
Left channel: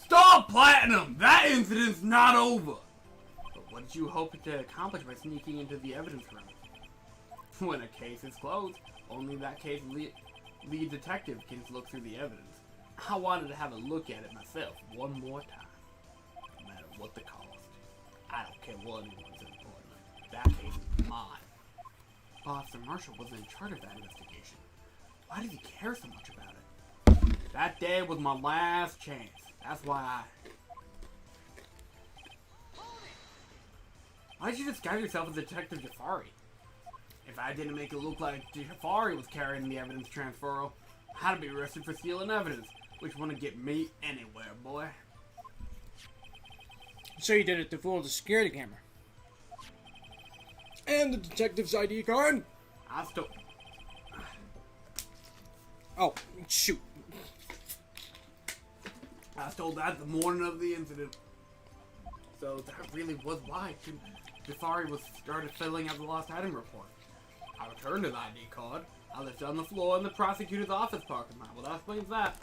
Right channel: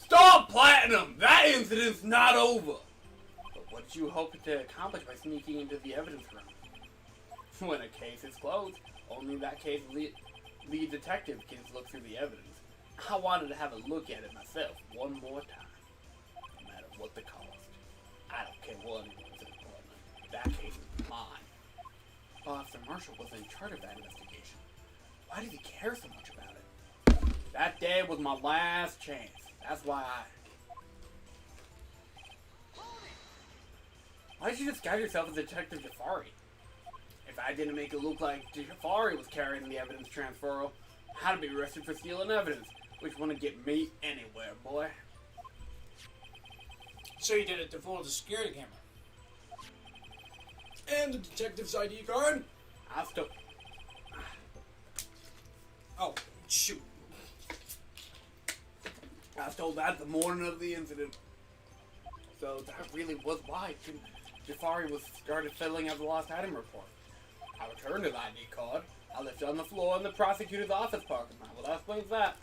Stop, Platinum! That incident's not over! But what did you hope to accomplish by sneaking into the evidence room? When a case is closed, only that case lead detective can look through the evidence. I wanted to have a look at it myself one more time. No matter what the cost. I don't care what anyone's important. That case is mine. Officer Marshall was in charge of that investigation. Why did he care so much about it? That day was my last chance. That's why Why did you disguise yourself as Detective Jafari? If I didn't make it look like Jafari was carrying the evidence transferal, I'd be arrested for stealing evidence, which wouldn't get me anywhere, boy. So you did it to fool the security camera. And the detective's ID card? I still... Oh, shoot. I stole that the morning of the incident. So that really was why Jafari was started filling out the lost item report. I returned his ID card. I left it on the floor in the prosecutor's office parking lot. Well, that explains that.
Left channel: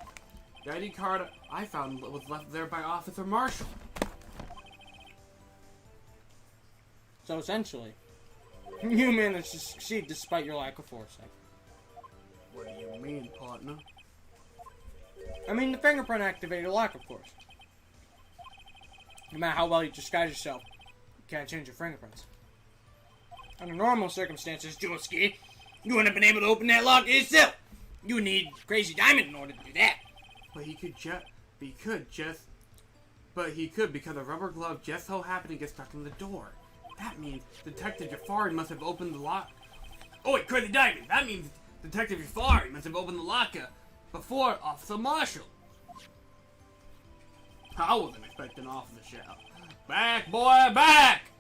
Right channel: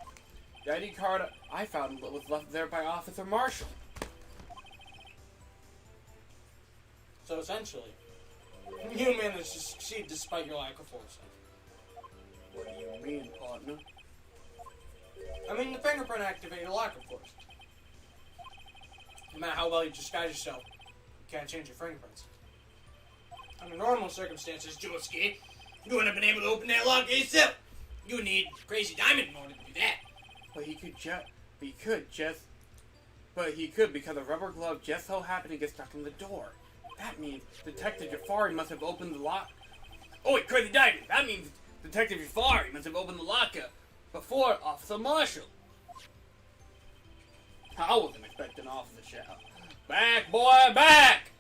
The ID card I found was left there by Officer Marshall. So essentially, you managed to succeed despite your lack of foresight. What do you mean, partner? I mean, the fingerprint activated lock, of course. No matter how well you disguise yourself, you can't change your fingerprints. Under normal circumstances, Josuke, you wouldn't have been able to open that lock yourself. You would need Crazy Diamond in order to do that. But he could because a rubber glove just so happened to get stuck in the door. That means Detective Jafari must have opened the lock. Oh wait, Crazy Diamond! That means Detective Jafari must have opened the locker before Officer Marshall. I wasn't expecting Officer to shout, "Back, boy, back!"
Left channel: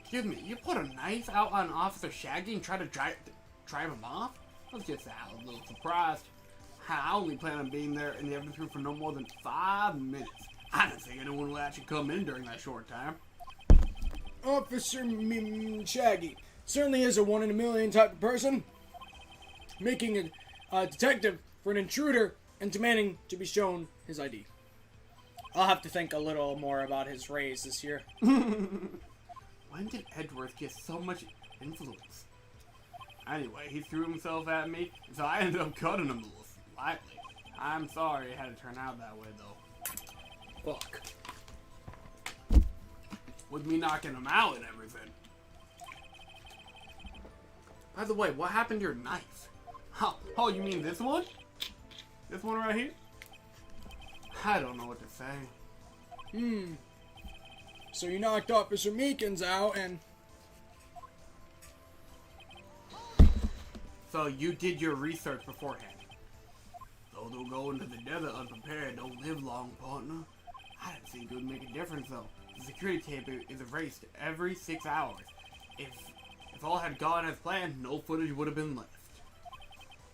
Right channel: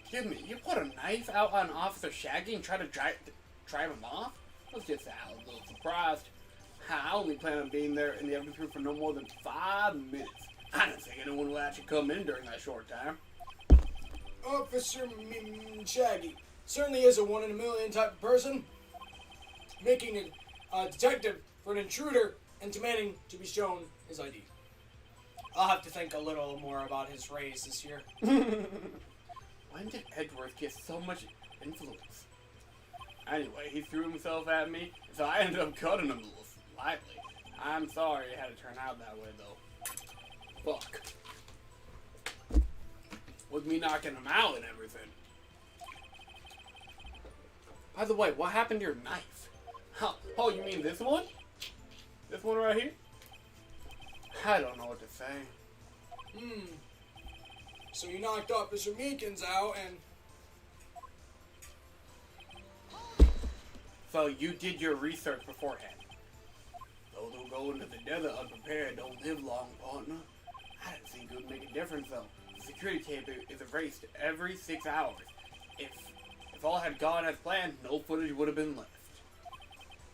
Excuse me, you put a knife out on Officer Shaggy and try to drive him off? I was just a little surprised. I only plan on being there in the evidence room for no more than 5 minutes. I didn't think anyone would actually come in during that short time. Officer Shaggy certainly is a 1 in a million type of person. Making a detective for an intruder and demanding to be shown his ID. I'll have to think a little more about his raise this year. When did Edgeworth get so much influence? Anyway, he threw himself at me, so I ended up cutting him a little slightly. I'm sorry it had to turn out that way, though. Fuck. With me knocking him out and everything. By the way, what happened to your knife? Oh, you mean this one? This one right here? I don't know what to say. So you knocked Officer Meekins out and... So you did your research beforehand. Those who go into the desert unprepared don't live long, partner. I didn't think it would make a difference, though. The security tape is erased every 6 hours. If all had gone as planned, no footage would have been left.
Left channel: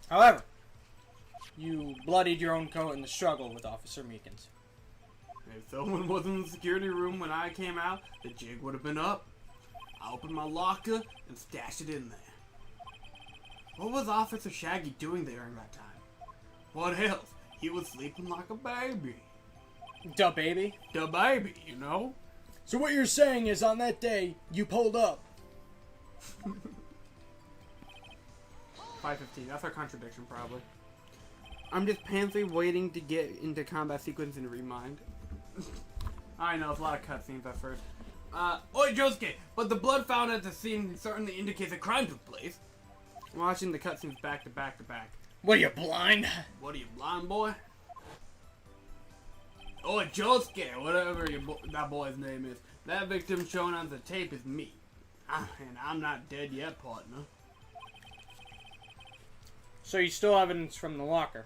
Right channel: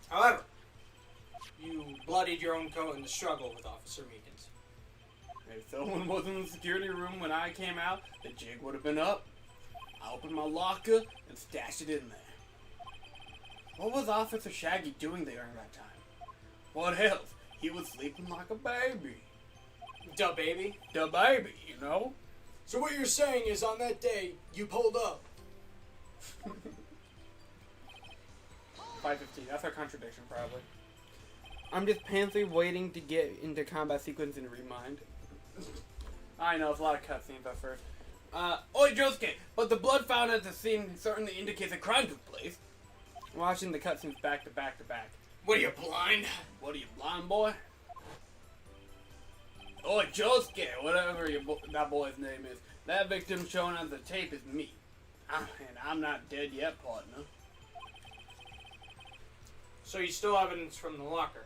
However, you bloodied your own coat in the struggle with Officer Meekins. If someone was in the security room when I came out, the jig would have been up. I opened my locker and stashed it in there. What was Officer Shaggy doing there during that time? What else? He was sleeping like a baby. Duh, baby. The baby, you know? So what you're saying is on that day, you pulled up. 5:15. That's our contradiction, probably. I'm just pantsy waiting to get into combat sequence and remind. I know, it's a lot of cutscenes at first. Oi, Josuke! But the blood found at the scene certainly indicates a crime took place. Watching the cutscenes back to back to back. What, are you blind? What are you, blind boy? Oi, Josuke! Whatever that boy's name is. That victim shown on the tape is me. And I'm not dead yet, partner. So you still have evidence from the locker?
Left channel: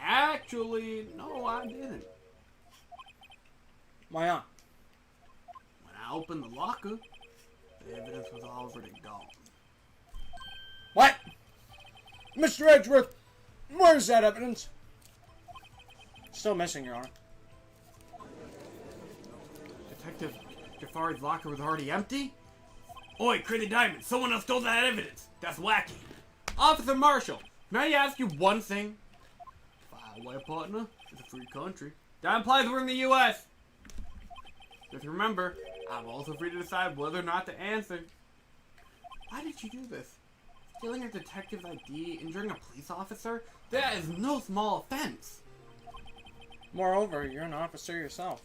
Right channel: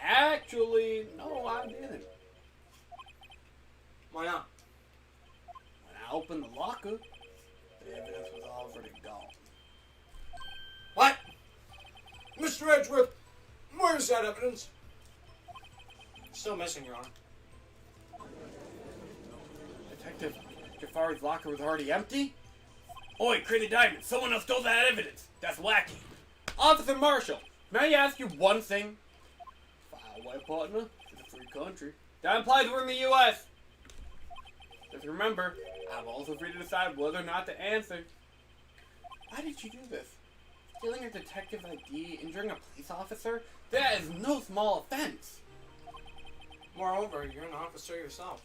Actually, no, I didn't. Why not? When I opened the locker, the evidence was already gone. What? Mr. Edgeworth, where's that evidence? Still missing, Your Honor. Detective Jafari's locker was already empty? Oi, Crazy Diamond, someone else stole that evidence. That's wacky. Officer Marshall, may I ask you one thing? Fire away, partner. It's a free country. That implies we're in the U.S. Just remember, I'm also free to decide whether or not to answer. Why did you do this? Stealing a detective's ID, injuring a police officer? That is no small offense. Moreover, you're an officer yourself.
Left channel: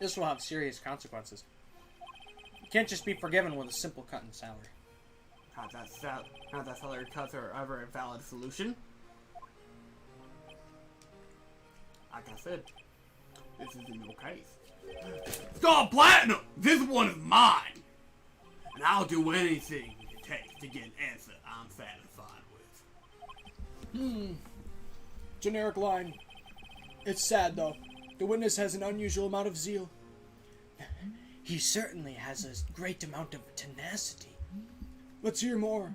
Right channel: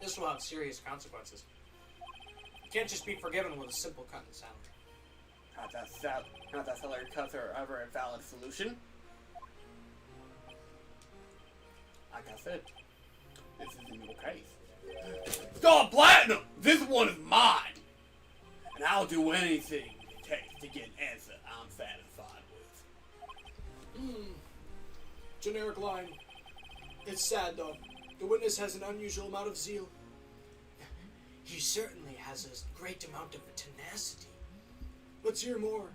This will have serious consequences. You can't just be forgiven with a simple cut in salary. Not that salary cuts are ever a valid solution. Like I said, this isn't your case. Stop Platinum! This one is mine! And I'll do anything it takes to get an answer I'm satisfied with. Generic line. It's sad, though. The witness has an unusual amount of zeal. He certainly has a great amount of tenacity. Let's hear more.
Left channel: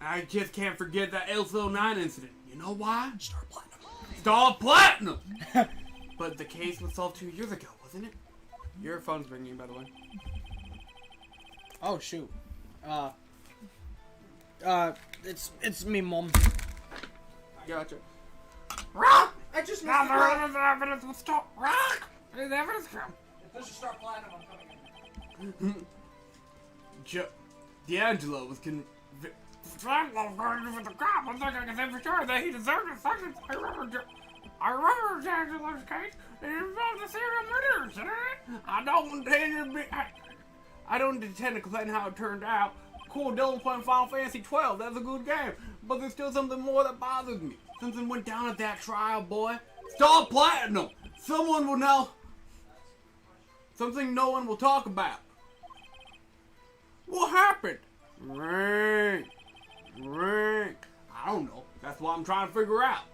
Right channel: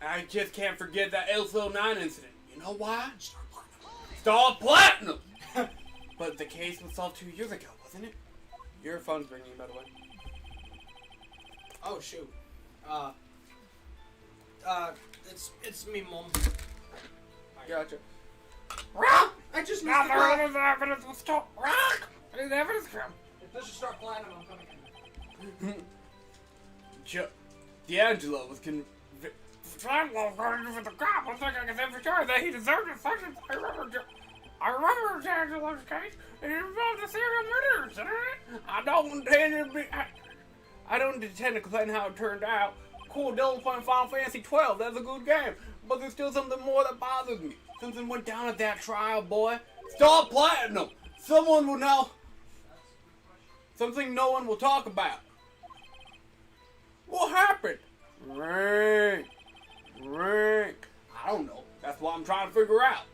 I just can't forget that LCO9 incident. You know why? Star Platinum. Stop Platinum! But the case was solved 2 years ago, wasn't it? Your phone's ringing, by the way. Oh shoot. It's me, Mom. Gotcha. I just Now missed there is evidence will stop. Where did the evidence come? If this is Star Platinum, I'm coming in. D'Angelo was convicted. With the cop. I'm thinking I can say for sure that he deserved a sentence. I remember D'Angelo's case. It involved a serial murder incident. I don't intend to complain how it turned out. Cool, Dylan's playing Final Fantasy 12. That's a good game. But there's still something more that bothers me. Something went down at that trial, boy. Stop Platinum! Someone will know. Something no one will talk about. What happened? Rank. I don't know. That's what I'm trying to figure out.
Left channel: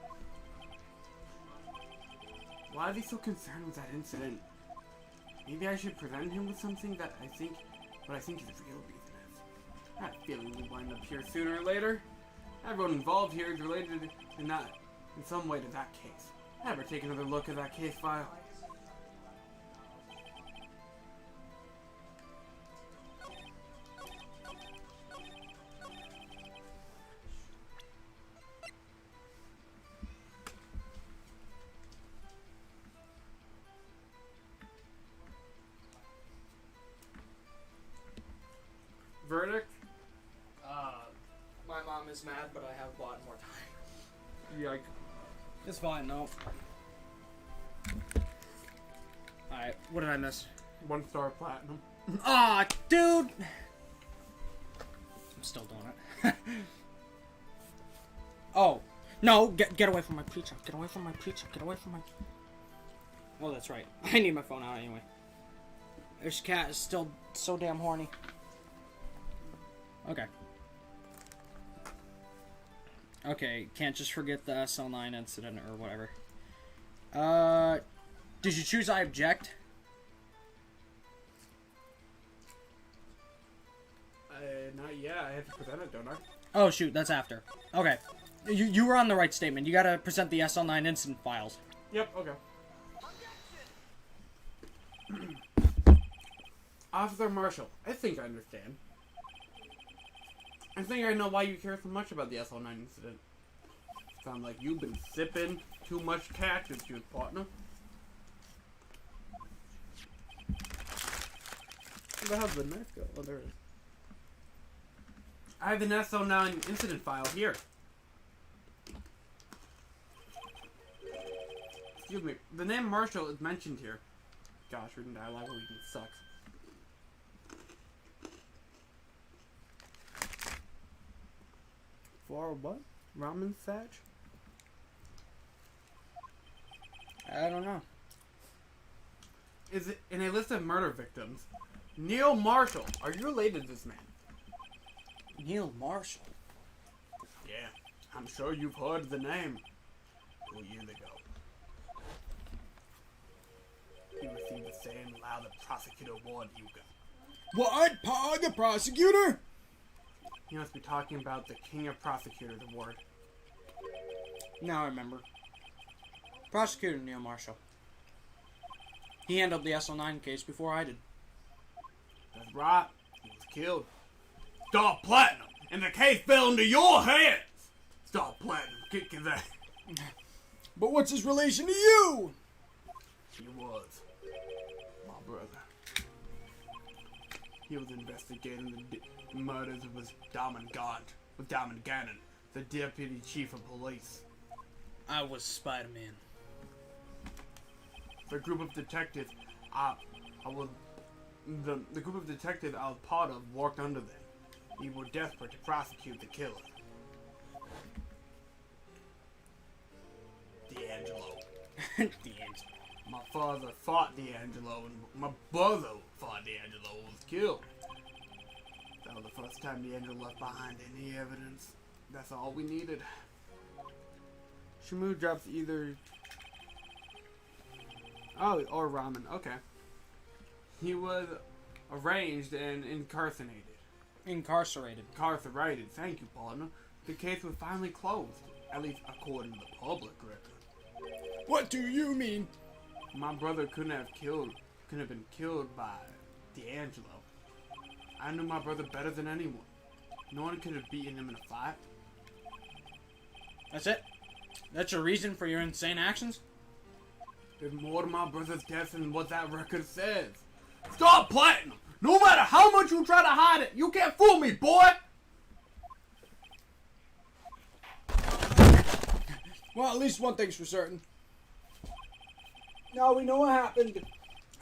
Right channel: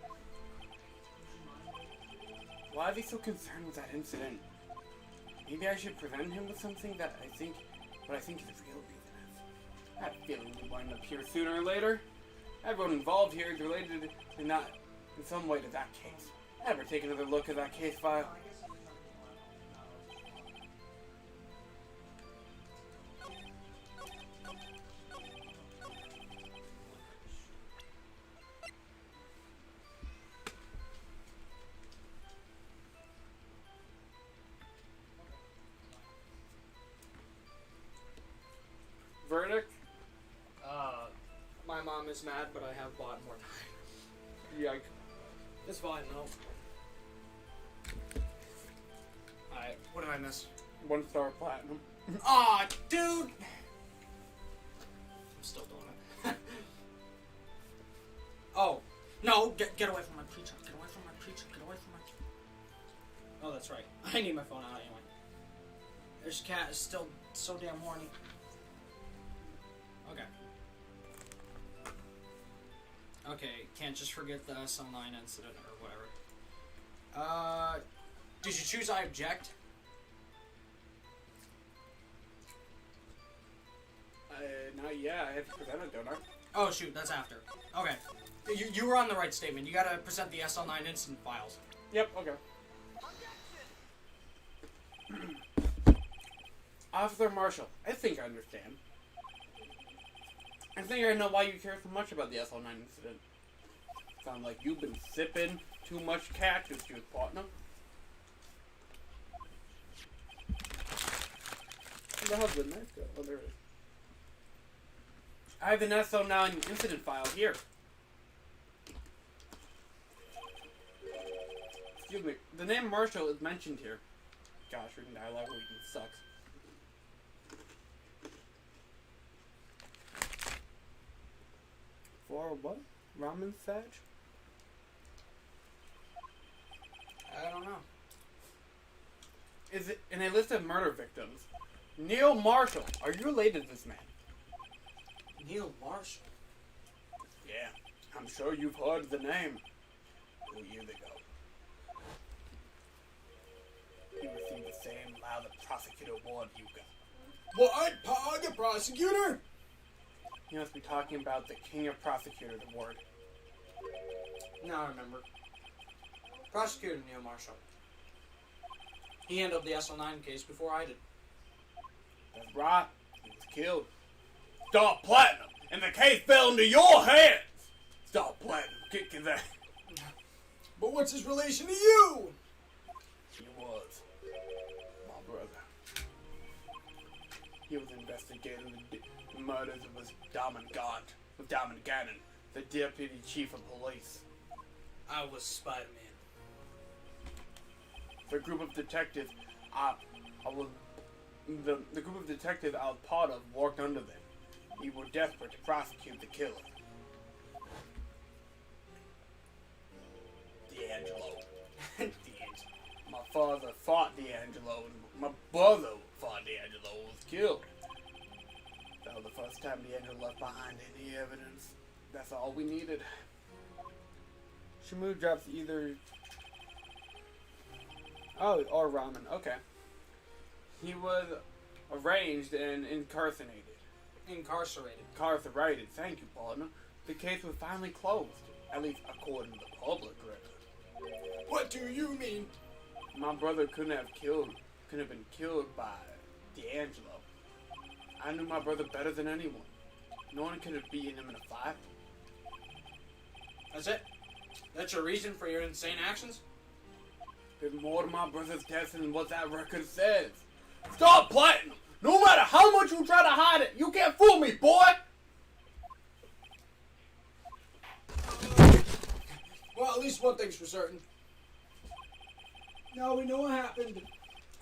Why is he so concerned with that incident? Maybe I should present him with something that I think his real reason is. I have a feeling we'll wind up here sooner or later. Everyone involved here is related in some way to that case. Ever take another look at that case file? Verdict? My mom is mad, but I have bought more time. Yikes. It's fine, no. Alright, what did I miss? 1 star platinum. Aw, dude! I'm still doing it. Oh, no, get away from my pizza. Get away from my pizza. Get away from my pizza. Oh, that's right. I need my phone out anyway. This cat is still so damn horny. Okay. Okay, can't just forget the SL9 incident or whatever. Did you choose I object? Not yet. I have to present it, don't I? Oh shoot, that's after. Okay. You were on the right statement. You gotta present the SL9 incident files. Yep, okay. Officer Marshall, I think I understand. I think I know why you care so much about the SL9 incident. Sounds like you've been sipping too much cactus juice, partner. Where the hell's the knife go? Oh, there it is. I have an SL9 incident file here. Excuse me. The name Marshall is mentioned here. Gosh, reading dialogue sucks. For what? Ramen Satch? I don't know. Is it in a list of murder victims? Neil Marshall. Are you related to this man? Neil Marshall? Yeah. I'm sure you've heard the name. 2 years ago. He received the same loud prosecutor award you got. What? Pog, a prosecutor? You must be talking about the King of Prosecutors Award. Now I remember. Prosecutor Neil Marshall. He handled the SL9 case before I did. That's right. He was killed. Star Platinum, and the case fell into your hands. Star Platinum, kick his ass. But what's his relation to you? He was my brother. He was investigating the murders of Diamond Gannon, the deputy chief of police. I was Spider-Man. The group of detectives the group of detectives I was part of worked under them. We were desperate to prosecute the killer. D'Angelo. My father fought D'Angelo, and my brother fought D'Angelo and was killed. That was the first time D'Angelo left behind any evidence. That's all we needed. Shamu drops either... Oh, or ramen. Okay. He was arraigned and incarcerated. Incarcerated. Thank you, partner. The case was finally closed, at least according to the public record. What do you mean? My brother couldn't have been killed by D'Angelo. I knew my brother better than anyone. No one could have beaten him in a fight. That's it? That's your reason for your insane actions? There's more to my brother's death than what that record says. Stop Platinum! No matter how much you try to hide it, you can't fool me, boy! Well, at least one thing's for certain. Now we know what happened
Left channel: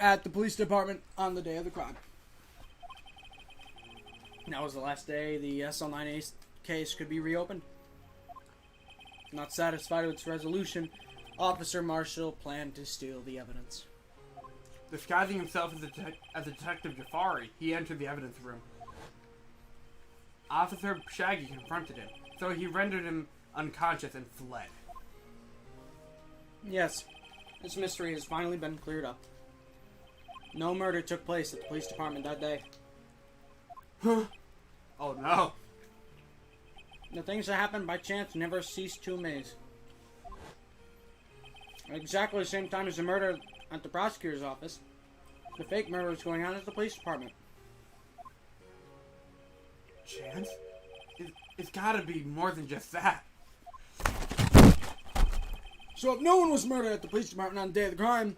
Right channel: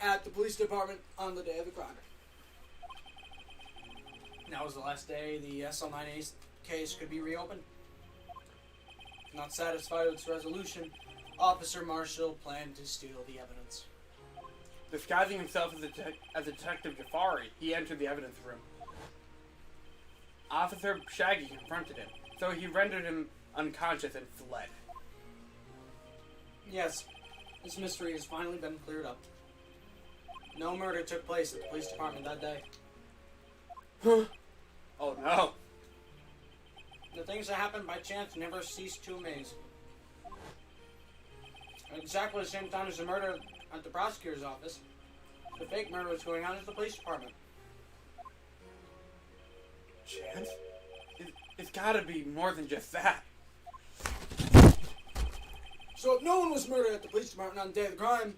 at the police department on the day of the crime. That was the last day the SL9 Ace case could be reopened. Not satisfied with its resolution, Officer Marshall planned to steal the evidence. Disguising himself as Detective Jafari, he entered the evidence room. Officer Shaggy confronted him, so he rendered him unconscious and fled. Yes, this mystery has finally been cleared up. No murder took place at the police department that day. Huh? Oh no. The things that happen by chance never cease to amaze. At exactly the same time as the murder at the prosecutor's office, the fake murder was going on at the police department. Chance? It's gotta be more than just that. So if no one was murdered at the police department on the day of the crime,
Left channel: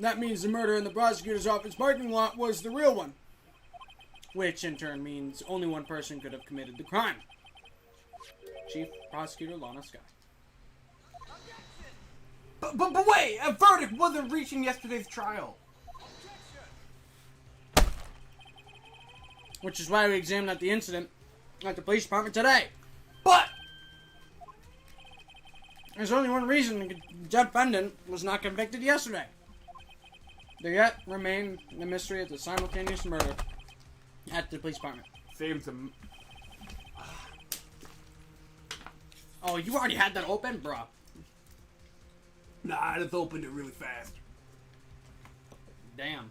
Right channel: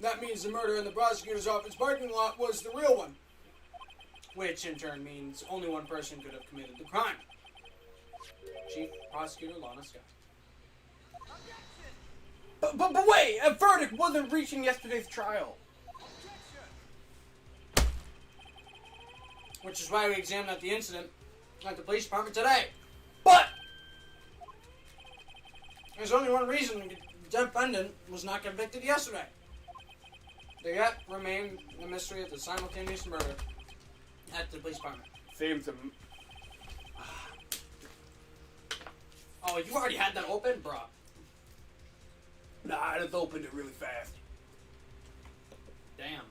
that means the murder in the prosecutor's office parking lot was the real one. Which in turn means only one person could have committed the crime. Chief Prosecutor Lana Scott. But wait! A verdict wasn't reached in yesterday's trial. Which is why we examined the incident at the police department today. But! There's only one reason the defendant was not convicted yesterday. There yet remained the mystery of the simultaneous murder at the police department. Seems Oh, you already had that open, bro. Nah, I just opened it really fast. Damn.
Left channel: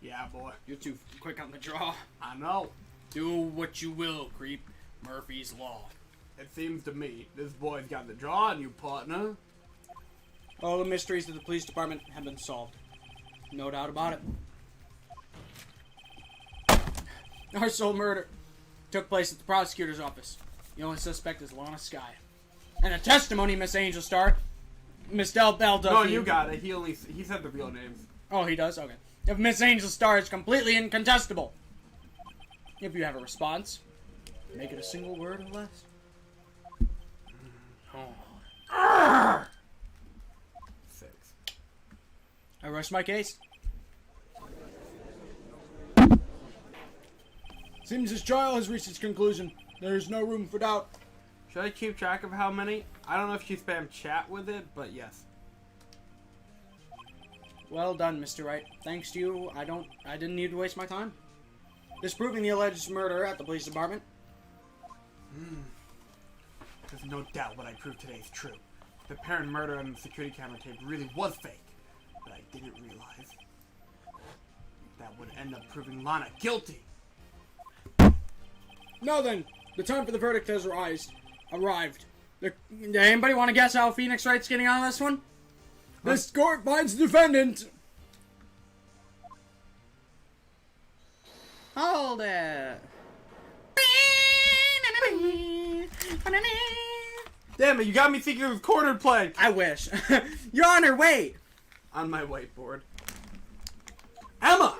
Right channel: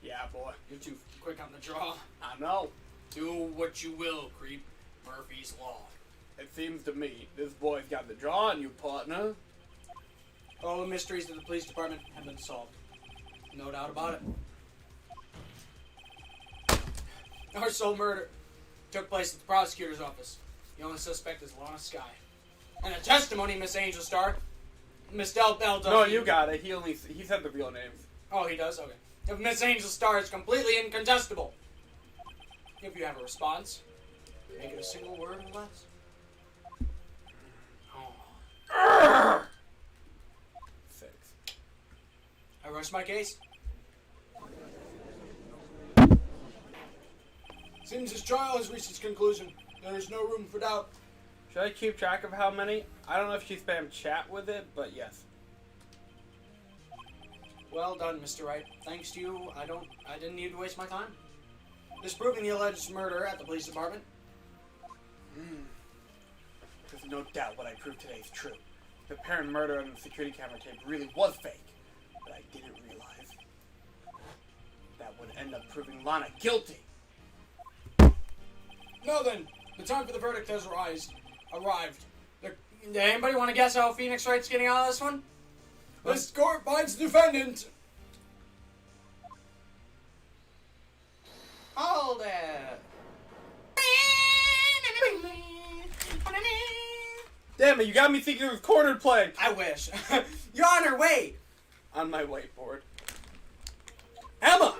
Yeah, boy. You're too quick on the draw. I know. Do what you will, creep. Murphy's Law. It seems to me this boy's got the draw on you, partner. All the mysteries of the police department have been solved. No doubt about it. Our sole murder took place at the prosecutor's office. The only suspect is Lana Sky. And a testimony, Miss Angel Star. Miss Del Bell does. No, you got it. He said the real names. Oh, he does? Okay. If Miss Angel Star is completely incontestable. If you have a response, make it a single word or less. Oh. 6. I rest my case. Seems this trial has reached its conclusion. There is no room for doubt. Should I keep track of how many? I don't know if she spammed chat with it, but yes. Well done, Mr. Wright. Thanks to you, I didn't need to waste my time. Disproving the alleged murder at the police department. There's no doubt what I proved today is true. The apparent murder on the security camera tape really was fake. But I didn't realize that would end up proving Lana guilty. Now then, the time for the verdict has arrived. Does anybody want to guess how Phoenix Wright's getting out of this one? This court finds the defendant. Hold it. Damn it, you got me thinking it was cornered play. I wish. Your Honor, wait. On my whiteboard. Emma!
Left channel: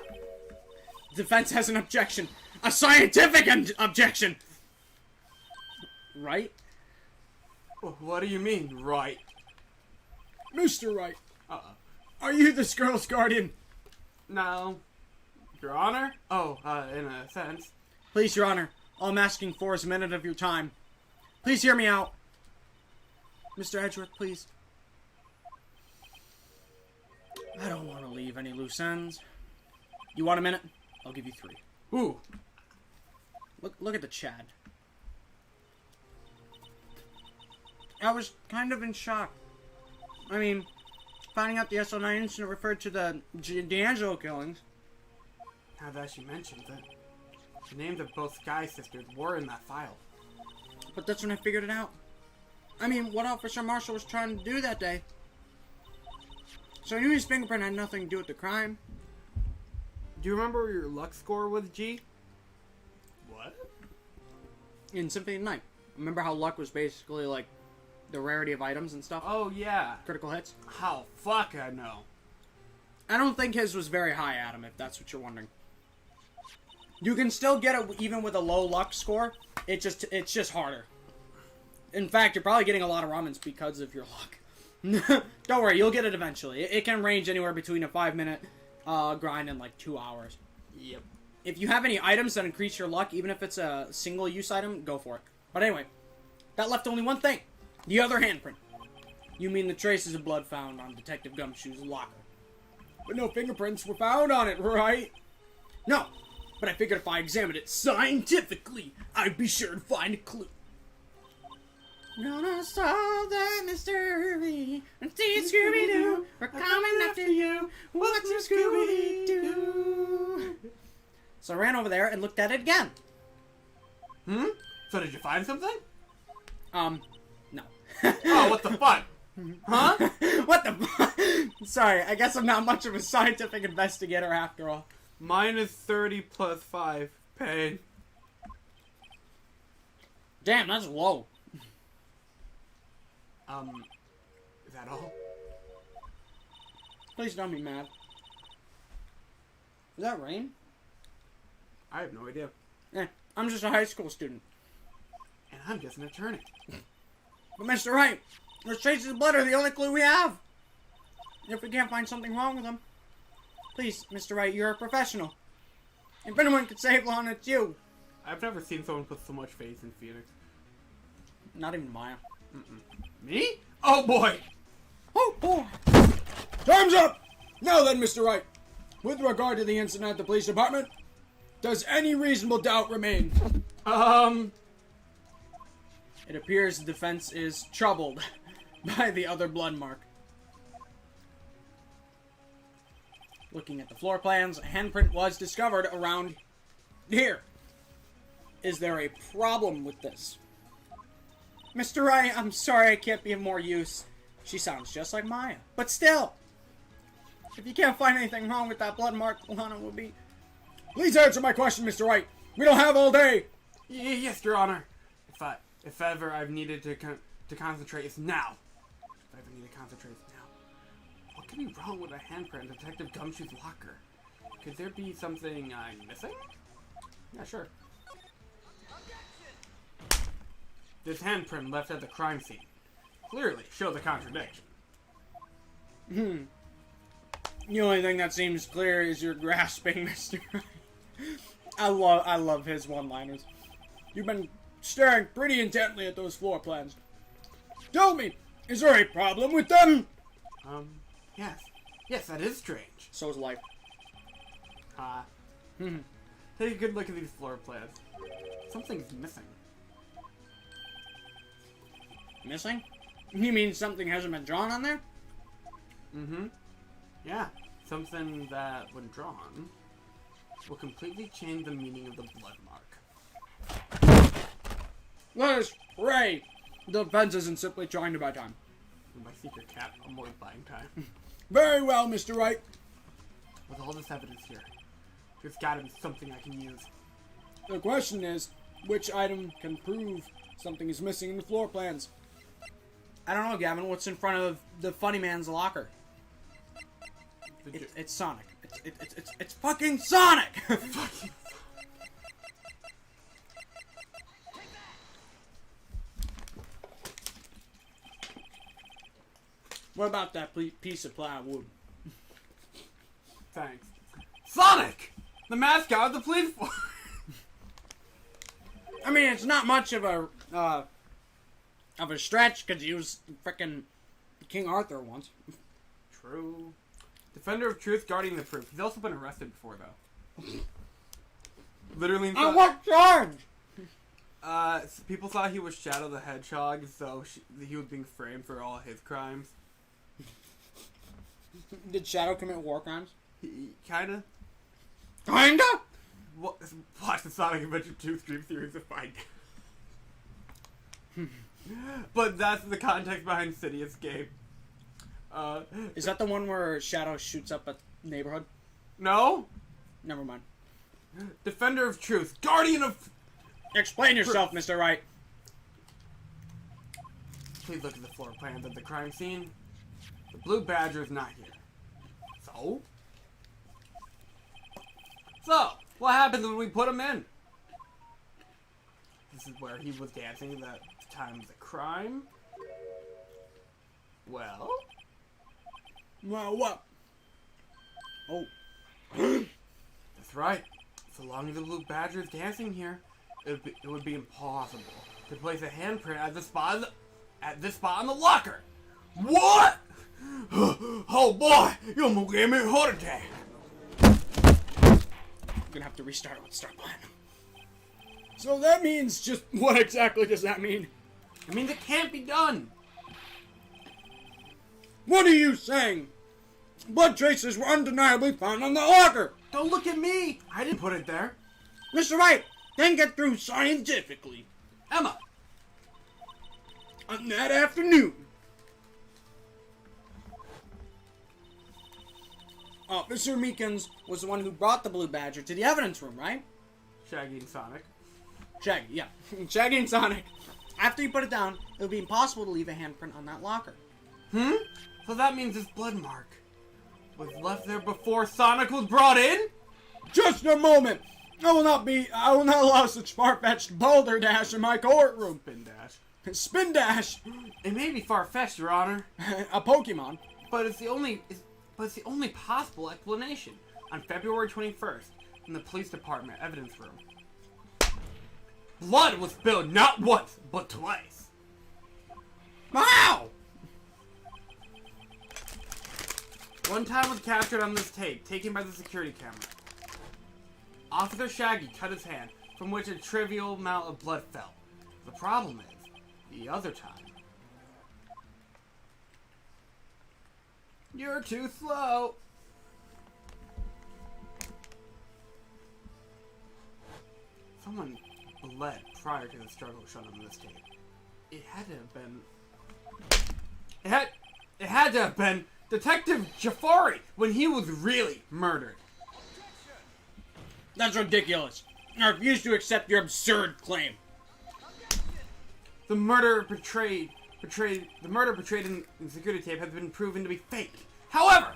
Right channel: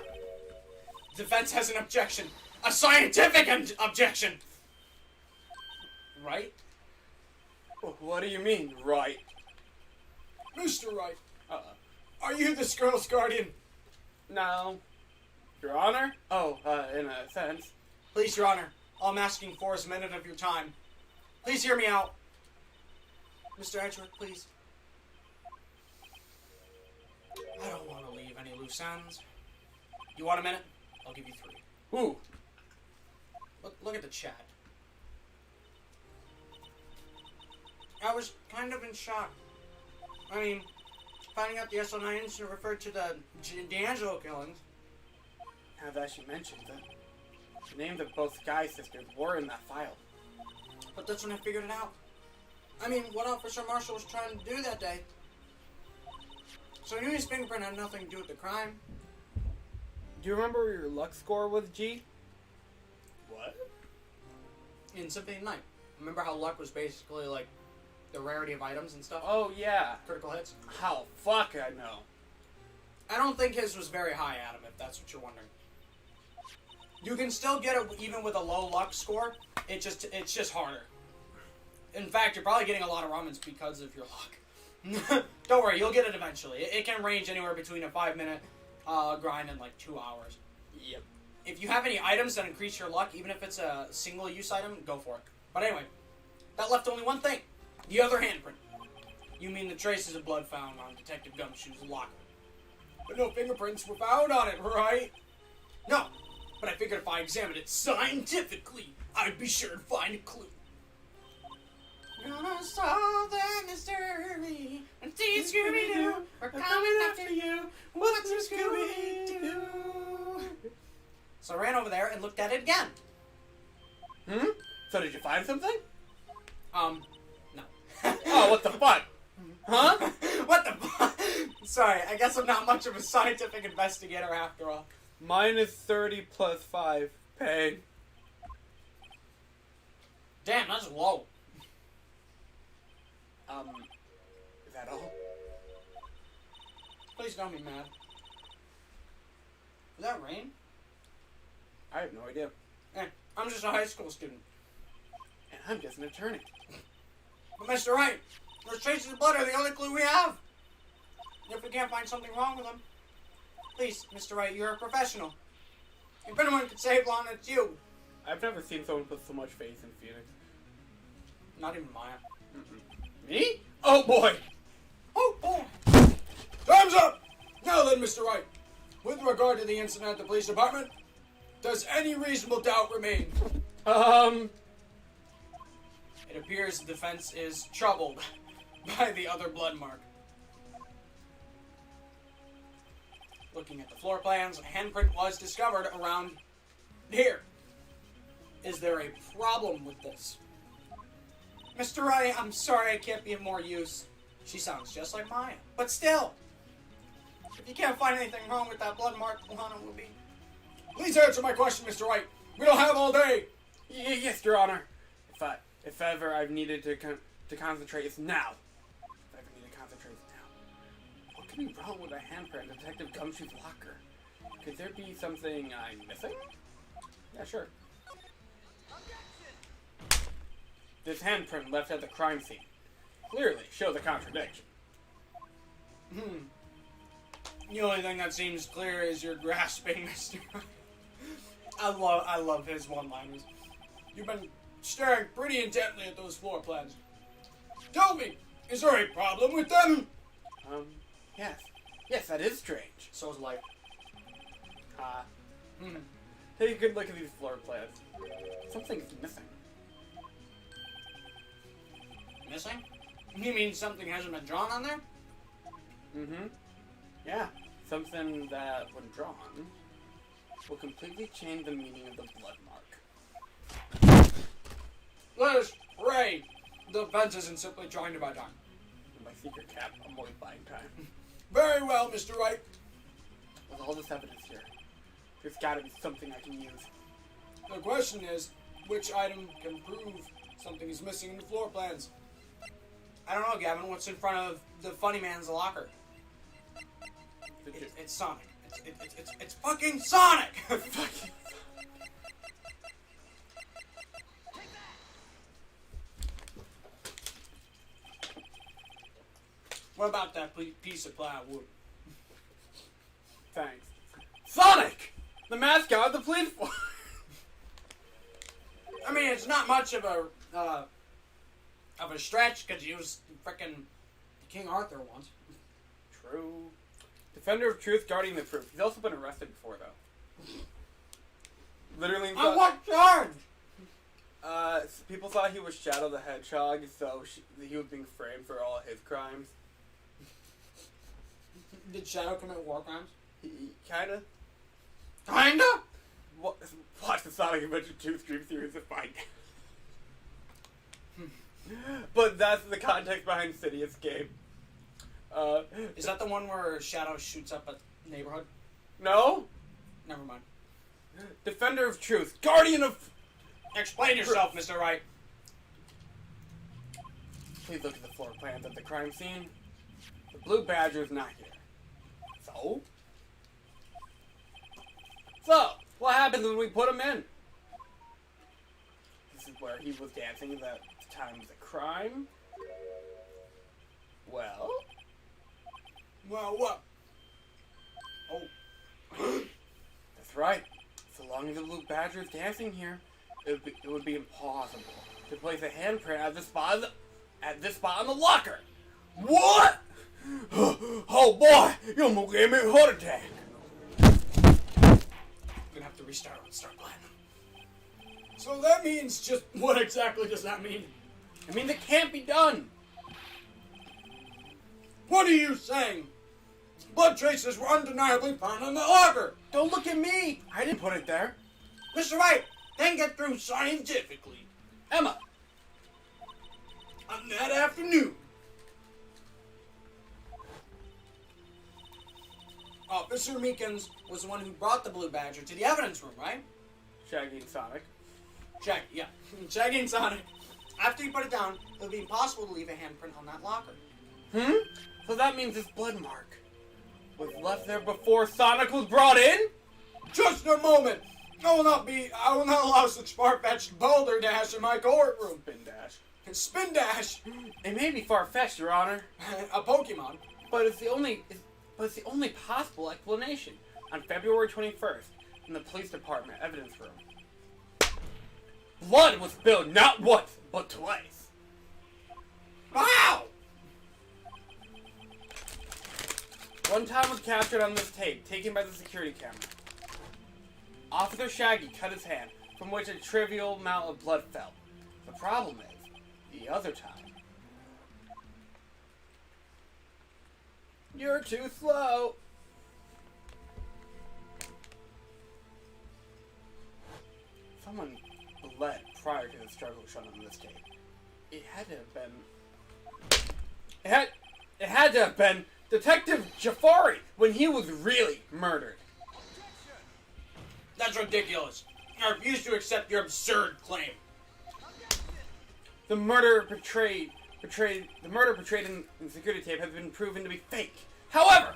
Defense has an objection. A scientific objection. Right? What do you mean, right? Mr. Wright, Uh-oh. are you this girl's guardian? No. Your Honor? Oh, in a sense. Please, Your Honor. All I'm asking for is a minute of your time. Please hear me out. Mr. Edgeworth, please. I don't want to leave any loose ends. You want a minute? I'll give you 3. Ooh. Look at the Chad. I was kind of in shock. I mean, finding out the SO9 incident referred to the D'Angelo killings. Now that she mentions it, the names of both Sky sisters were in that file. But that's when I figured it out. I mean, what Officer Marshall was trying to do that day. So I knew his fingerprint had nothing to do with the crime. Do you remember your luck score was, G? What? In Symphony of the Night. Remember how luck was basically like the rarity of items and stuff? Oh, yeah. Critical hits? How fuck I know. I don't think his was very high, Adam, if that's what you're wondering. You can still get it even with a low luck score. It's just harder. In fact, you're probably getting a lot of rumins because of your luck. Don't worry, you'll get it eventually. It can range anywhere between a 5-minute grind and like 2 hours. Yep. If you have any items that increase your luck, even if it's a single-use item, go for it. But anyway, that left only one thing. The other handprint. You mean the traces of blood found on Detective Gumshoe's locker. But no fingerprints were found on it, right? No, but I figured if I examined it scientifically, I'd be sure to find a clue. Gonna solve the mystery and see Scooby-Doo. We're coming after you. What's a Scooby-Doo? So I ran over there and looked at it again. So did you find something? No. Oh, what the fuck? Huh? What the fuck? Sorry, I guess I'm not much of a scientific investigator after all. Minus 30 plus 5. Pain. Damn, that's low. Is that all? Please don't be mad. Is that rain? I have no idea. Yeah, I'm just a high school student. And I'm just an attorney. But Mr. Wright, those traces of blood are the only clue we have. If we can't find something wrong with them, please, Mr. Wright, you're a professional. If anyone could save Lana, it's you. I've never seen someone put so much faith in Phoenix. Not even Maya. Me? Oh boy! Oh, boy. Time's up! Now then, Mr. Wright, with regard to the incident at the police department, does any reasonable doubt remain? It appears the defense is troubled by the other blood mark. Looking at the floor plans, a handprint was discovered around here. Is there a problem with this? Mr. Wright, I'm sorry I can't be of more use. She sounds just like Maya. But still, if you can't find anything wrong with that blood mark, Lana will be... Please answer my question, Mr. Wright. We don't have all day. Yes, Your Honor. If ever I've needed to concentrate, it's now. If I ever need to concentrate, it's now. What could be wrong with a handprint in Detective Gumshoe's locker? Could there be something I'm missing? Yeah, sure. This handprint left at the crime scene clearly shows a contradiction. The only thing that seems clear is your grasping, Mr. Wright. I love his one-liners. You've been staring pretty intently at those floor plans. Tell me, is there a problem with them? Yes. Yes, that is strange. So is life. Take a good look at these floor plans. Something's missing. Missing? You mean something hasn't been drawn on there? Yeah. Something that, when drawn, will completely change the meaning of the blood mark. Let us pray the defense isn't simply trying to buy time. My secret cap, I'm always buying time. Very well, Mr. Wright. With all this evidence here, there's gotta be something I can use. The question is, which item can prove something is missing in the floor plans? I don't know, Gavin. What's in front of the funny man's locker? It's Sonic. It's fucking Sonic! Fucking. What about that piece of plywood? Thanks. Sonic! The mascot of the police force! I mean, it's not much of a stretch because he was frickin' King Arthur once. True. Defender of truth, guardian of truth. He's also been arrested before, though. Literally. On what charge? People thought he was Shadow the Hedgehog, so he was being framed for all his crimes. Did Shadow commit war crimes? He kinda. Kinda? Watch the Sonic Adventure 2 stream series to find out. But that's the context behind City Escape. Is that the one where Shadow shoots up a neighborhood? No? Never mind. Defender of truth, guardian of... Explain yourself, Mr. Wright. Please look at the floor plans of the crime scene. The blue badger is not here. So, what happens when we put him in? This is where he was dancing at the time of the crime. Well? Well, what? Oh. That's right. So long as the blue badger is dancing here, it would be impossible to place a handprint at this spot on the locker. What? Oh boy, you almost gave me a heart attack. Gonna have to restart. Let's start playing. So that means just what exactly does that mean? It means it can't be done. What are you saying? Blood traces were undeniably found on the locker. Don't look at me. I didn't put it there. Mr. Wright, then get through scientifically. Emma. On that afternoon, Officer Meekins was the one who brought the blue badger to the evidence room, right? Shaggy and Sonic. Shaggy, yeah. Shaggy and Sonic. After you put it down, it would be impossible to leave a handprint on that locker. So that means this blood mark was left there before Sonic was brought in? just a moment. I will not allow such far-fetched boulder dash in my courtroom. Spin dash. Spin dash. It may be far-fetched, Your Honor, A Pokemon. but it's the only possible explanation. On February 21st, in the police department evidence room, blood was spilled not once, but twice. Wow! One time was captured on this tape, taken by the security camera. Officer Shaggy cut his hand, from which a trivial amount of blood fell. The problem is, the other time... You're too slow! Someone bled prior to the struggle shown on this tape. It had to have been... It had to have been Detective Jafari when he was really murdered. That's ridiculous. I refuse to accept your absurd claim. The murder portrayed in the security tape has been proven to be fake. However,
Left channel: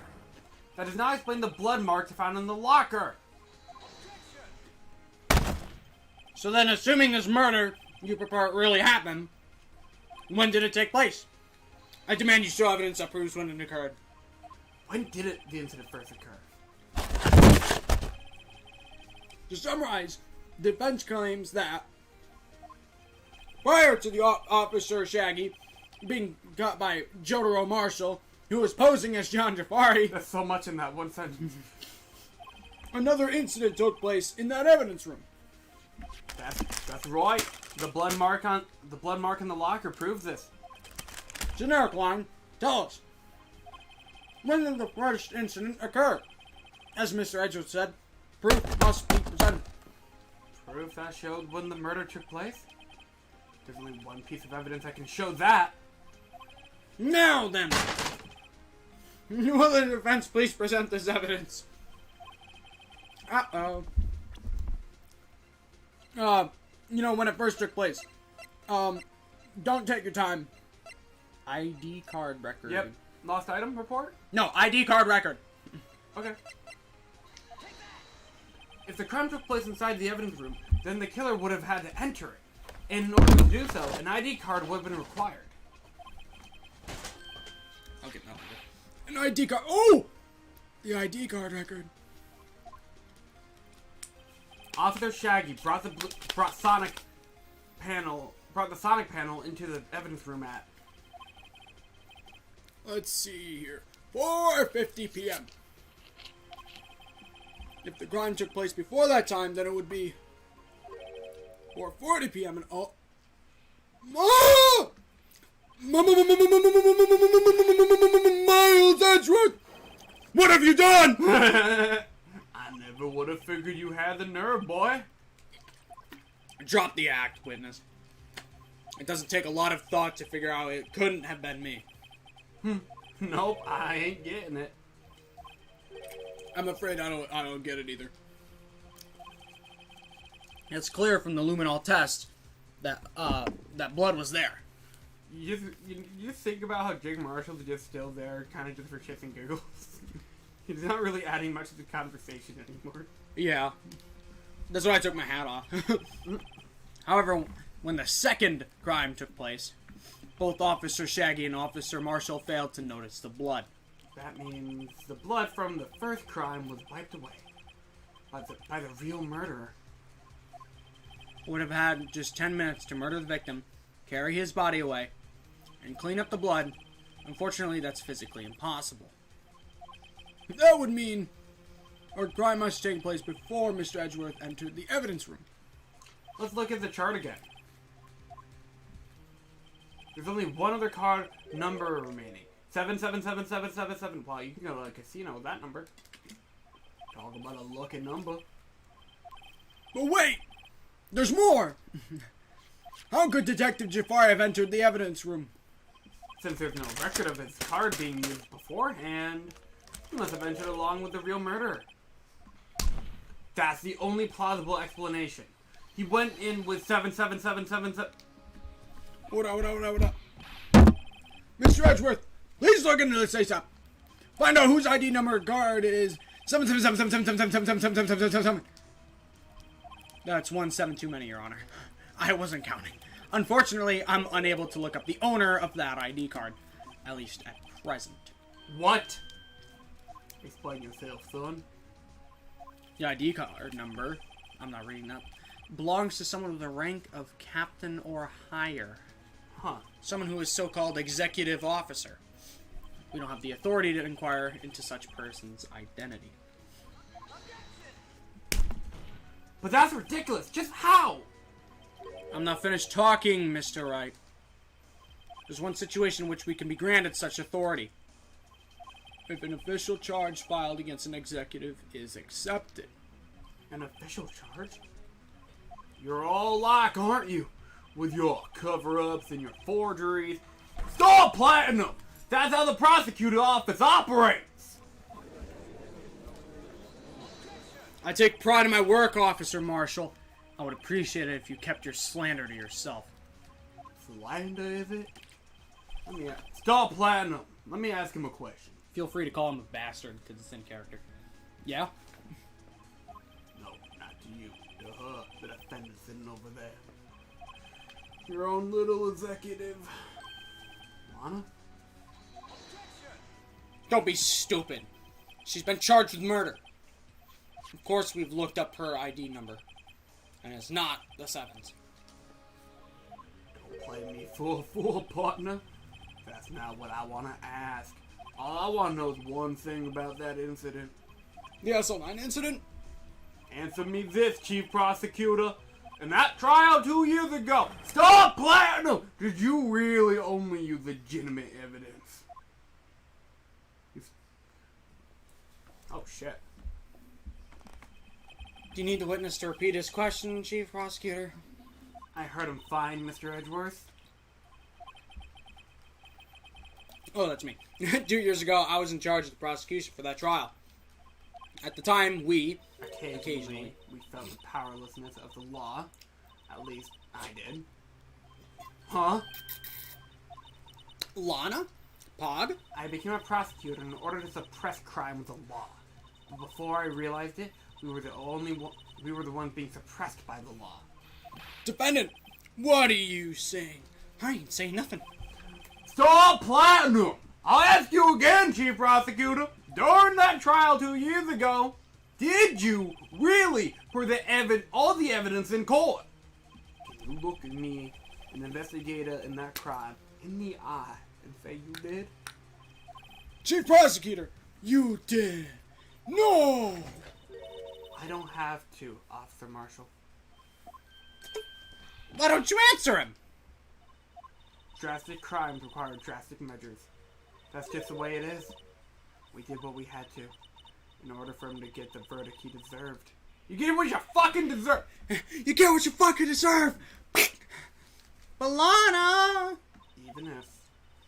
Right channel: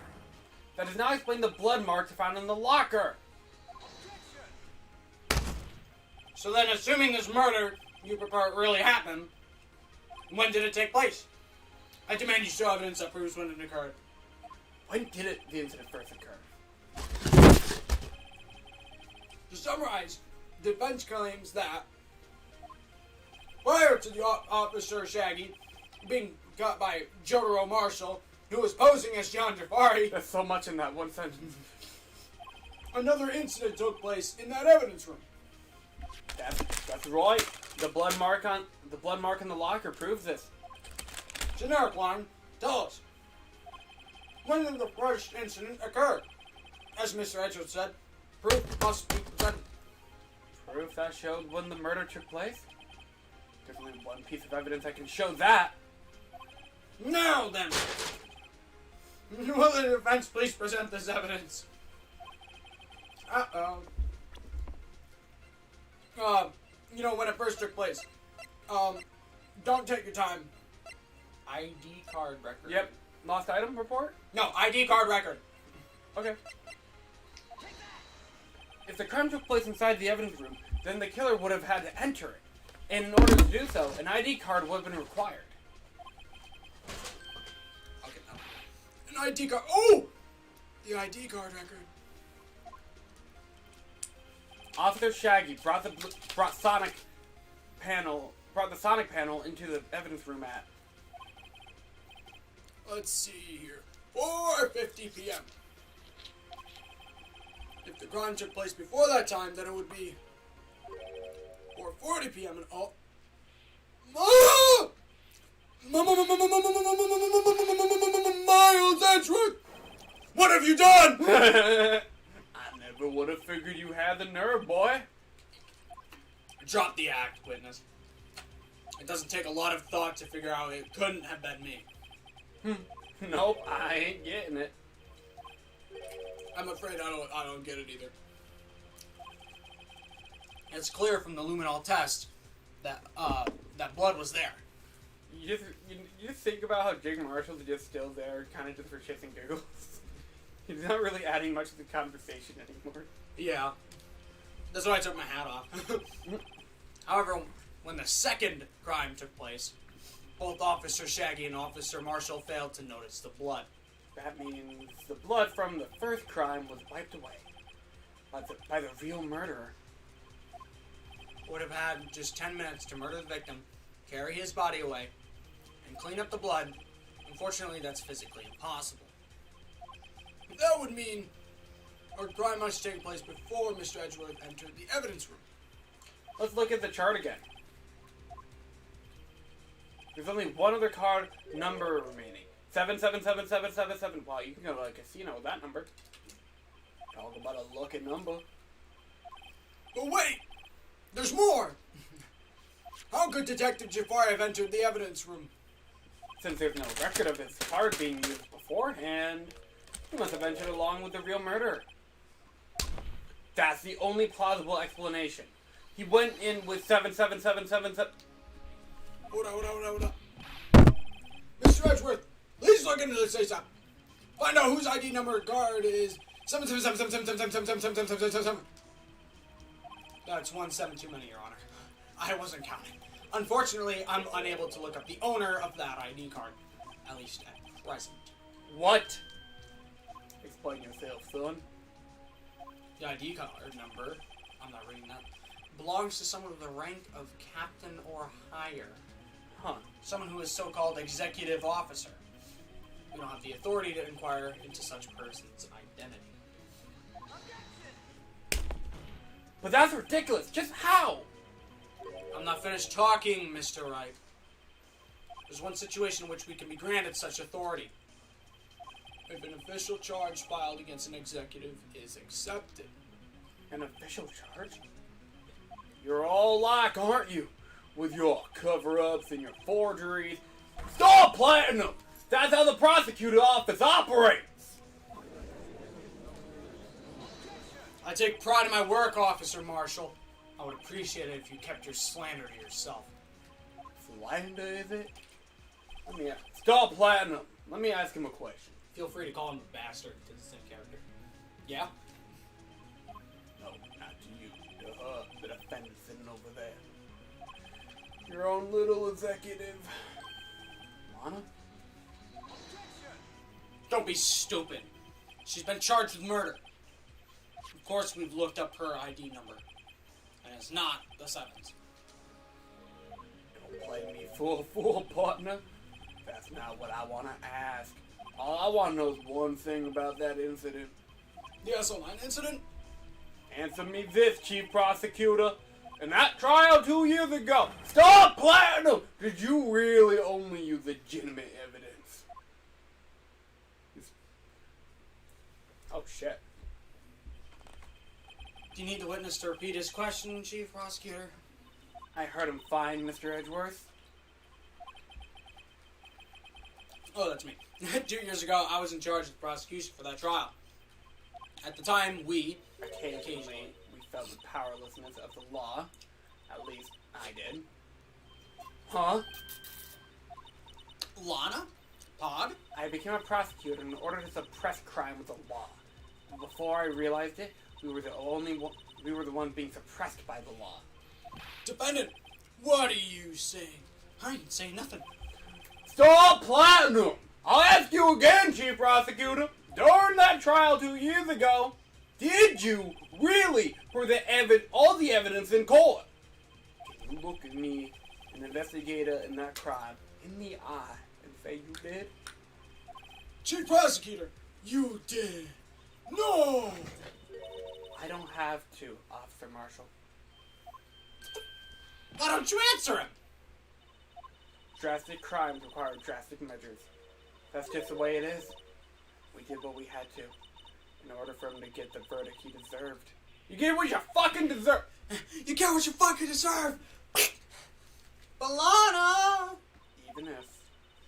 that does not explain the blood marks found in the locker. So then, assuming this murder you purport really happened, when did it take place? I demand you show evidence that proves when it occurred. When did the incident first occur? To summarize, defense claims that prior to the Officer Shaggy being got by Jotaro Marshall, who was posing as John Jafari, That's so much in that one sentence. another incident took place in that evidence room. That's right. The blood mark in the locker proves this. Generic line, tell us. When did the first incident occur? As Mr. Edgeworth said, Proof must be presented. Proof that showed when the murder took place? There's only one piece of evidence that can show that. Now then, will the defense please present this evidence? Uh-oh. When it first took place. Don't take your time. ID card record. Yep. Lost item report? No, ID card record. Okay. If the crime took place inside the evidence room, then the killer would have had to enter it. And in order to do so, an ID card would have been required. I'll get that. An ID card. Oh! The ID card record. Officer Shaggy brought the Sonic panel into the evidence room at. Let's see here. 4:50 p.m. If the crime took place before that time, then it would be 4:40 p.m. and oh, Miles Edgeworth, what have you done? I never would have figured you had the nerve, boy. Drop the act, witness. It doesn't take a lot of thought to figure out it couldn't have been me. Nope, I ain't getting it. I'm afraid I don't get it either. It's clear from the luminol test that that blood was there. You just think about how G-Meister's just still there, kind of just for shits and giggles. He's not really adding much to the conversation anymore. Yeah. That's why I took my hat off. However, when the second crime took place, both Officer Shaggy and Officer Marshall failed to notice the blood. That means the blood from the first crime was wiped away by the real murderer. Would have had just 10 minutes to murder the victim, carry his body away, and clean up the blood. Unfortunately, that's physically impossible. That would mean our crime must take place before Mr. Edgeworth entered the evidence room. Let's look at the chart again. There's only one other card number remaining. 777777. Wow, you can go to a casino with that number. Talk about a lucky number. But wait! There's more! How could Detective Jafari have entered the evidence room? Since there's no record of his card being used beforehand, he must have entered along with the real murderer. That's the only plausible explanation. He went in with 77777. Hold on. Mr. Edgeworth, please look into this ASAP. Find out whose ID number guard is 77777777777. That's 17 too many, Your Honor. I wasn't counting. Unfortunately, I'm unable to look up the owner of that ID card, at least at present. What? Explain yourself, son. The ID card number, I'm not reading that, belongs to someone with the rank of captain or higher. Huh. Someone who is so-called executive officer. We don't have the authority to inquire into such person's identity. But that's ridiculous. Just how? I'm not finished talking, Mr. Wright. There's one situation in which we can be granted such authority. If an official charge filed against an executive is accepted. An official charge? You're all like, aren't you? With your cover-ups and your forgeries. Stop Platinum! That's how the prosecutor office operates! I take pride in my work, Officer Marshall. I would appreciate it if you kept your slander to yourself. Slander, is it? Stop Platinum! Let me ask him a question. Feel free to call him a bastard to the same character. Yeah? No, not to you. The defendant sitting over there. Your own little executive. Lana? Don't be stupid. She's been charged with murder. Of course, we've looked up her ID number. And it's not the 7th. Don't play me for a fool, partner. That's not what I want to ask. All I want to know is one thing about that incident. The SO9 incident? Answer me this, Chief Prosecutor. In that trial 2 years ago, Star Platinum, did you really only use legitimate evidence? Oh, shit. Do you need the witness to repeat his question, Chief Prosecutor? I heard him fine, Mr. Edgeworth. Oh, that's me. 2 years ago, I was in charge of the prosecution for that trial. At the time, Occasionally, we felt the powerlessness of the law. At least, I did. Huh? Lana? Pog? I became a prosecutor in order to suppress crime with the law. But before I realized it, we were the ones being suppressed by the law. Defendant, what are you saying? I ain't saying nothing. Stop Platinum! I'll ask you again, Chief Prosecutor. During that trial 2 years ago, did you really put all the evidence in court? Can you look at me, an investigator in that crime, in the eye and say you did? Chief Prosecutor, you did. No! I don't have to, Officer Marshall. Why don't you answer him? Drastic crimes require drastic measures. That's just the way it is. We did what we had to, in order for him to get the verdict he deserved. You get what you fucking deserve! You get what you fucking deserve! Balana! Even if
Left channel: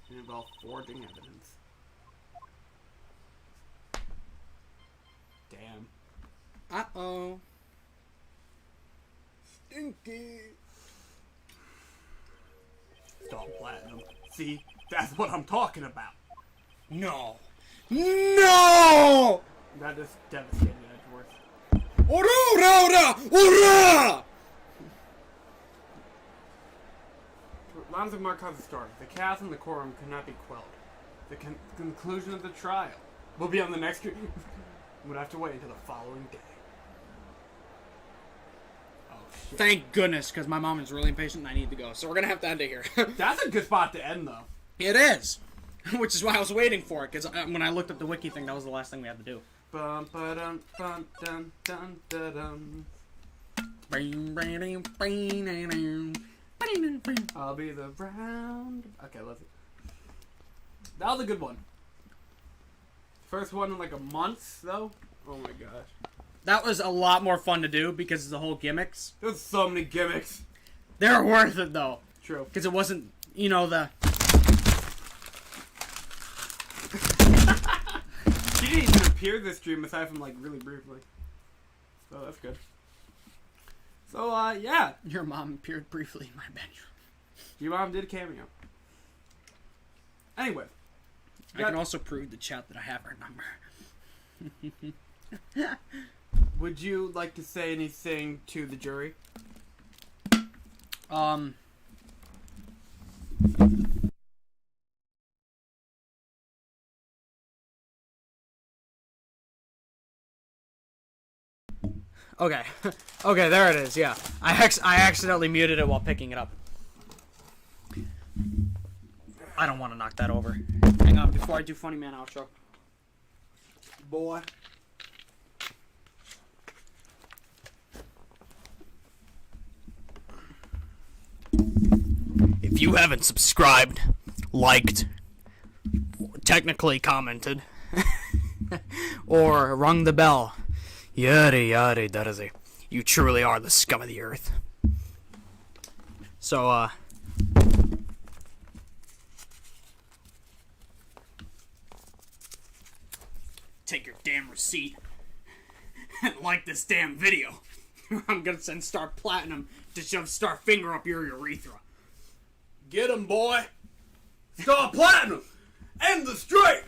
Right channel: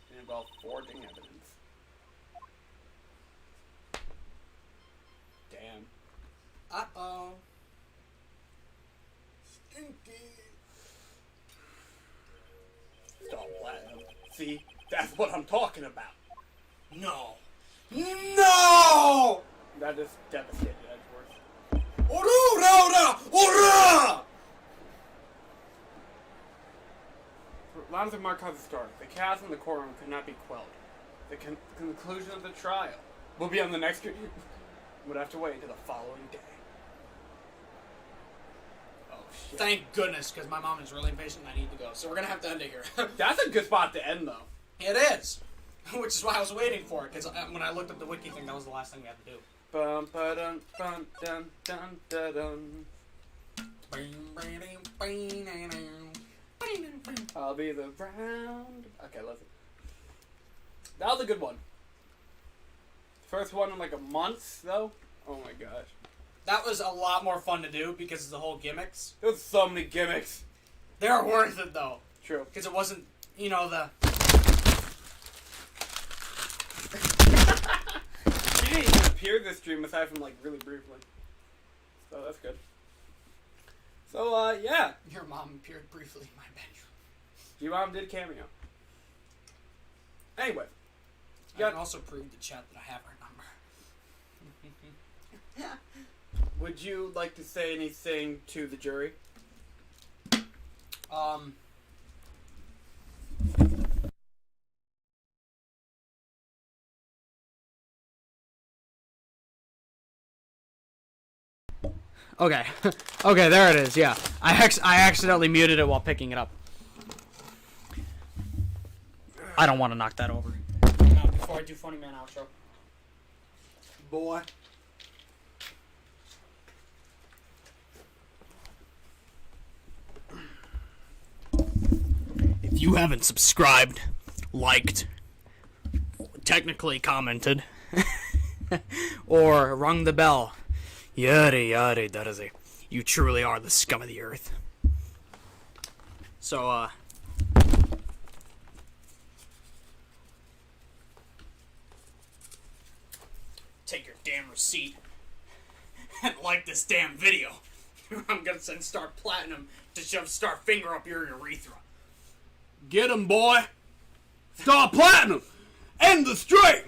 it involved forging evidence. Damn. Uh-oh. Stinky. Stop Platinum. See? That's what I'm talking about. No. No! That is devastated, Edgeworth. Aurora! Aurora! Lines of Markov's story. The chaos in the courtroom could not be quelled. The conclusion of the trial will be on the next... Would have to wait until the following day. Oh, shit. Thank goodness, because my mom is really impatient and I need to go. So we're going to have to end it here. That's a good spot to end, though. It is. Which is why I was waiting for it, because when I looked at the wiki thing, that was the last thing we had to do. Bum ba dum bum dum dum da dum. I'll be the round. Okay, let's. That was a good one. First one in like a month, though. Oh my gosh. That was a lot more fun to do because of the whole gimmicks. There's so many gimmicks. They're worth it, though. True. Because it wasn't, the... She didn't even appear this stream aside from like really briefly. So that's good. So, yeah. Your mom appeared briefly in my bedroom. Your mom did a cameo. Anyway. I can also prove to chat that I have her number. Would you like to say anything to the jury? Okay. Okay, there it is, yeah. I accidentally muted it while picking it up. I don't want to knock that over. Hang on, before I do Funny Man outro. Boy. If you haven't subscribed, liked, technically commented, or rung the bell, yada yada yada, you truly are the scum of the earth. So, take your damn receipt and like this damn video. I'm gonna send Star Platinum to shove Star Finger up your urethra. Get him, boy. Star Platinum. End the stream.